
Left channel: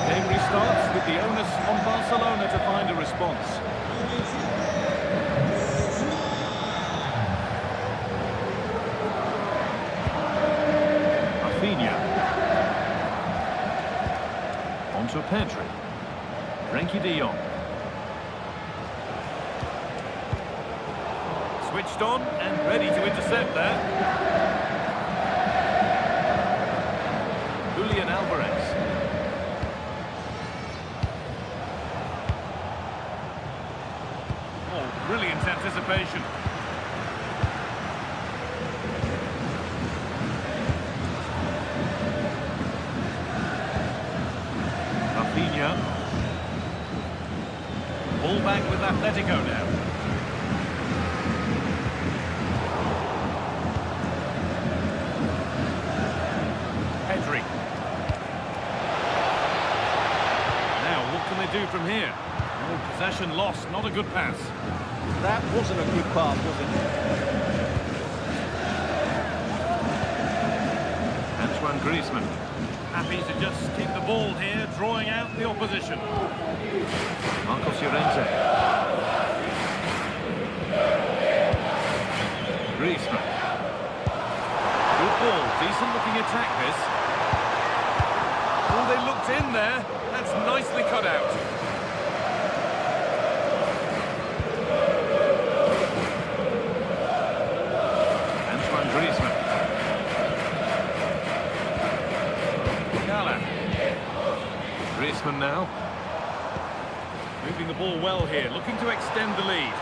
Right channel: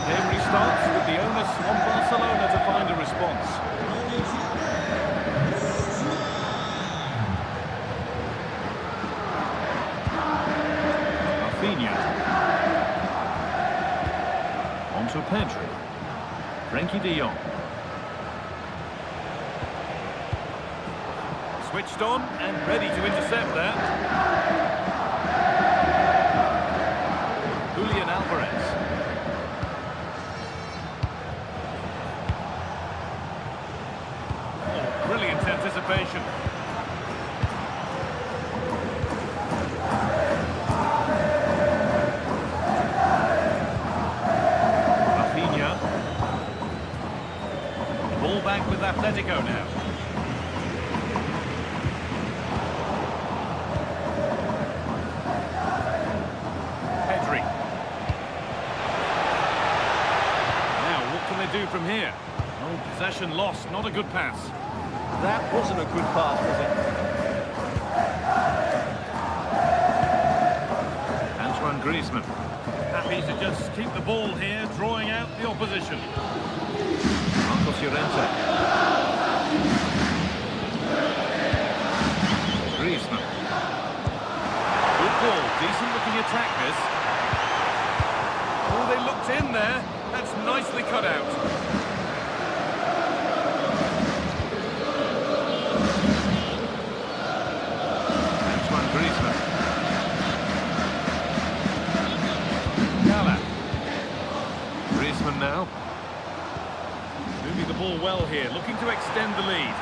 Game restarts with the onus on Barcelona to find a response. Rafinha. Onto Pedri. Frenkie de Jong. Switched on and ready to intercept there. Julian Alvarez. Oh, brilliant anticipation. Rafinha. Ball back with Atletico now. Pedri. Now, what can they do from here? Oh, possession lost, not a good pass. That wasn't a good pass, was it? Antoine Griezmann. Happy to just keep the ball here, drawing out the opposition. Marcos Llorente. Griezmann. Good ball, decent looking attack this. Oh, they looked in there. That's nicely cut out. Antoine Griezmann. Gala. Griezmann now. Moving the ball well here, looking to extend the lead.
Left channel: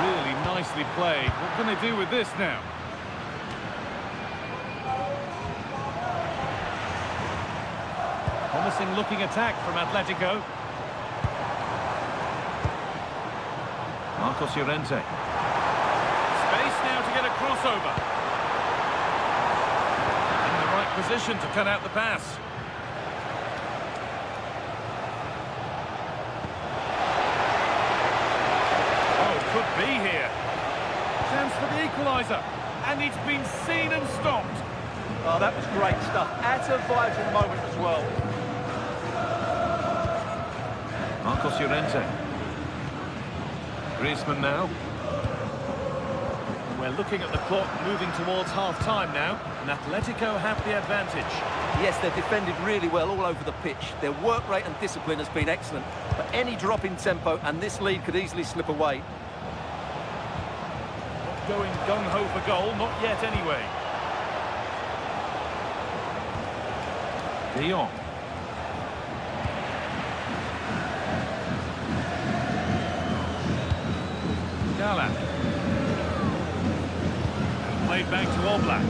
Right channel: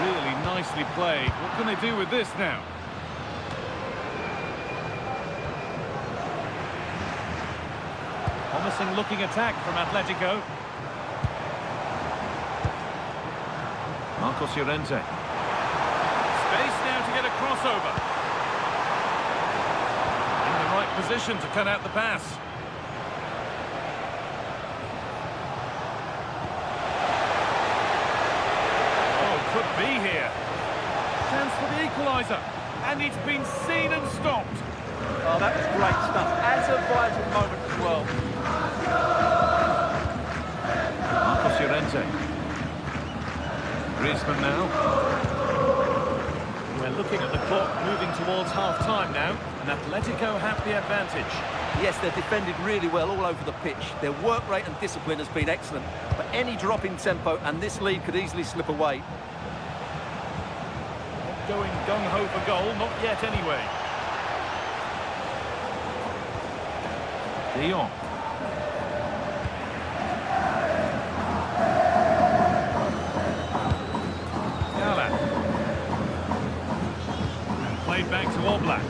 Really nicely played. What can they do with this now? Promising looking attack from Atletico. Marcos Llorente. Space now to get a crossover. In the right position to cut out the pass. Could be here. Chance for the equalizer. And it's been seen and stopped. Oh, that was great stuff. At a vital moment as well. Marcos Llorente. Griezmann now. We're looking at the clock moving towards half-time now. And Atletico have the advantage. Yes, they've defended really well all over the pitch. Their work rate and discipline has been excellent. But any drop in tempo and this lead could easily slip away. Going gung-ho for goal, not yet anyway. De Jong. Gala. And played back to Oblak.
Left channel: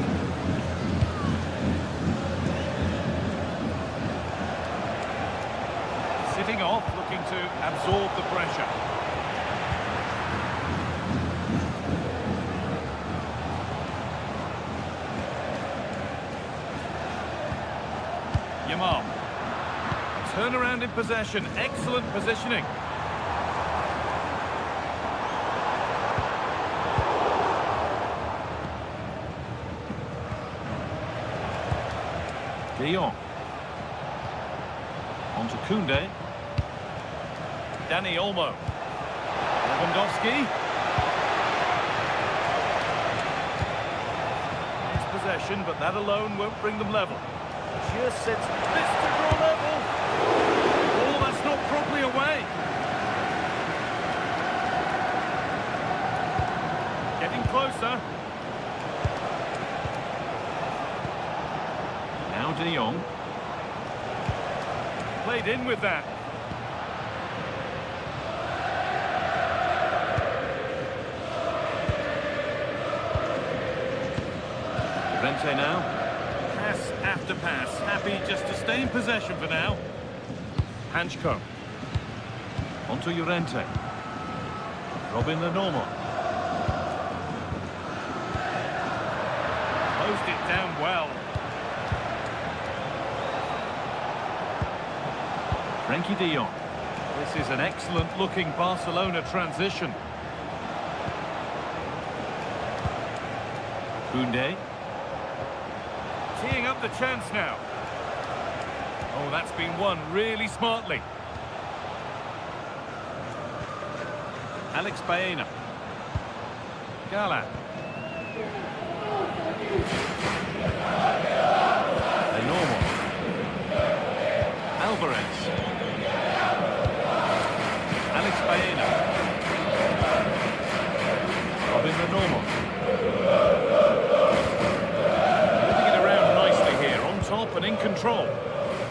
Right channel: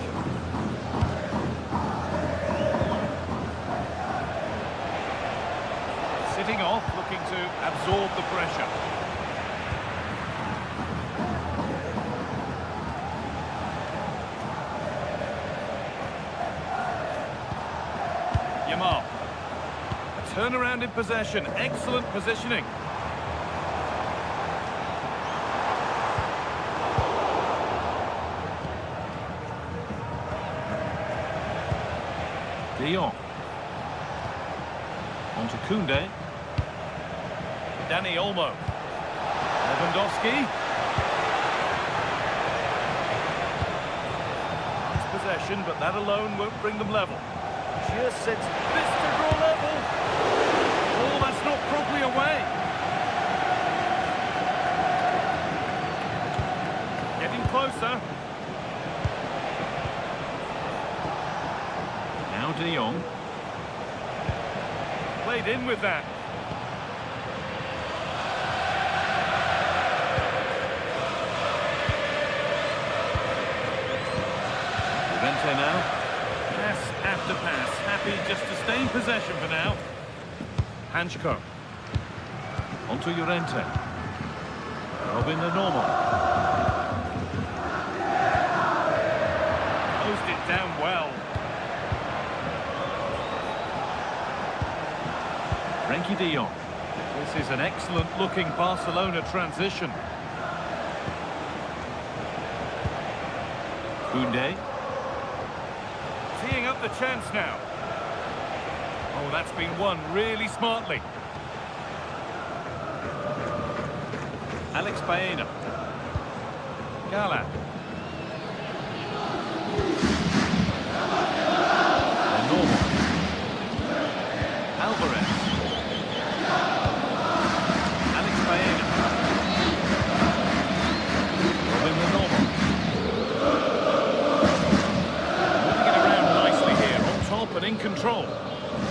Sitting off, looking to absorb the pressure. Yamal. A turnaround in possession. Excellent positioning. De Jong. On to Koundé. Dani Olmo. Lewandowski. Nice possession, but that alone won't bring them level. Just sends this to draw level. Oh, that's not properly away. Getting closer. Now De Jong. Played in with that. Llorente now. Pass after pass. Happy just to stay in possession for now. Hanchko. On to Llorente. Robin the normal. Closed it down well. Frenkie de Jong. This is an excellent looking Barcelona transition. Koundé. Teeing up the chance now. Oh, that's been won really smartly. Alex Baena. Gala. They're normal. Alvarez. Alex Baena. Robin the normal. Moving it around nicely here, on top and in control.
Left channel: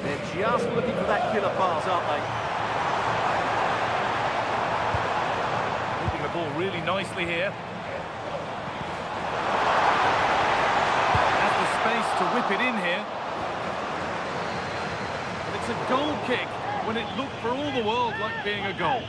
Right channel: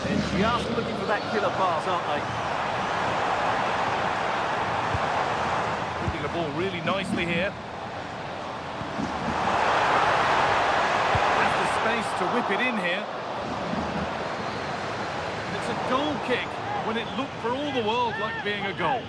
They're just looking for that killer pass, aren't they? Moving the ball really nicely here. Has the space to whip it in here. And it's a goal kick when it looked for all the world like being a goal.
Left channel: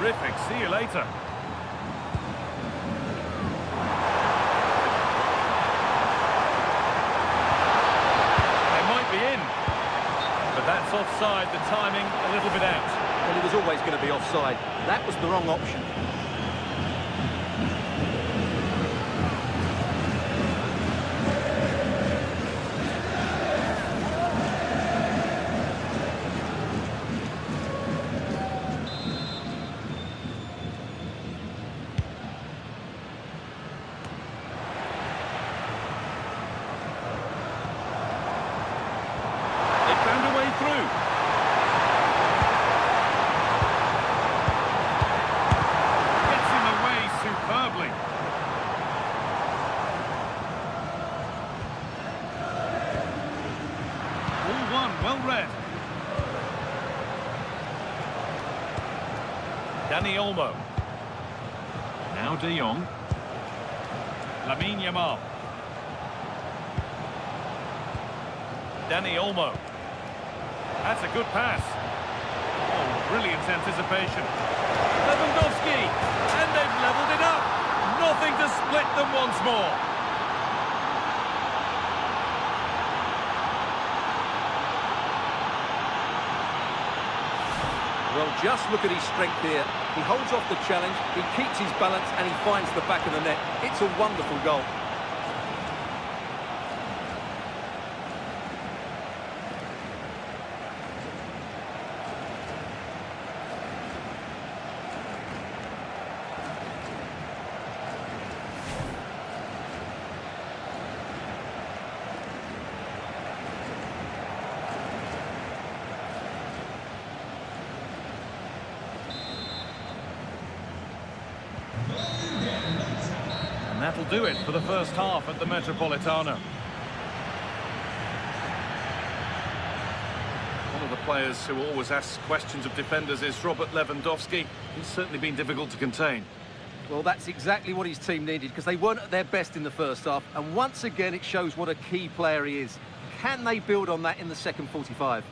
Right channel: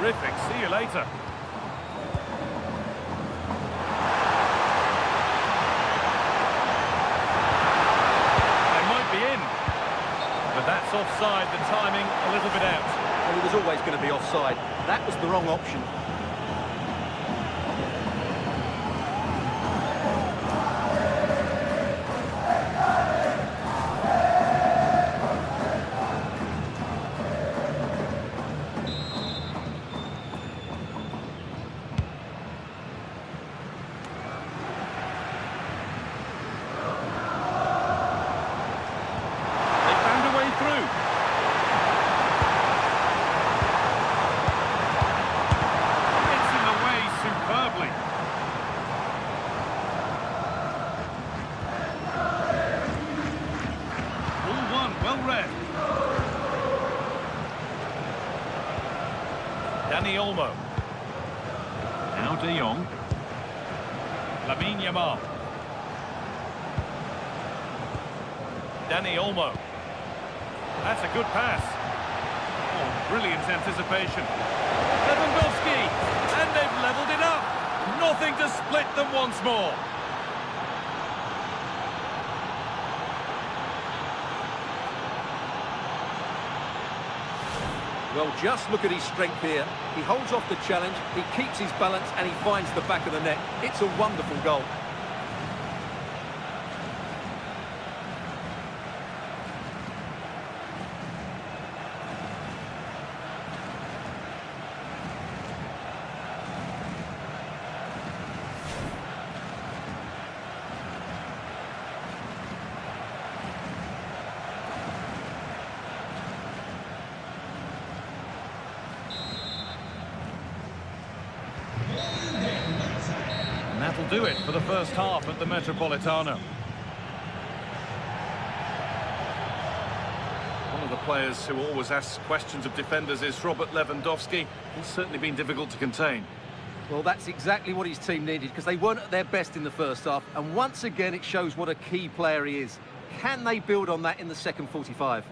Terrific. See you later. They might be in. But that's offside, the timing a little bit out. Well, he was always going to be offside. That was the wrong option. Through. Gets in the way superbly. Ball one, well read. Dani Olmo. Now De Jong. Lamine Yamal. Dani Olmo. That's a good pass. Oh, brilliant anticipation. Lewandowski, and they've levelled it up. Nothing to split them once more. Well, just look at his strength here. He holds off the challenge, he keeps his balance, and he finds the back of the net. It's a wonderful goal. And that'll do it for the first half at the Metropolitano. One of the players who always asks questions of defenders is Robert Lewandowski. He's certainly been difficult to contain. Well, that's exactly what his team needed, because they weren't at their best in the first half, and once again it shows what a key player he is. Can they build on that in the second 45?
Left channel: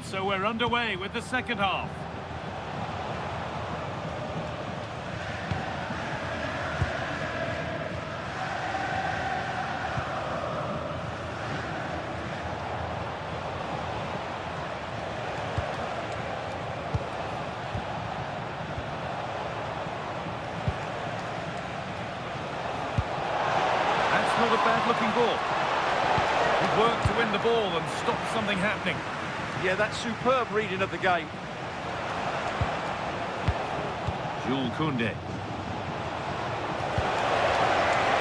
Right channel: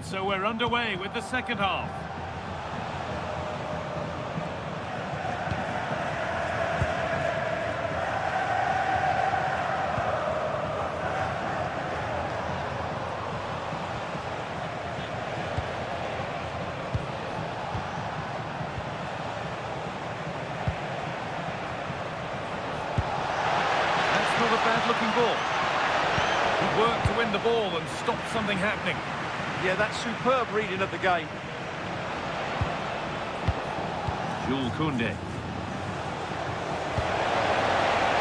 And so we're underway with the second half. That's not a bad-looking ball. Good work to win the ball and stop something happening. Yeah, that's superb reading of the game. Jules Koundé.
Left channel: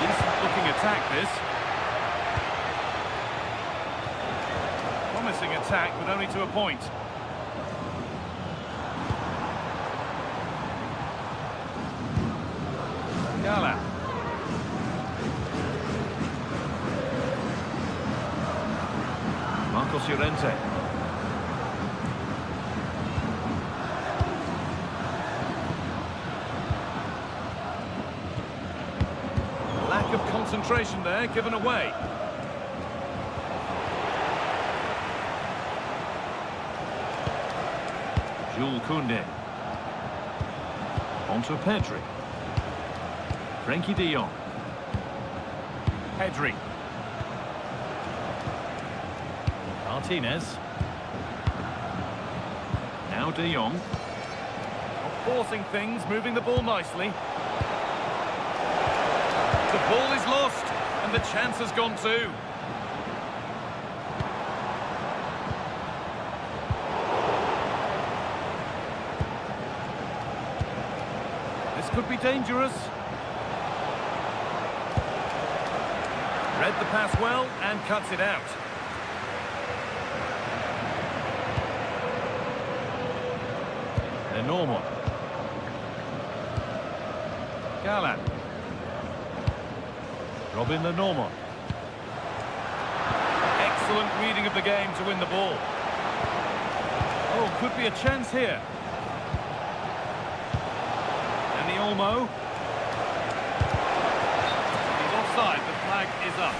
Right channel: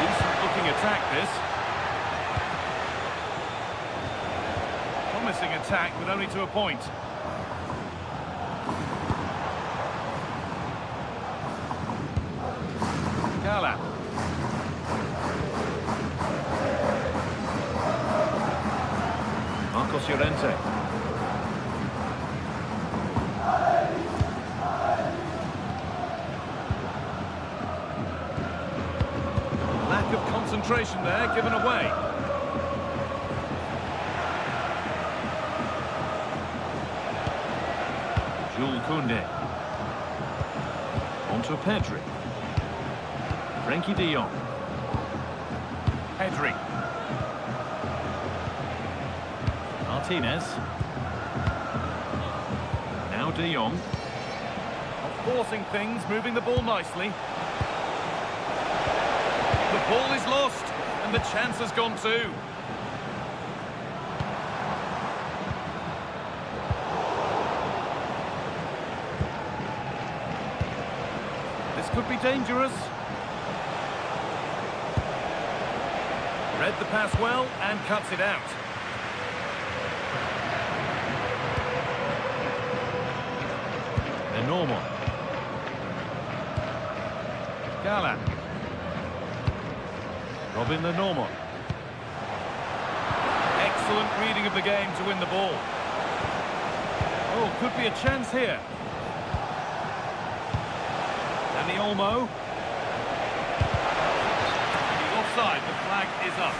Decent-looking attack, this. Promising attack, but only to a point. Gala. Marcos Llorente. Lack of concentration there, given away. Jules Koundé. On to Pedri. Frenkie de Jong. Pedri. Martinez. Now de Jong. Not forcing things, moving the ball nicely. The ball is lost, and the chance has gone too. This could be dangerous. Read the pass well and cuts it out. They're normal. Gala. Robin the normal. Excellent reading of the game to win the ball. Oh, could be a chance here. Danny Olmo. He's offside. The flag is up.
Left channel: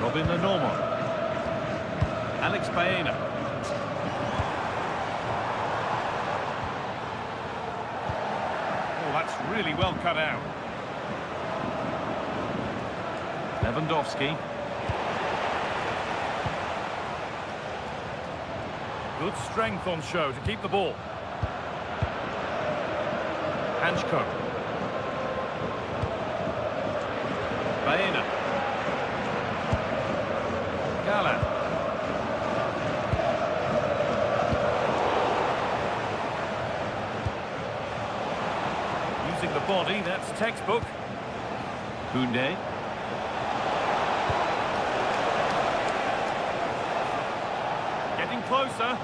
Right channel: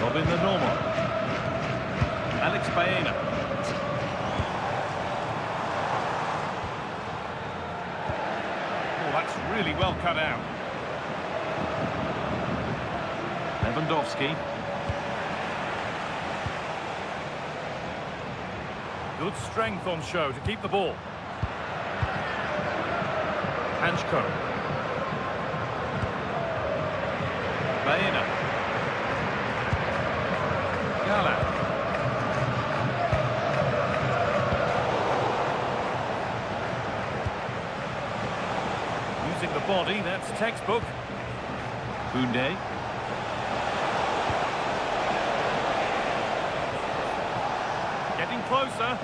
Robin the normal. Alex Baena. Oh, that's really well cut out. Lewandowski. Good strength on show to keep the ball. Hanchko. Baena. Gala. Using the body, that's textbook. Koundé. Getting closer.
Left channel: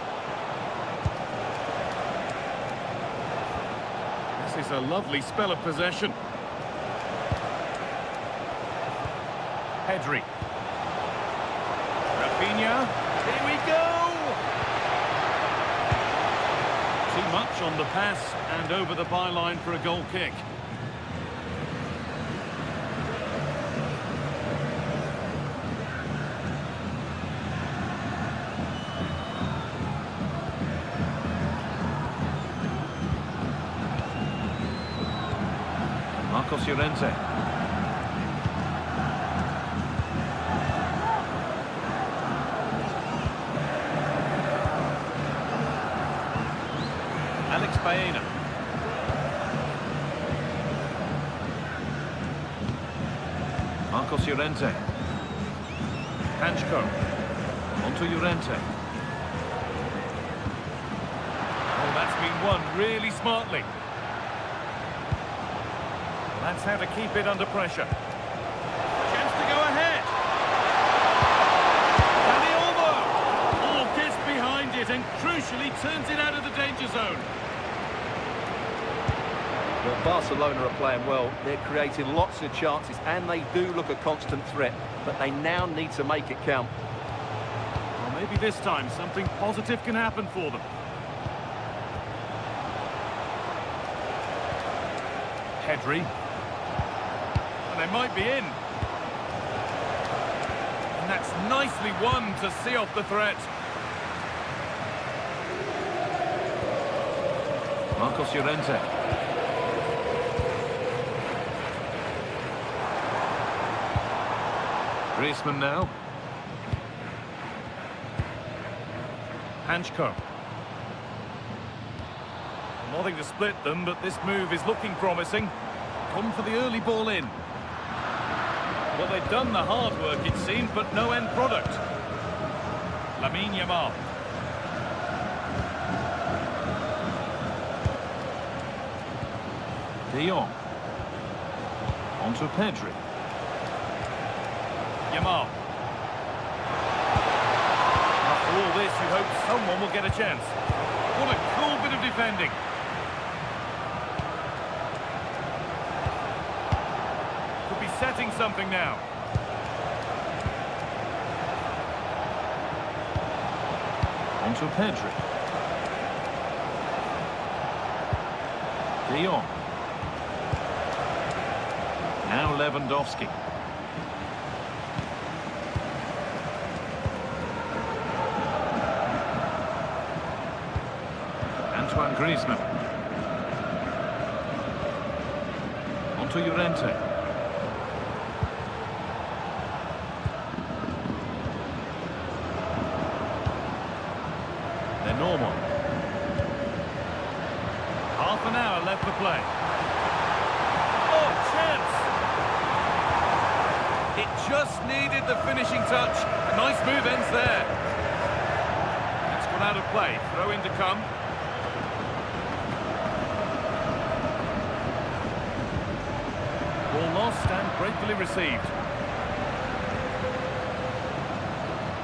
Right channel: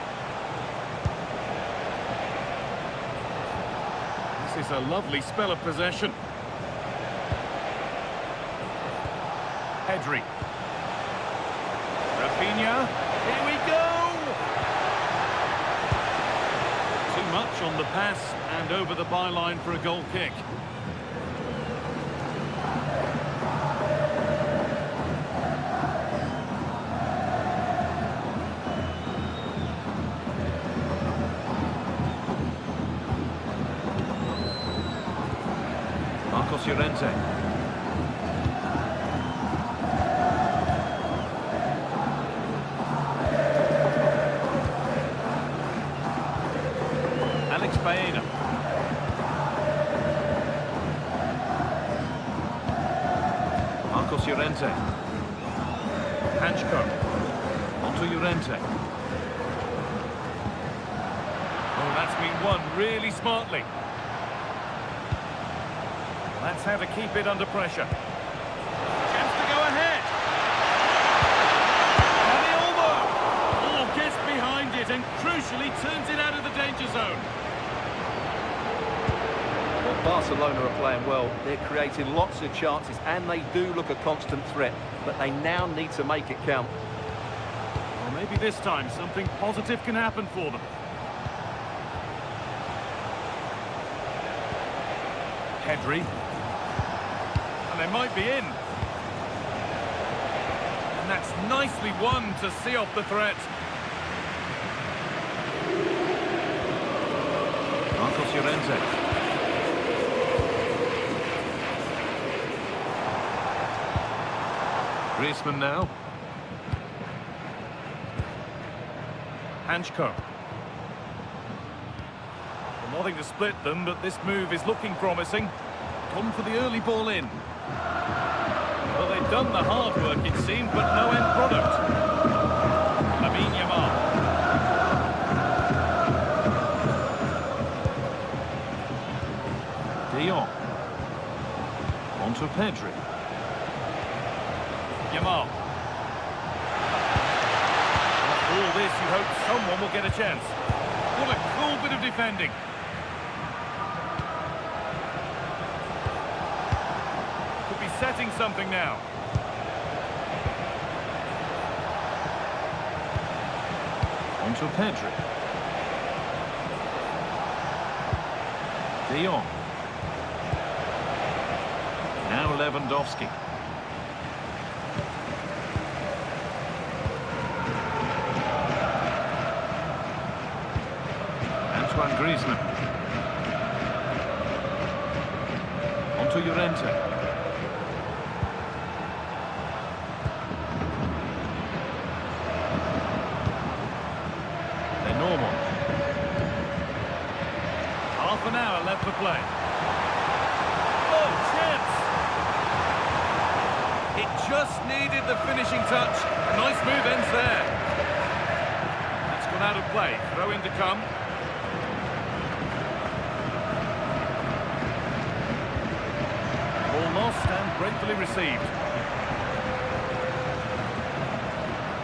This is a lovely spell of possession. Pedri. Rafinha, here we go! Too much on the pass and over the byline for a goal kick. Marcos Llorente. Alex Baena. Marcos Llorente. Hanchko. Onto Llorente. Oh, that's been won really smartly. Well, that's how to keep it under pressure. Chance to go ahead. Danny Olmo. Oh, gets behind it and crucially turns it out of the danger zone. Well, Barcelona are playing well. They're creating lots of chances, and they do look a constant threat. But they now need to make it count. Well, maybe this time something positive can happen for them. Pedri. And they might be in. And that's nicely won to see off the threat. Marcos Llorente. Griezmann now. Hanchko. Well, nothing to split them, but this move is looking promising. Come for the early ball in. Well, they've done the hard work, it seemed, but no end product. Lamine Yamal. De Jong. Onto Pedri. Yamal. After all this, you hope someone will get a chance. What a cool bit of defending. Could be setting something now. Onto Pedri. De Jong. Now Lewandowski. Antoine Griezmann. Onto Llorente. They're normal. Half an hour left to play. Oh, chance! It just needed the finishing touch. A nice move ends there. That's gone out of play. Throw in to come. Ball lost and gratefully received.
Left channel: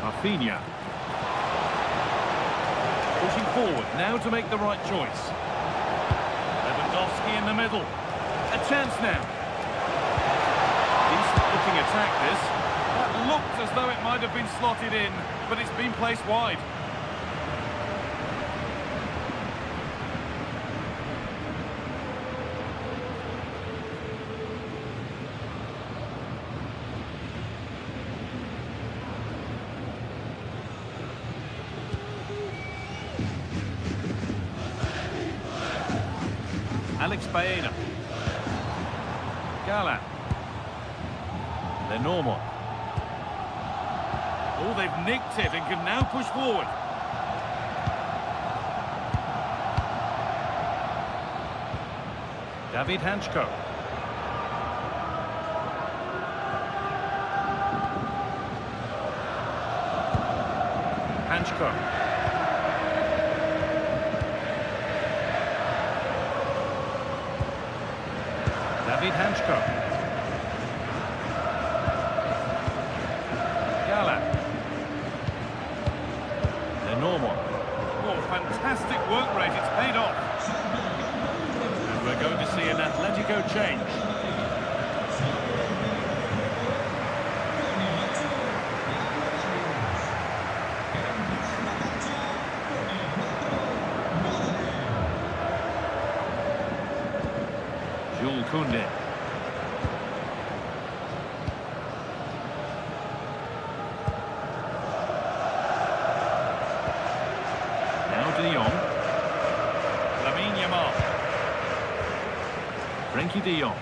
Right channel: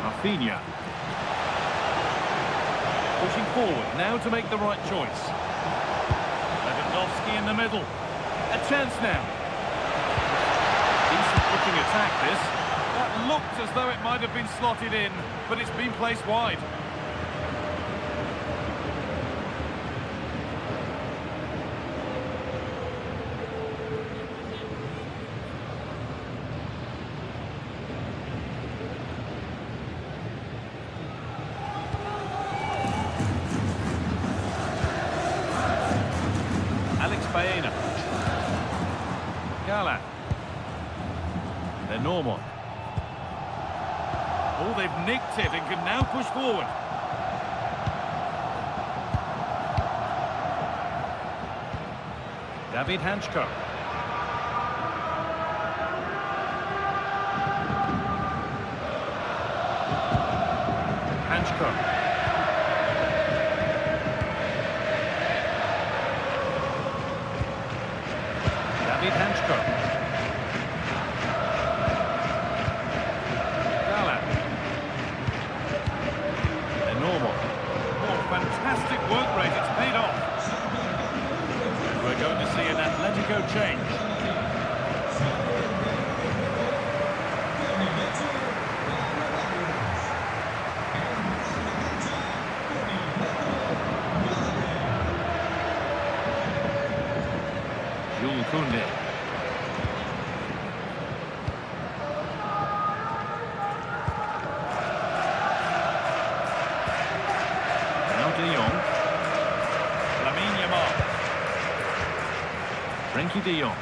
Rafinha. Pushing forward, now to make the right choice. Lewandowski in the middle. A chance now. Decent looking attack this. That looked as though it might have been slotted in, but it's been placed wide. Alex Baena. Gala. They're normal. Oh, they've nicked it and can now push forward. David Hanchko. Hanchko. David Hanchko. Gala. They're normal. Oh, fantastic work rate. It's paid off. And we're going to see an Atletico change. Jules Koundé. Now De Jong. Lamine Yamal. Frenkie De Jong.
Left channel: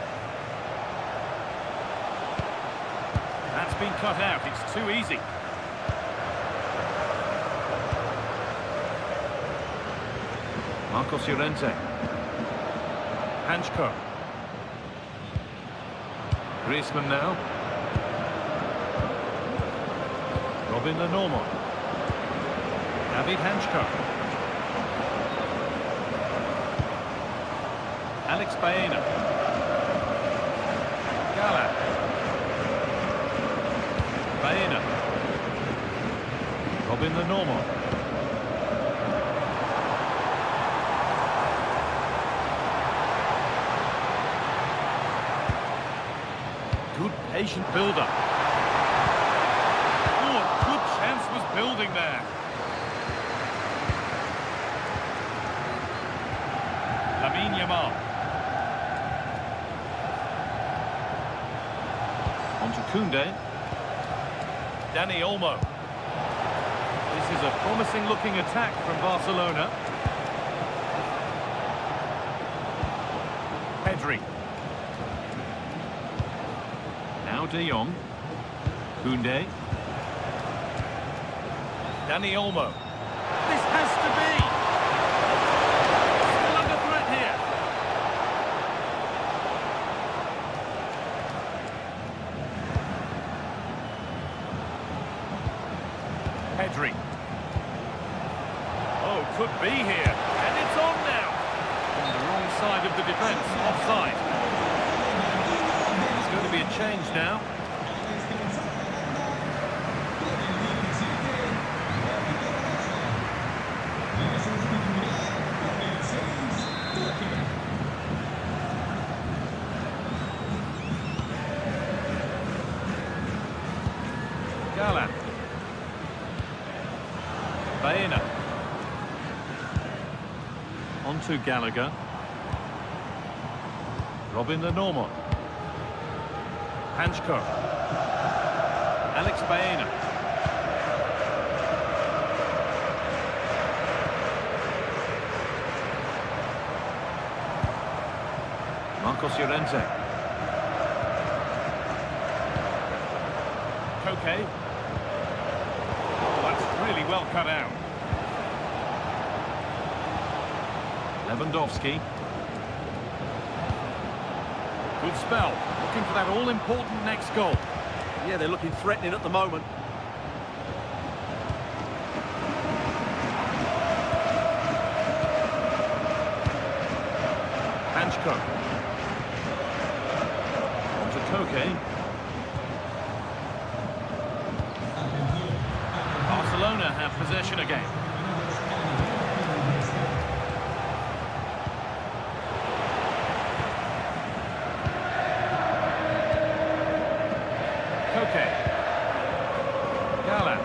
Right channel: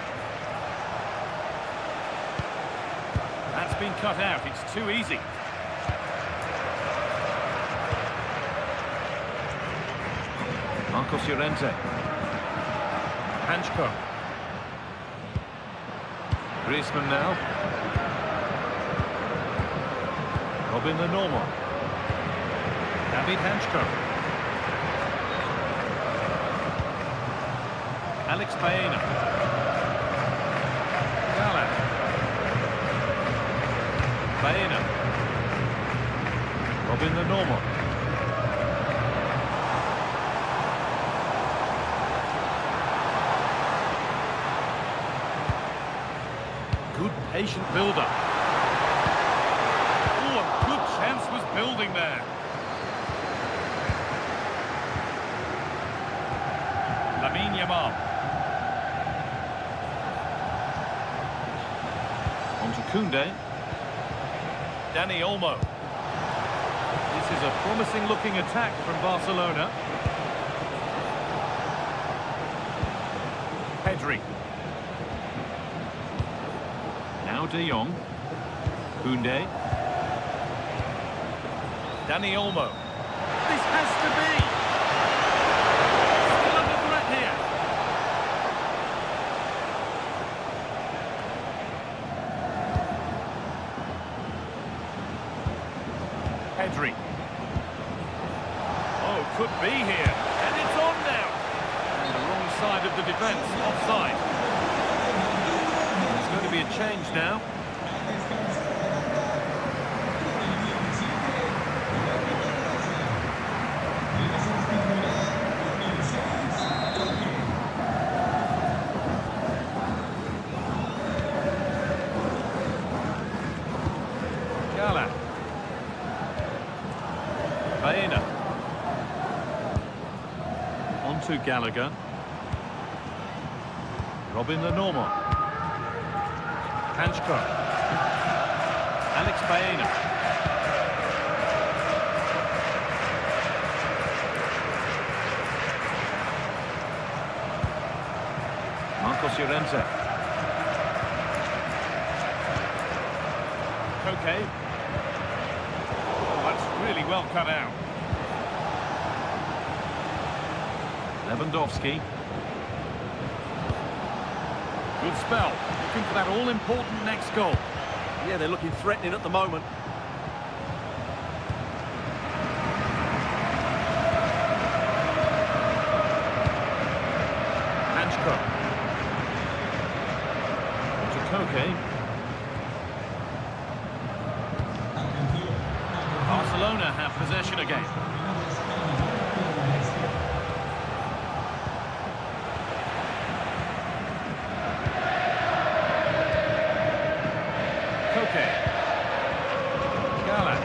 That's been cut out. It's too easy. Marcos Llorente. Hanchko. Griezmann now. Robin the normal. David Hanchko. Alex Baena. Gala. Baena. Robin the normal. Patient build-up. Oh, a good chance was building there. Lamine Yamal. On to Koundé. Dani Olmo. This is a promising-looking attack from Barcelona. Pedri. Now De Jong. Koundé. Dani Olmo. This has to be. Still under threat here. Pedri. Oh, could be here. And it's on now. On the wrong side of the defence. Offside. There's going to be a change now. Gala. Baena. On to Gallagher. Robin Lenormand. Hanchko. Alex Baena. Marcos Llorente. Koke. Oh, that's really well cut out. Lewandowski. Good spell. Looking for that all-important next goal. Yeah, they're looking threatening at the moment. Hanchko. On to Koke. Barcelona have possession again. Koke. Gala.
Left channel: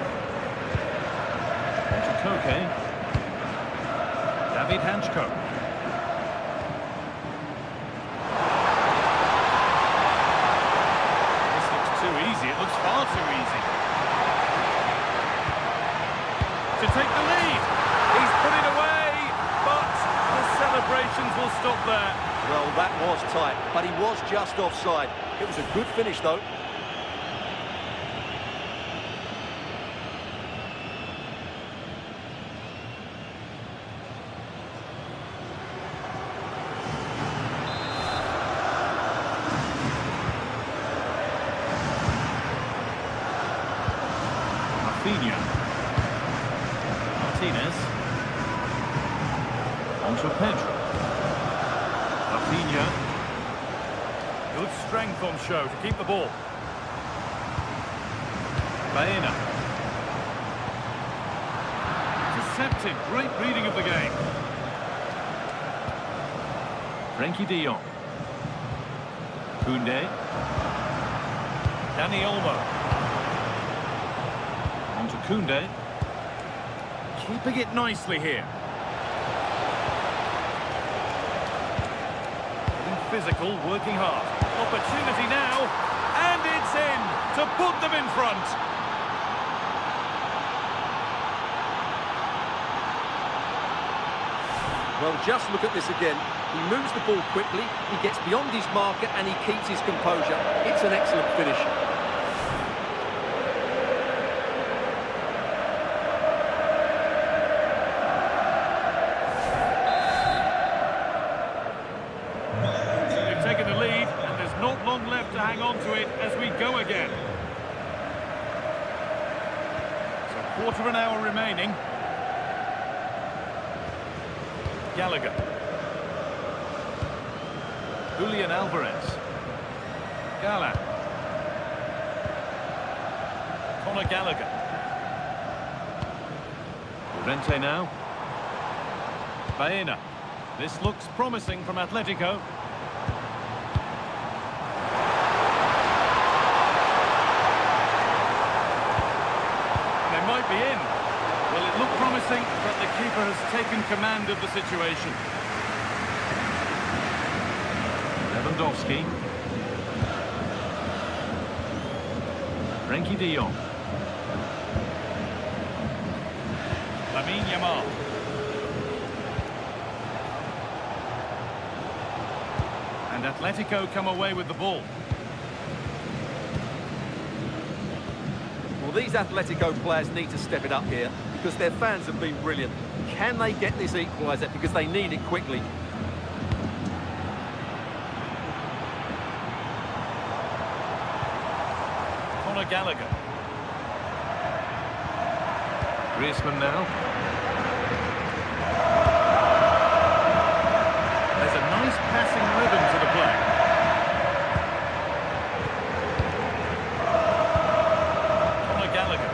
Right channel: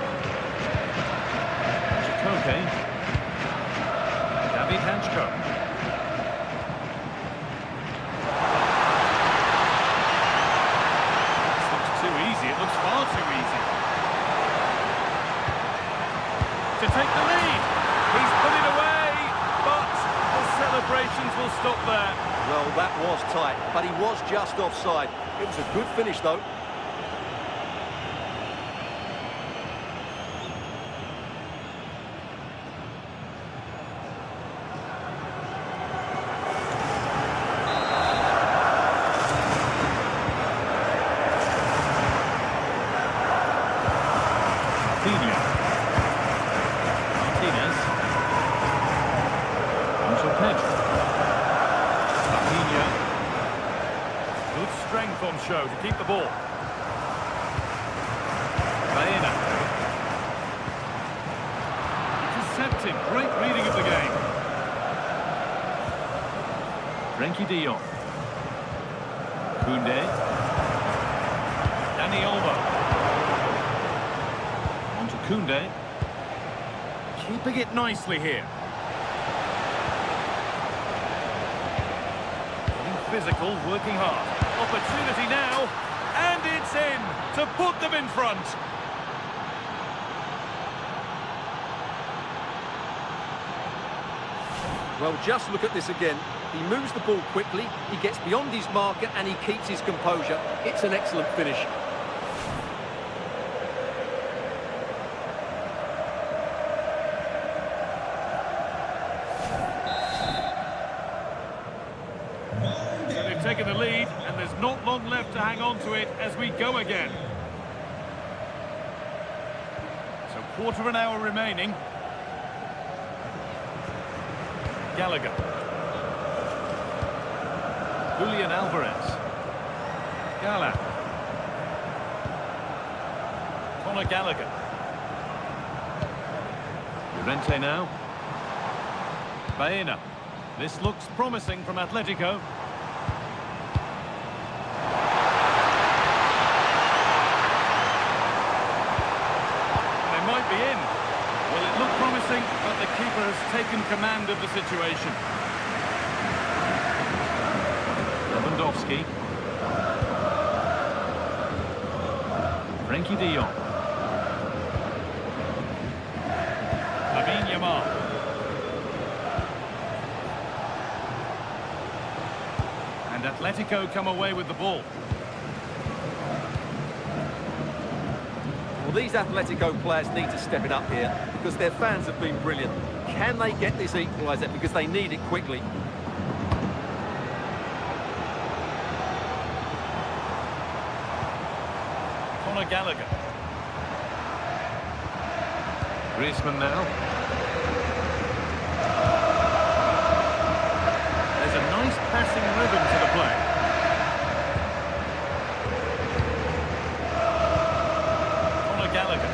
On to Koke. David Hanchko. This looks too easy. It looks far too easy. To take the lead. He's put it away, but the celebrations will stop there. Well, that was tight, but he was just offside. It was a good finish, though. Martinez. On to Pedri. Rafinha. Good strength on show to keep the ball. Baena. Intercepted. Great reading of the game. Frenkie de Jong. Koundé. Dani Olmo. On to Koundé. Keeping it nicely here. Getting physical, working hard. Opportunity now, and it's in to put them in front. Well, just look at this again. He moves the ball quickly, he gets beyond his marker, and he keeps his composure. It's an excellent finish. Taken the lead, and there's not long left to hang on to it as we go again. So quarter of an hour remaining. Gallagher. Julian Alvarez. Gala. Conor Gallagher. Llorente now. Baena. This looks promising from Atletico. be in. Well, it looked promising, but the keeper has taken command of the situation. Lewandowski. Frenkie de Jong. Lamine Yamal. And Atletico come away with the ball. Well, these Atletico players need to step it up here because their fans have been brilliant. Can they get this equaliser because they need it quickly? Conor Gallagher. Griezmann now. There's a nice passing rhythm to the play. Conor Gallagher.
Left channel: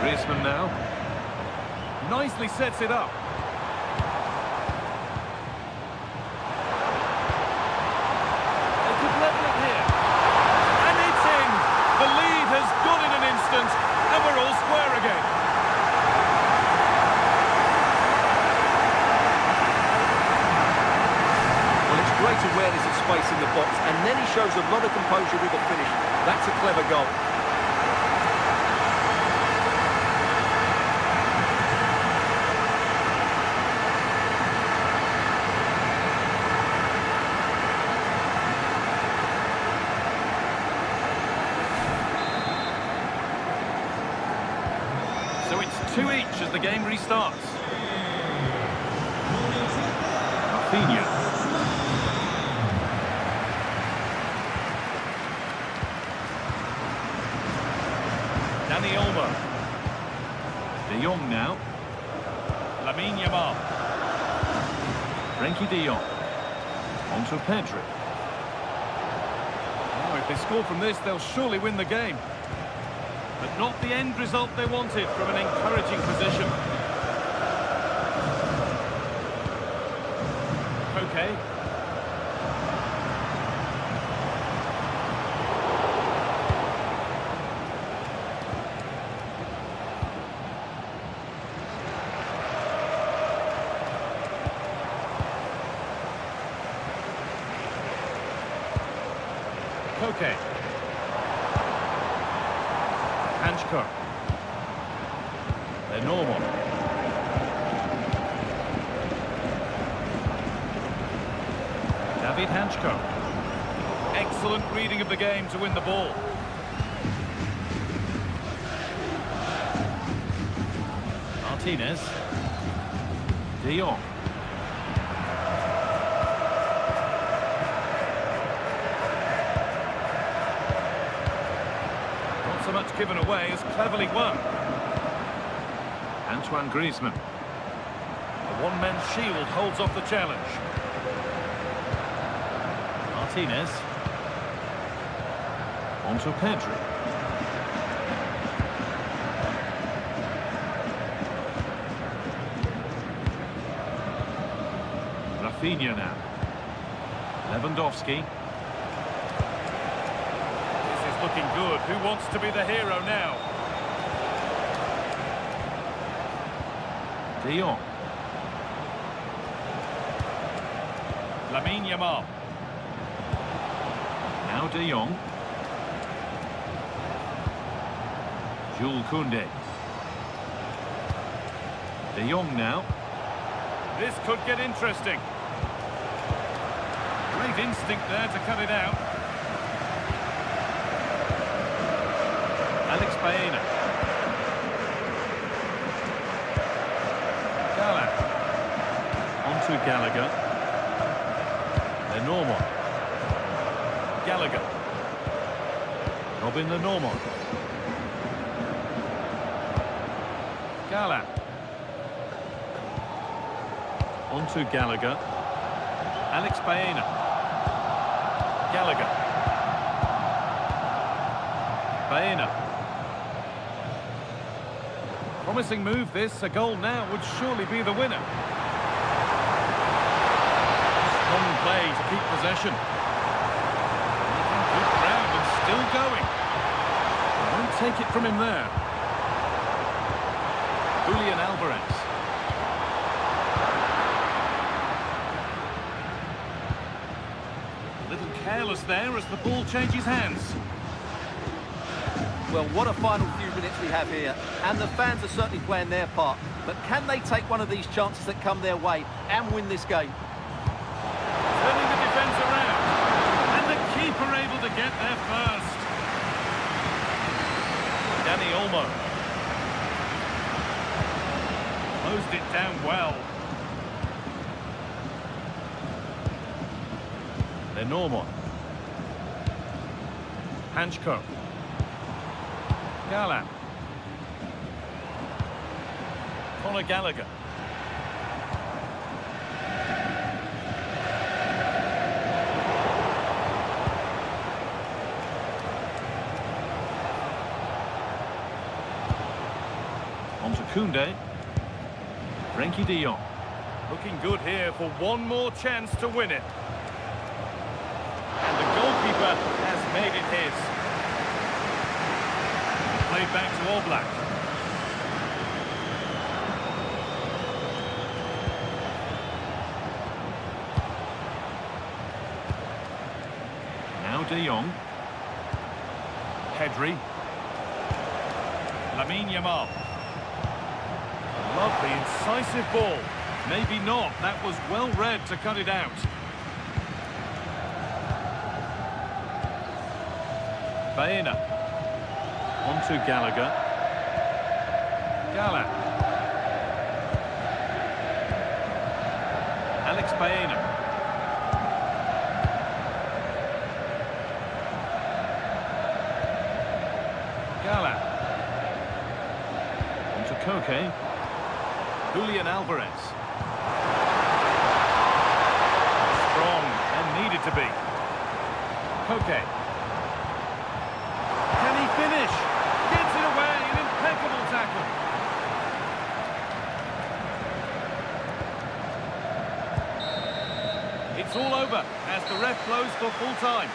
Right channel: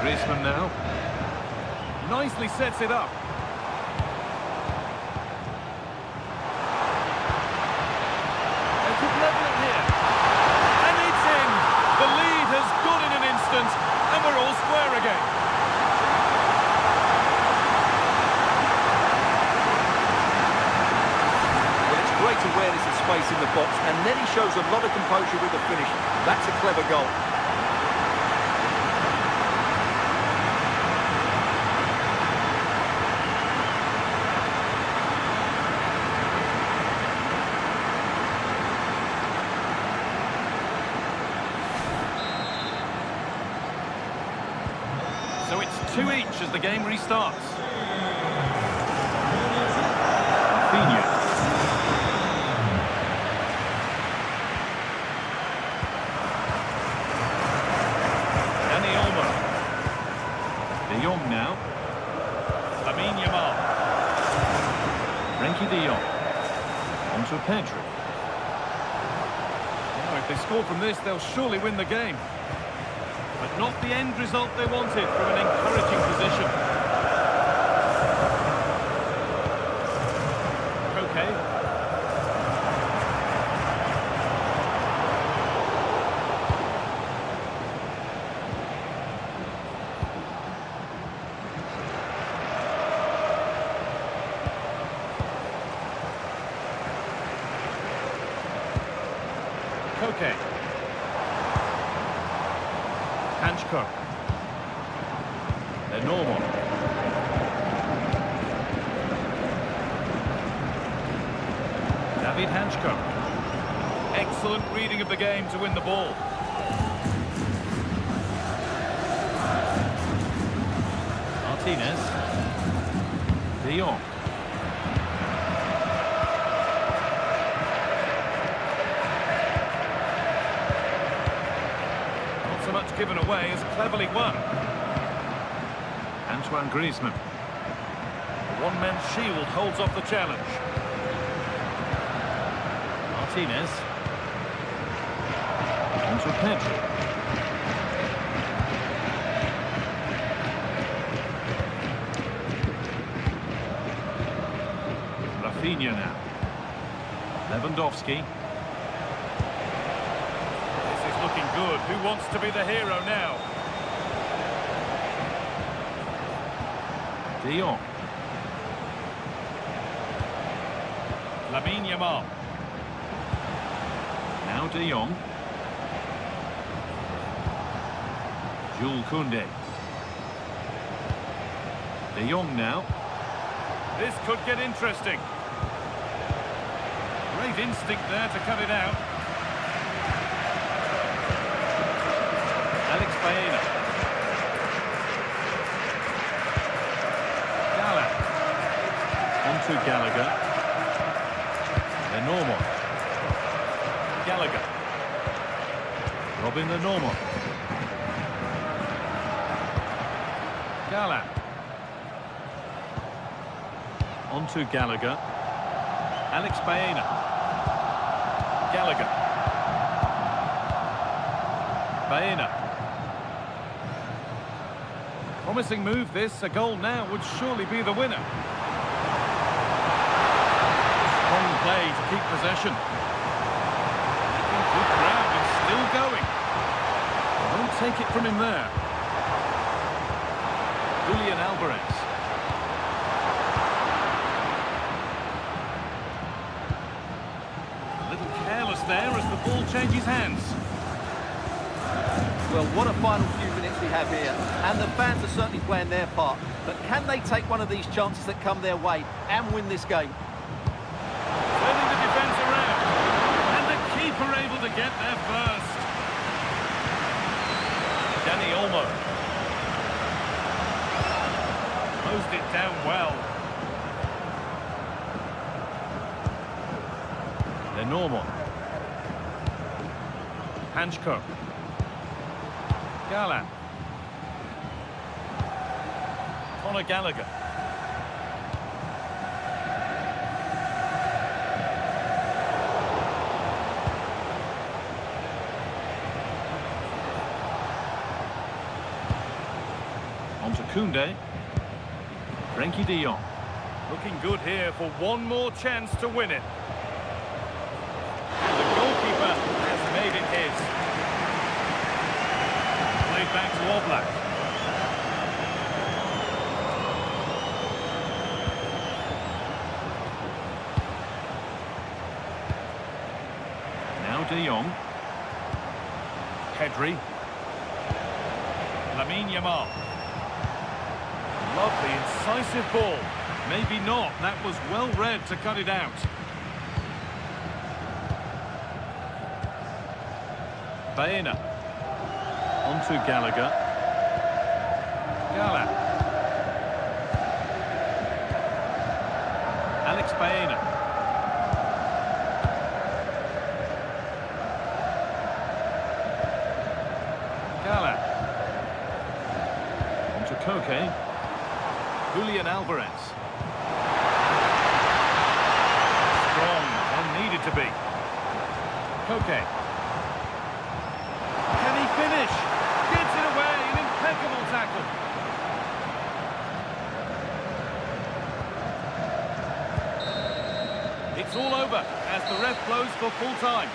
Griezmann now. Nicely sets it up. They could level it here. And it's in. The lead has gone in an instant, and we're all square again. Well, it's great awareness of space in the box, and then he shows a lot of composure with the finish. That's a clever goal. So it's 2 each as the game restarts. Rafinha. Dani Olmo. De Jong now. Lamine Yamal. Frenkie de Jong. On to Pedri. Now, if they score from this, they'll surely win the game. But not the end result they wanted from an encouraging position. Koke. Koke. Hanchko. They're normal. David Hanchko. Excellent reading of the game to win the ball. Martinez. De Jong. So much given away as cleverly won. Antoine Griezmann. The one-man shield holds off the challenge. Martinez. On to Pedri. Rafinha now. Lewandowski. Looking good. Who wants to be the hero now? De Jong. Lamine Yamal. Now De Jong. Jules Koundé. De Jong now. This could get interesting. Great instinct there to cut it out. Alex Baena. Gala. On to Gallagher. Lenormand. Gallagher. Robin Lenormand. Gala. On to Gallagher. Alex Baena. Gallagher. Baena. Promising move this. A goal now would surely be the winner. Strong play to keep possession. Making good ground and still going. Won't take it from him there. Julian Alvarez. A little careless there as the ball changes hands. Well, what a final few minutes we have here, and the fans are certainly playing their part. But can they take one of these chances that come their way and win this game? Turning the defence around. And the keeper able to get there first. Dani Olmo. Closed it down well. Lenormand. Hanchko. Gallant. Conor Gallagher. On to Koundé. Frenkie de Jong. Looking good here for one more chance to win it. And the goalkeeper has made it his. Played back to Oblak. Now de Jong. Pedri. Lamine Yamal. Lovely, incisive ball. Maybe not. That was well read to cut it out. Baena. On to Gallagher. Gallant. Alex Baena. Gallant. On to Koke. Julian Alvarez. Strong and needed to be. Koke. Can he finish? Gets it away, an impeccable tackle. It's all over as the ref blows for full time.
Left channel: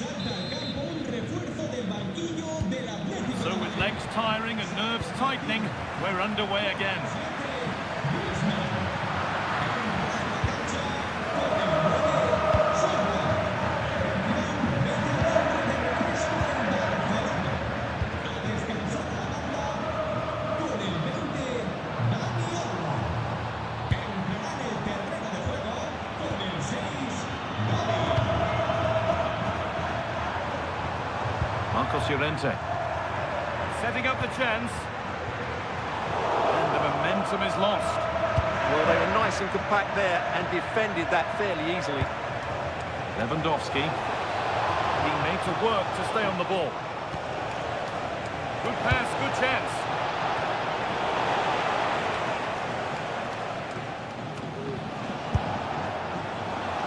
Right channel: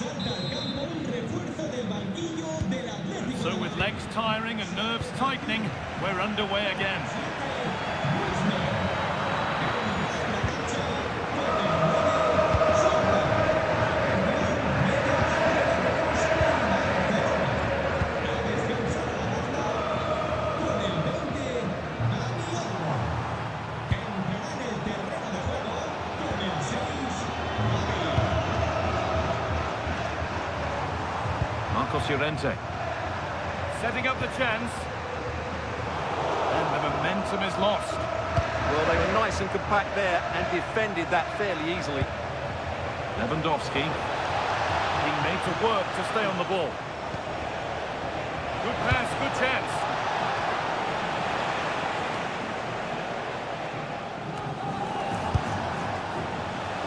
Salta al campo un refuerzo del banquillo del Atlético. So with legs tiring and nerves tightening, we're underway again. Marcos Llorente. Setting up the chance. And the momentum is lost. Well, they were nice and compact there and defended that fairly easily. Lewandowski. Being made to work to stay on the ball. Good pass, good chance.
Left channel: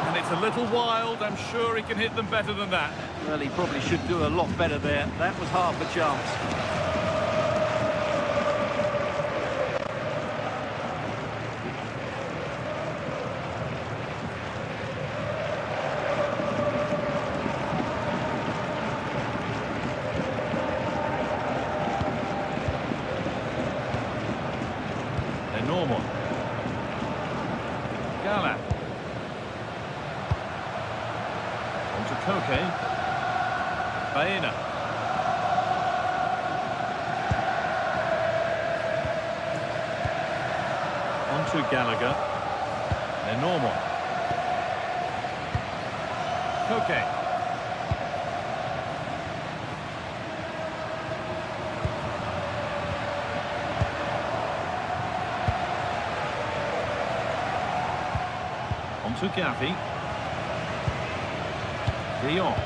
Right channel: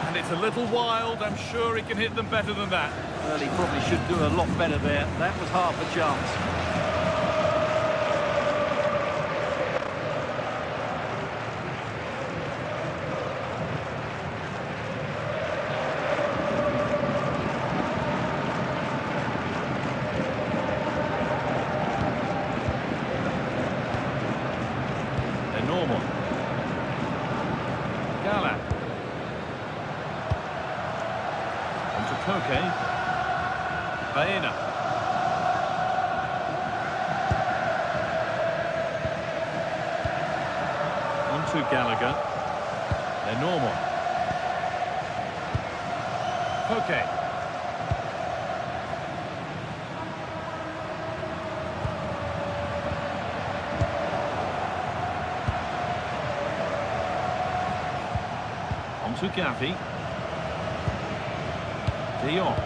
And it's a little wild. I'm sure he can hit them better than that. Well, he probably should do a lot better there. That was half a chance. They're normal. Gala. On to Koke. Baena. On to Gallagher. They're normal. Koke. On to Gavi. De Jong.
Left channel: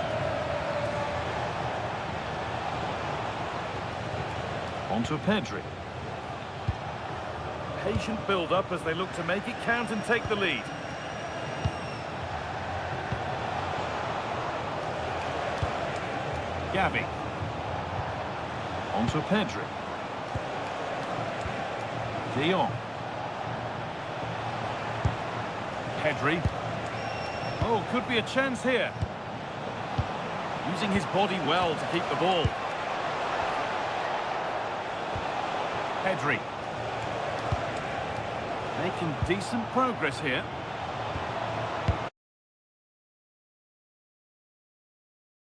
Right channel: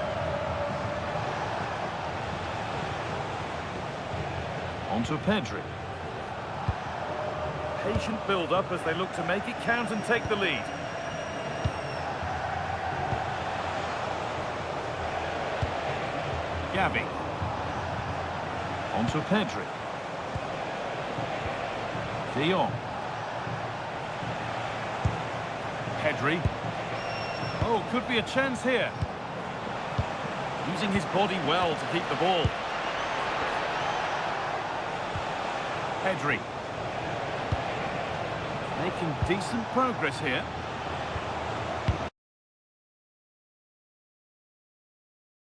On to Pedri. Patient build-up as they look to make it count and take the lead. Gavi. On to Pedri. De Jong. Pedri. Oh, could be a chance here. Using his body well to keep the ball. Pedri. Making decent progress here.